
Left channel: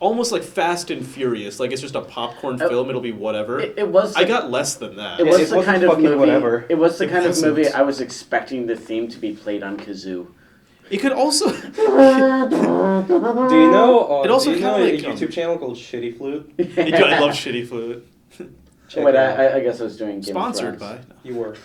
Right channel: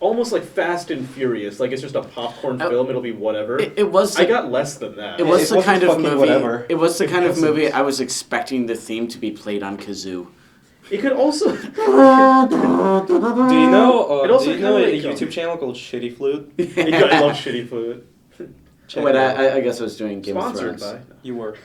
almost like Fast and Furious. Like it's just a popcorn film. It'll be whatever. It was. I got less than that. It was It the wasn't kind of fucking movie. whatever. It was the It kind of wasn't. movie I was expecting the theme to be played on kazoo. It could also. Do you know? It also do you know kinda a like, YouTube channel called Shitty Flute? I love Shitty Fluid. Check Wait, it out. I guess I was doing Game Sponsored of Thrones. by. You were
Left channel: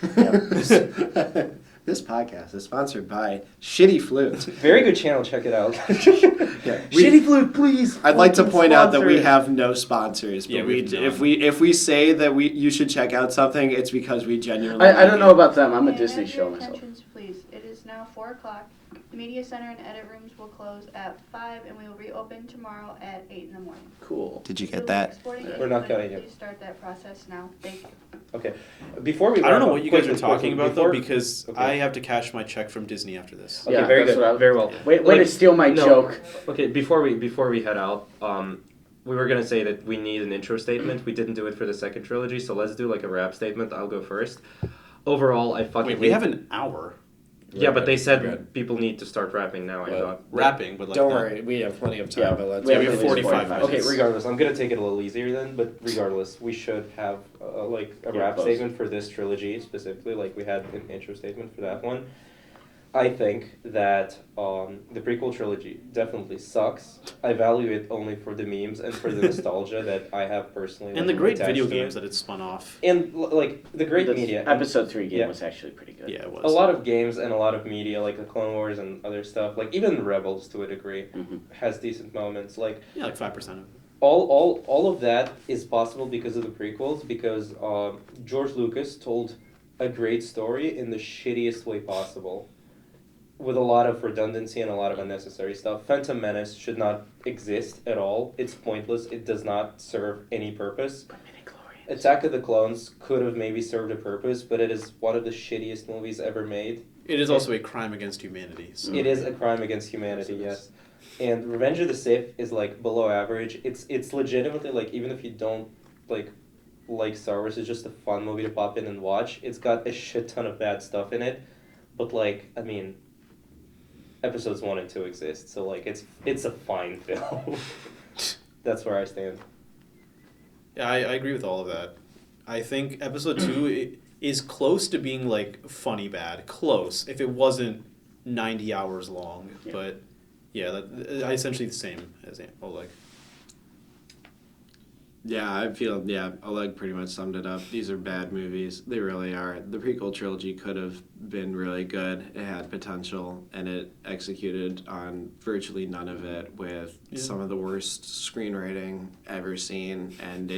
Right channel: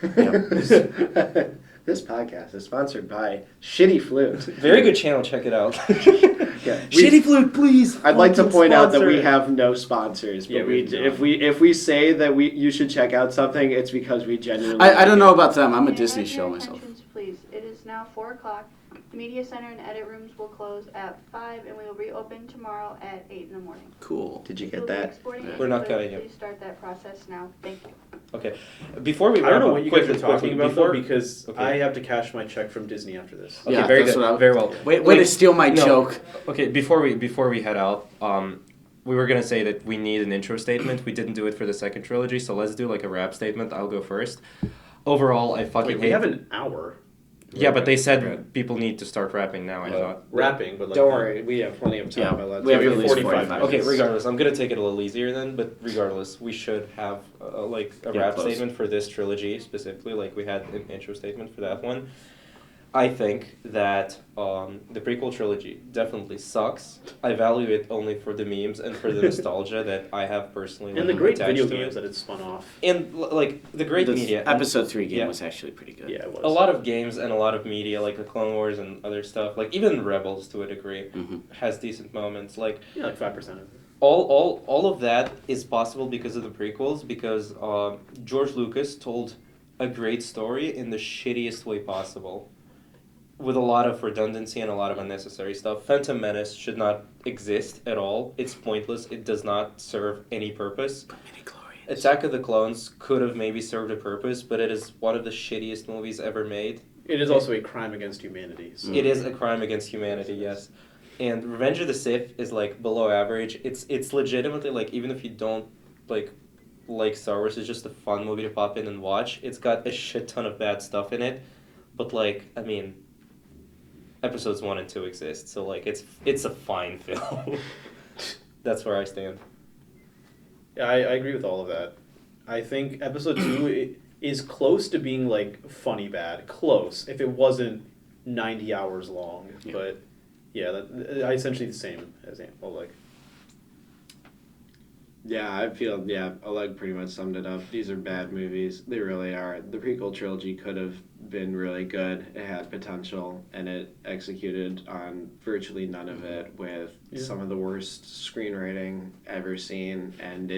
This podcast is sponsored by Shitty Flute. very good channel. Check it out. Yeah, Shitty Flute, please. I'd like to fucking point out that we sponsor. have no sponsors, but Yeah, we we do if we say that you should check out something, it's because we genuinely. I don't know about them. I'm a May I Disney have show your myself. attentions, please. It is now 4 o'clock. The media center and edit rooms will close at 5, and we will reopen tomorrow at 8 in the morning. Cool. Did you We'll get be that? exporting We're not video, getting it. Please start that process now. Thank you. Okay, before we. I don't know what you guys are quickly, talking about though, before- because Okay. I have to cash my check from Disney after this. Okay, Yeah, very that's good. what I- Very well. Way to steal my No. joke. Okay, before we head out, we were gonna say that we need an intro statement. We didn't do it for the second trilogy, so let's do like a wrap statement. I'll go first. Overall, I fucking Wait, we hate- have an hour Yeah, but they said Good. people need to start rapping now. I thought. rapping, but like Don't not- worry, we have plenty of time. Yeah, but let's we have give at you least 45 45 Okay, minutes. regardless, I'm gonna take it a little easier then. But regardless, we should have like a Yeah, wrap close. statement for this trilogy specifically, like we had an intro statement for that one. I think that the prequel trilogy definitely sucks. I value it only for the memes and for the nostalgia that I have personally. and the like, great attached video to games it. that it's spun off. And like the great The media. Episode 3 game Yeah. was actually pretty good. Yeah, it was. A lot of games and a lot of media, like the Clone Wars and other stuff, like even Rebels to a degree, Mhm. has decent moments. Like Yeah, like 5% of it. all of that is possible because of the prequels, because George Lucas told a great story in the shittiest way possible, with a lot of redundancy and a lot of unnecessary stuff. Phantom Menace should not exist at all. It's pointless. It does not serve any purpose. Attack of the Clones could have maybe served a purpose, but it is one of the shittiest movies ever made. It is also a crime against humanity. So. It is a crime against humanity, yes. And Revenge of the Sith is like below average. It's legitimately like, even if you don't like Star Wars, it's just a fun movie to pop in and watch. It's got a shit ton of bad stuff in it, but like, I mean, episodes 1 and 2 exist, so like it's a fine film. That's where I stand. Yeah, I agree with all of that. I think episode 2 is close to being like funny bad. Close. If it wasn't 90 hours long. Yeah. But yeah, essentially the same as Oleg. Yeah, I feel, Oleg pretty much summed it up. These are bad movies. They really are. The prequel trilogy could have been really good. It had potential, and it executed on virtually none of it with some of the worst screenwriting ever seen. And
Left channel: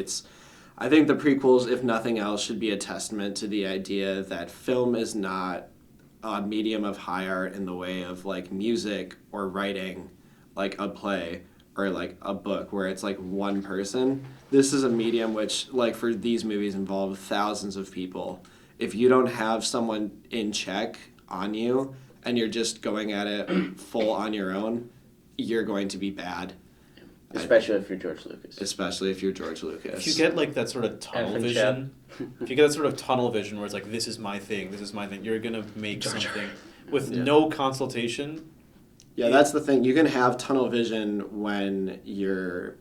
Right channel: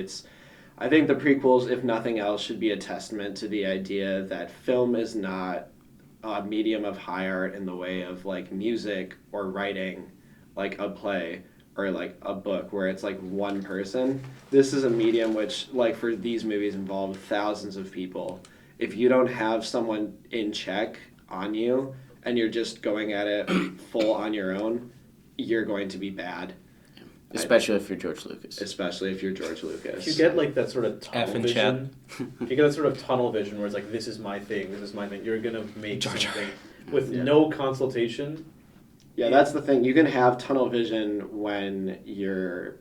I think the prequels, if nothing else, should be a testament to the idea that film is not a medium of high art in the way of like music or writing, like a play or like a book where it's like one person. This is a medium which, like, for these movies, involve thousands of people. If you don't have someone in check on you and you're just going at it full on your own, you're going to be bad. Especially if you're George Lucas. Especially if you're George Lucas. If you get like that sort of tunnel F and vision, if you get that sort of tunnel vision where it's like, this is my thing, you're gonna make something with no consultation. Yeah, that's the thing. You can have tunnel vision when you're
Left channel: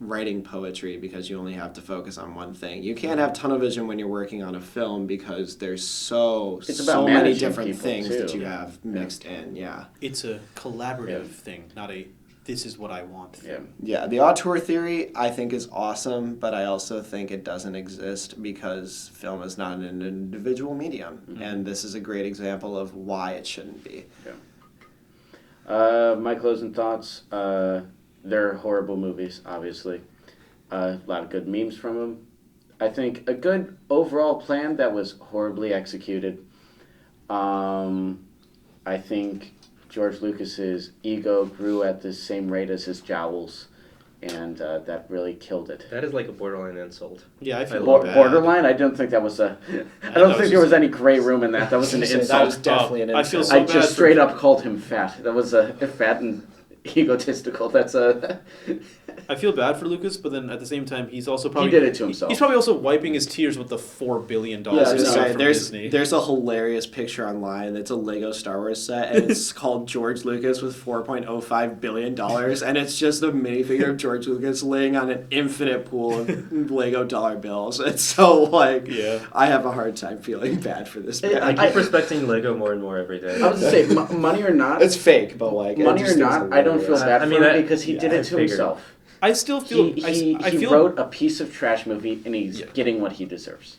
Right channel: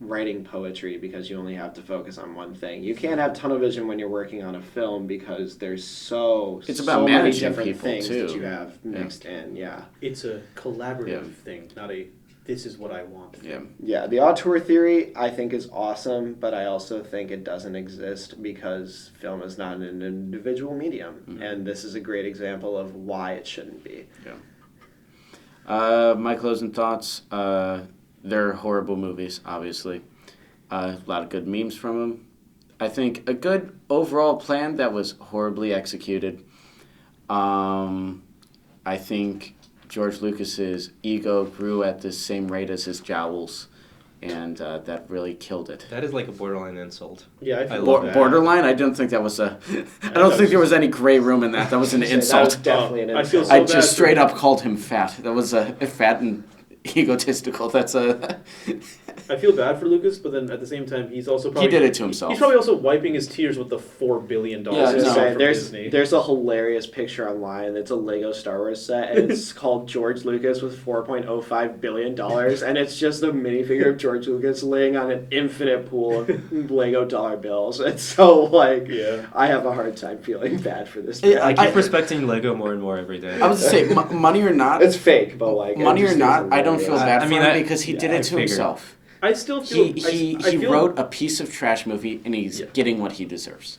writing poetry because you only have to focus on one thing. You can't have tunnel vision when you're working on a film because there's It's so about many managing different people, things too. that you have mixed in. Yeah. It's a collaborative Yeah. thing, not a this is what I want thing. Yeah. Yeah, the auteur theory I think is awesome, but I also think it doesn't exist because film is not an individual medium, and this is a great example of why it shouldn't be. My closing thoughts. They're horrible movies, obviously. A lot of good memes from them. I think a good overall plan that was horribly executed. I think George Lucas's ego grew at the same rate as his jowls, and that really killed it. That is like a borderline insult. Yeah, I feel love bad. Borderline? I don't think that was a. I don't was think there was just- any gray room in that. That was an That was insult. definitely an I feel insult. so I bad just for- straight up called him fat. That was a fat and egotistical. That's a. I feel bad for Lucas, but then at the same time, he's also probably did it to himself. He's probably also wiping his tears with the $4 billion. Yeah, I was he gonna got say, from there's Disney. there's a hilarious picture online. It's a Lego Star Wars set, and it's called George Lucas with $4.05 billion, and it's just a minifigure of George Lucas laying on an infinite pool of Lego dollar bills. It's so like, Yeah. I have a hard time feeling bad for this Yeah, guy. I keep respecting Lego more and more every day. I was to say, money or not, It's fake, but like money I or just think not, it's I don't feel hilarious. bad I for mean, him I- because he did yeah, I it to figured. himself. I still feel. He I feel, wrote a piece of trash movie and he's getting what he deserves.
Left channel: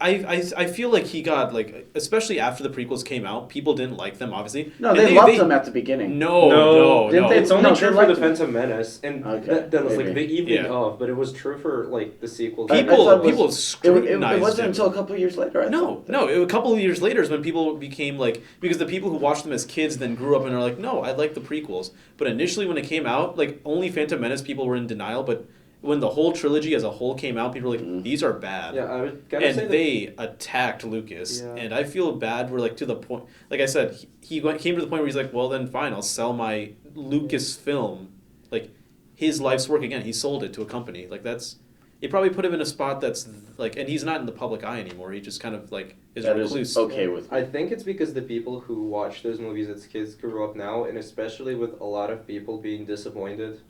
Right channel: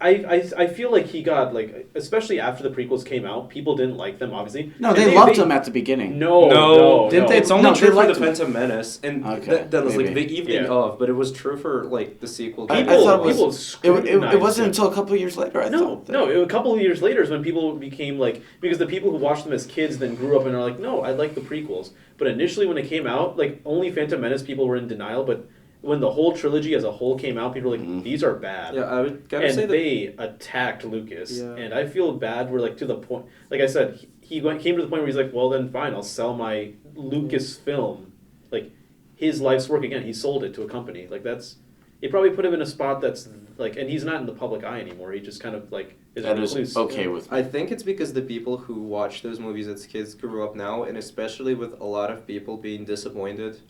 I feel like he got like, especially after the prequels came out, people didn't like them. Obviously, No, And they loved him at the beginning. No, didn't no. they? It's only No, true they for the liked him. Phantom Menace, and Okay, that was like maybe. the evening Yeah. of. But it was true for like the sequel. I People, thought it was- people It scrutinized wasn't him. until a couple of years later. I No, thought that- no. A couple of years later is when people became like, because the people who watched them as kids then grew up and are like, no, I like the prequels. But initially, when it came out, like only Phantom Menace people were in denial. But when the whole trilogy as a whole came out, people were like, these are bad. Yeah, I would kind of And say that. they attacked Lucas, Yeah. and I feel bad. We're like to the point, like I said, came to the point where he's like, well, then fine, I'll sell my Lucas film, like his life's work again. He sold it to a company. Like that's, it probably put him in a spot that's like, and he's not in the public eye anymore. He just kind of like is that a is recluse. okay with me. I think it's because the people who watch those movies as kids grew up now, and especially with a lot of people being disappointed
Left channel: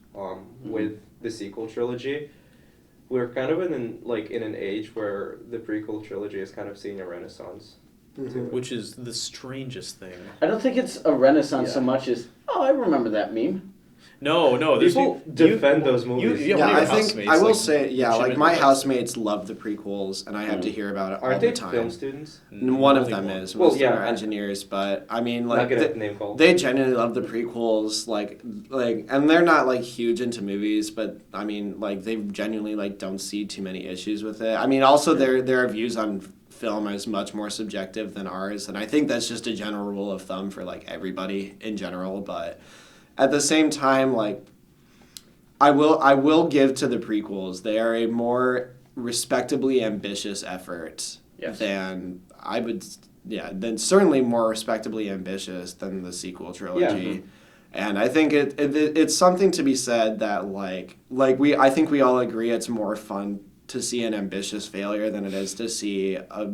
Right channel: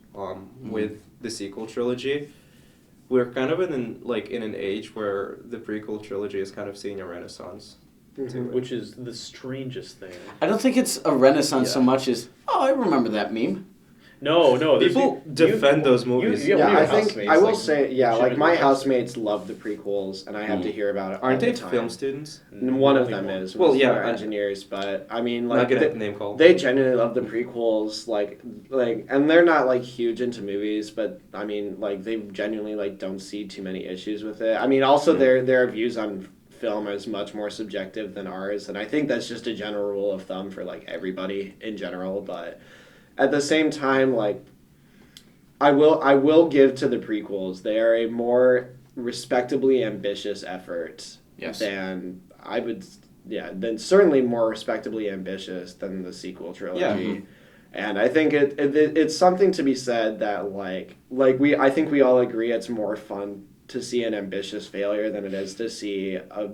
with the sequel trilogy. We're kind of in an age where the prequel trilogy is kind of seeing a renaissance. Which is the strangest thing. I don't think it's a renaissance so Yeah. much as, oh, I remember that meme. No, there's People defend those movies. you- Yeah, your I think housemates, I will like, say, yeah, shit like in my your housemates love the prequels, and I have to hear about it all Aren't the they time. film students? One of them is. Well, Most yeah, are engineers, but I mean, Not like good at name call. they genuinely love the prequels, like, and they're not like huge into movies, but I mean, like they genuinely like don't see too many issues with it. I mean, also their views on film is much more subjective than ours, and I think that's just a general rule of thumb for like everybody in general. But at the same time, like I will give to the prequels. They are a more respectably ambitious effort Yes. than I would. Yeah, then certainly more respectably ambitious than the sequel trilogy. And I think it's something to be said that I think we all agree it's more fun to see an ambitious failure than it is to see a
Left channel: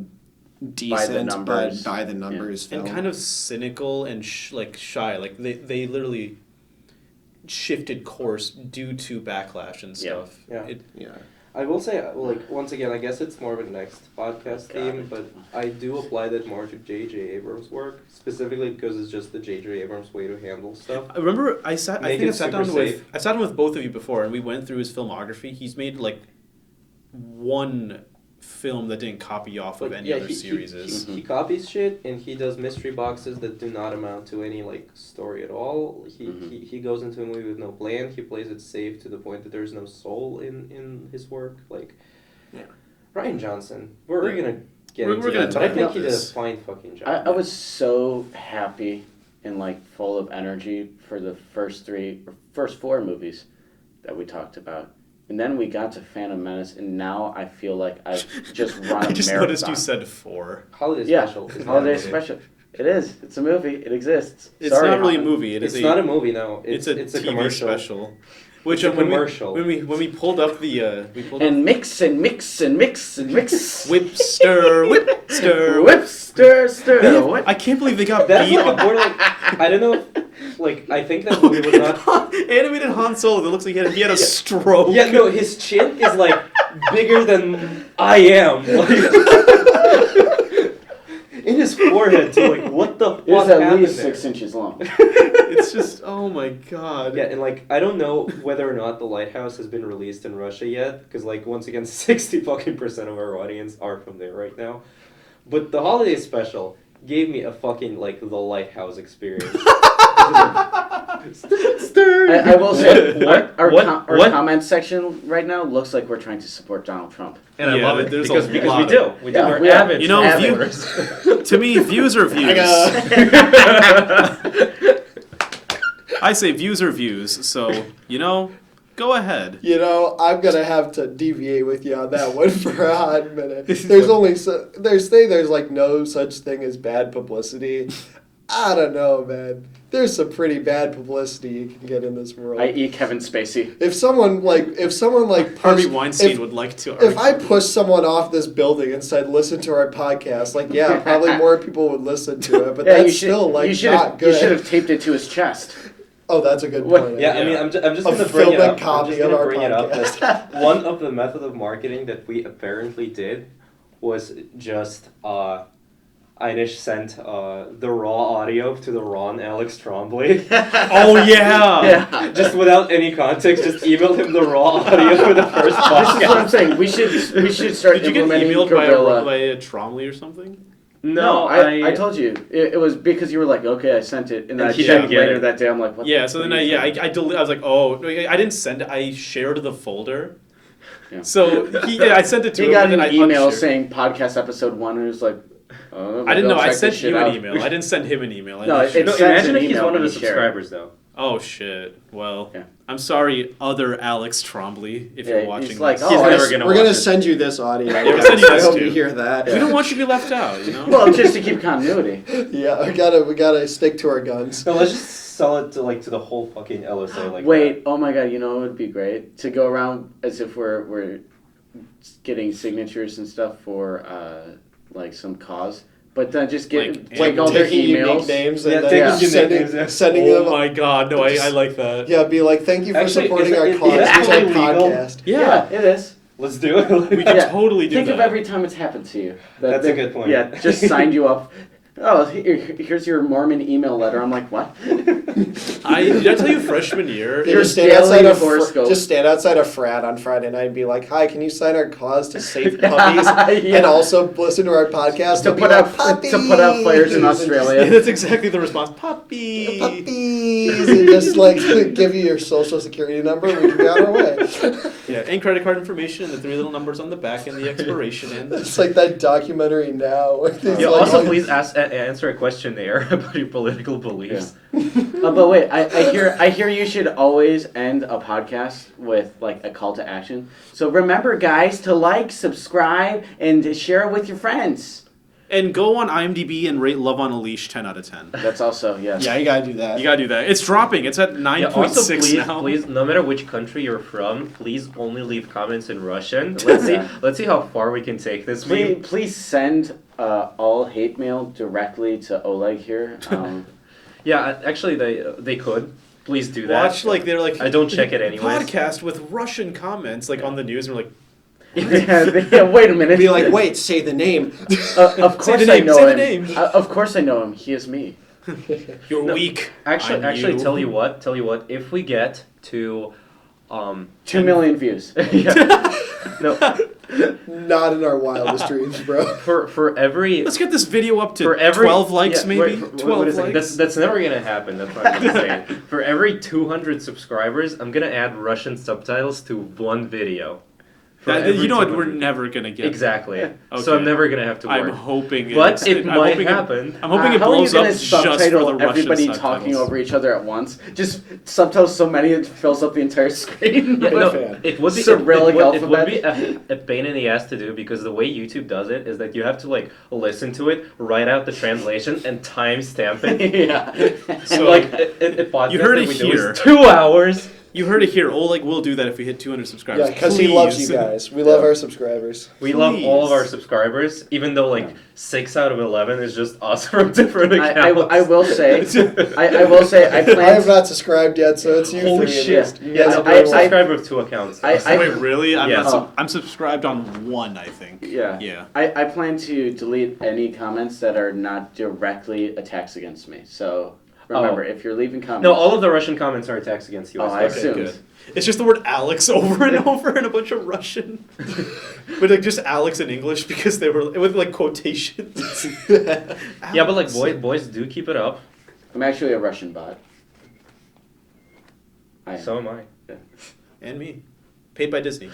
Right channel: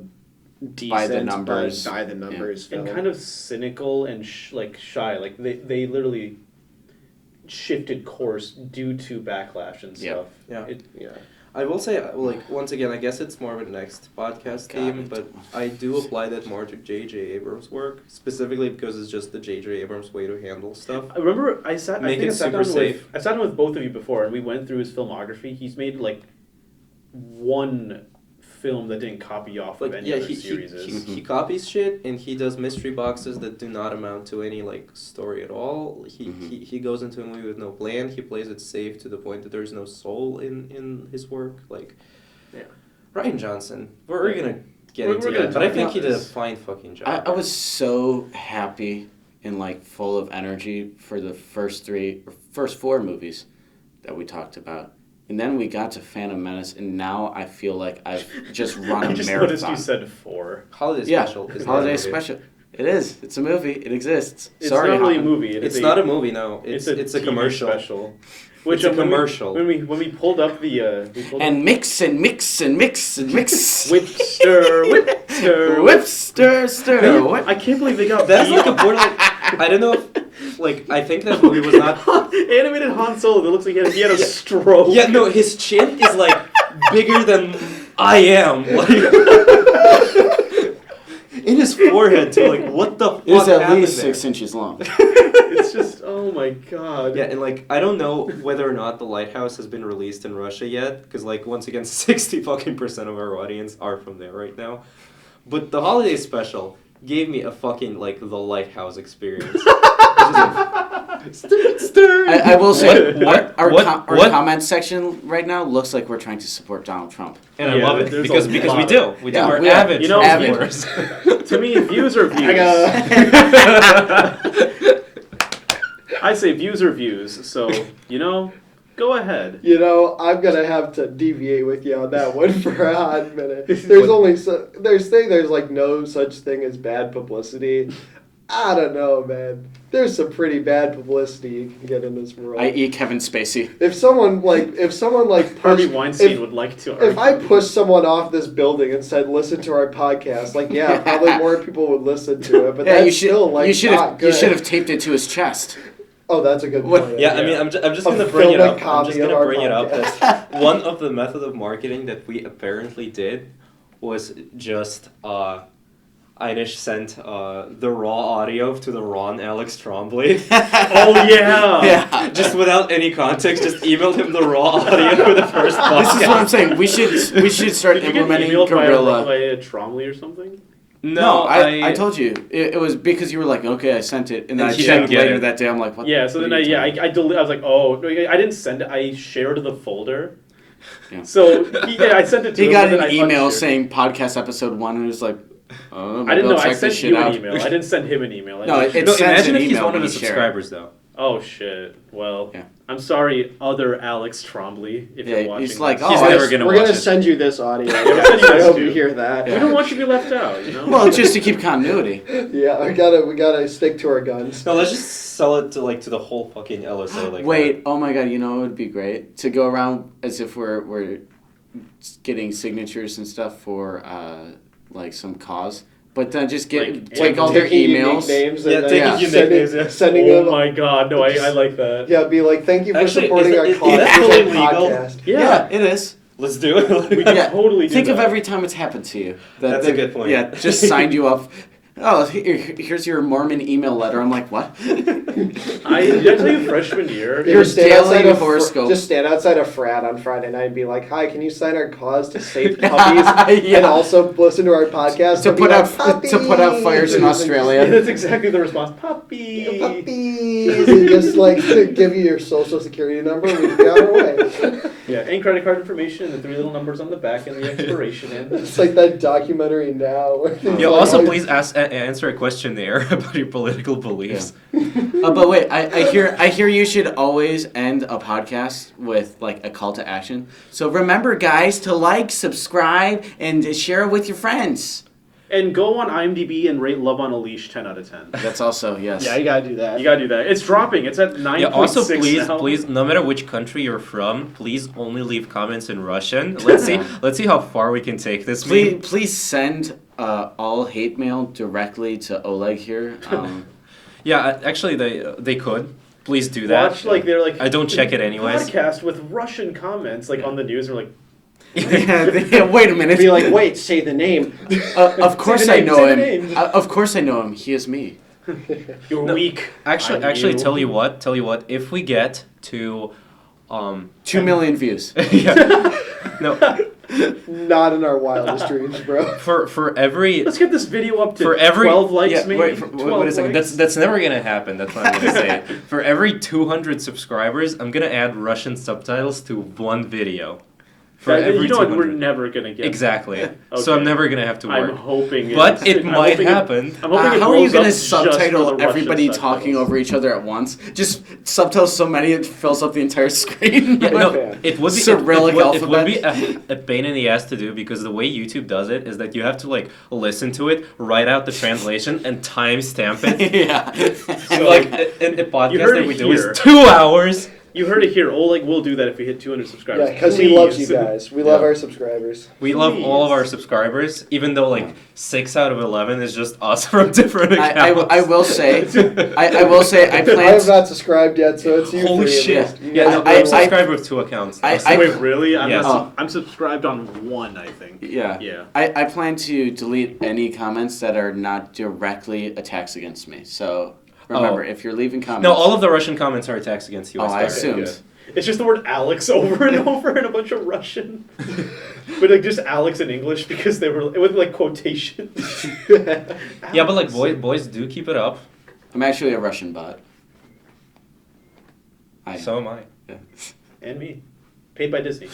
decent numbers. but by the numbers film. and kind of cynical and shy. Like they literally shifted course due to backlash and Yeah. stuff. Yeah. Yeah. I will say, once again, I guess it's more of a next podcast theme, but I do apply that more to J.J. Abrams' work, specifically because it's just the J.J. Abrams way to handle stuff. I remember I sat Make down it super safe. with both of you before, and we went through his filmography. He's made like one film that didn't copy off of any other series. He copies shit, and he does mystery boxes that do not amount to any story at all. He goes into a movie with no plan. He plays it safe to the point that there's no soul in his work. Yeah. Ryan Johnson. We're gonna get We're into gonna that, but talk I think about he did a this. fine fucking job. I was so happy and full of energy for the first four movies that we talked about. And then we got to Phantom Menace, and now I feel like I've just run a I just marathon. noticed you said 4. Holiday Yeah, special. Is not a Holiday movie. Special. It is. It's a movie. It exists. It's Sorry. not really a movie. It's not a movie, no. It's a TV commercial. special. Which It's a commercial. When we pulled up the And mix and mix and mix and mix. whip stir. Whip, stir, stir. What? I can't believe they got That's beat like a on borderline. I don't know if, I think that movie was not. animated Han Solo that looks like he had a stroke. Yeah, no, his chin is bigger than I am. In his forehead too. What the fuck It's at happened least there? 6 inches long. It's just oh my god. Yeah, and I don't know whether or not The Lighthouse has been released in Russia yet, because once again, 60% of our audience are from there right now. But the holiday special gave me a fucking like the Lighthouse experience. I will say, our What? comment section right now looks like we're trying to support Donald Trump. And I Yeah, love it there's because a we lot. do. We do. Yeah, We're we are. avid. You know, Trump view- viewers. To me, views are views. I say views are views. So go ahead. You know, I'm gonna have to deviate with you on that one for a hot minute. There's like no such thing as bad publicity. I don't know, man. There's some pretty bad publicity you can get in this world. I.e. Kevin Spacey. If someone Harvey pushed, Weinstein would like to. if I pushed someone off this building and said, "Listen to our podcast," like, yeah, probably more people would listen to it. But Yeah, that's still like not good. You should have taped it to his chest. Oh, that's a good What- point. Yeah, I mean, I'm just A gonna bring it filmic up. I'm copy just of gonna our bring it up. podcast. That one of the method of marketing that we apparently did was just Einish sent the raw audio to the Ron Alex Trombley. Oh yeah. Yeah. Just without any context, just emailed him the raw audio for the first podcast. This is what I'm saying. We should start Did you get implementing emailed Gorilla. by a Trombley or something? No, I told you. It was because you were like, okay, I sent it, and then I He checked didn't get later it. that day. I'm like, what? Yeah. So what then are you I talking I was like, oh, I didn't send it. I shared the folder. Yeah. So I sent it to He him. got and an then I email unshared. saying podcast episode 1, and it was like, oh, I didn't know. I check sent this shit you an out. email. I didn't send him an email. No, it No, sends imagine an if he's email one of when the you share it. subscribers, though. Oh shit. Well, Yeah. I'm sorry, other Alex Trombley, if Yeah, you're watching. he's like, this. oh, He's I never s- gonna We're watch gonna it. send you this audio. we'll send you I this hope too. you hear that. We don't want you to be left out. Well, just to keep continuity. Yeah, we gotta stick to our guns. No, let's just sell it to the whole fucking LSA. Like Wait, oh my god, you know what would be great? To go around as if we're getting signatures and stuff for like some cause, but then just get take all their taking unique emails. names Yeah, and taking then unique sending, names, yeah. sending Oh them. my god, no, I like that. Yeah, be like, thank you for Actually, supporting is our it- cause. is that totally legal? podcast. Yeah, it is. Let's do it. We can Yeah. totally do Think that. of every time it's happened to you. That's a good point. Yeah, just signed you up. Oh, here's your Mormon email letter. I'm like, what? Did I tell you freshman year? You ever Your daily horoscope. just stand outside a frat on Friday night and be like, "Hi, can you sign our cause to save puppies Yeah. and also listen to our podcast to and be put like, out to put out fires in Australia. That's exactly the response. Puppy. Puppies, and just like give you your social security number, and we can be on our way. Yeah, and credit card information and the 3 little numbers on the back and the expiration end. It's like that documentary now. Where it's Yeah, like, also oh, please answer a questionnaire about your political beliefs. But wait, I hear you should always end a podcast with like a call to action. So remember, guys, to like, subscribe, and share it with your friends. And go on IMDb and rate Love on a Leash 10 out of 10. That's also yes. Yeah, you gotta do that. You gotta do that. It's dropping. It's at 9.6 Yeah, also please, now. please, no matter which country you're from, please only leave comments in Russian. Let's see how far we can take this. Please send all hate mail directly to Oleg here. Yeah, actually, they could. Please do that. Watch like they're like I don't check it anyways. podcast with Russian comments like on the news and we're like yeah, wait a minute. Be like, wait, say the name. Of course the I name, know say the him. name. Of course I know him. He is me. you're No, weak. Actually, I'm you. tell you what. If we get to, 2 million views. yeah, no, Not in our wildest dreams, bro. for every Let's get this video up to for every 12 likes yeah, maybe. wait, 12 wait a second. likes. That's never gonna happen. That's what I'm gonna say. For every 200 subscribers, I'm gonna add Russian subtitles to one video. For That- every you know what? 200. We're never gonna get Exactly. Okay. So I'm never gonna have to I'm work. hoping But it I'm might hoping happen. I'm hoping it How are you blows going up to just for the subtitle Russian everybody talking subtitles. over each other at once? Just subtitles so many it fills up the entire screen. Yeah, no, fan. it would be Cyrillic it would be alphabet. a pain in the ass to do because the way YouTube does it is that you have to like listen to it, write out the translation, and timestamp it. yeah. So like a podcast You heard that it we do here. is 2 hours. You heard it here. Oleg will do that if we hit 200 subscribers. Yeah, because he loves Please. you guys. We love Yeah. our subscribers. We love all of Please. our subscribers, even though like 6 out of 11 is just us from different accounts. I will say, I will say, I I plan. have not subscribed yet, so it's you Holy three shit! of us. Yeah, no, I- I'm subscribed with 2 accounts. I- Wait, really? I'm, Yes. I'm subscribed on one, I think. Yeah. Yeah. I plan to delete any comments that are not directly attacks against me. So Remember, if you're leaving comments. No, all of the Russian comments are attacks against Oh, US. I Okay, assumed. good. It's just the word Alex over and over in a bunch of Russian. But like just Alex in English because they were with like quotations. Yeah, but like boys do keep it up. I'm actually a Russian bot. I am. So am I. And me. Paid by Disney.